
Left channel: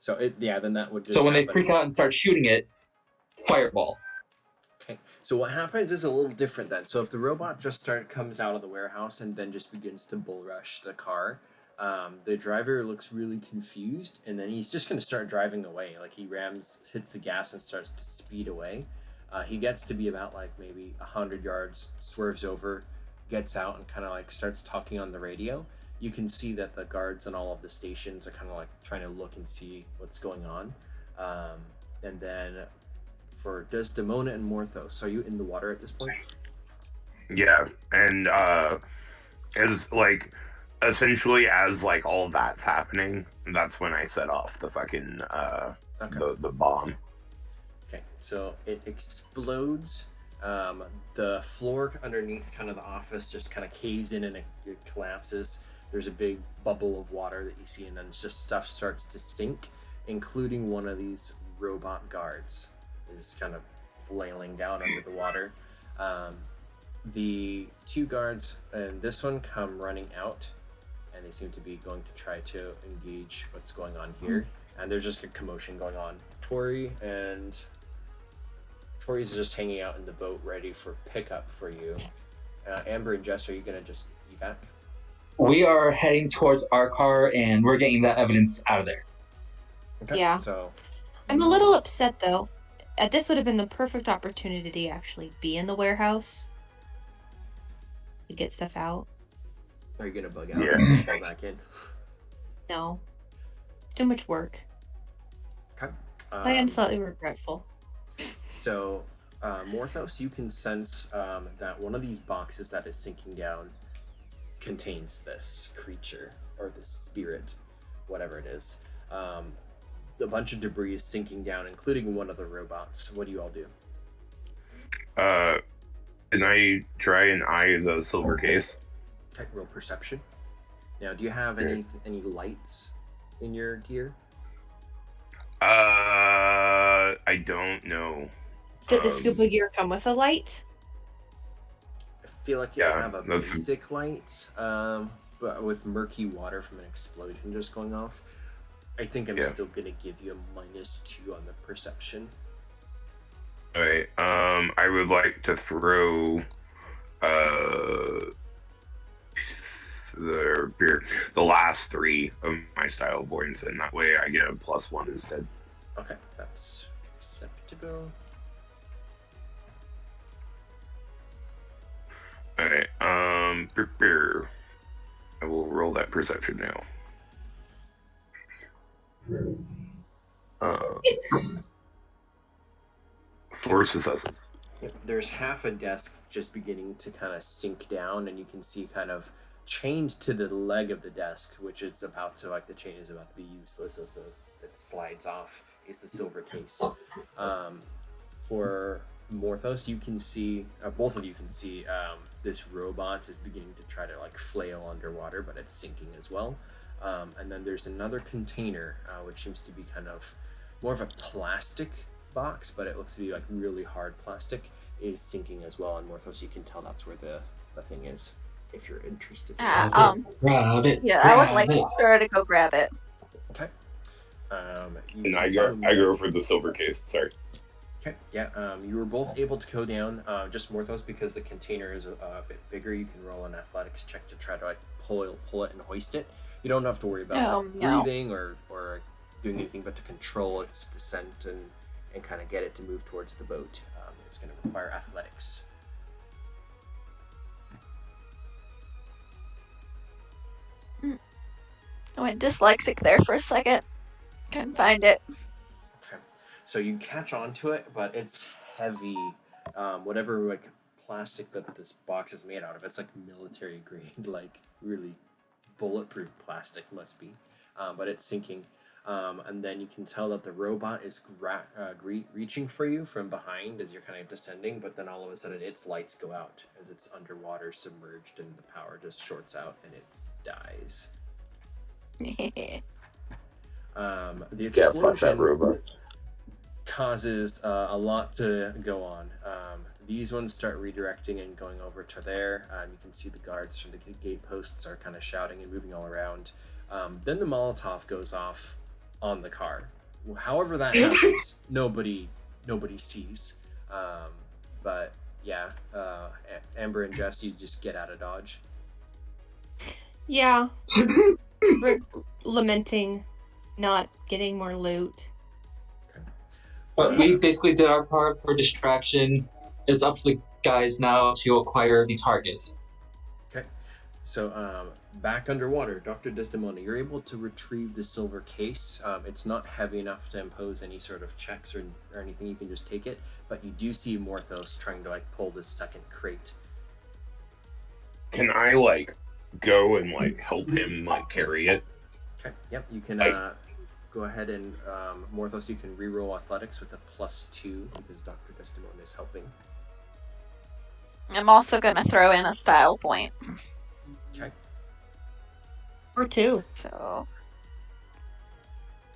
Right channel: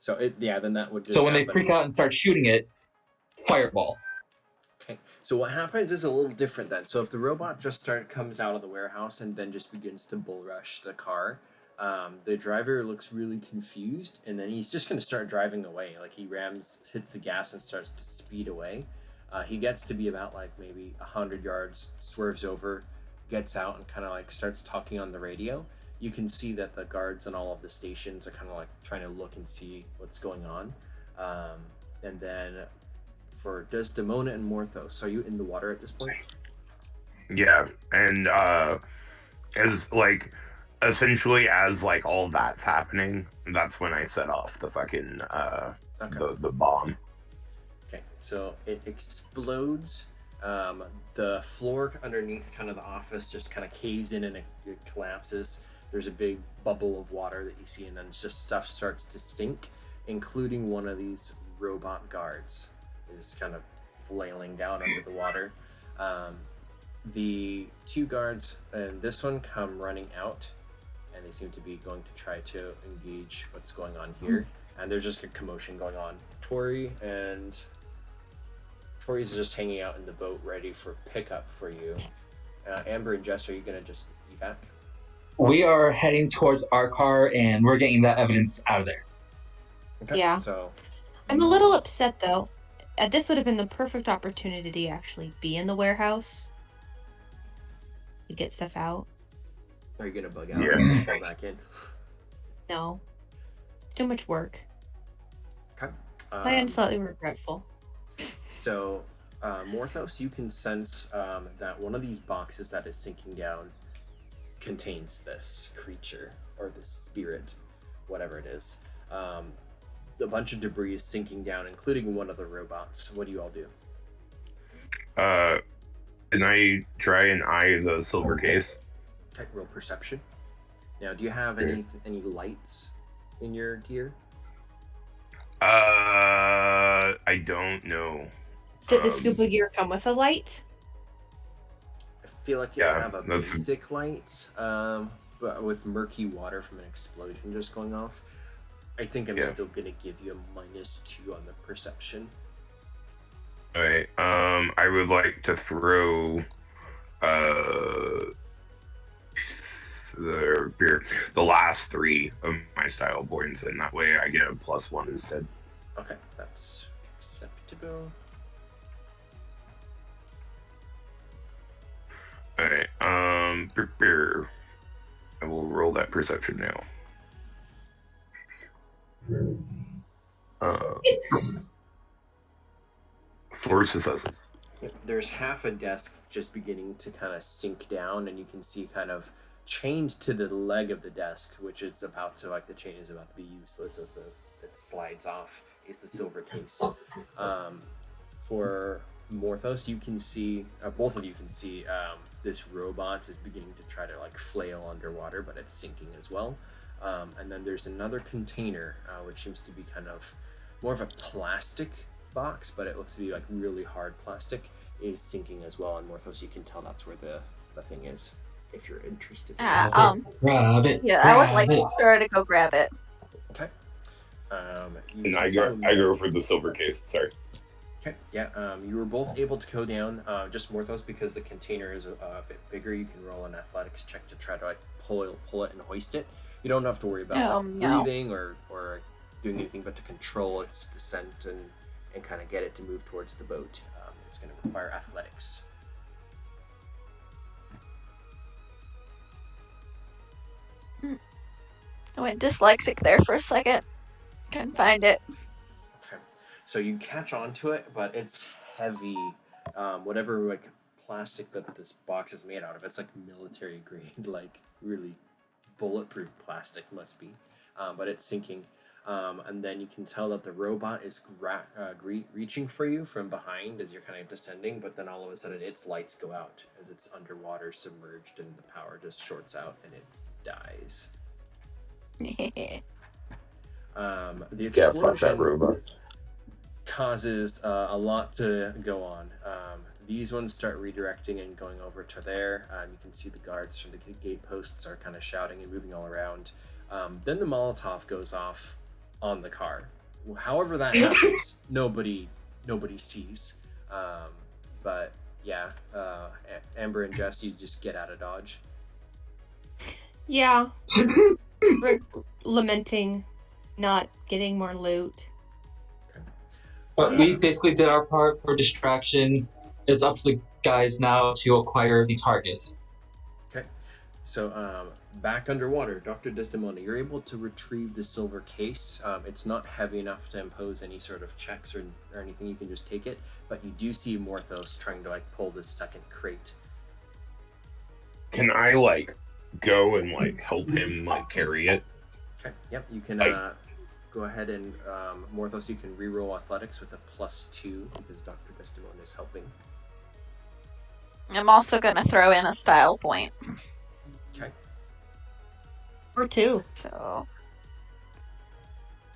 So then that would just. So when happen. they freak out and start shooting it, fireball. Okay. So what happens is a little different then. So if the robot just comes out of the warehouse and then just begins to bull rush the car, the driver looks really confused, and then he's just going to start driving away. He hits the gas and starts to speed away. He gets to be about maybe 100 yards, swerves over, gets out, and kind of starts talking on the radio. You can see that the guards on all of the stations are kind of trying to look and see what's going on. And then for Desdemona and Morthos, are you in the water at this point? Yeah, and as essentially as all that's happening, that's when I set off the fucking the bomb. Okay, so it explodes. The floor underneath the office just kind of caves in and it collapses. There's a big bubble of water that you see, and then just stuff starts to sink, including one of these robot guards is kind of flailing down under the water. The 2 guards and this one come running out, and they seem to be going to try to engage what's going on here. And there's just a commotion going on. Tori and Tori's just hanging out in the boat, ready for pickup for you. Amber and Jess, are you gonna just evac? We are heading towards our car, and we're getting that evidence out of there. Okay. Yeah. So I'm a little upset though. This would have been the perfect opportunity to actually be in the warehouse to get stuff out. are you gonna bug out Yeah. and pull back in? No, it's too much work. Okay. I am slightly regretful. So, Morthos, you can sense that one of these boxes that is sinking down contains this creature or this spirit, whatever it is. A bunch of debris is sinking down, including one of the robots. What do you all do? Can I try and eye the silver case? Okay, roll perception. Now, do you have any lights in your gear? I don't know. Did the scuba gear come with a light? I feel like you Yeah, have a that's- basic light, but with murky water from an explosion just going off. I think I'm still gonna give you a -2 on the perception. All right. I would like to throw the last 3 of my style points, and that way I get a +1 instead. Okay, that's acceptable. All right. I will roll that perception now. Four successes. Yep, there's half a desk just beginning to kind of sink down, and you can see kind of chained to the leg of the desk, which is about to, like, the chain is about to be useless as it slides off, is the silver case. For Morthos, you can see, both of you can see, this robot is beginning to try to, like, flail underwater, but it's sinking as well. And then there's another container, which seems to be kind of more of a plastic box, but it looks to be like really hard plastic, is sinking as well. And Morthos, you can tell that's where the thing is, if you're interested. Grab it. Yeah, I would grab like it. her to go grab it. Okay. You And can I go swim- for the silver case. Sorry. Okay, yeah, you were both able to go down. Just Morthos, because the container is a bit bigger, you can roll an athletics check to try to, like, pull it and hoist it. You don't have to worry about No. breathing or doing anything but to control its descent and kind of get it to move towards the boat. It's going to require athletics. I went dyslexic there for a second. Couldn't find it. Okay, so you catch onto it, but it's heavy. Whatever, like, plastic that this box is made out of, it's like military grade, like really bulletproof plastic must be. But it's sinking. And then you can tell that the robot is reaching for you from behind as you're kind of descending, but then all of a sudden its lights go out as it's underwater, submerged, and the power just shorts out and it dies. The explosion causes a lot to go on. These ones start redirecting and going over to there. You can see the guards from the gate posts are kind of shouting and moving all around. Then the Molotov goes off on the car. However that happens, nobody sees. But yeah, Amber and Jess, you just get out of Dodge. Yeah. We're lamenting not getting more loot. But we basically did our part for distraction. It's up to the guys now to acquire the target. Okay. So back underwater, Dr. Desdemona, you're able to retrieve the silver case. It's not heavy enough to impose any sort of checks or anything. You can just take it. But you do see Morthos trying to, like, pull this second crate. Can I, like, go and, like, help him, like, carry it? Okay. Yep. You can go ahead and Morthos, you can reroll athletics with a +2 because Dr. Desdemona is helping. I'm also gonna throw in a style point. Okay. Or 2. So.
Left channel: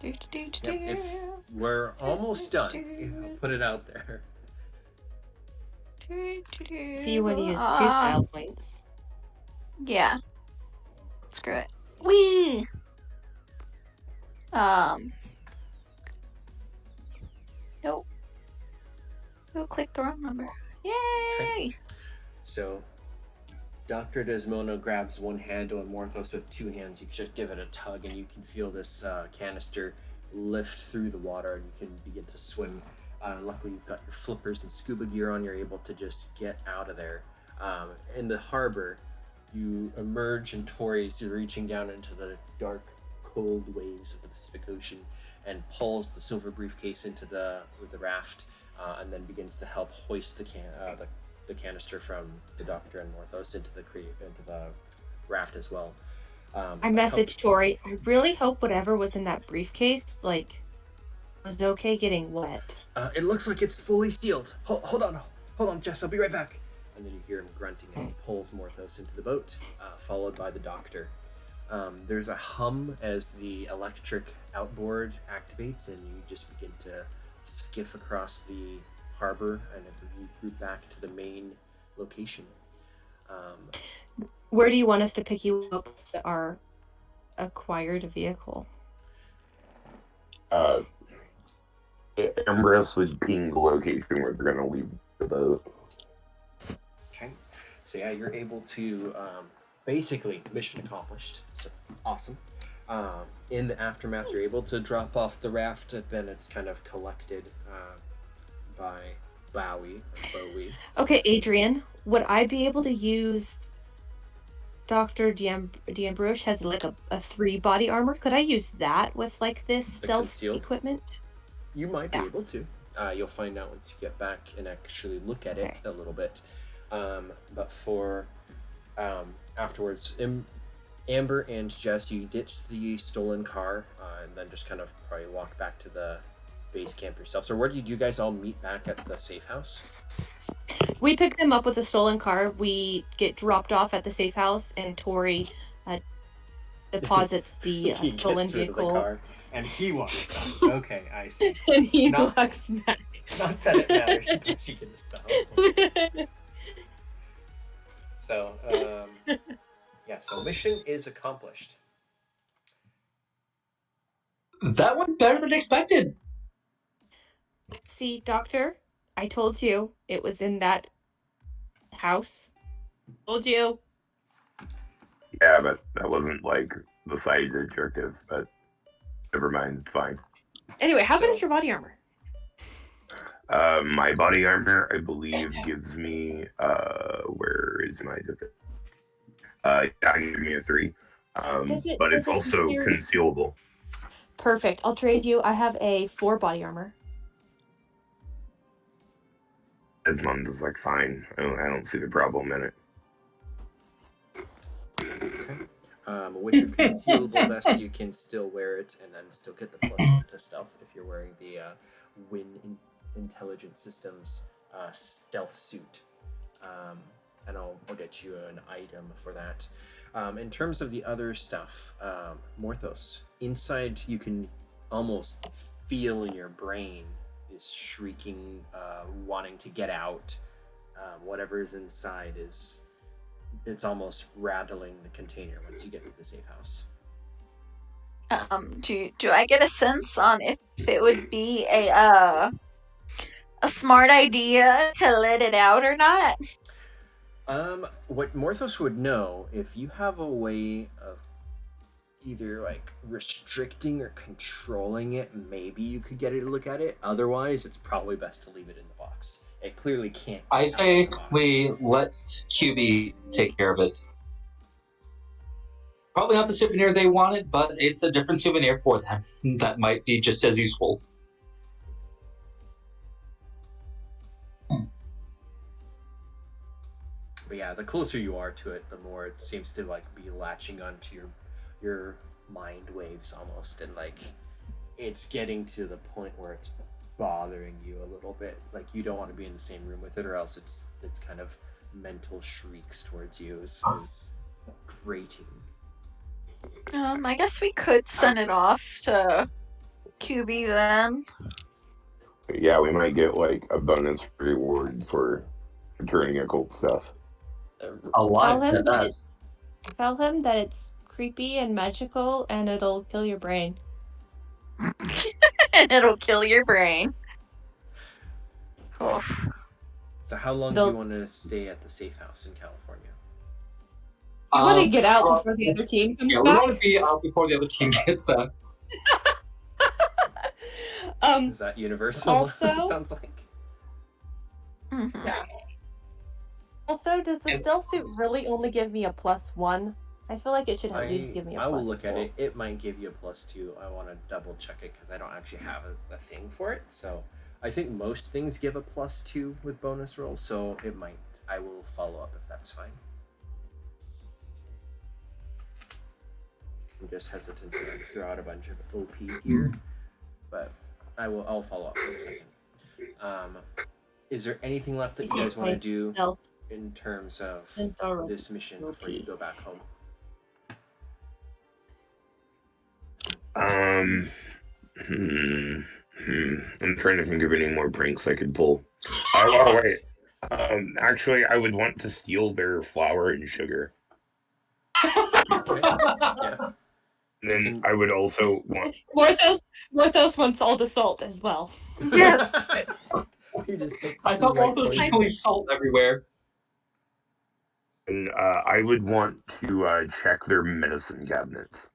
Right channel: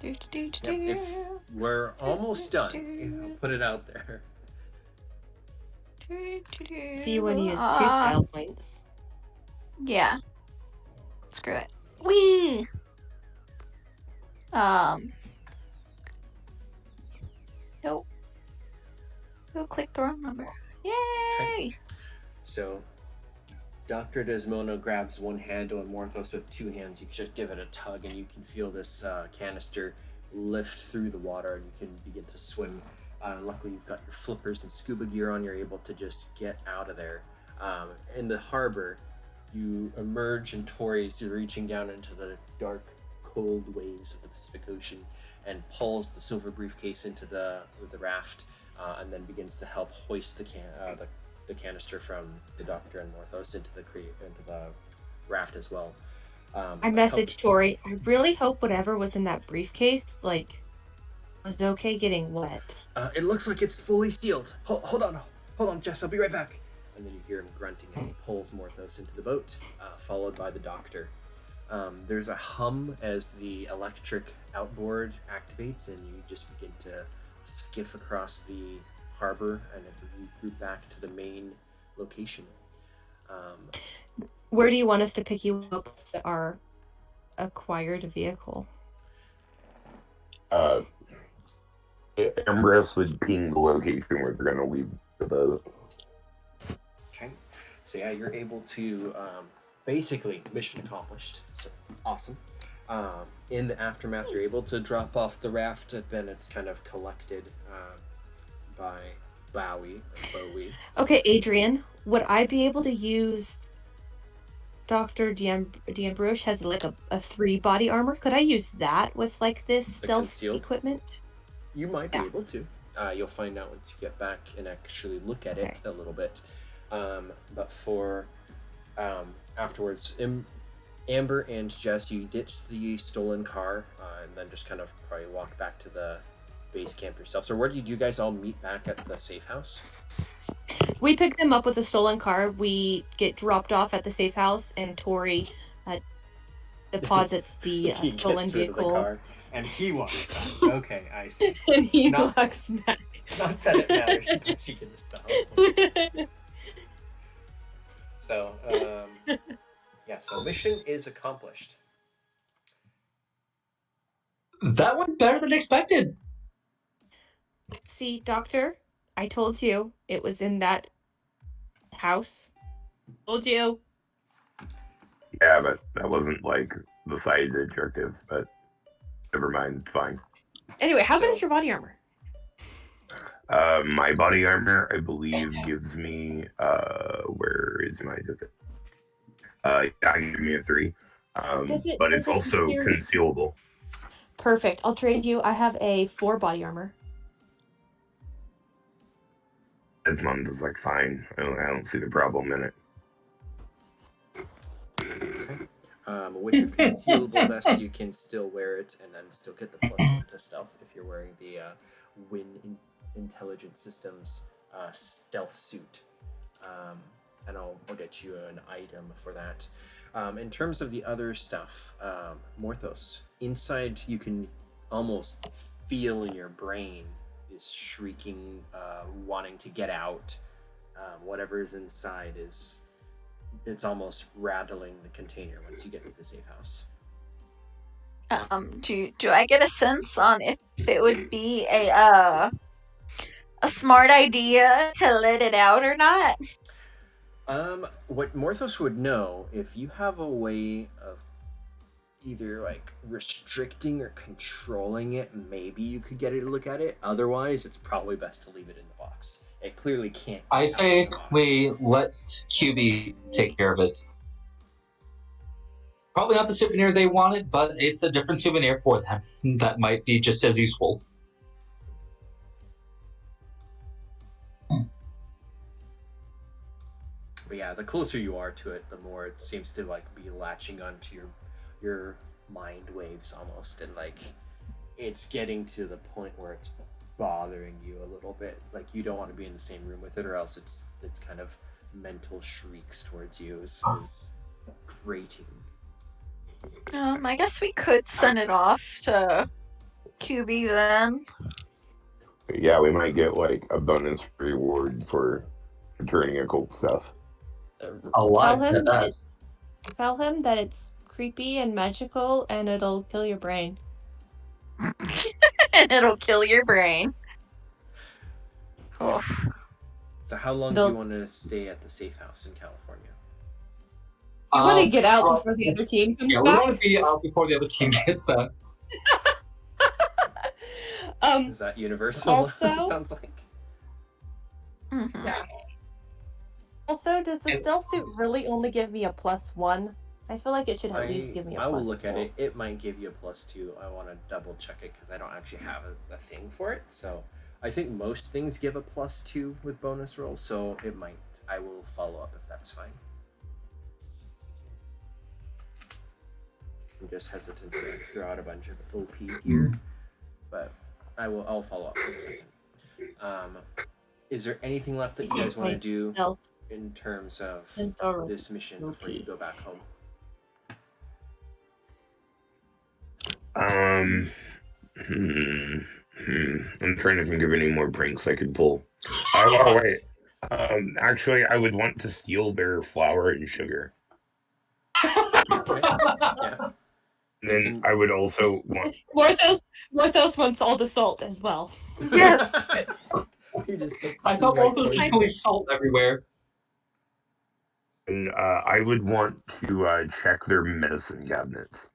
Yep. If we're almost done, I'll put it out there. If you want to use 2 style points. Yeah. Screw it. Whee! Nope. Oh, click the wrong number. Yay! So, Dr. Desmona grabs one handle and Morthos with two hands. You just give it a tug, and you can feel this canister lift through the water, and you can begin to swim. Luckily, you've got your flippers and scuba gear on. You're able to just get out of there. In the harbor, you emerge, and Tori's reaching down into the dark, cold waves of the Pacific Ocean and pulls the silver briefcase into the raft, and then begins to help hoist the canister from the Doctor and Morthos into the raft as well. I messaged Tori. I really hope whatever was in that briefcase, was okay getting wet. It looks like it's fully sealed. Hold on, Jess. I'll be right back. And then you hear him grunting as he pulls Morthos into the boat, followed by the Doctor. There's a hum as the electric outboard activates, and you just begin to skiff across the harbor, and you group back to the main location. Where do you want us to pick you up with our acquired vehicle? Ambrose would ping the location where they're gonna leave the boat. Okay. So yeah, you're able to basically mission accomplished. So awesome. In the aftermath, you're able to drop off the raft, and then it's kind of collected by Bowie. Okay, Adrian, would I be able to use Dr. D'Ambroche has a 3 body armor? Could I use that with this stealth concealed equipment? You might be able to. You'll find out once you get back and actually look at it a little bit. But for afterwards, Amber and Jess, you ditched the stolen car and then just kind of probably walked back to the base camp yourself. So where did you guys all meet back at the safe house? We pick them up with a stolen car. We get dropped off at the safe house, and Tori deposits the he stolen gets rid vehicle. of the car, and he walks back. Okay, I see. And he Not- walks back. Not that it matters, but she can stuff. So, so mission is accomplished. That went better than expected. See, Doctor, I told you it was in that house. Told you. Yeah, but that wasn't the side objective, but never mind, it's fine. Anyway, how good is your body armor? My body armor, I believe, gives me where is my give me a 3. But it's also concealable. Perfect. I'll trade you. I have a 4 body armor. Desmond is fine. I don't see the problem in it. Okay. With your concealable vest, you can still wear it and then still get the +1 to stealth if you're wearing the Wynne Intelligent Systems stealth suit. And I'll get you an item for that. In terms of the other stuff, Morthos, inside you can almost feel in your brain is shrieking, wanting to get out. Whatever is inside it's almost rattling the container once you get to the safe house. Do I get a sense on if it would be a smart idea to let it out or not? What Morthos would know, if you have a way of either restricting or controlling it, maybe you could get it to look at it. Otherwise, it's probably best to leave it in the box. It clearly can't. I say we let QB take care of it. Probably not the souvenir they wanted, but it's a different souvenir for them that might be just as useful. But yeah, the closer you are to it, the more it seems to be latching onto your mind waves almost, and it's getting to the point where it's bothering you a little bit. You don't want to be in the same room with it, or else it's kind of mental shrieks towards you is grating. I guess we could send it off to QB then. Yeah, we might get a bonus reward for returning occult stuff. A lot. Tell him that it's creepy and magical, and it'll kill your brain. And it'll kill your brain. So how long do They'll- you want to stay at the safe house in California? You want to get out well, before the other team comes Yeah, we back? want to be out before the other team gets back. Is that universal? Also- Sounds like. Mhm. Also, does the stealth suit really only give me a +1? I feel like it should at least give me a I will +2. look at it. It might give you a +2. I want to double check it because I don't actually have a thing for it. So I think most things give a +2 with bonus rolls. So it might. I will follow up if that's fine. I'm just hesitant to like, throw out a bunch of OP here, but I'll follow up in a second. Is there anything left that you guys want to do Stealth. in terms of Centaur. this mission before you go back home? I'm trying to think of any more pranks I could pull. Oh wait. Actually, I would want to steal their flour and sugar. Okay. Yeah. And then I would also want. Morthos wants all the salt as well. Yes. You just take I the thought right both those poison. people leave salt everywhere. And I would want to check their medicine cabinets.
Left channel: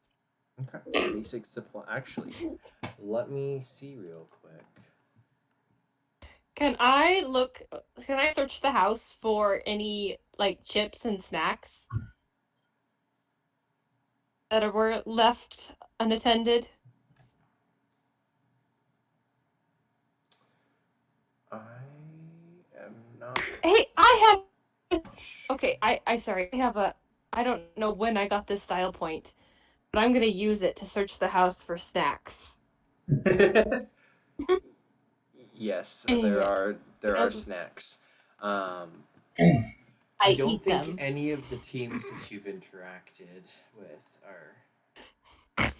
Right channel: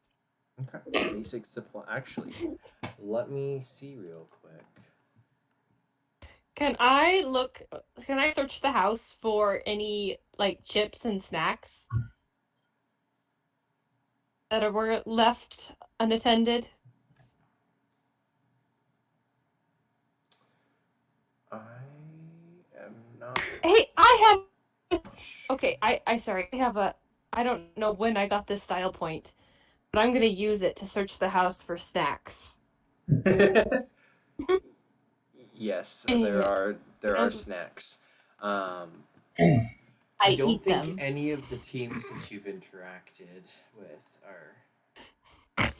Okay. Basic supply. Actually, let me see real quick. Can I search the house for any like chips and snacks that were left unattended? I am not. Hey, I have. Okay, sorry. I don't know when I got this style point, but I'm gonna use it to search the house for snacks. Yes, Dang there it. are snacks. I I don't eat think them. any of the teams that you've interacted with are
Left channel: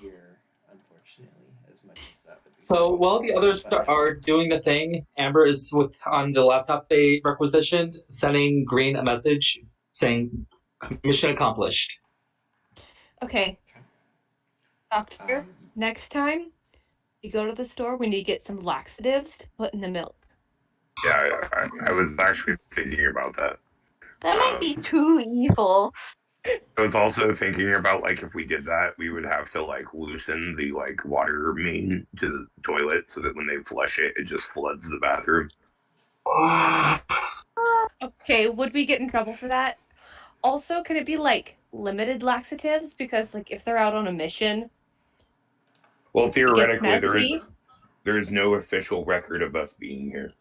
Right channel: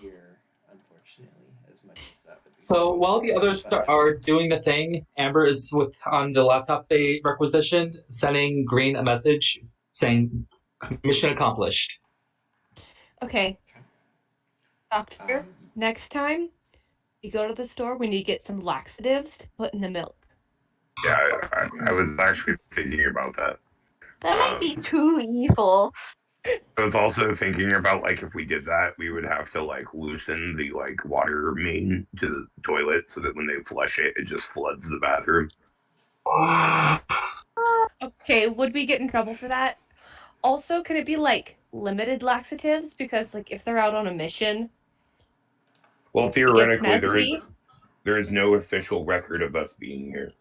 here, unfortunately, as much as that would be. So while the others are doing the thing, Amber is on the laptop they requisitioned, sending Greene a message saying, "Mission accomplished." Okay. Doctor, next time you go to the store, we need to get some laxatives to put in the milk. Yeah, I was actually thinking about that. That might be too evil. I was also thinking about like if we did that, we would have to like loosen the like water main to the toilet so that when they flush it, it just floods the bathroom. Okay, would we get in trouble for that? Also, could it be like limited laxatives? Because like if they're out on a mission, Well, theoretically, messy. there is no official record of us being here.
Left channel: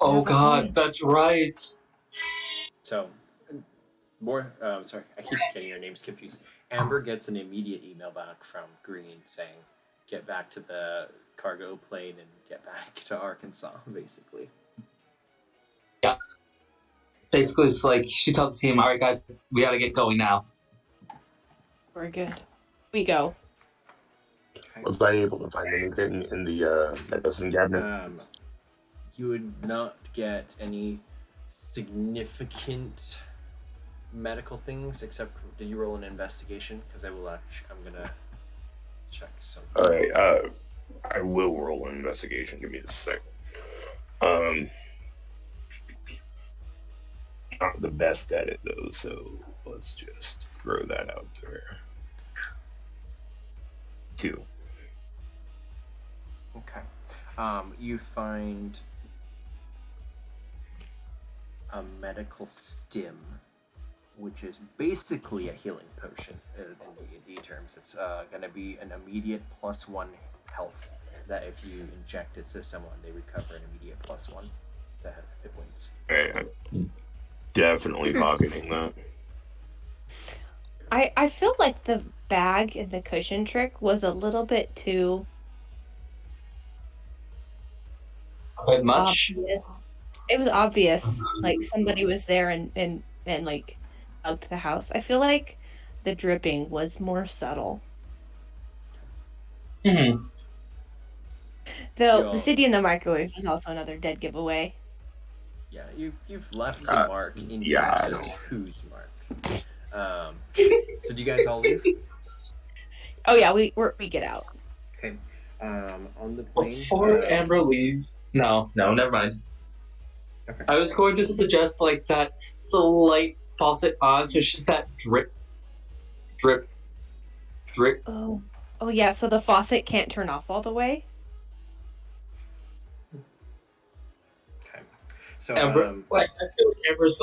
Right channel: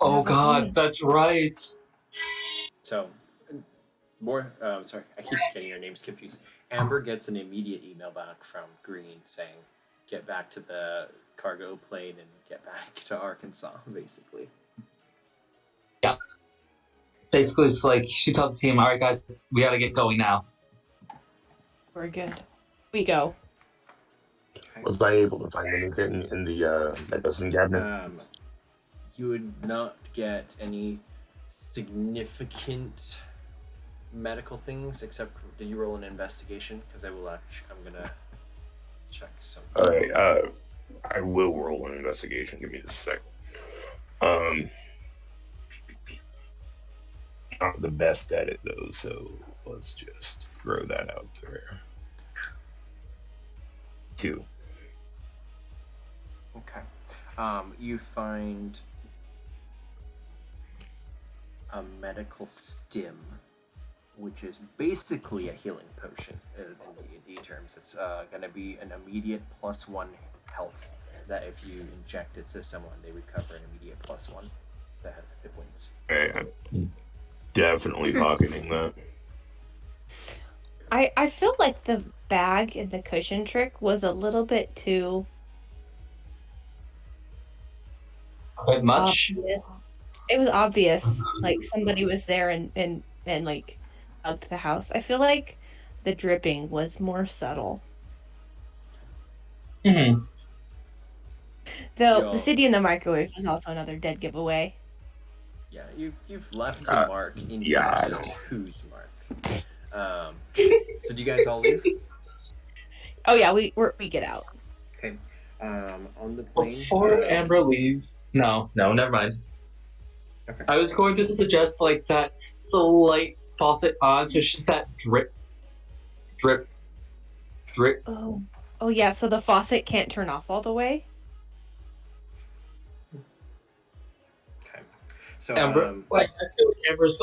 Oh Have a God, point. that's right. So, sorry, I keep getting your names confused. Amber gets an immediate email back from Greene saying, "Get back to the cargo plane and get back to Arkansas." Basically. Yeah. Basically, it's like she tells the team, "All right, guys, we gotta get going now." We're good. We go. Was I able to find anything in the medicine cabinet? You would not get any significant medical things except. Did you roll an investigation? Because I'm gonna check something. All right. I will roll an investigation. Give me a second. Not the best at it though, so let's just throw that out there. 2. Okay. You find a medical stim, which is basically a healing potion in D&D terms. It's going to be an immediate +1 health that if you inject it to someone, they recover an immediate +1 to hit points. I'm definitely pocketing that. I feel like the bag and the cushion trick was a little bit too A bit much. obvious. It was obvious, like somebody was there and like out to the house. I feel like the dripping was more subtle. Mm-hmm. Though the city in the microwave was also another dead giveaway. Yeah, you've left the mark in yeah, here, just whose mark. So do you guys all leave? Oh yeah, we get out. Okay. On the plane. Before Amber leaves, no, never mind. Okay. I was going to suggest like that slight faucet on, so it's just that drip, drip, drip. Oh yeah. So the faucet can't turn off all the way. Okay. So Amber, like I feel like Amber's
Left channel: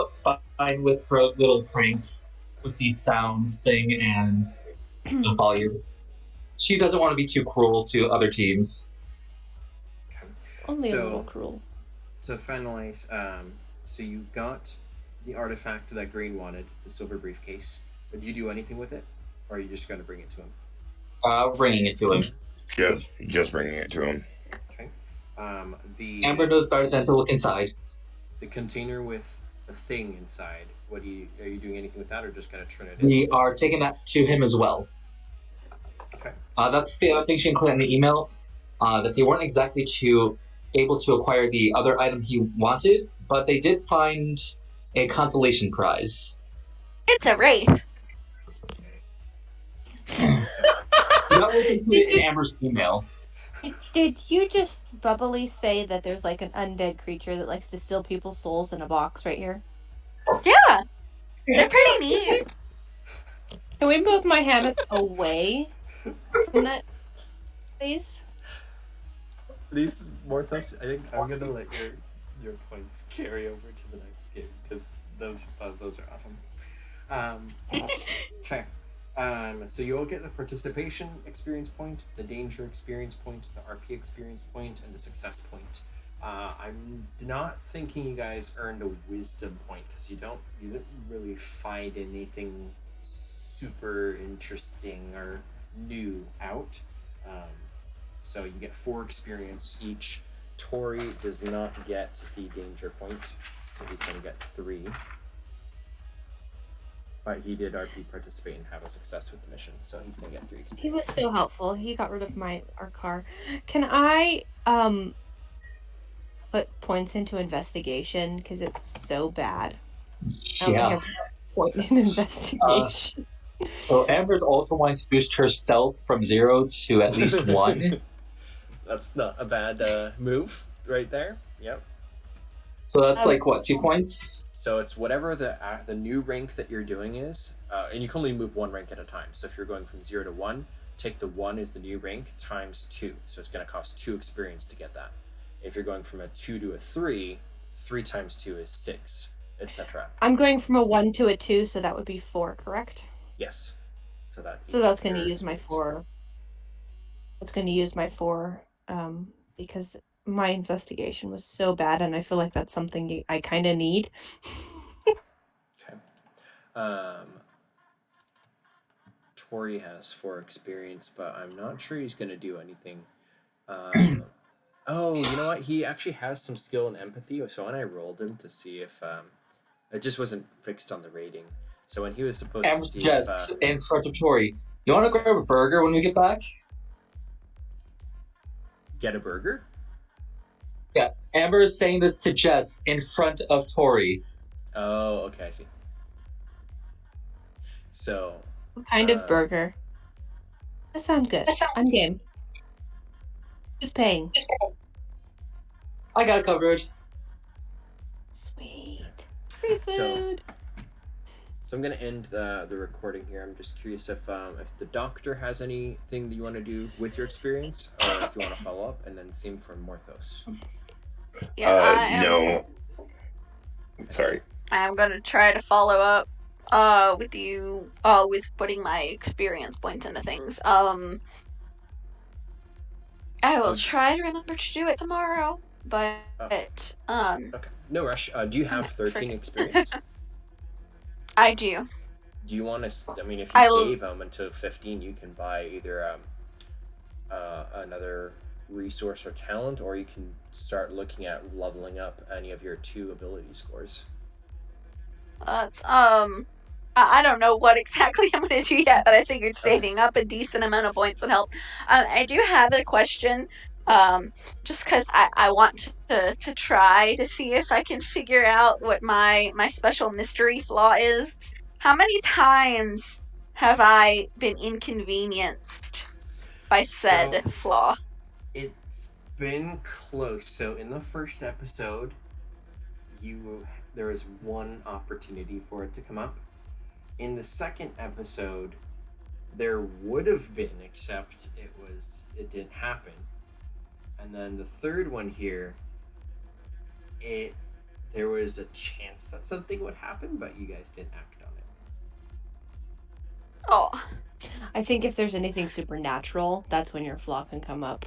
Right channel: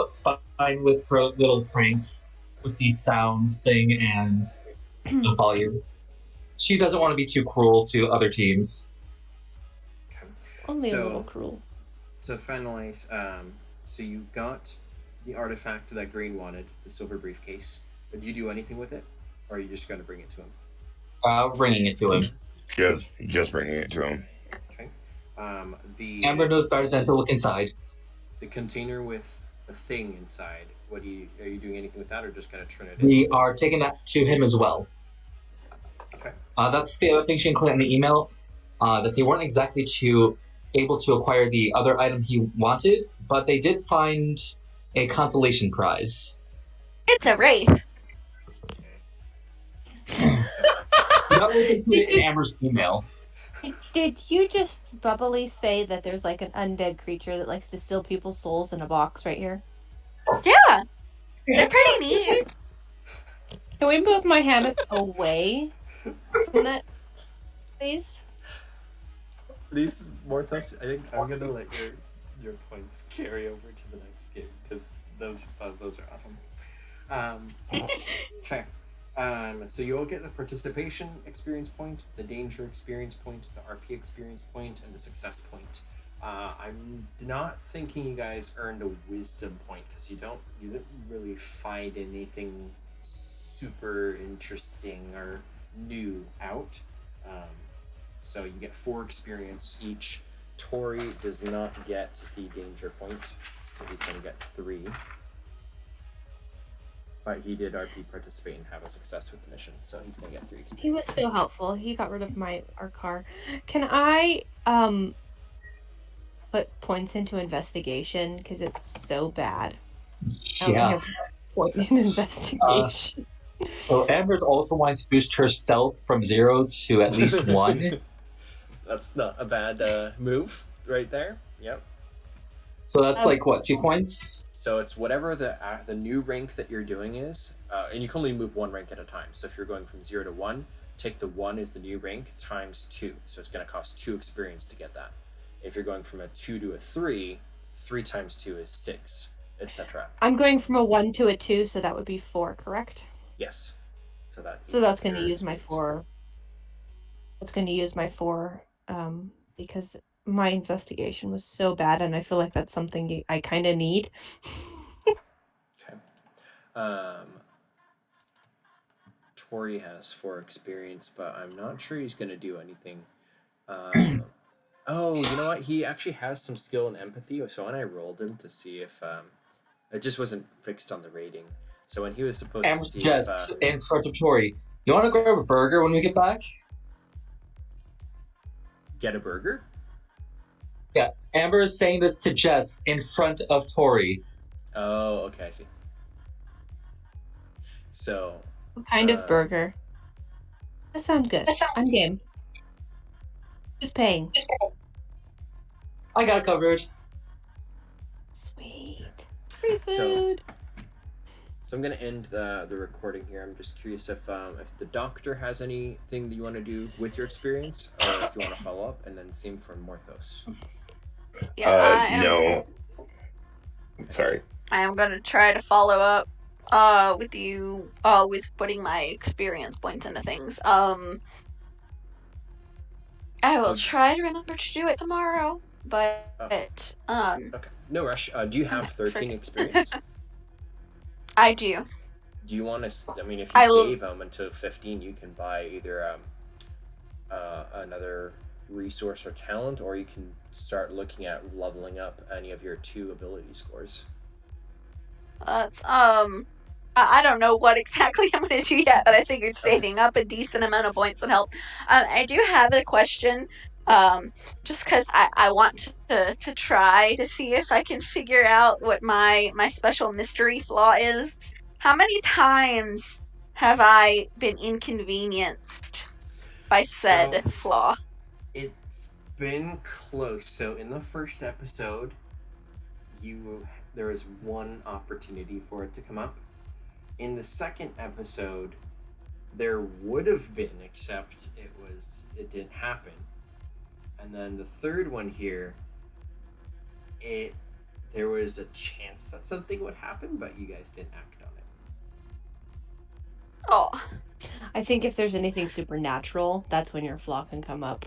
fine with her little pranks with the sound thing and the volume. She doesn't want to be too cruel to other teams. okay. Only a So- little cruel. To finalize, so you got the artifact that Greene wanted, the silver briefcase. Did you do anything with it, or are you just going to bring it to him? Bringing it to him. Just bringing it to him. Okay. Amber knows better than to look inside. The container with the thing inside. Are you doing anything with that, or just going to turn it in? We are taking that to him as well. Okay. That's the other thing she included in the email. That they weren't exactly able to acquire the other item he wanted, but they did find a consolation prize. It's a wraith. That was included in Amber's email. Did you just bubbly say that there's like an undead creature that likes to steal people's souls in a box right here? Yeah, they're pretty neat. Can we move my hammock away from that, please? These Morthos, I think I'm gonna let your points carry over to the next game because those are awesome. Okay. So you all get the participation experience point, the danger experience point, the RP experience point, and the success point. I'm not thinking you guys earned a wisdom point because you didn't really find anything super interesting or new out. So you get 4 experience each. Tori does not get the danger point, so he's going to get 3. But he did RP participate and have a success with the mission, so he's going to get 3 experience. He was so helpful. He got rid of our car. Can I put points into investigation because it's so bad? I only Yeah. have 1 point in investigation. So Amber's also wanting to boost her stealth from 0 to at least 1. That's not a bad move right there. Yep. So that's like what, 2 points? So it's whatever the new rank that you're doing is, and you can only move 1 rank at a time. So if you're going from 0 to 1, take the 1 as the new rank times 2. So it's going to cost 2 experience to get that. If you're going from a 2 to a 3, 3 times 2 is 6, etc. I'm going from a 1 to a 2, so that would be 4, correct? Yes. So that's going to use my 4. That's going to use my 4 because my investigation was so bad, and I feel like that's something I kind of need. Okay. Tori has 4 experience, but I'm not sure he's going to do anything. Oh, you know what? He actually has some skill and empathy, so when I rolled him to see if... it just wasn't fixed on the rating. So when he was supposed to see Jess, if... in front of Tori. You want to grab a burger when we get back? Get a burger? Yeah, Amber is saying this to Jess in front of Tori. Oh, okay, I see. So... What kind of burger? That sounds good. I'm game. Who's paying? I got it covered. Sweet. Free food. So I'm gonna end the recording here. I'm just curious if the doctor has anything that you want to do with your experience, or if you want to follow up, and then same for Morthos. Yeah, No. Sorry. I am gonna try to follow up with you with putting my experience points into things. I will try to remember to do it tomorrow, but Okay, no rush. Do you have 13 experience? I do. Do you want to? I mean, if you save them until 15, you can buy either another resource or talent, or you can start looking at leveling up any of your 2 ability scores. I don't know what exactly I'm going to do yet, but I figured saving up a decent amount of points would help. I do have a question, just because I want to try to see if I can figure out what my special mystery flaw is. How many times have I been inconvenienced by said flaw? been close. So in the first episode, there was one opportunity for it to come up. In the second episode, there would have been, except it didn't happen. And then the third one here, there was a chance that something would happen, but you guys didn't act on it. Oh. I think if there's anything supernatural, that's when your flaw can come up.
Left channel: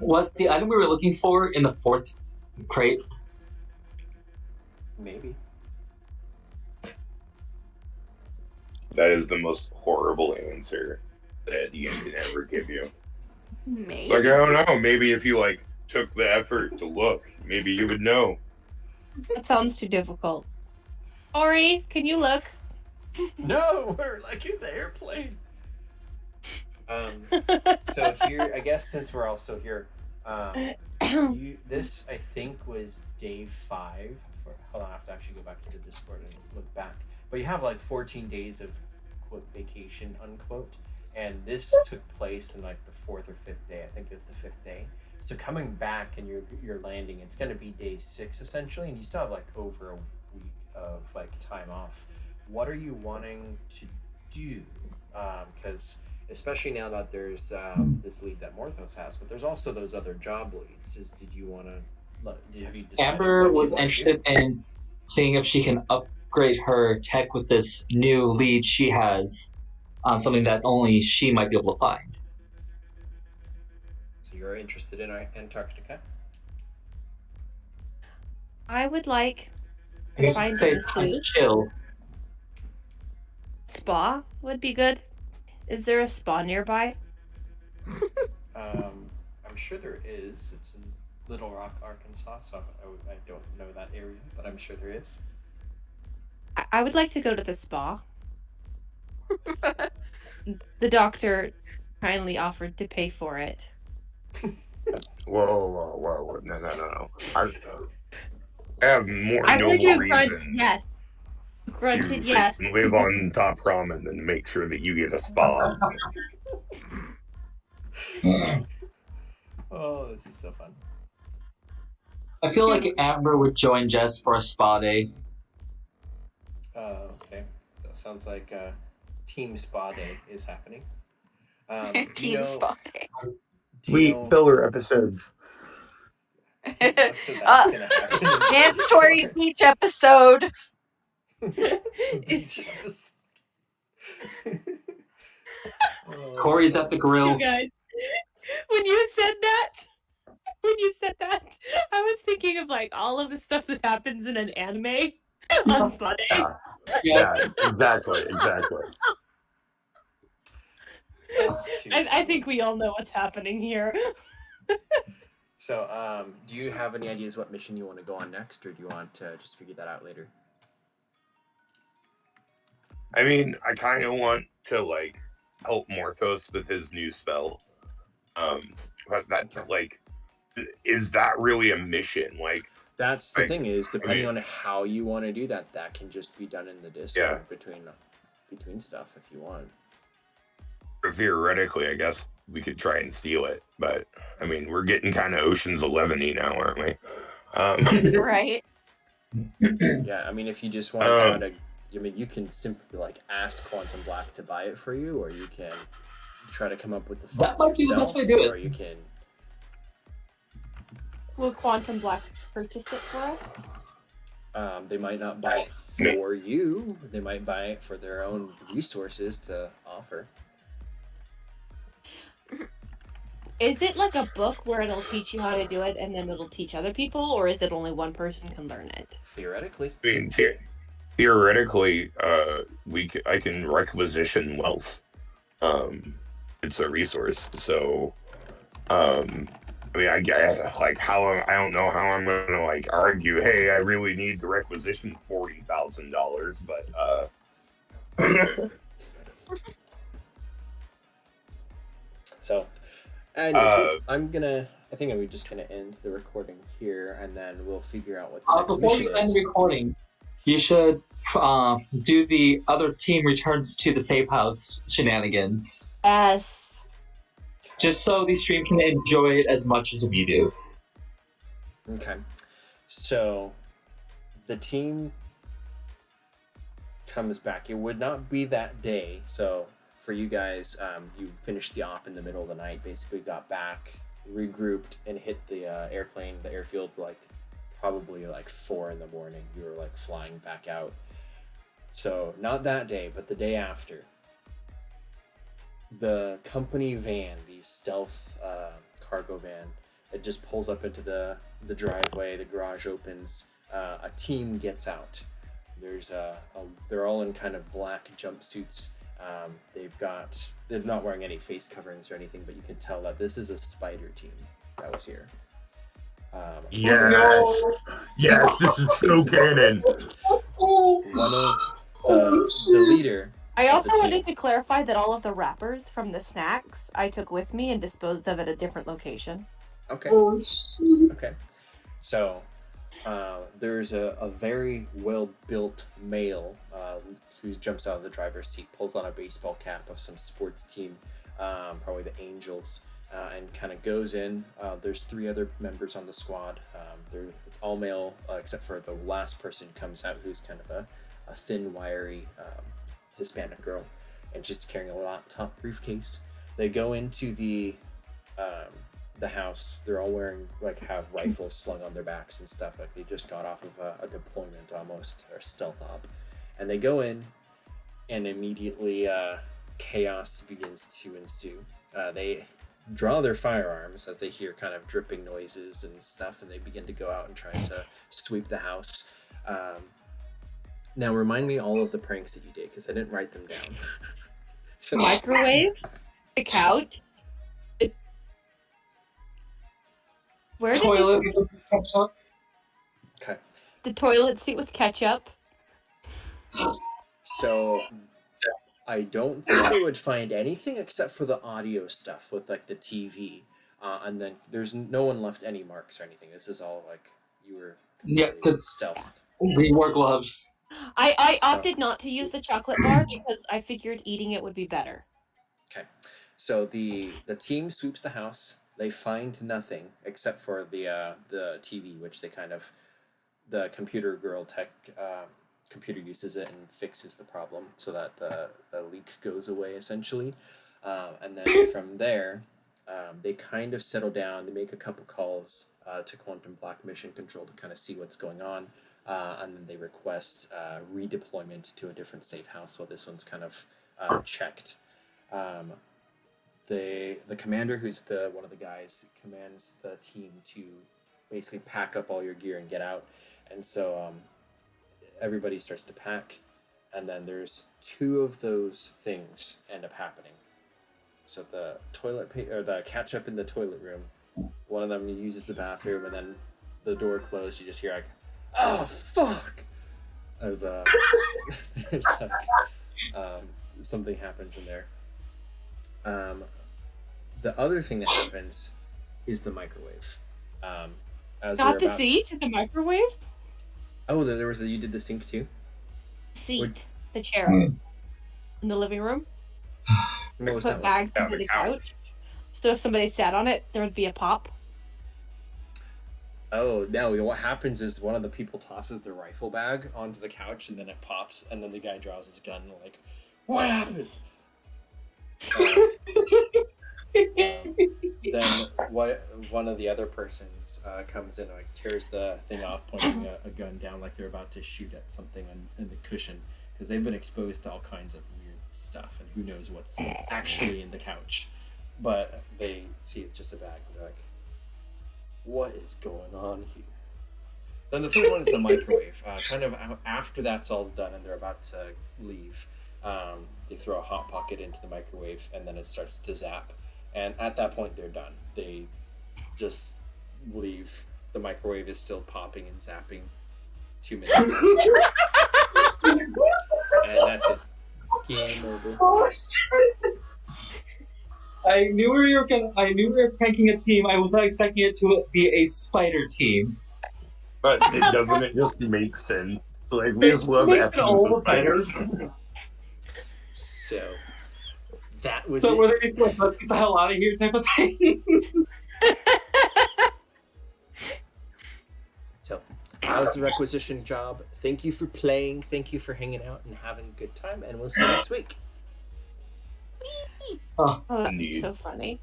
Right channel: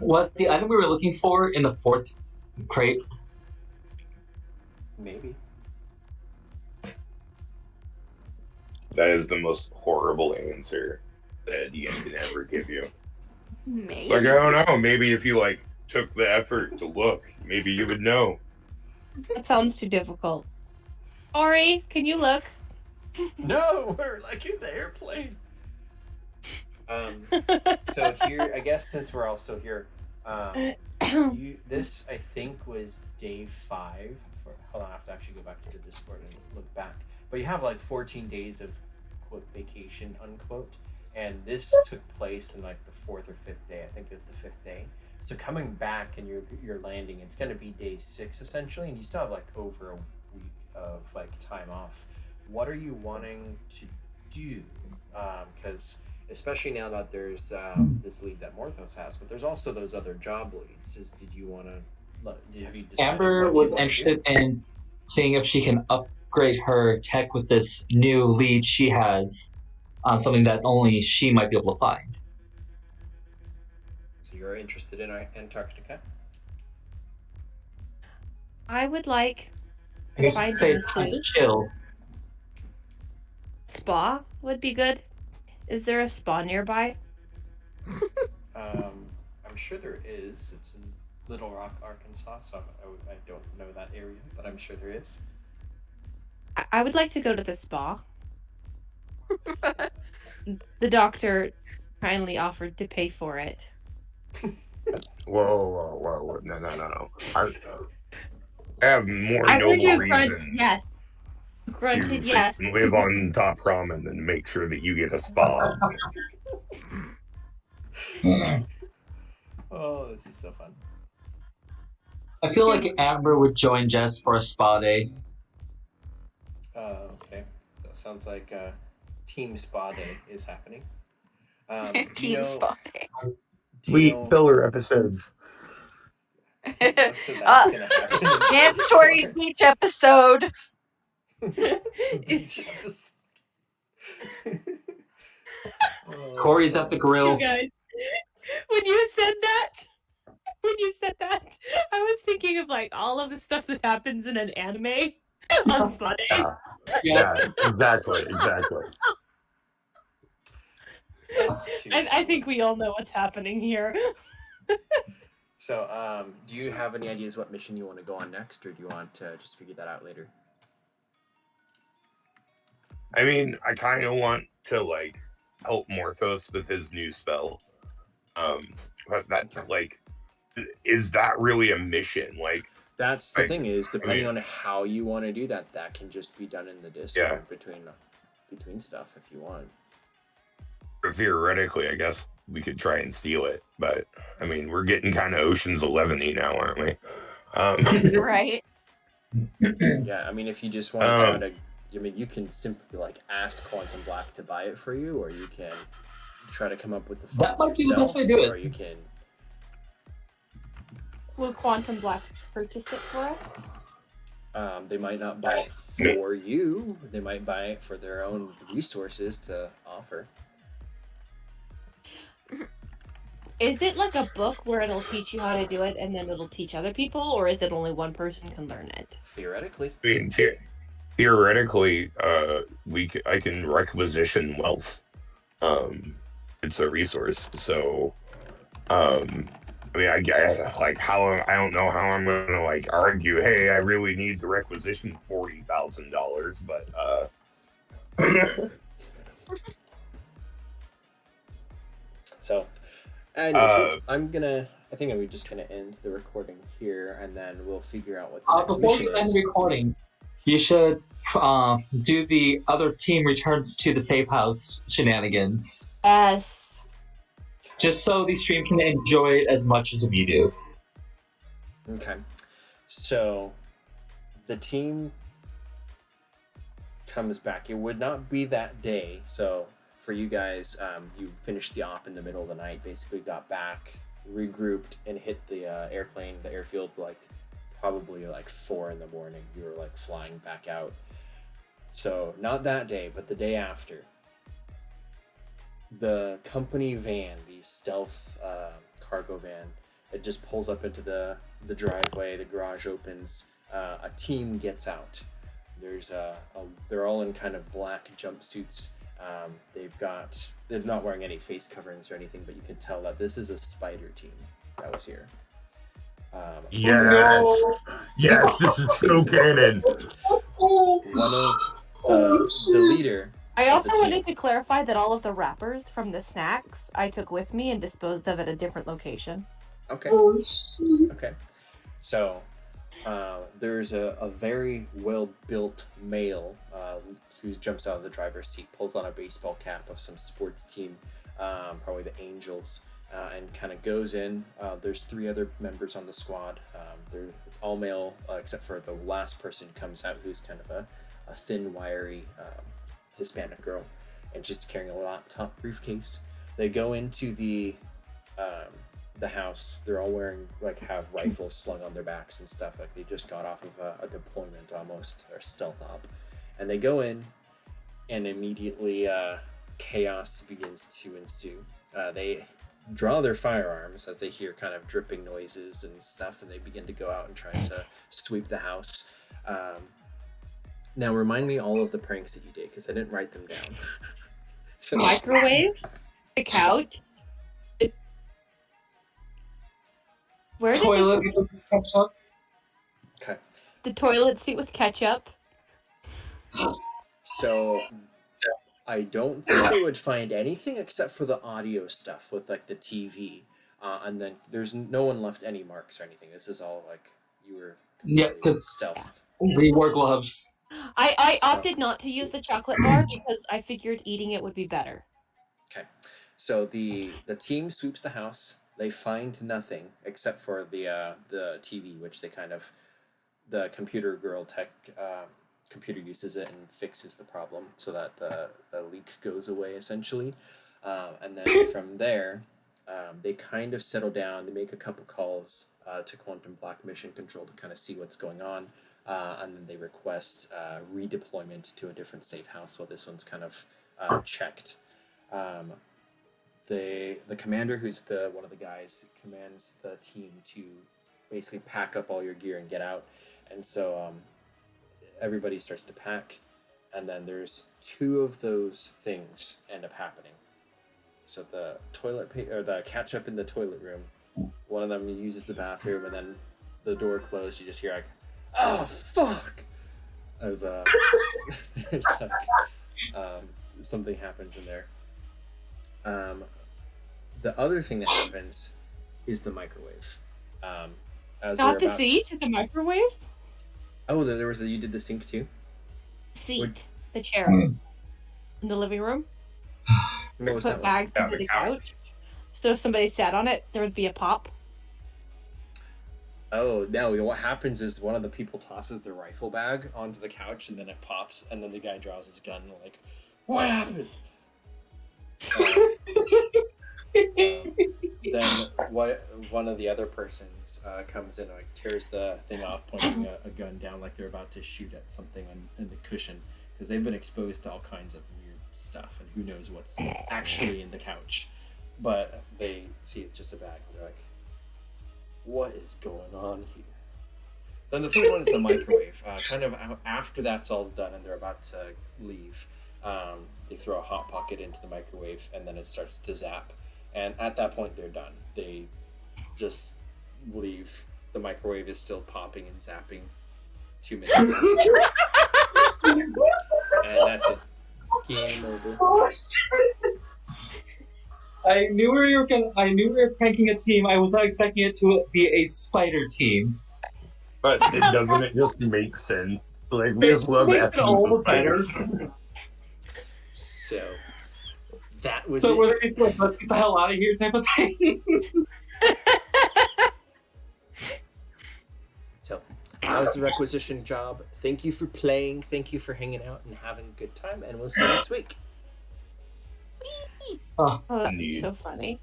Was the item we were looking for in the fourth crate? Maybe. That is the most horrible answer that Ian can ever give you. Maybe. It's like, I don't know. Maybe if you like took the effort to look, maybe you would know. That sounds too difficult. Ori, can you look? No, we're like in the airplane. So here, I guess since we're also here, this I think was day 5. Hold on, I have to actually go back to the Discord and look back. But you have like 14 days of quote vacation unquote, and this took place in like the 4th or 5th day. I think it was the 5th day. So coming back and you're landing, it's going to be day 6 essentially, and you still have like over a week of like time off. What are you wanting to do? Because especially now that there's this lead that Morthos has, but there's also those other job leads. Did you want to? Have you decided? Amber was interested in seeing if she can upgrade her tech with this new lead she has on something that only she might be able to find. So you're interested in Antarctica? I would like I guess you Find could say some it's time to food. chill. spa would be good. Is there a spa nearby? I'm sure there is. It's in Little Rock, Arkansas, so I don't know that area, but I'm sure there is. I would like to go to the spa. The doctor kindly offered to pay for it. Whoa. No. I have more I heard noble you grunt reason yes. Grunted to yes. live on top ramen than make sure that you get a spa. Oh, this is so fun. I feel like Amber would join Jess for a spa day. Okay. That sounds like Team Spa Day is happening. Do you Team know? Spa Day. Do you know? filler episodes. Most of that's gonna happen. in Mandatory Discord. beach episode. Beach episode. Oh, Corey's at the grill. You guys, when you said that, I was thinking of like all of the stuff that happens in an anime on Spa Day. Yeah, exactly. That's too I funny. think we all know what's happening here. So, do you have any ideas what mission you want to go on next, or do you want to just figure that out later? I mean, I kind of want to like help Morthos with his new spell. But that like, is that really a mission? Like, That's the Like, thing is, depending I on how you want to do that, that can just be done in the Discord between stuff if you want. theoretically, I guess we could try and steal it, but I mean, we're getting kind of Ocean's 11-y now, aren't we? Right. Yeah, I mean, if you just want to try to, I mean, you can simply like ask Quantum Black to buy it for you, or you can try to come up with the That funds might be the yourself, best way to do it. or you can. Will Quantum Black purchase it for us? They might not buy it for you. They might buy it for their own resources to offer. Is it like a book where it'll teach you how to do it and then it'll teach other people, or is it only one person can learn it? Theoretically. I mean, theoretically, I can requisition wealth. It's a resource, so I mean, I like how I don't know how I'm gonna like argue. Hey, I really need to requisition $40,000, but So, anyways, I think I'm just gonna end the recording here, and then we'll figure out what the next Before mission you end is. the recording, you should do the other team returns to the safe house shenanigans, Yes. just so the stream can enjoy it as much as we do. Okay. So the team comes back. It would not be that day. So for you guys, you finished the op in the middle of the night, basically got back, regrouped, and hit the airplane, the airfield, like probably like 4 in the morning. You were like flying back out. So not that day, but the day after. The company van, the stealth cargo van, it just pulls up into the driveway. The garage opens. A team gets out. There's they're all in kind of black jumpsuits. They're not wearing any face coverings or anything, but you can tell that this is a spider team that was here. Yes, yes, this is so canon. One of the leader. I of also the team. wanted to clarify that all of the wrappers from the snacks I took with me and disposed of at a different location. Okay. Okay. So there's a very well-built male who jumps out of the driver's seat, pulls on a baseball cap of some sports team, probably the Angels, and kind of goes in. There's 3 other members on the squad. It's all male except for the last person who comes out, who's kind of a thin, wiry Hispanic girl, and she's carrying a laptop briefcase. They go into the house. They're all wearing, like, have rifles slung on their backs and stuff, like they just got off of a deployment almost, or stealth op. And they go in, and immediately chaos begins to ensue. They draw their firearms as they hear kind of dripping noises and stuff, and they begin to go out and try to sweep the house. Now remind me all of the pranks that you did, because I didn't write them down. So, Microwave, the couch. Where did Toilet we... with ketchup. okay. The toilet seat with ketchup. So I don't think they would find anything except for the audio stuff with, like, the TV. And then there's no one left any marks or anything. This is all, like, you were Yeah, because stealthed. we wore gloves. I So- opted not to use the chocolate bar because I figured eating it would be better. Okay. So the team sweeps the house. They find nothing except for the TV, which they kind of, the computer girl tech computer uses it and fixes the problem so that the leak goes away essentially. And then from there, they kind of settle down. They make a couple calls to Quantum Black Mission Control to kind of see what's going on. And then they request redeployment to a different safe house while this one's kind of checked. The commander, who's one of the guys, commands the team to basically pack up all your gear and get out. And so everybody starts to pack, and then there's 2 of those things end up happening. So the the ketchup in the toilet room, one of them uses the bathroom, and then the door closed. You just hear like, "Oh fuck!" As there's like something happens in there. The other thing that happens is the microwave. As Not they're the about... seat, the microwave? Oh, there was you did the sink too? Seat, Would- the chair. In the living room. What was that Put one? bags under the couch. So if somebody sat on it, there would be a pop. Oh, no, what happens is one of the people tosses their rifle bag onto the couch, and then it pops, and then the guy draws his gun, and like, what happened? Then one of the other persons comes in and like tears the thing off, pointing a gun down like they're about to shoot at something in the cushion, because they've been exposed to all kinds of weird stuff, and who knows what's actually in the couch. But they see it's just a bag, and they're like, what is going on here? Then the third one is the microwave. Kind of after that's all done and they're about to leave, they throw a hot pocket into the microwave, and then it starts to zap. And at that point, they're done. They just leave. The microwave is still popping and zapping. 2 minutes left. And that's it. Game over. Oh, shit. I knew we were pranking a team. I was not expecting it to be a spider team. But doesn't it just make sense Like we just love Makes it effing all the with better. players. So that was So it. were they just like, let's get the hell out of here type of thing? So that was the requisition job. Thank you for playing. Thank you for hanging out and having a good time. And we'll see you next week. Oh, that's Indeed. so funny.